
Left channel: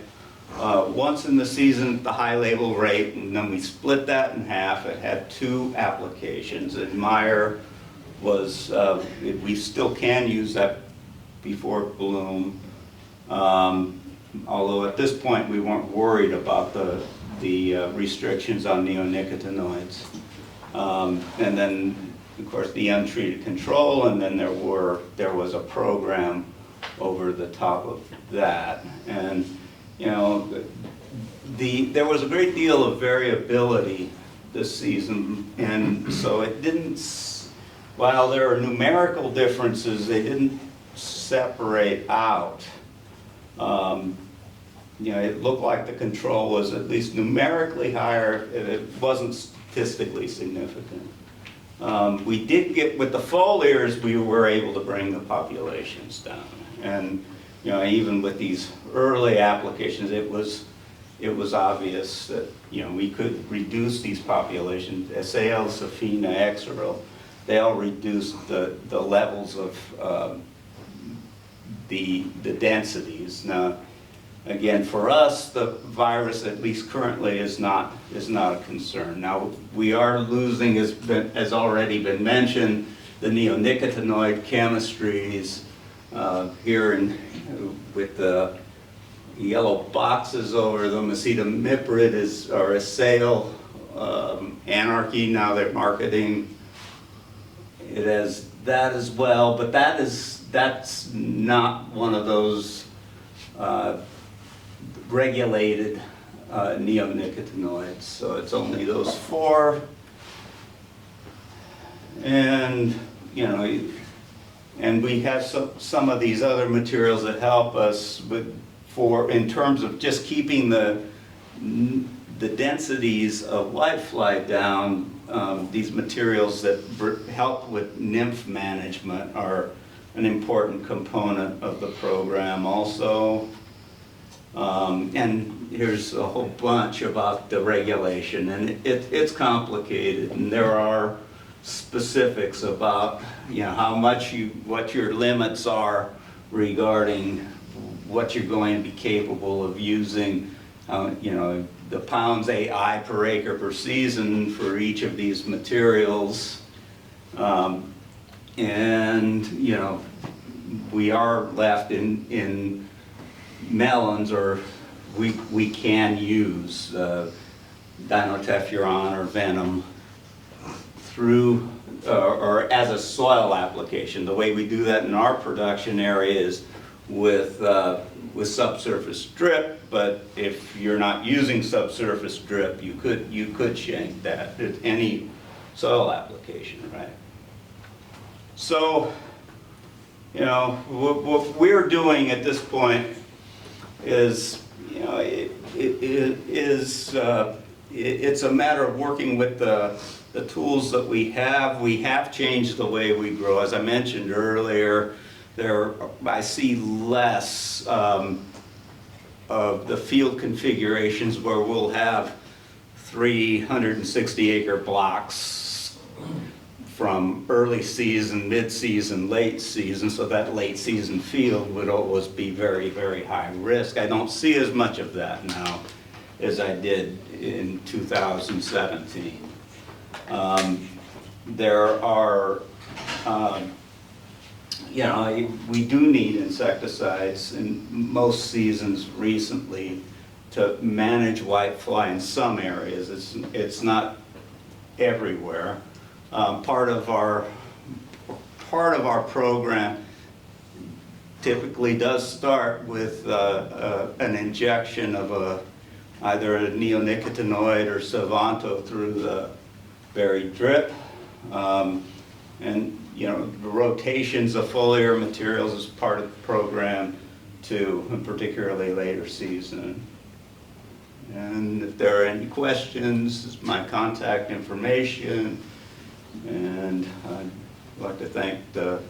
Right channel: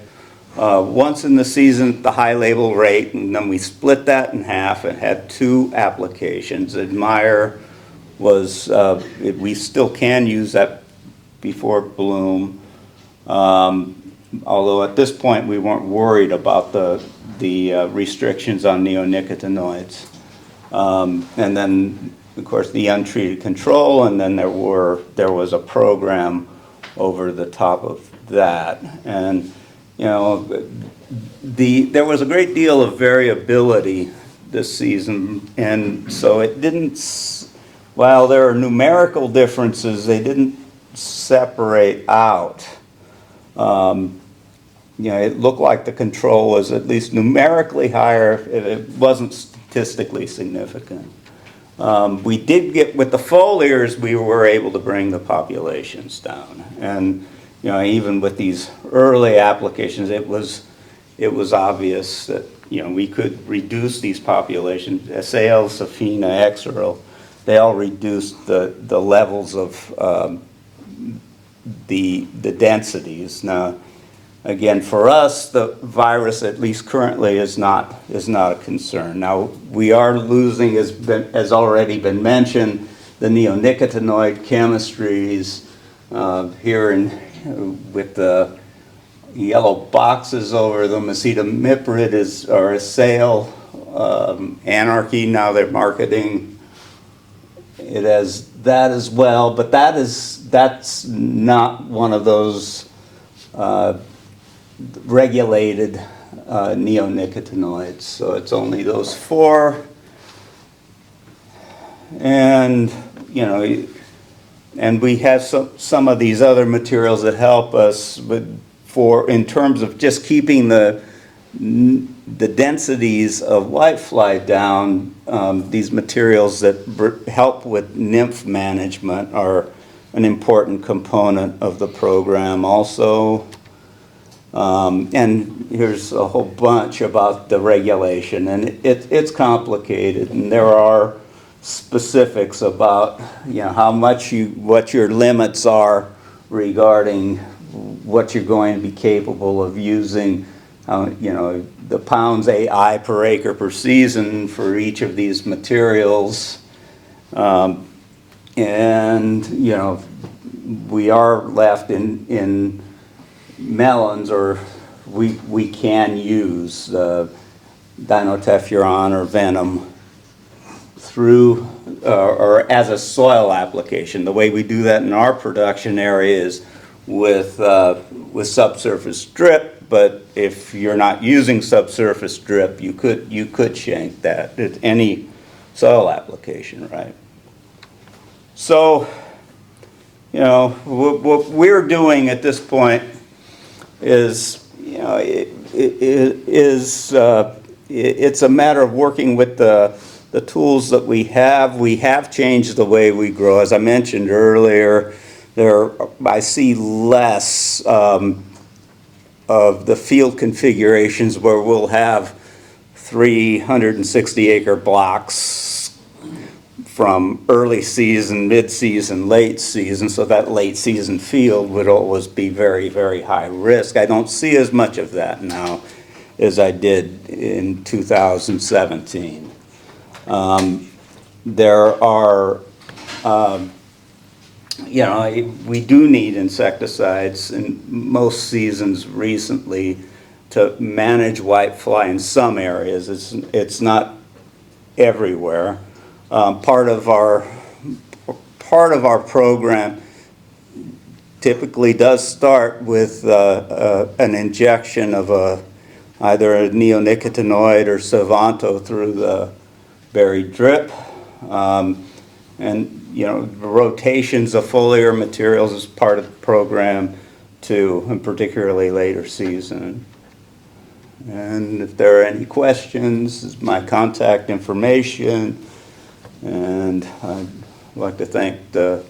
once in the season at the high label rate, and then we split that in half. It had 2 applications. Admire was, we still can use that before bloom, although at this point we weren't worried about the restrictions on neonicotinoids. And then, of course, the untreated control, and then there was a program over the top of that. And you know, there was a great deal of variability this season, and so it didn't, while there are numerical differences, they didn't separate out. You know, it looked like the control was at least numerically higher, it wasn't statistically significant. We did get, with the foliars, we were able to bring the populations down. And, you know, even with these early applications, it was obvious that, you know, we could reduce these populations. SAL, Safina, Exeril, they all reduced the levels of the densities. Now, again, for us, the virus, at least currently, is not a concern. Now, we are losing, as already been mentioned, the neonicotinoid chemistries here with the yellow boxes over them. Acetamiprid or a sale, Anarchy, now they're marketing it as that as well, but that's not one of those regulated neonicotinoids, so it's only those 4. And, you know, and we have some of these other materials that help us in terms of just keeping the densities of whitefly down. These materials that help with nymph management are an important component of the program also. And here's a whole bunch about the regulation, and it's complicated, and there are specifics about, you know, how much what your limits are regarding what you're going to be capable of using, you know, the pounds AI per acre per season for each of these materials. And, you know, we are left in melons, or we can use dinotephuron or venom through or as a soil application. The way we do that in our production area is with subsurface drip, but if you're not using subsurface drip, you could shank that. It's any soil application, right? So, you know, what we're doing at this point is, you know, it's a matter of working with the tools that we have. We have changed the way we grow. As I mentioned earlier, I see less of the field configurations where we'll have 360-acre blocks from early season, mid-season, late season, so that late season field would always be very, very high risk. I don't see as much of that now as I did in 2017. There are, you know, we do need insecticides in most seasons recently to manage whitefly in some areas. It's not everywhere. Part of our program typically does start with an injection of either a neonicotinoid or Savanto through the berry drip, and, you know, rotations of foliar materials is part of the program too, and particularly later season. And if there are any questions, this is my contact information. And I'd like to thank for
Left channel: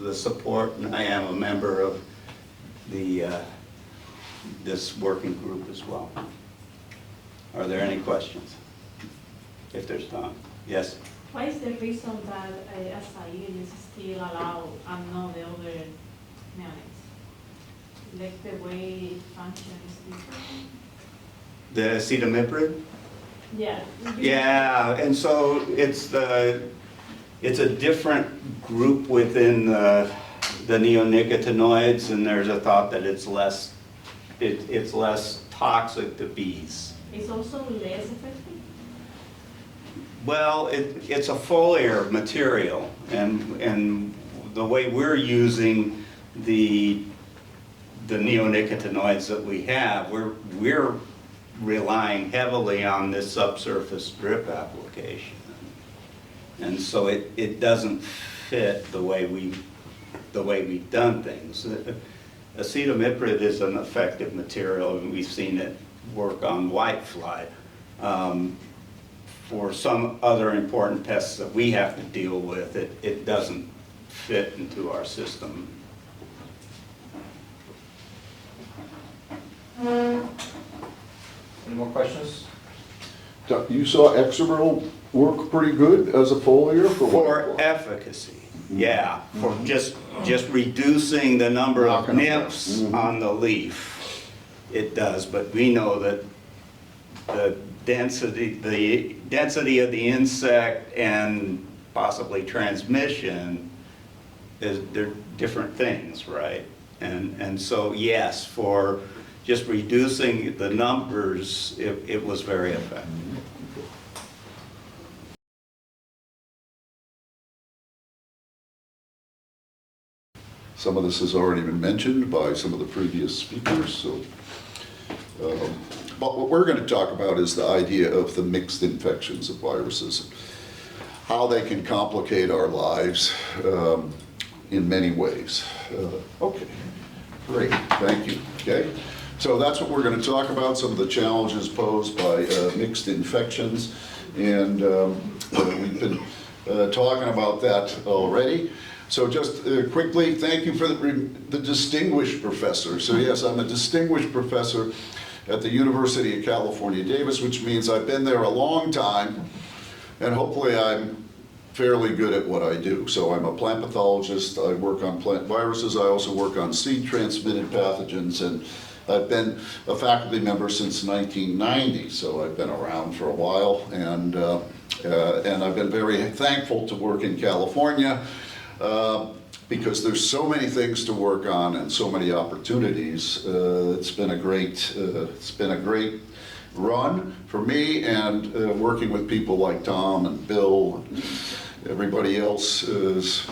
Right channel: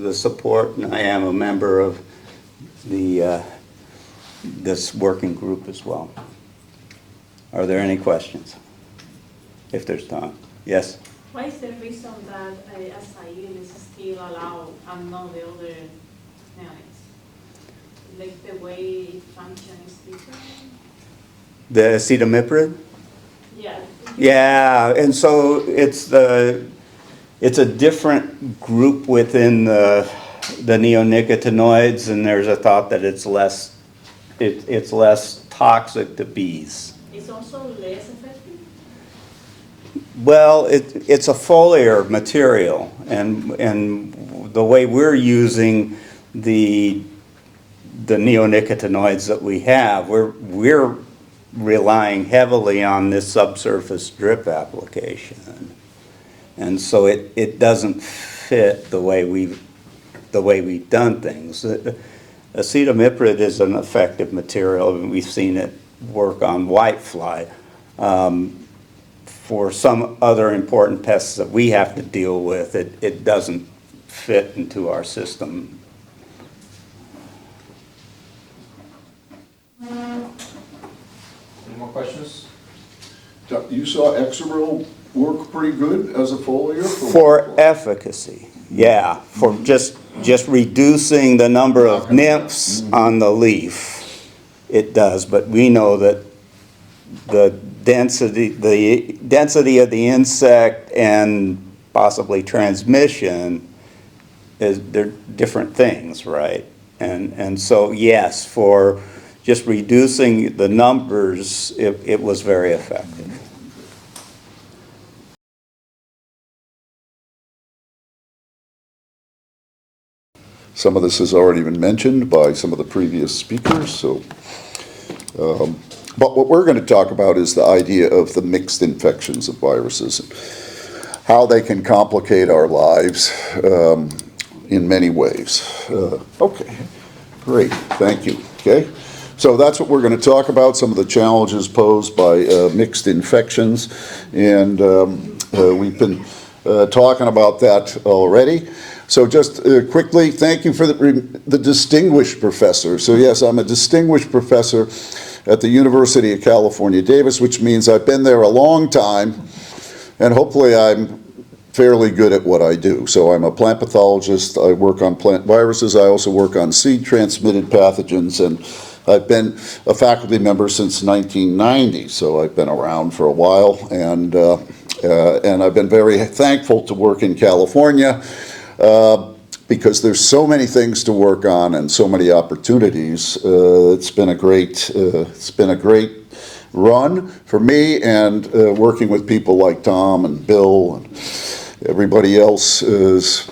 the support, and I am a member of this working group as well. Are there any questions? If there's time. Yes? What is the reason that acai is still allowed and not the other melons? Like the way it functions is different? The acetamiprid? Yeah. Yeah, and so it's a different group within the neonicotinoids, and there's a thought that it's less toxic to bees. It's also less effective? Well, it's a foliar material, and the way we're using the the neonicotinoids that we have, we're relying heavily on this subsurface drip application. And so it doesn't fit the way we've done things. Acetamiprid is an effective material, and we've seen it work on whitefly. For some other important pests that we have to deal with, it doesn't fit into our system. Any more questions? You saw Exeral work pretty good as a foliar For efficacy, yeah, for just reducing the number of nymphs on the leaf, it does. But we know that the density of the insect and possibly transmission they're different things, right? And so yes, for just reducing the numbers, it was very effective. Some of this has already been mentioned by some of the previous speakers, so. But what we're going to talk about is the idea of the mixed infections of viruses, how they can complicate our lives in many ways. Okay, great, thank you. Okay, so that's what we're going to talk about, some of the challenges posed by mixed infections, and we've been talking about that already. So just quickly, thank you for the distinguished professor. So yes, I'm a distinguished professor at the University of California, Davis, which means I've been there a long time, and hopefully I'm fairly good at what I do. So I'm a plant pathologist, I work on plant viruses, I also work on seed-transmitted pathogens, and I've been a faculty member since 1990, so I've been around for a while, and I've been very thankful to work in California, because there's so many things to work on and so many opportunities. It's been a great run for me, and working with people like Tom and Bill and everybody else has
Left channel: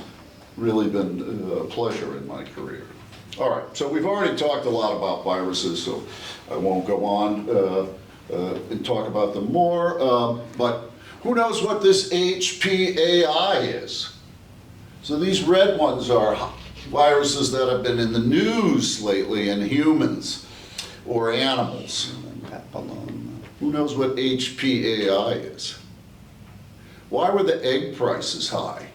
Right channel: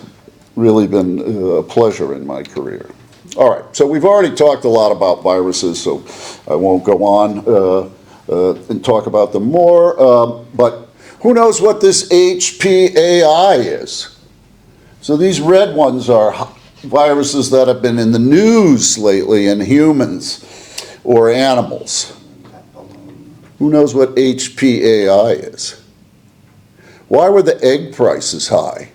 really been a pleasure in my career. All right, so we've already talked a lot about viruses, so I won't go on and talk about them more, but who knows what this HPAI is? So these red ones are viruses that have been in the news lately in humans or animals. Who knows what HPAI is? Why were the egg prices high?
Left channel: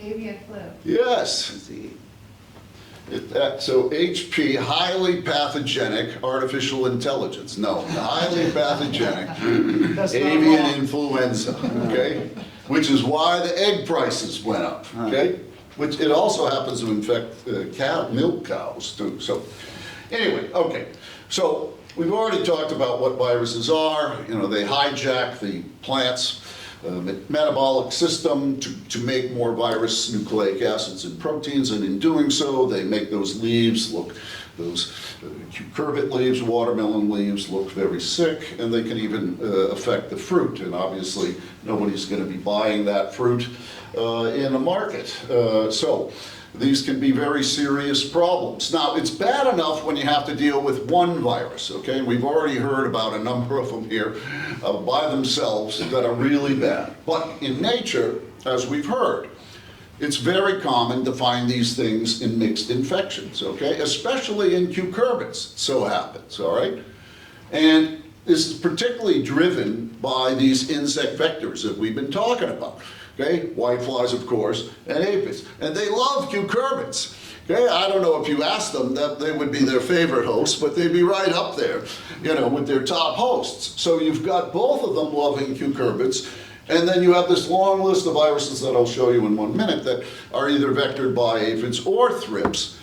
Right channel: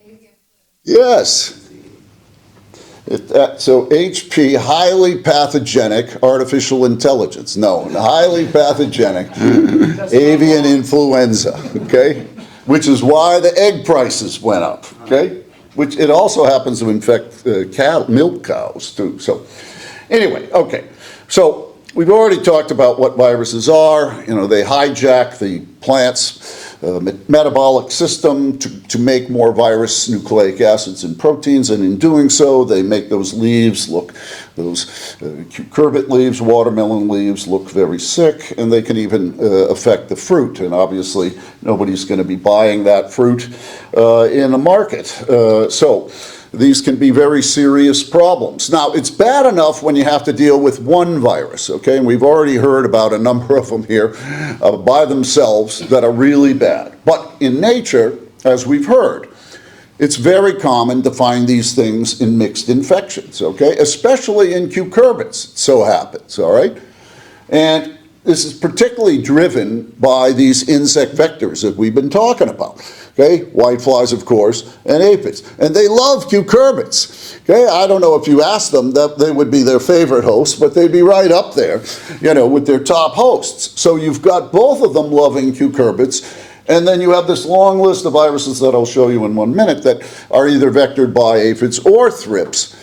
Avian flu. Yes. So HP, highly pathogenic artificial intelligence. No, highly pathogenic avian influenza, okay? Which is why the egg prices went up, okay? Which it also happens to infect milk cows too. So anyway, okay. So we've already talked about what viruses are. You know, they hijack the plant's metabolic system to make more virus nucleic acids and proteins, and in doing so they make those leaves look, those cucurbit leaves, watermelon leaves look very sick, and they can even affect the fruit, and obviously nobody's going to be buying that fruit in the market. So these can be very serious problems. Now, it's bad enough when you have to deal with one virus, okay? And we've already heard about a number of them here by themselves that are really bad. But in nature, as we've heard, it's very common to find these things in mixed infections, okay? Especially in cucurbits, it so happens, all right? And this is particularly driven by these insect vectors that we've been talking about. Okay, whiteflies, of course, and aphids. And they love cucurbits. Okay, I don't know if you asked them that they would be their favorite hosts, but they'd be right up there, you know, with their top hosts. So you've got both of them loving cucurbits, and then you have this long list of viruses that I'll show you in 1 minute that are either vectored by aphids or thrips.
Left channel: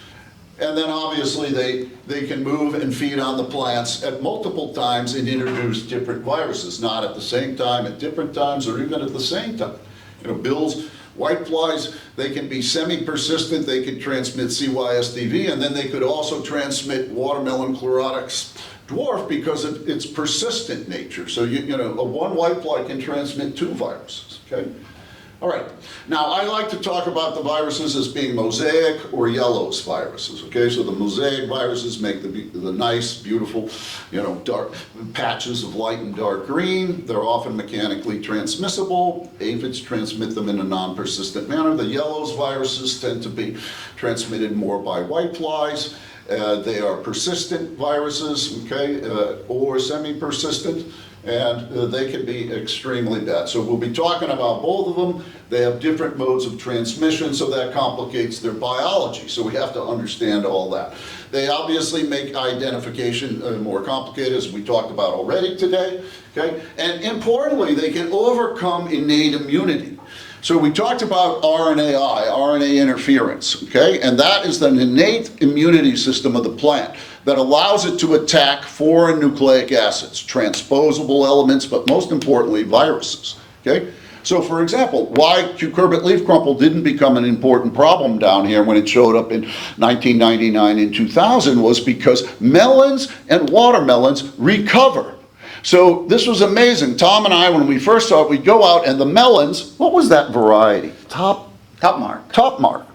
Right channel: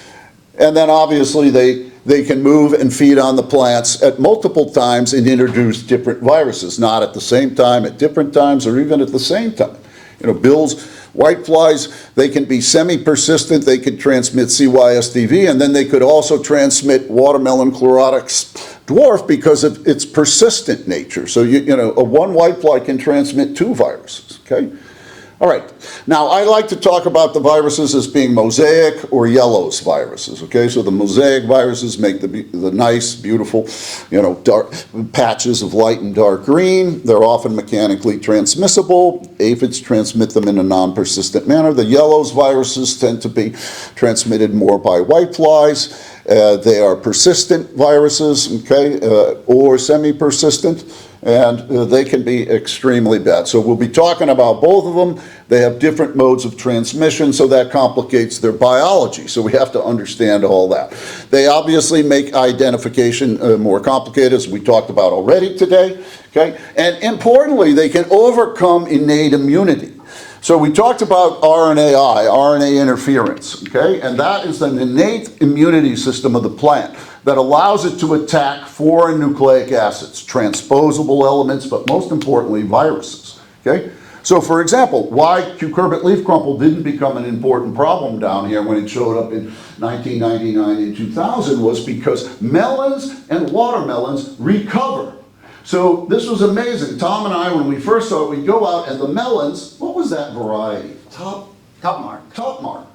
And then obviously they can move and feed on the plants at multiple times and introduce different viruses, not at the same time, at different times, or even at the same time. You know, Bill's whiteflies, they can be semi-persistent, they can transmit CYSDV, and then they could also transmit watermelon chlorotic dwarf because of its persistent nature. So, you know, a one whitefly can transmit 2 viruses, okay? All right, now I like to talk about the viruses as being mosaic or yellows viruses, okay? So the mosaic viruses make the nice, beautiful, dark patches of light and dark green. They're often mechanically transmissible. Aphids transmit them in a non-persistent manner. The yellows viruses tend to be transmitted more by whiteflies. They are persistent viruses, okay, or semi-persistent. And they can be extremely bad. So we'll be talking about both of them. They have different modes of transmission, so that complicates their biology. So we have to understand all that. They obviously make identification more complicated, as we talked about already today. Okay? And importantly, they can overcome innate immunity. So we talked about RNAi, RNA interference, okay? And that is the innate immunity system of the plant that allows it to attack foreign nucleic acids, transposable elements, but most importantly, viruses, okay? So for example, why cucurbit leaf crumple didn't become an important problem down here when it showed up in 1999 and 2000 was because melons and watermelons recover. So this was amazing. Tom and I, when we first saw it, we'd go out and the melons, what was that variety? Top mark.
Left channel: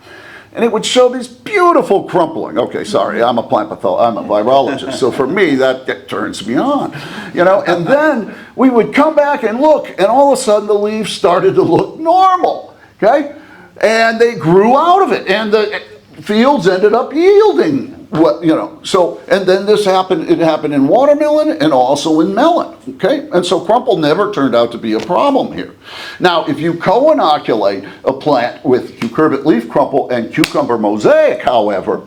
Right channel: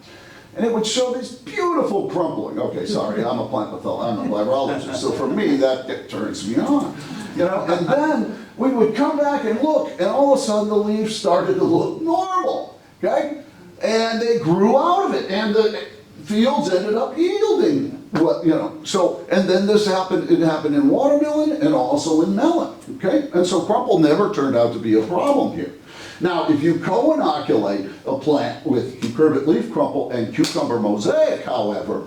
And it would show this beautiful crumpling. Okay, sorry, I'm a plant pathologist, I'm a virologist, so for me, that turns me on. And then we would come back and look, and all of a sudden the leaves started to look normal, okay? And they grew out of it, and the fields ended up yielding. And then it happened in watermelon and also in melon, okay? And so crumple never turned out to be a problem here. Now, if you co-inoculate a plant with cucurbit leaf crumple and cucumber mosaic, however,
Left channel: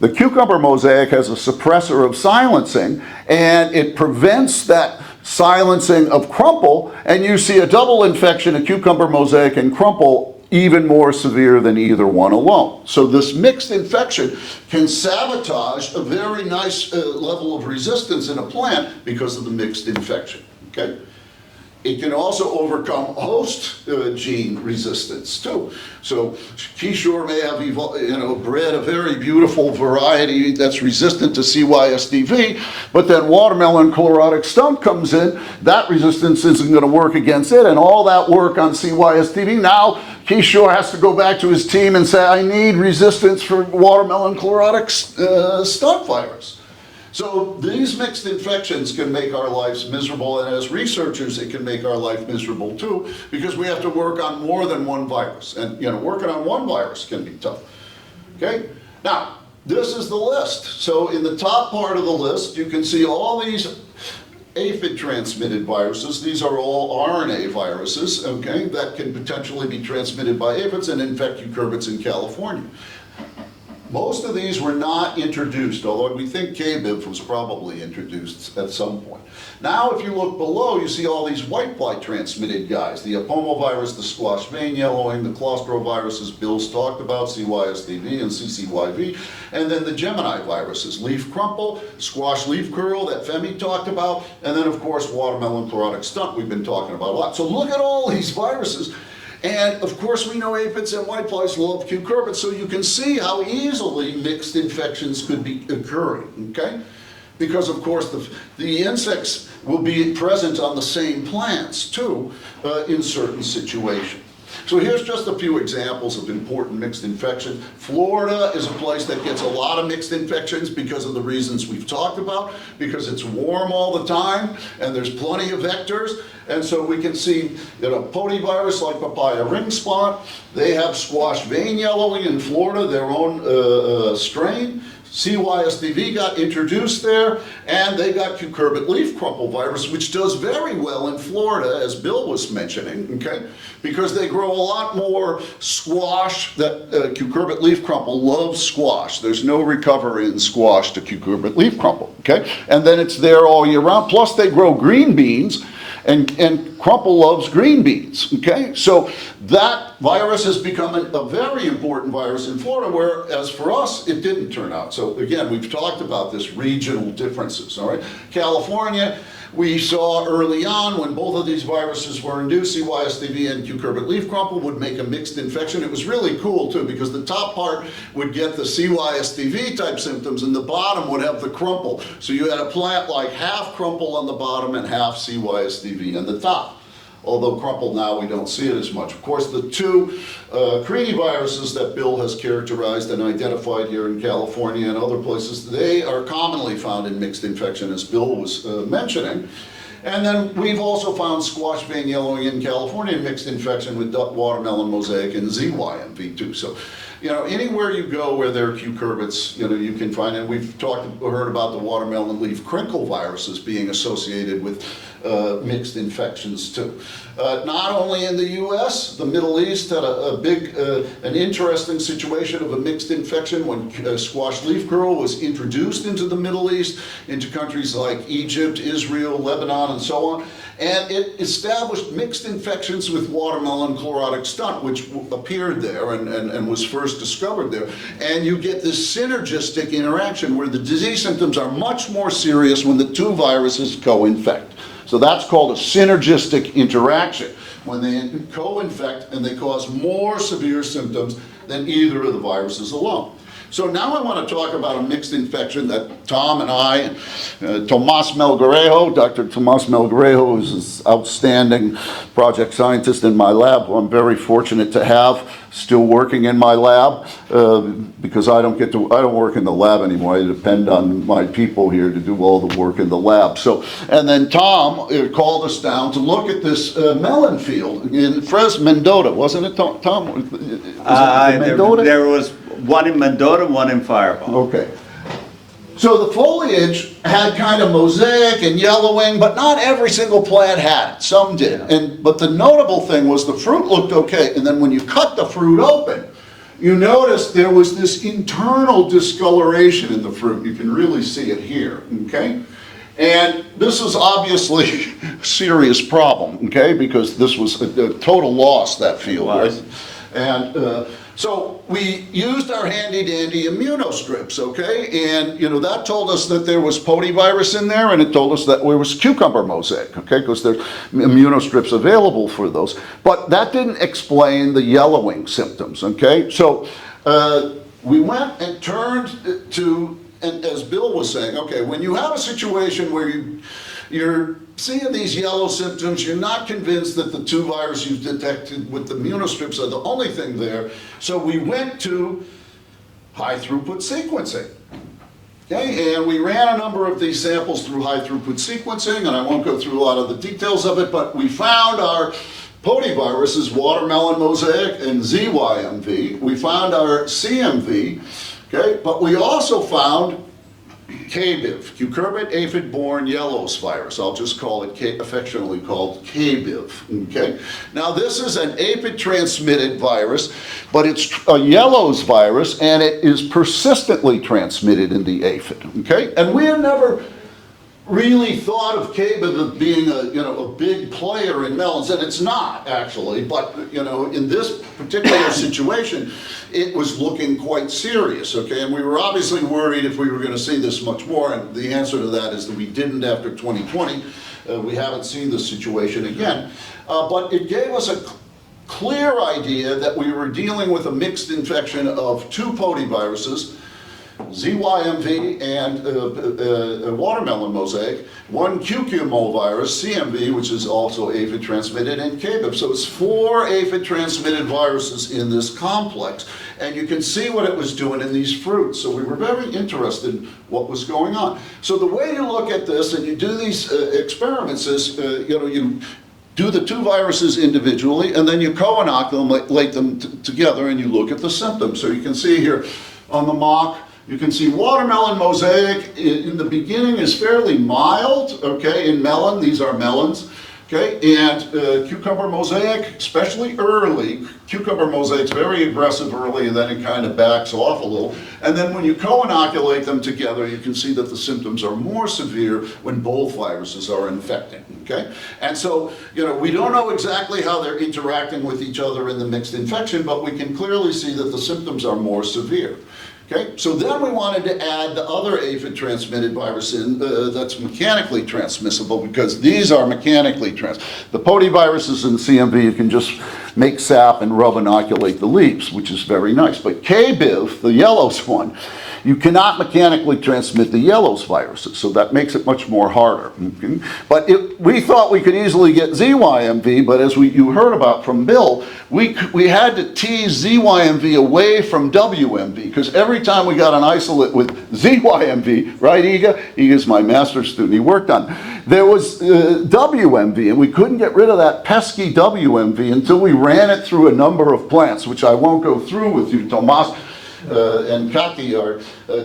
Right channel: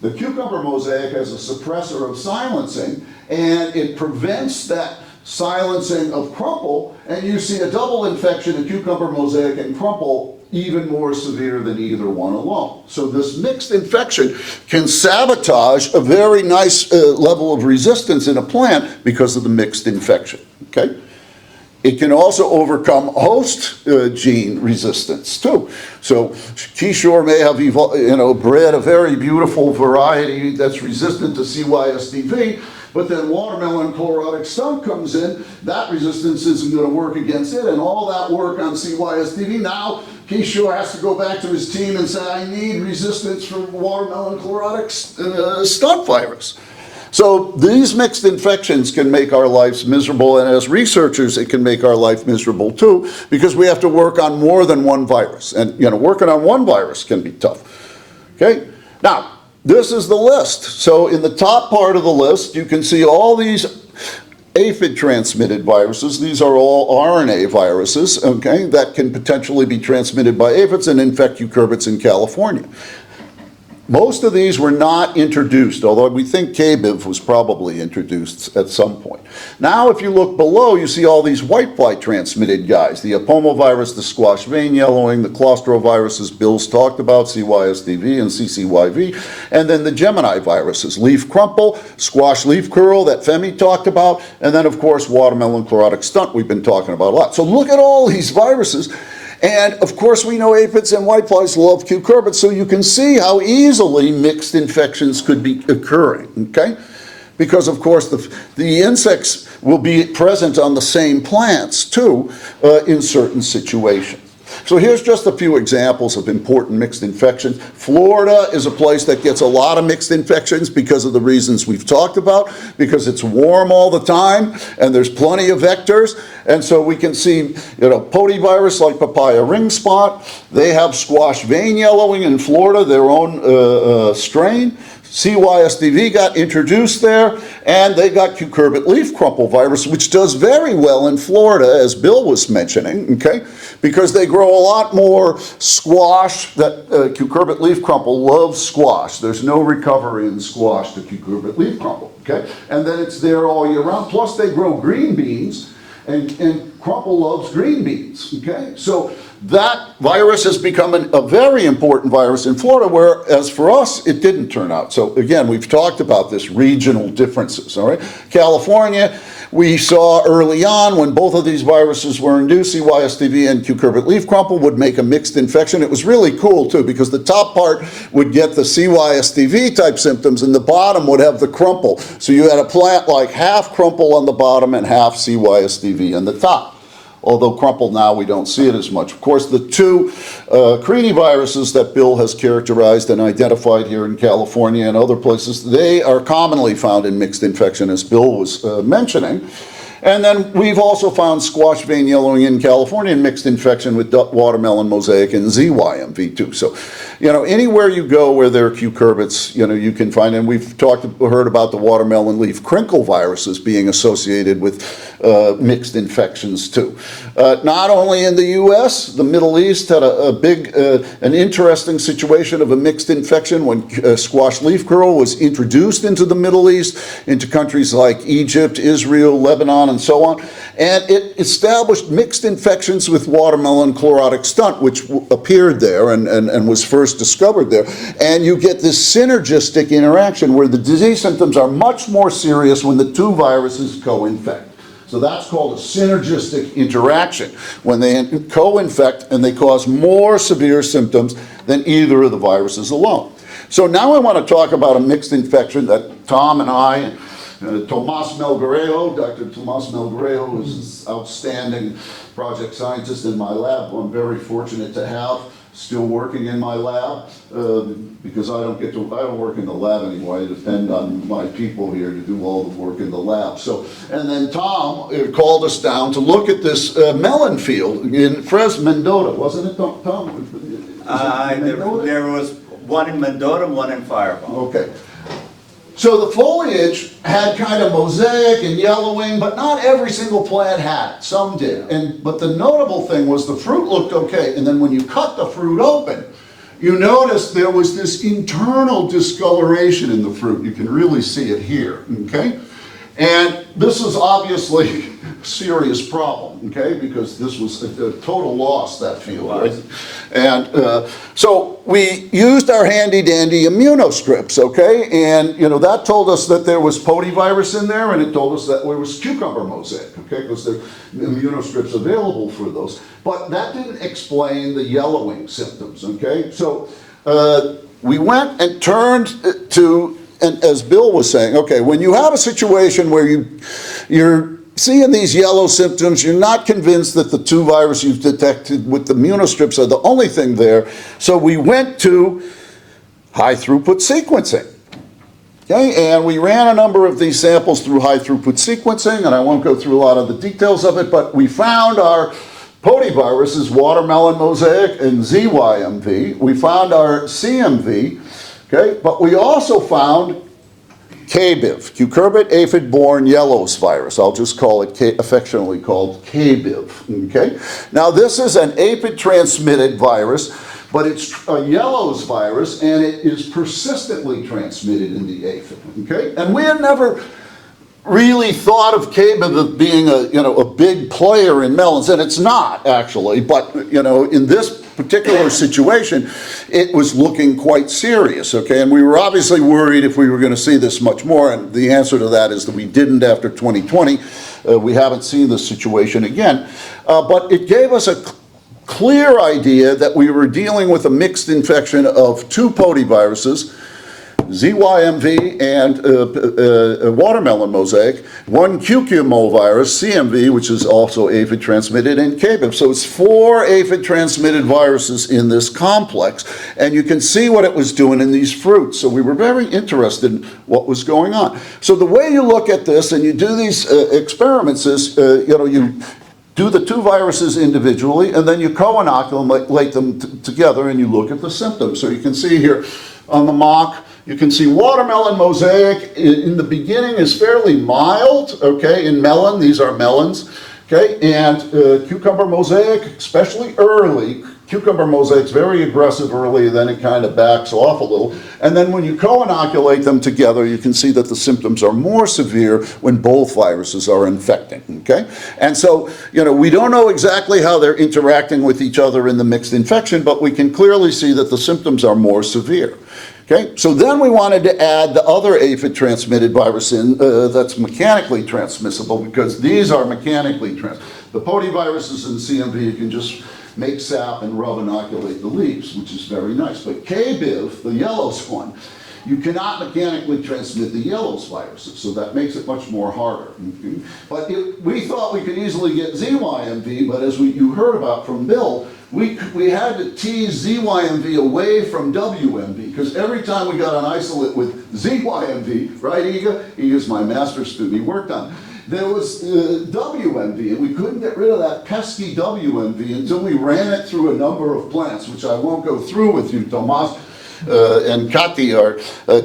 the cucumber mosaic has a suppressor of silencing, and it prevents that silencing of crumple, and you see a double infection of cucumber mosaic and crumple even more severe than either one alone. So this mixed infection can sabotage a very nice level of resistance in a plant because of the mixed infection, okay? It can also overcome host gene resistance too. So Kishore may have bred a very beautiful variety that's resistant to CYSDV, but then watermelon chlorotic stunt comes in, that resistance isn't going to work against it, and all that work on CYSDV, now Kishore has to go back to his team and say, I need resistance for watermelon chlorotic stunt virus. So these mixed infections can make our lives miserable, and as researchers, it can make our life miserable too, because we have to work on more than one virus. And working on one virus can be tough. Okay? Now, this is the list. So in the top part of the list, you can see all these aphid-transmitted viruses. These are all RNA viruses, okay, that can potentially be transmitted by aphids and infect cucurbits in California. Most of these were not introduced, although we think KBIV was probably introduced at some point. Now, if you look below, you see all these whitefly transmitted guys. The apomovirus, the squash vein yellowing, the claustroviruses Bill's talked about, CYSDV and CCYV, and then the Gemini viruses, leaf crumple, squash leaf curl that Femi talked about, and then of course watermelon chlorotic stunt we've been talking about a lot. So look at all these viruses. And of course we know aphids and whiteflies love cucurbits, so you can see how easily mixed infections could be occurring, okay? Because of course the insects will be present on the same plants too in certain situations. So here's just a few examples of important mixed infections. Florida is a place that gets a lot of mixed infections because of the reasons we've talked about, because it's warm all the time and there's plenty of vectors. And so we can see, potivirus like papaya ring spot. They have squash vein yellowing in Florida, their own strain. CYSDV got introduced there, and they got cucurbit leaf crumple virus, which does very well in Florida, as Bill was mentioning, okay? Because they grow a lot more squash. That cucurbit leaf crumple loves squash. There's no recovery in squash to cucurbit leaf crumple, okay? And then it's there all year round. Plus they grow green beans, and crumple loves green beans, okay? So that virus has become a very important virus in Florida, whereas for us, it didn't turn out. So again, we've talked about this regional differences, all right? California, we saw early on when both of these viruses were induced, CYSDV and cucurbit leaf crumple would make a mixed infection. It was really cool too, because the top part would get the CYSDV type symptoms and the bottom would have the crumple. So you had a plant like half crumple on the bottom and half CYSDV on the top. although crumple now we don't see it as much. Of course, the two viruses that Bill has characterized and identified here in California and other places, they are commonly found in mixed infection, as Bill was mentioning. And then we've also found squash vein yellowing in California in mixed infection with watermelon mosaic and ZYMV2. So, you know, anywhere you go where there are cucurbits, you know, you can find, and we've heard about the watermelon leaf crinkle viruses being associated with mixed infections too. Not only in the U.S., the Middle East had an interesting situation of a mixed infection when squash leaf curl was introduced into the Middle East, into countries like Egypt, Israel, Lebanon, and so on. And it established mixed infections with watermelon chlorotic stunt, which appeared there and was first discovered there. And you get this synergistic interaction where the disease symptoms are much more serious when the two viruses co-infect. So that's called a synergistic interaction, when they co-infect and they cause more severe symptoms than either of the viruses alone. So now I want to talk about a mixed infection that Tom and I, Tomas Melgarejo, Dr. Tomas Melgarejo is an outstanding project scientist in my lab, who I'm very fortunate to have still working in my lab, because I don't work in the lab anymore. I depend on my people here to do all the work in the lab. So, and then Tom called us down to look at this melon field in Mendota, wasn't it, Tom? There was one in Mendota, one in Fireball. Okay. So the foliage had kind of mosaic and yellowing, but not every single plant had it. Some did. But the notable thing was the fruit looked okay, and then when you cut the fruit open, you notice there was this internal discoloration in the fruit. You can really see it here, okay? And this is obviously a serious problem, okay? Because this was a total loss, that field, right? And so we used our handy-dandy immunostrips, okay? And, you know, that told us that there was potyvirus in there, and it told us that there was cucumber mosaic, okay? Because there's immunostrips available for those. But that didn't explain the yellowing symptoms, okay? So we went and turned to, and as Bill was saying, okay, when you have a situation where you're seeing these yellow symptoms, you're not convinced that the two viruses you've detected with the immunostrips are the only thing there. So we went to high throughput sequencing. Okay, and we ran a number of these samples through high throughput sequencing, and I won't go through a lot of the details of it, but we found our potyviruses, watermelon mosaic and ZYMV. We found our CMV, okay, but we also found KBIV, cucurbit aphid-borne yellows virus. I'll just call it affectionately called KBIV, okay? Now this is an aphid-transmitted virus, but it's a yellows virus, and it is persistently transmitted in the aphid, okay? And we had never really thought of KBIV as being a big player in melons, and it's not actually, but in this particular situation, it was looking quite serious, okay? And we were obviously worried if we were going to see this much more, and the answer to that is that we didn't after 2020. We haven't seen this situation again, but it gave us a clear idea that we were dealing with a mixed infection of two potyviruses, ZYMV and watermelon mosaic, one QQMO virus, CMV, which is also aphid transmitted, and KBIV. So it's 4 aphid transmitted viruses in this complex, and you can see what it was doing in these fruits. So we were very interested in what was going on. So the way you look at this and you do these experiments is, you do the two viruses individually, and then you co-inoculate them together, and you look at the symptoms. So you can see here on the mock, you can see watermelon mosaic in the beginning is fairly mild, okay, in melon, these are melons, okay, and cucumber mosaic, especially early, cucumber mosaic's very aggressive early, and then it kind of backs off a little. And then when you co-inoculate them together, you can see that the symptoms are more severe when both viruses are infecting, okay? And so, we don't know exactly how they're interacting with each other in the mixed infection, but we can clearly see that the symptoms are more severe. Okay, so then we wanted to add the other aphid transmitted virus in that's mechanically transmissible, because these are mechanically the potyviruses and CMV, you can just make sap and rub inoculate the leaves, which is very nice. But KBIV, the yellows one, You cannot mechanically transmit the yellows viruses, so that makes it much more harder. Okay? But we thought we could easily get ZYMV, but as you heard about from Bill, we had to tease ZYMV away from WMV, because every time we got an isolate with ZYMV, right, Iga? Iga's my master's student, he worked on it. There was WMV, and we couldn't get rid of that pesky WMV until we ran it through a number of plants, which I won't go through with you, Tomas. And Kati, our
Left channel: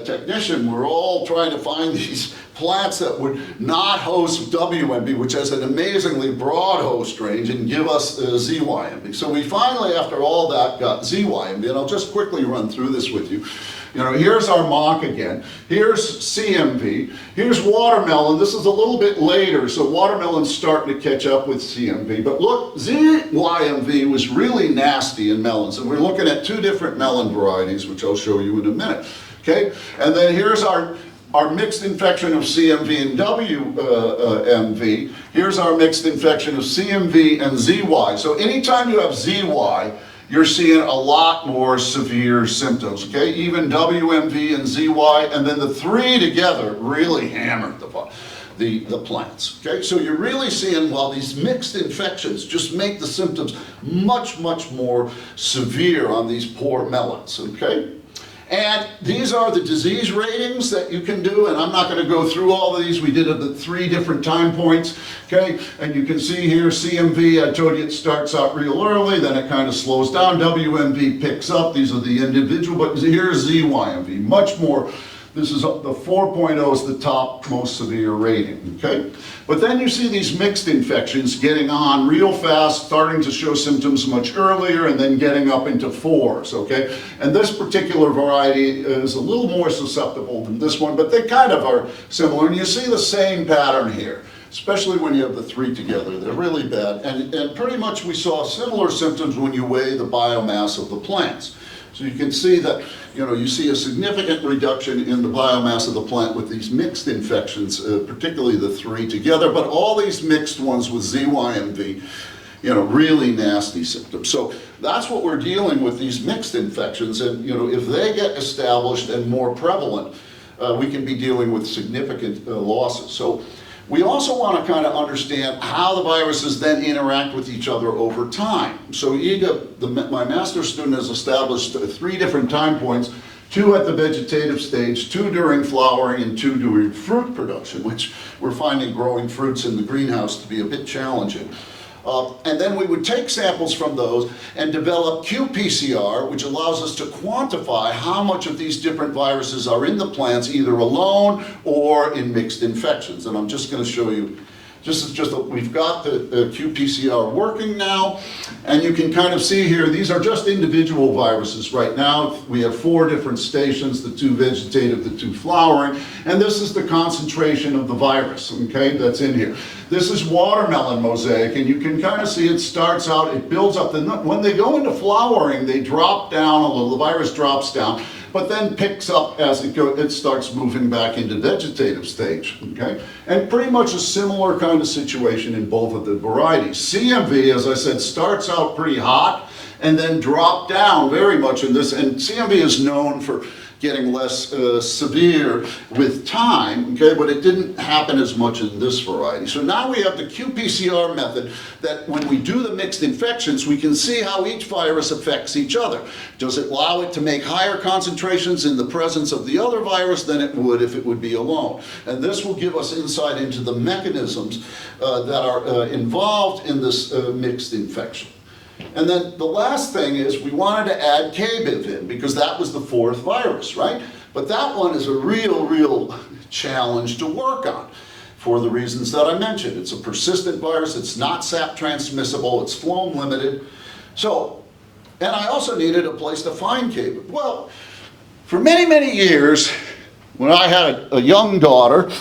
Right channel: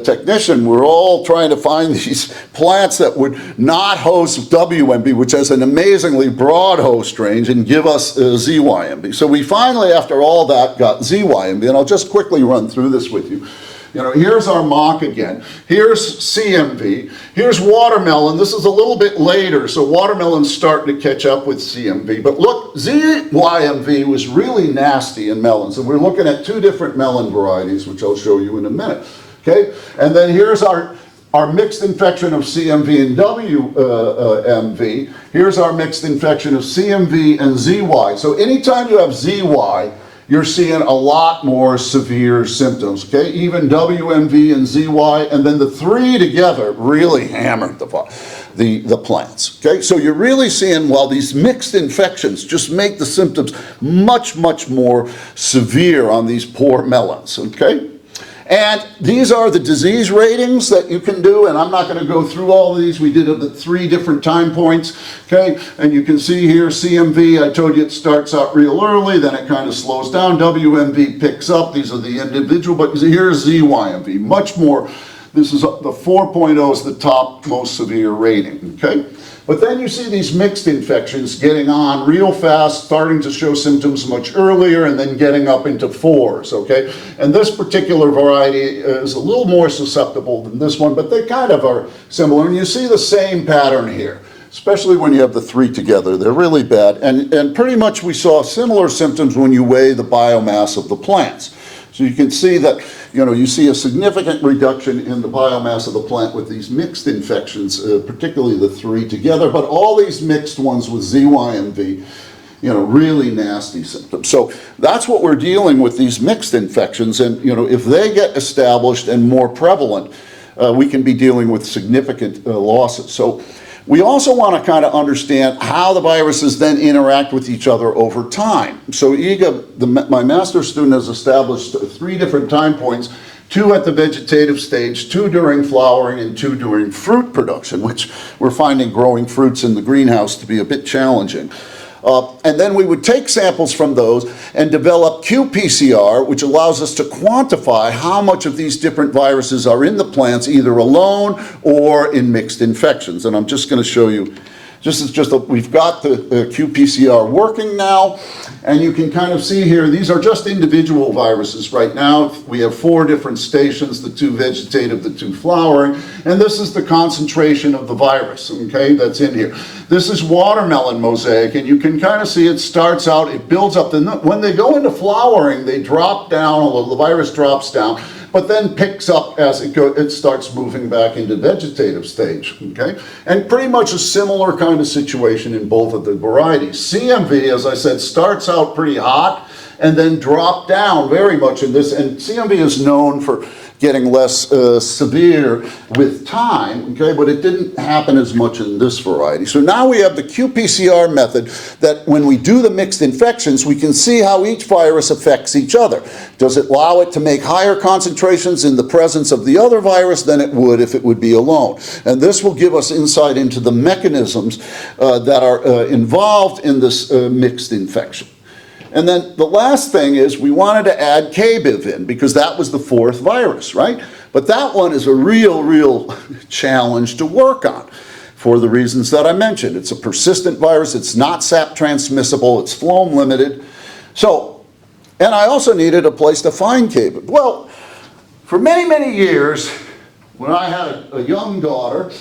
technician, we're all trying to find these plants that would not host WMB, which has an amazingly broad host range, and give us ZYMB. So we finally, after all that, got ZYMB, and I'll just quickly run through this with you. You know, here's our mock again. Here's CMV. Here's watermelon. This is a little bit later, so watermelon's starting to catch up with CMV. But look, ZYMV was really nasty in melons, and we're looking at 2 different melon varieties, which I'll show you in a minute. Okay, and then here's our mixed infection of CMV and WMV. Here's our mixed infection of CMV and ZY. So anytime you have ZY, you're seeing a lot more severe symptoms, okay? Even WMV and ZY, and then the 3 together really hammered the plants, okay? So you're really seeing, well, these mixed infections just make the symptoms much, much more severe on these poor melons, okay? And these are the disease ratings that you can do, and I'm not going to go through all of these. We did it at 3 different time points, okay? And you can see here CMV, I told you it starts out real early, then it kind of slows down. WMV picks up. These are the individual, but here's ZYMV, much more. This is the 4.0 is the top most severe rating, okay? But then you see these mixed infections getting on real fast, starting to show symptoms much earlier, and then getting up into 4s, okay? And this particular variety is a little more susceptible than this one, but they kind of are similar. And you see the same pattern here, especially when you have the 3 together. They're really bad. And pretty much we saw similar symptoms when you weigh the biomass of the plants. So you can see that, you know, you see a significant reduction in the biomass of the plant with these mixed infections, particularly the 3 together, but all these mixed ones with ZYMV, you know, really nasty symptoms. So that's what we're dealing with, these mixed infections, and, you know, if they get established and more prevalent, we can be dealing with significant losses. So we also want to kind of understand how the viruses then interact with each other over time. So Iga, my master's student, has established 3 different time points, 2 at the vegetative stage, 2 during flowering, and 2 during fruit production, which we're finding growing fruits in the greenhouse to be a bit challenging. And then we would take samples from those and develop qPCR, which allows us to quantify how much of these different viruses are in the plants, either alone or in mixed infections. And I'm just going to show you, we've got the qPCR working now, and you can kind of see here, these are just individual viruses right now. We have 4 different stations, the 2 vegetative, the 2 flowering, and this is the concentration of the virus, okay, that's in here. This is watermelon mosaic, and you can kind of see it starts out, it builds up, when they go into flowering, they drop down a little, the virus drops down, but then picks up as it starts moving back into vegetative stage, okay? And pretty much a similar kind of situation in both of the varieties. CMV, as I said, starts out pretty hot and then drop down very much in this, and CMV is known for getting less severe with time, okay, but it didn't happen as much in this variety. So now we have the qPCR method that when we do the mixed infections, we can see how each virus affects each other. Does it allow it to make higher concentrations in the presence of the other virus than it would if it would be alone? And this will give us insight into the mechanisms that are involved in this mixed infection. And then the last thing is we wanted to add KBIV in because that was the 4th virus, right? But that one is a real challenge to work on for the reasons that I mentioned. It's a persistent virus, it's not sap transmissible, it's phloem limited. So, and I also needed a place to find KBIV. Well, for many years, when I had a young daughter,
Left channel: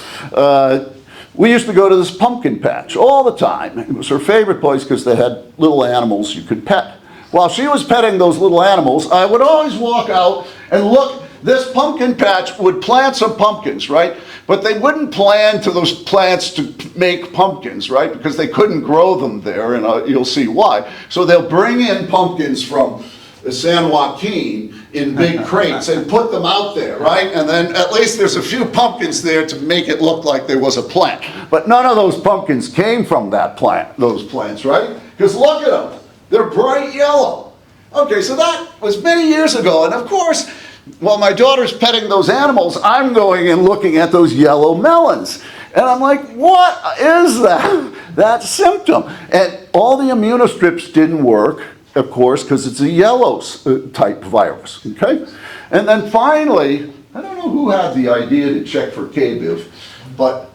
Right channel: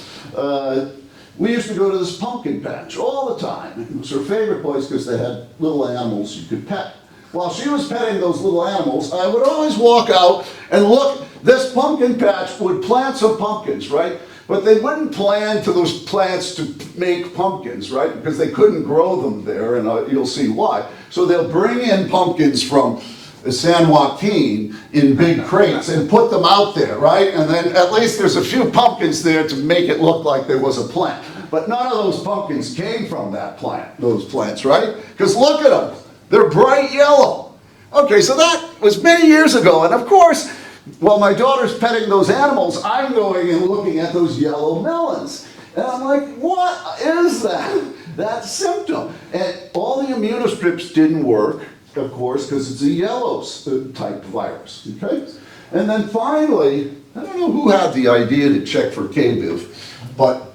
we used to go to this pumpkin patch all the time. It was her favorite place because they had little animals you could pet. While she was petting those little animals, I would always walk out and look, this pumpkin patch would plant some pumpkins, right? But they wouldn't plant to those plants to make pumpkins, right? Because they couldn't grow them there, and you'll see why. So they'll bring in pumpkins from San Joaquin in big crates and put them out there, right? And then at least there's a few pumpkins there to make it look like there was a plant. But none of those pumpkins came from that plant, those plants, right? Because look at them, they're bright yellow. Okay, so that was many years ago, and of course, while my daughter's petting those animals, I'm going and looking at those yellow melons. And I'm like, what is that? That symptom. And all the immunostrips didn't work, of course, because it's a yellow type virus, okay? And then finally, I don't know who had the idea to check for KBIV, but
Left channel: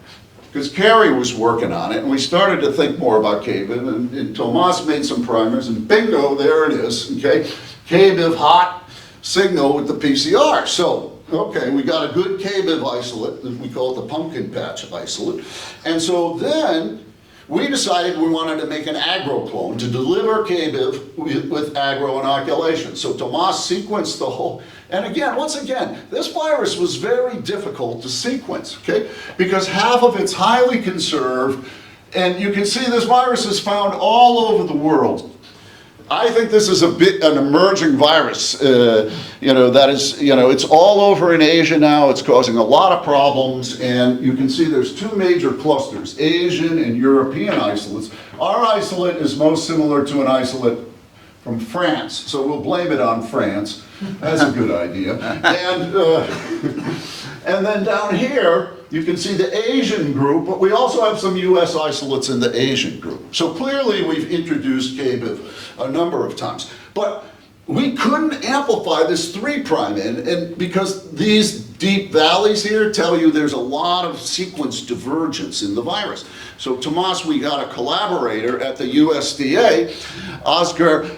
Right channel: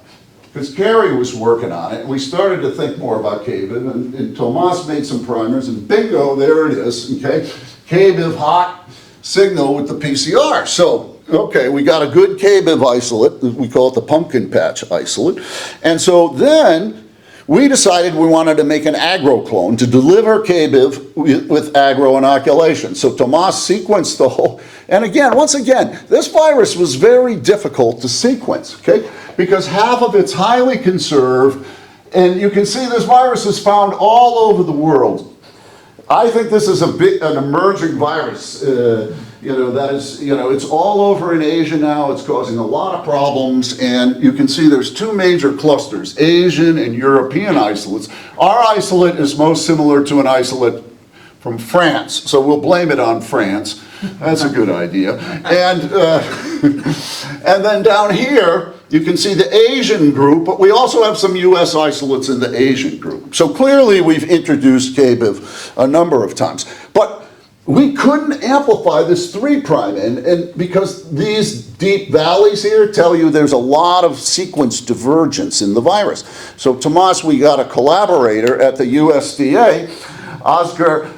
because Carrie was working on it, and we started to think more about KBIV, and Tomas made some primers, and bingo, there it is, okay? KBIV hot signal with the PCR. So, okay, we got a good KBIV isolate, we call it the pumpkin patch isolate, and so then we decided we wanted to make an agro clone to deliver KBIV with agro inoculation. So Tomas sequenced the whole, and again, once again, this virus was very difficult to sequence, okay? Because half of it's highly conserved, and you can see this virus is found all over the world. I think this is an emerging virus, that is, it's all over in Asia now. It's causing a lot of problems, and you can see there's two major clusters, Asian and European isolates. Our isolate is most similar to an isolate from France, so we'll blame it on France. That's a good idea. And then down here, you can see the Asian group, but we also have some US isolates in the Asian group. So clearly we've introduced KBIV a number of times. But we couldn't amplify this 3' and because these deep valleys here tell you there's a lot of sequence divergence in the virus. So Tomas, we got a collaborator at the USDA, Oscar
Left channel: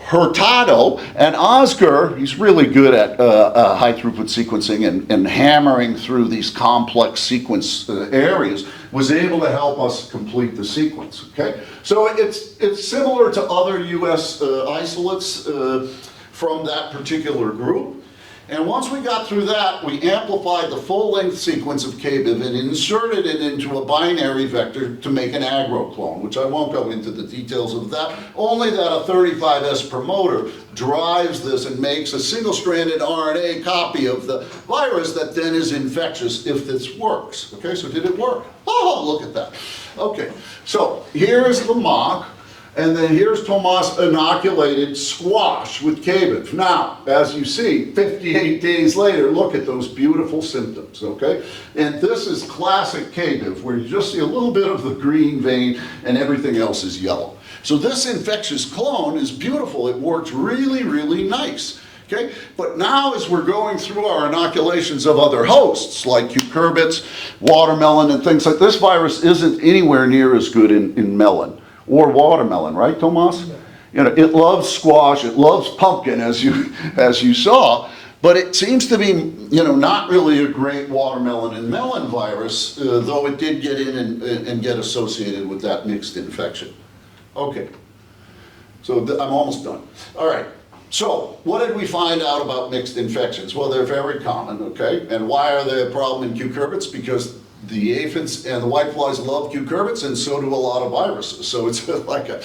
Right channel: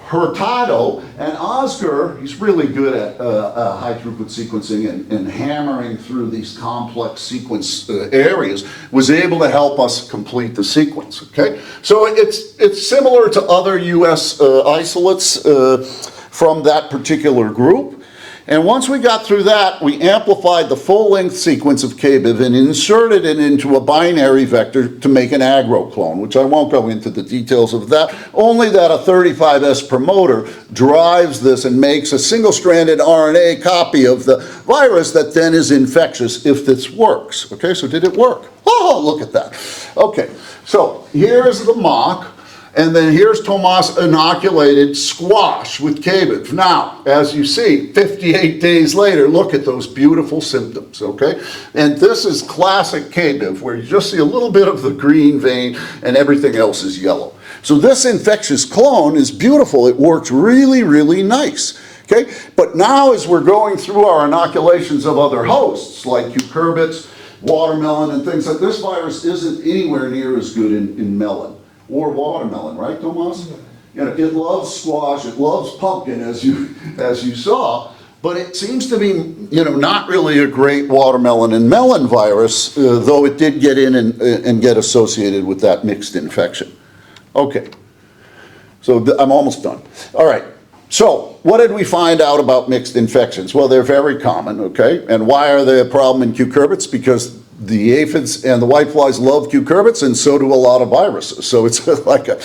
Hurtado, and Oscar, he's really good at high throughput sequencing and hammering through these complex sequence areas, was able to help us complete the sequence, okay? So it's similar to other US isolates from that particular group. And once we got through that, we amplified the full-length sequence of KBIV and inserted it into a binary vector to make an agro clone, which I won't go into the details of that, only that a 35S promoter drives this and makes a single-stranded RNA copy of the virus that then is infectious if this works. Okay, so did it work? Oh, look at that. Okay, so here's the mock. And then here's Tomas inoculated squash with KBIV. Now, as you see, 58 days later, look at those beautiful symptoms, okay? And this is classic KBIV, where you just see a little bit of the green vein and everything else is yellow. So this infectious clone is beautiful. It works really, really nice, okay? But now as we're going through our inoculations of other hosts, like cucurbits, watermelon, and things like this, virus isn't anywhere near as good in melon. Or watermelon, right, Tomas? Yeah. It loves squash, it loves pumpkin, as you saw, but it seems to be, not really a great watermelon and melon virus, though it did get in and get associated with that mixed infection. Okay, so I'm almost done. All right, so what did we find out about mixed infections? Well, they're very common, okay? And why are they a problem in cucurbits? Because the aphids and the whiteflies love cucurbits, and so do a lot of viruses. So it's like a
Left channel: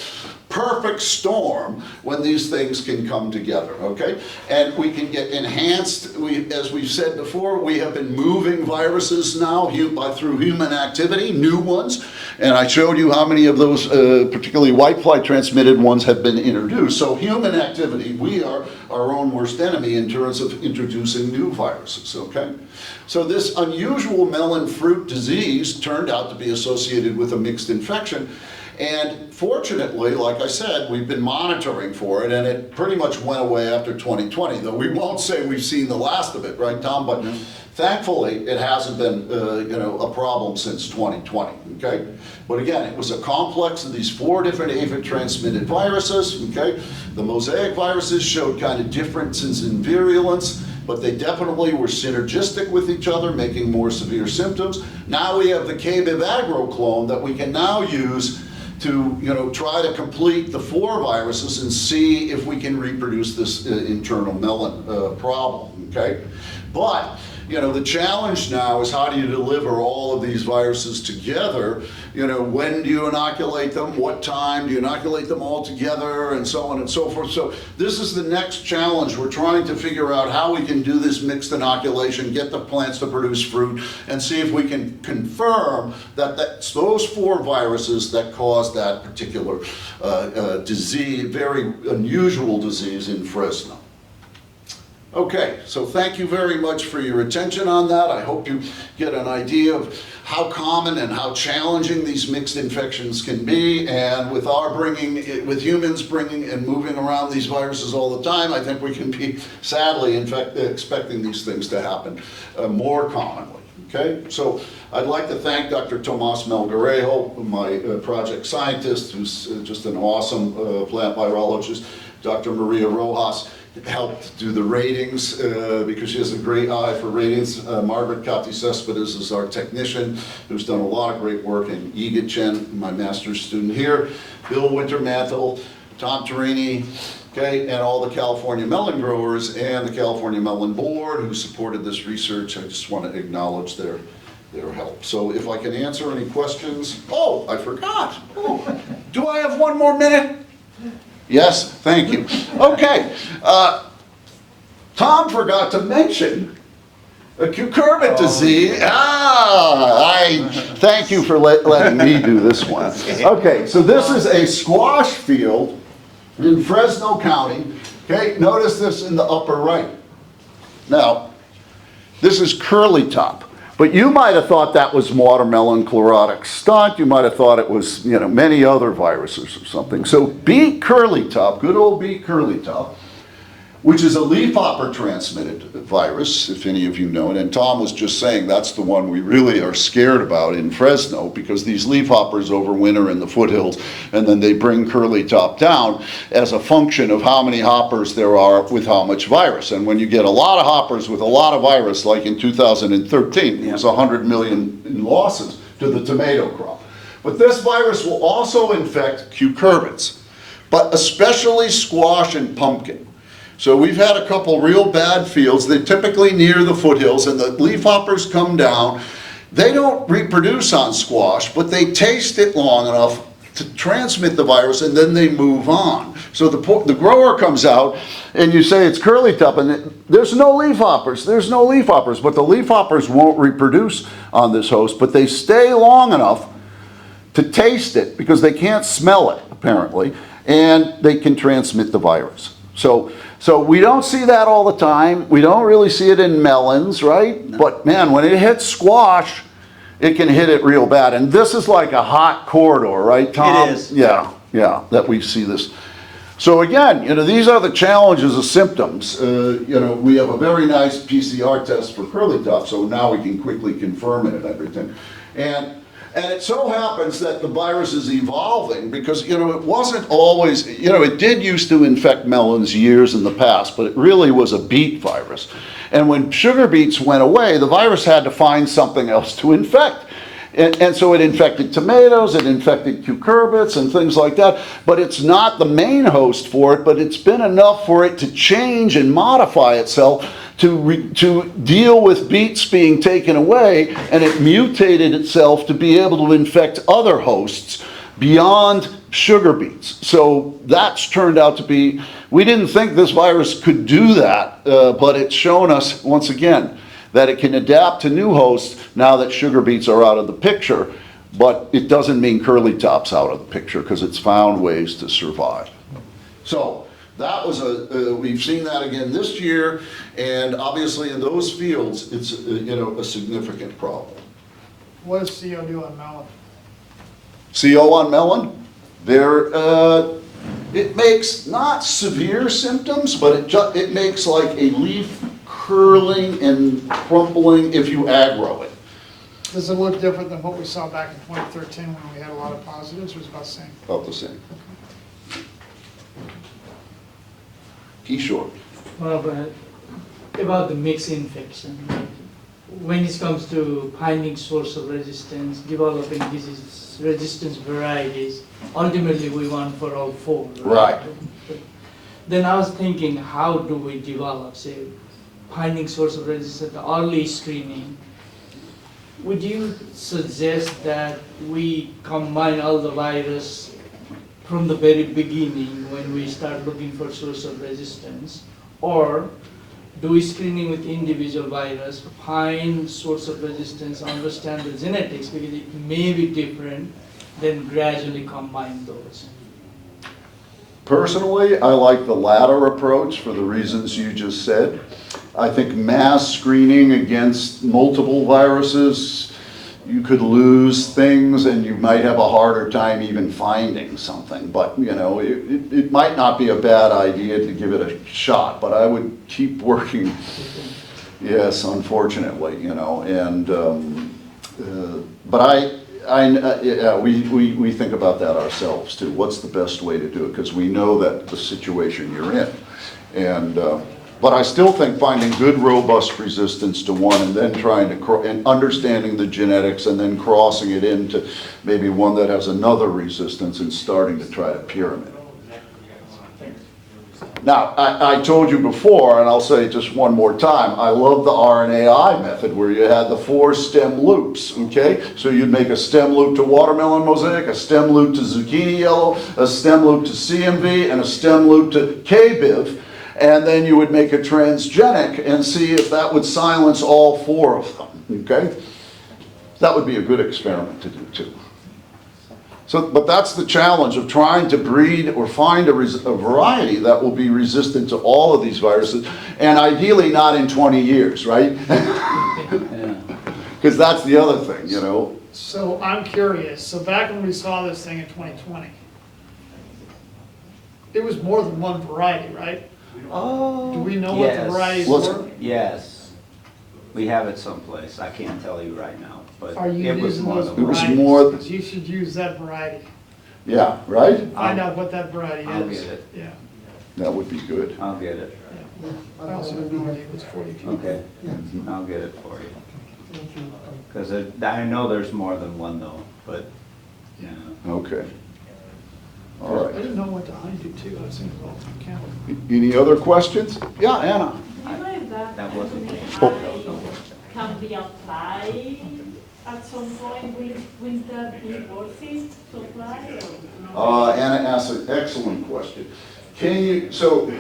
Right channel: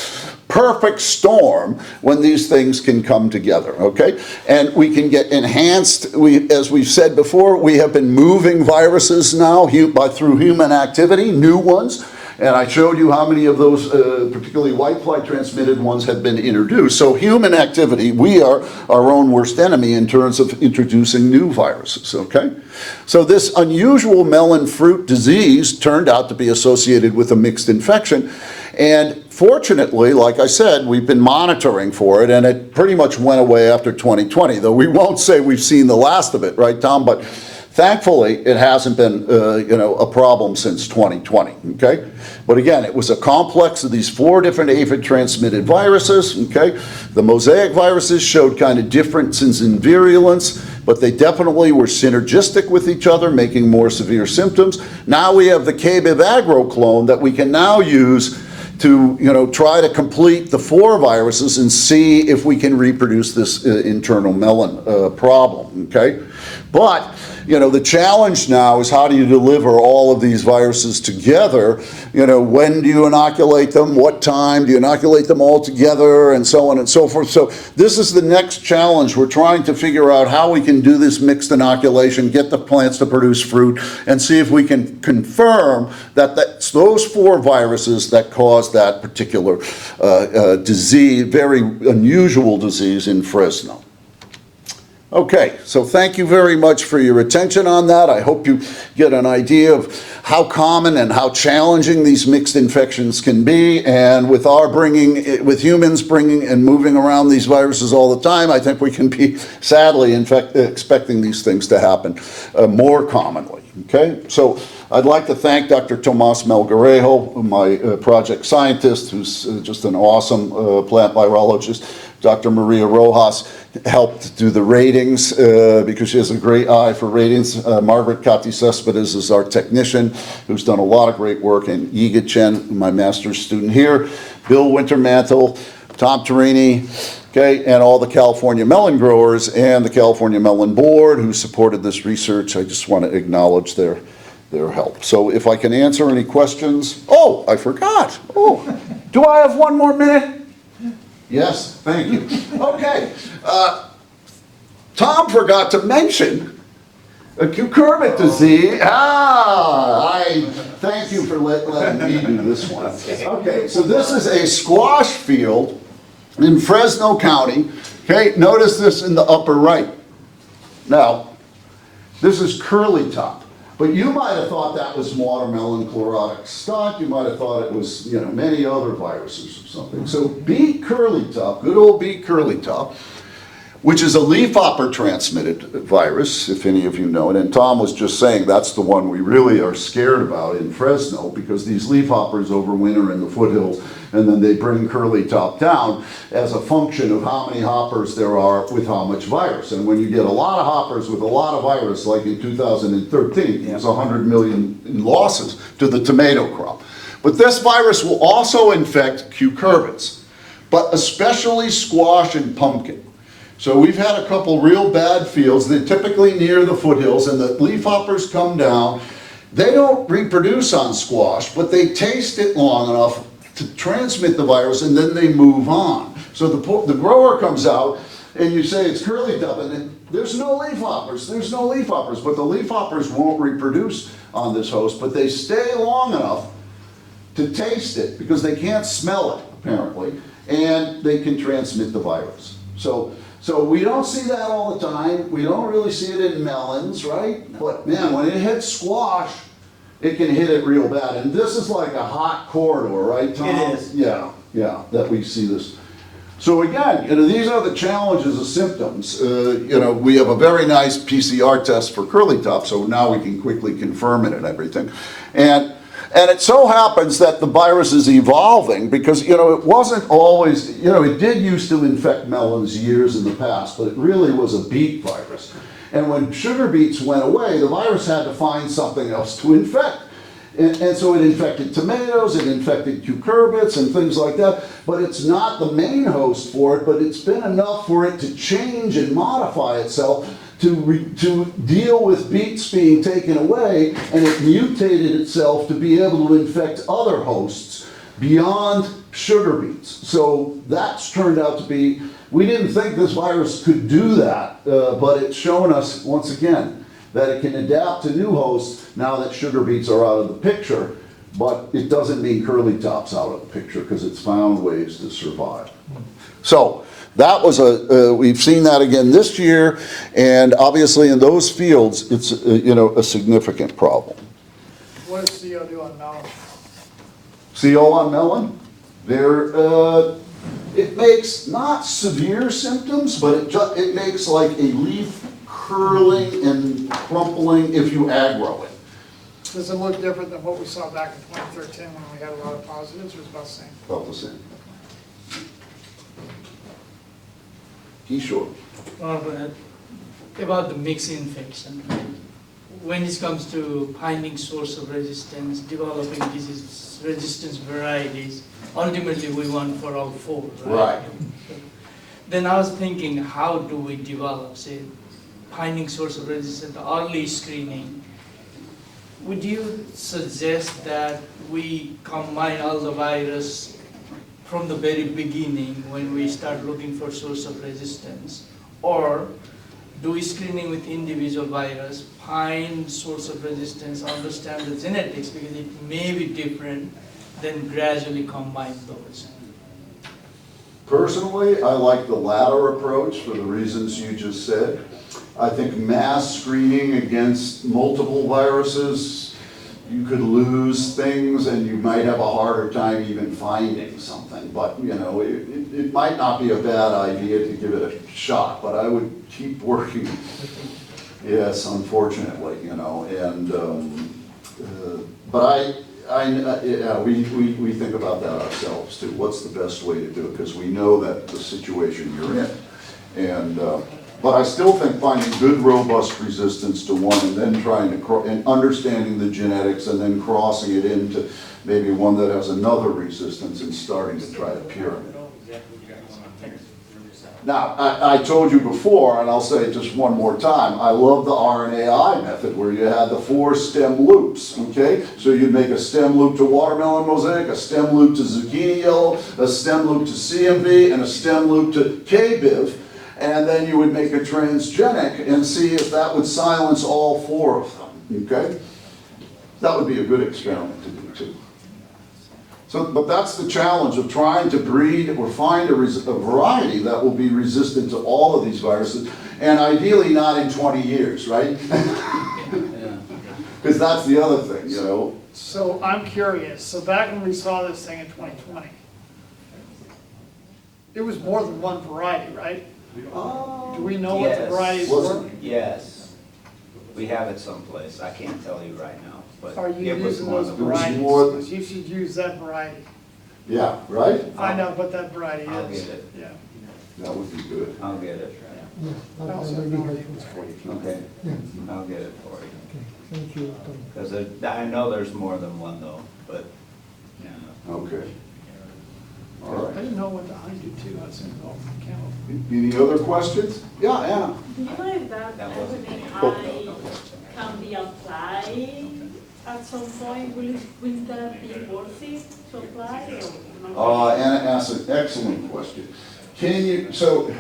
perfect storm when these things can come together, okay? And we can get enhanced, as we've said before, we have been moving viruses now through human activity, new ones. And I showed you how many of those, particularly whitefly transmitted ones, have been introduced. So human activity, we are our own worst enemy in terms of introducing new viruses, okay? So this unusual melon fruit disease turned out to be associated with a mixed infection. And fortunately, like I said, we've been monitoring for it, and it pretty much went away after 2020, though we won't say we've seen the last of it, right, Tom? But thankfully, it hasn't been, a problem since 2020, okay? But again, it was a complex of these 4 different aphid-transmitted viruses, okay? The mosaic viruses showed kind of differences in virulence, but they definitely were synergistic with each other, making more severe symptoms. Now we have the KBIV agro clone that we can now use to try to complete the 4 viruses and see if we can reproduce this internal melon problem, okay? But you know, the challenge now is how do you deliver all of these viruses together? You know, when do you inoculate them? What time? Do you inoculate them all together? And so on and so forth. So this is the next challenge. We're trying to figure out how we can do this mixed inoculation, get the plants to produce fruit, and see if we can confirm that that's those 4 viruses that cause that particular disease, very unusual disease in Fresno. Okay, so thank you very much for your attention on that. I hope you get an idea of how common and how challenging these mixed infections can be. And with with humans bringing and moving around these viruses all the time, I think we can be sadly expecting these things to happen more commonly. Okay, so I'd like to thank Dr. Tomas Melgarejo, my project scientist, who's just an awesome plant virologist. Dr. Maria Rojas helped do the ratings because she has a great eye for ratings. Margaret Kati Cespedes is our technician who's done a lot of great work, and Yiga Chen, my master's student here, Bill Wintermantle, Tom Torini, okay, and all the California melon growers and the California Melon Board who supported this research. I just want to acknowledge their help. So if I can answer any questions. Oh, I forgot. Oh, do I have 1 more minute? Yes, thank you. Okay, Tom forgot to mention a cucurbit disease. Thank you for letting me do this one. Okay, so this is a squash field in Fresno County. Okay, notice this in the upper right. Now, this is curly top. But you might have thought that was watermelon chlorotic stunt. You might have thought it was, you know, many other viruses or something. So beet curlytop, good old beet curlytop, which is a leafhopper transmitted virus, if any of you know it. And Tom was just saying that's the one we really are scared about in Fresno, because these leafhoppers overwinter in the foothills, and then they bring curlytop down as a function of how many hoppers there are with how much virus. And when you get a lot of hoppers with a lot of virus, like in 2013, it was 100 million in losses to the tomato crop. But this virus will also infect cucurbits, but especially squash and pumpkin. So we've had a couple real bad fields, they're typically near the foothills, and the leafhoppers come down. They don't reproduce on squash, but they taste it long enough to transmit the virus, and then they move on. So the grower comes out, and you say it's curlytop, and there's no leafhoppers, but the leafhoppers won't reproduce on this host, but they stay long enough to taste it, because they can't smell it, apparently, and they can transmit the virus. So we don't see that all the time. We don't really see it in melons, right? No. But man, when it hits squash, it can hit it real bad. And this is like a hot corridor, right, Tom? It is. Yeah, that we see this. So again, you know, these are the challenges of symptoms. You know, we have a very nice PCR test for curlytop, so now we can quickly confirm it and everything. And it so happens that the virus is evolving because, you know, it wasn't always, you know, it did used to infect melons years in the past, but it really was a beet virus. And when sugar beets went away, the virus had to find something else to infect. And so it infected tomatoes, it infected cucurbits and things like that. But it's not the main host for it, but it's been enough for it to change and modify itself to deal with beets being taken away, and it mutated itself to be able to infect other hosts beyond sugar beets. So that's turned out to be, we didn't think this virus could do that, but it's shown us once again that it can adapt to new hosts now that sugar beets are out of the picture, but it doesn't mean curlytop's out of the picture because it's found ways to survive. So that was we've seen that again this year, and obviously in those fields, it's you know, a significant problem. What does CO do on melon? CO on melon? It makes not severe symptoms, but it makes like a leaf curling and crumpling if you aggro it. Does it look different than what we saw back in 2013 when we had a lot of positives, or is it about the same? About the same. Kishore. About the mixed infection, when it comes to finding source of resistance, developing disease resistance varieties, ultimately we want for all 4. Right. Then I was thinking, how do we develop, say, finding source of resistance, the early screening, would you suggest that we combine all the virus from the very beginning when we start looking for source of resistance? Or do we screening with individual virus, find source of resistance, understand the genetics, because it may be different, then gradually combine those? Personally, I like the latter approach for the reasons you just said. I think mass screening against multiple viruses, you could lose things and you might have a harder time even finding something. But, you know, it might not be a bad idea to give it a shot, but I would keep working. Yes, unfortunately, you know, and, but yeah, we think about that ourselves too. What's the best way to do it? Because we know that the situation you're in. And, but I still think finding good, robust resistance to one and then trying to, and understanding the genetics and then crossing it into maybe one that has another resistance and starting to try a pyramid. Now, I told you before, and I'll say it just one more time, I love the RNAi method where you had the 4 stem loops, okay? So you'd make a stem loop to watermelon mosaic, a stem loop to zucchini yellow, a stem loop to CMV, and a stem loop to KBIV, and then you would make a transgenic and see if that would silence all 4 of them, okay? That would be a good experiment to do too. So, but that's the challenge of trying to breed or find a variety that will be resistant to all of these viruses, and ideally not in 20 years, right? Because that's the other thing, you know. So I'm curious, so back when we saw this thing in 2020, it was more than one variety, right? Oh, do we know what the varieties were? Yes. We have it someplace. I can't tell you right now. But Are you it was using more those than one. varieties? more- Because you should use that variety. Yeah, right? Find out what that variety is. I'll get it. Yeah. That would be good. I'll get it. I also have no idea it was 42. Okay. I'll get it for you. Thank you. Because I know there's more than one though, but, yeah. Okay. All I right. didn't know what to hind do too. I was thinking, well, camel. Any other questions? Yeah, Anna. Do you know if that That wasn't- RNAi can be applied at some point? Will that be worth it to apply? Or Anna asked an excellent question. Can you, so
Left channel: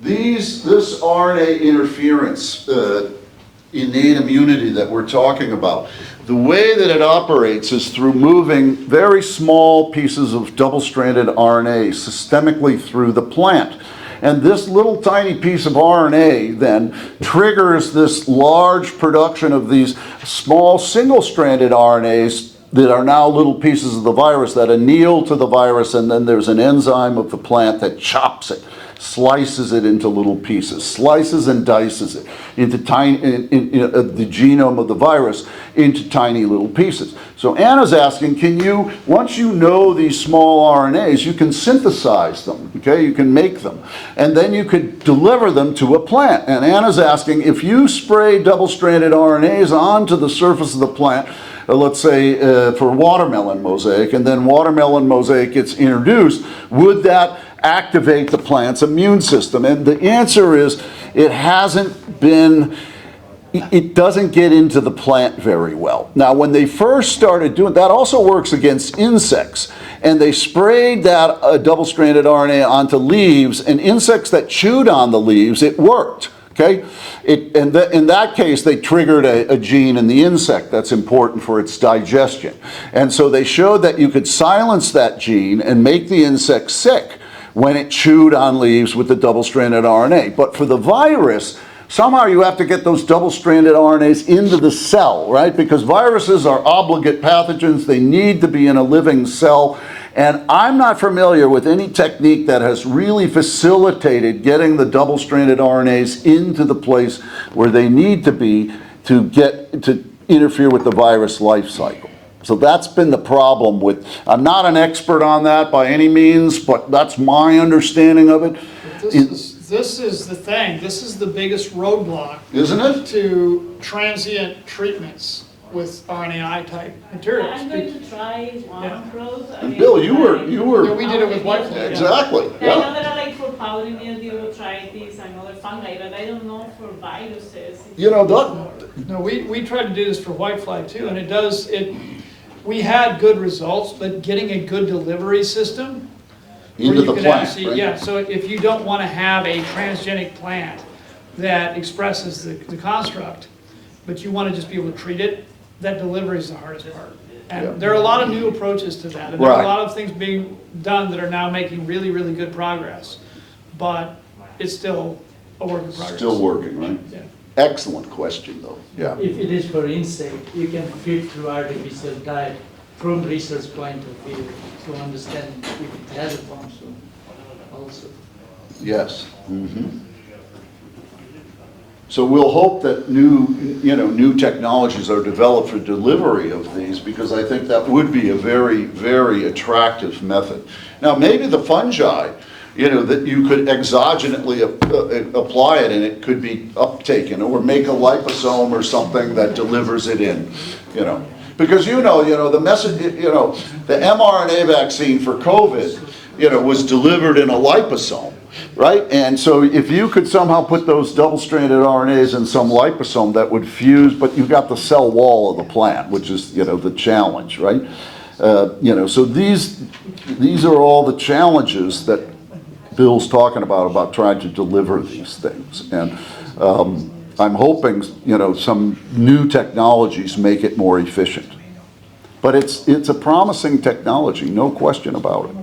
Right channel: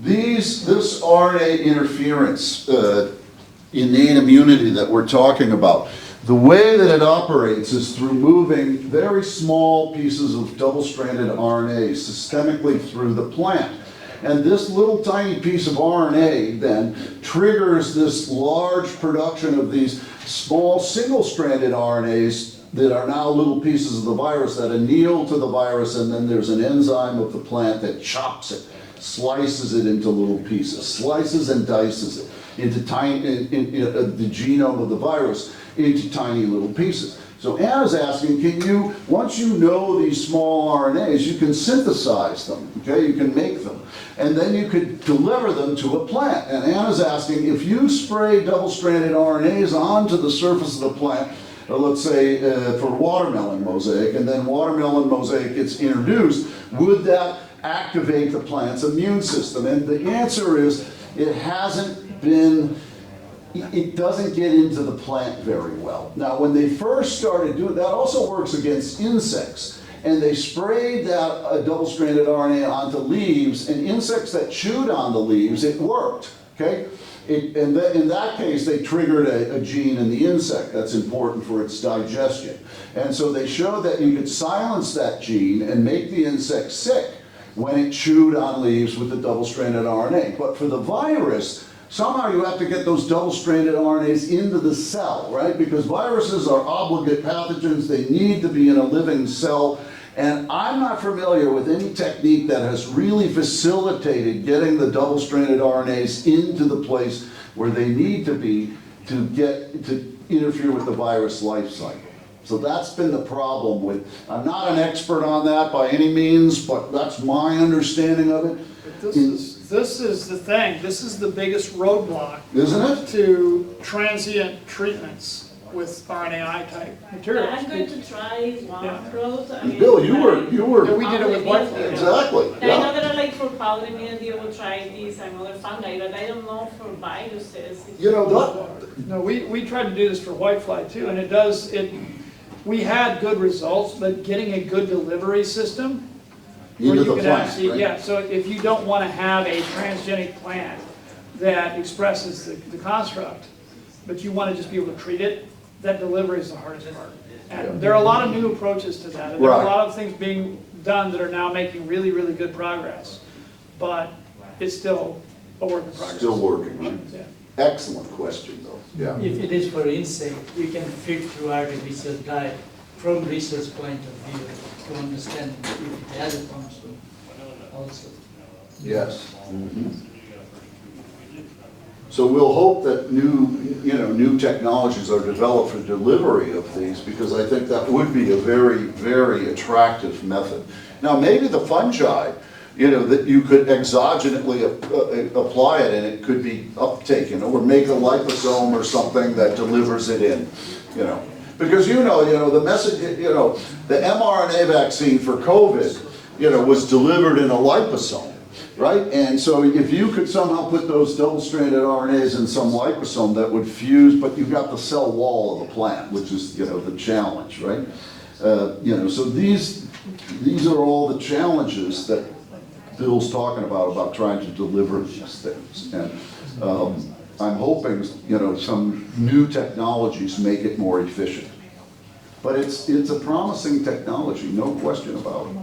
this RNA interference, innate immunity that we're talking about, the way that it operates is through moving very small pieces of double-stranded RNA systemically through the plant. And this little tiny piece of RNA then triggers this large production of these small single-stranded RNAs that are now little pieces of the virus that anneal to the virus, and then there's an enzyme of the plant that chops it, slices it into little pieces, slices and dices it into tiny, the genome of the virus into tiny little pieces. So Anna's asking, can you, once you know these small RNAs, you can synthesize them, okay? You can make them. And then you could deliver them to a plant. And Anna's asking, if you spray double-stranded RNAs onto the surface of the plant, let's say for watermelon mosaic, and then watermelon mosaic gets introduced, would that activate the plant's immune system? And the answer is, it hasn't been, it doesn't get into the plant very well. Now, when they first started doing, that also works against insects. And they sprayed that double-stranded RNA onto leaves, and insects that chewed on the leaves, it worked. Okay? In that case, they triggered a gene in the insect that's important for its digestion. And so they showed that you could silence that gene and make the insect sick when it chewed on leaves with the double-stranded RNA. But for the virus, somehow you have to get those double-stranded RNAs into the cell, right? Because viruses are obligate pathogens. They need to be in a living cell. And I'm not familiar with any technique that has really facilitated getting the double-stranded RNAs into the place where they need to be to interfere with the virus life cycle. So that's been the problem with, I'm not an expert on that by any means, but that's my understanding of it. But this is the thing, this is the biggest roadblock. Isn't it? To transient treatments with RNAi type Yeah, materials. I'm going to try one Yeah. product. I And mean, Bill, you Yeah, were, we did it with whitefly. exactly, I know yeah. there are like for powdery mildew, botrytis, and other fungi, but I don't know for viruses. You know, that, No, we tried to do this for whitefly too, and we had good results, but getting a good delivery system. where into you the could plant, actually- right? Yeah, so if you don't want to have a transgenic plant that expresses the construct, but you want to just be able to treat it, that delivery is the hardest part. Yeah. And there are a lot of new approaches to that, and there are Right. a lot of things being done that are now making really, really good progress. But it's still a work in progress. Still working, right? Yeah. Excellent question, though, yeah. If it is for insect, you can feed through artificial diet from research point of view to understand if it has a function also. Yes. Mhm. So we'll hope that new technologies are developed for delivery of these, because I think that would be a very, very attractive method. Now, maybe the fungi, that you could exogenately apply it and it could be uptaken, or make a liposome or something that delivers it in, Because the message, the mRNA vaccine for COVID, was delivered in a liposome, right? And so if you could somehow put those double-stranded RNAs in some liposome that would fuse, but you've got the cell wall of the plant, which is, the challenge, right? So these are all the challenges that Bill's talking about trying to deliver these things. And I'm hoping, some new technologies make it more efficient. But it's a promising technology, no question about it.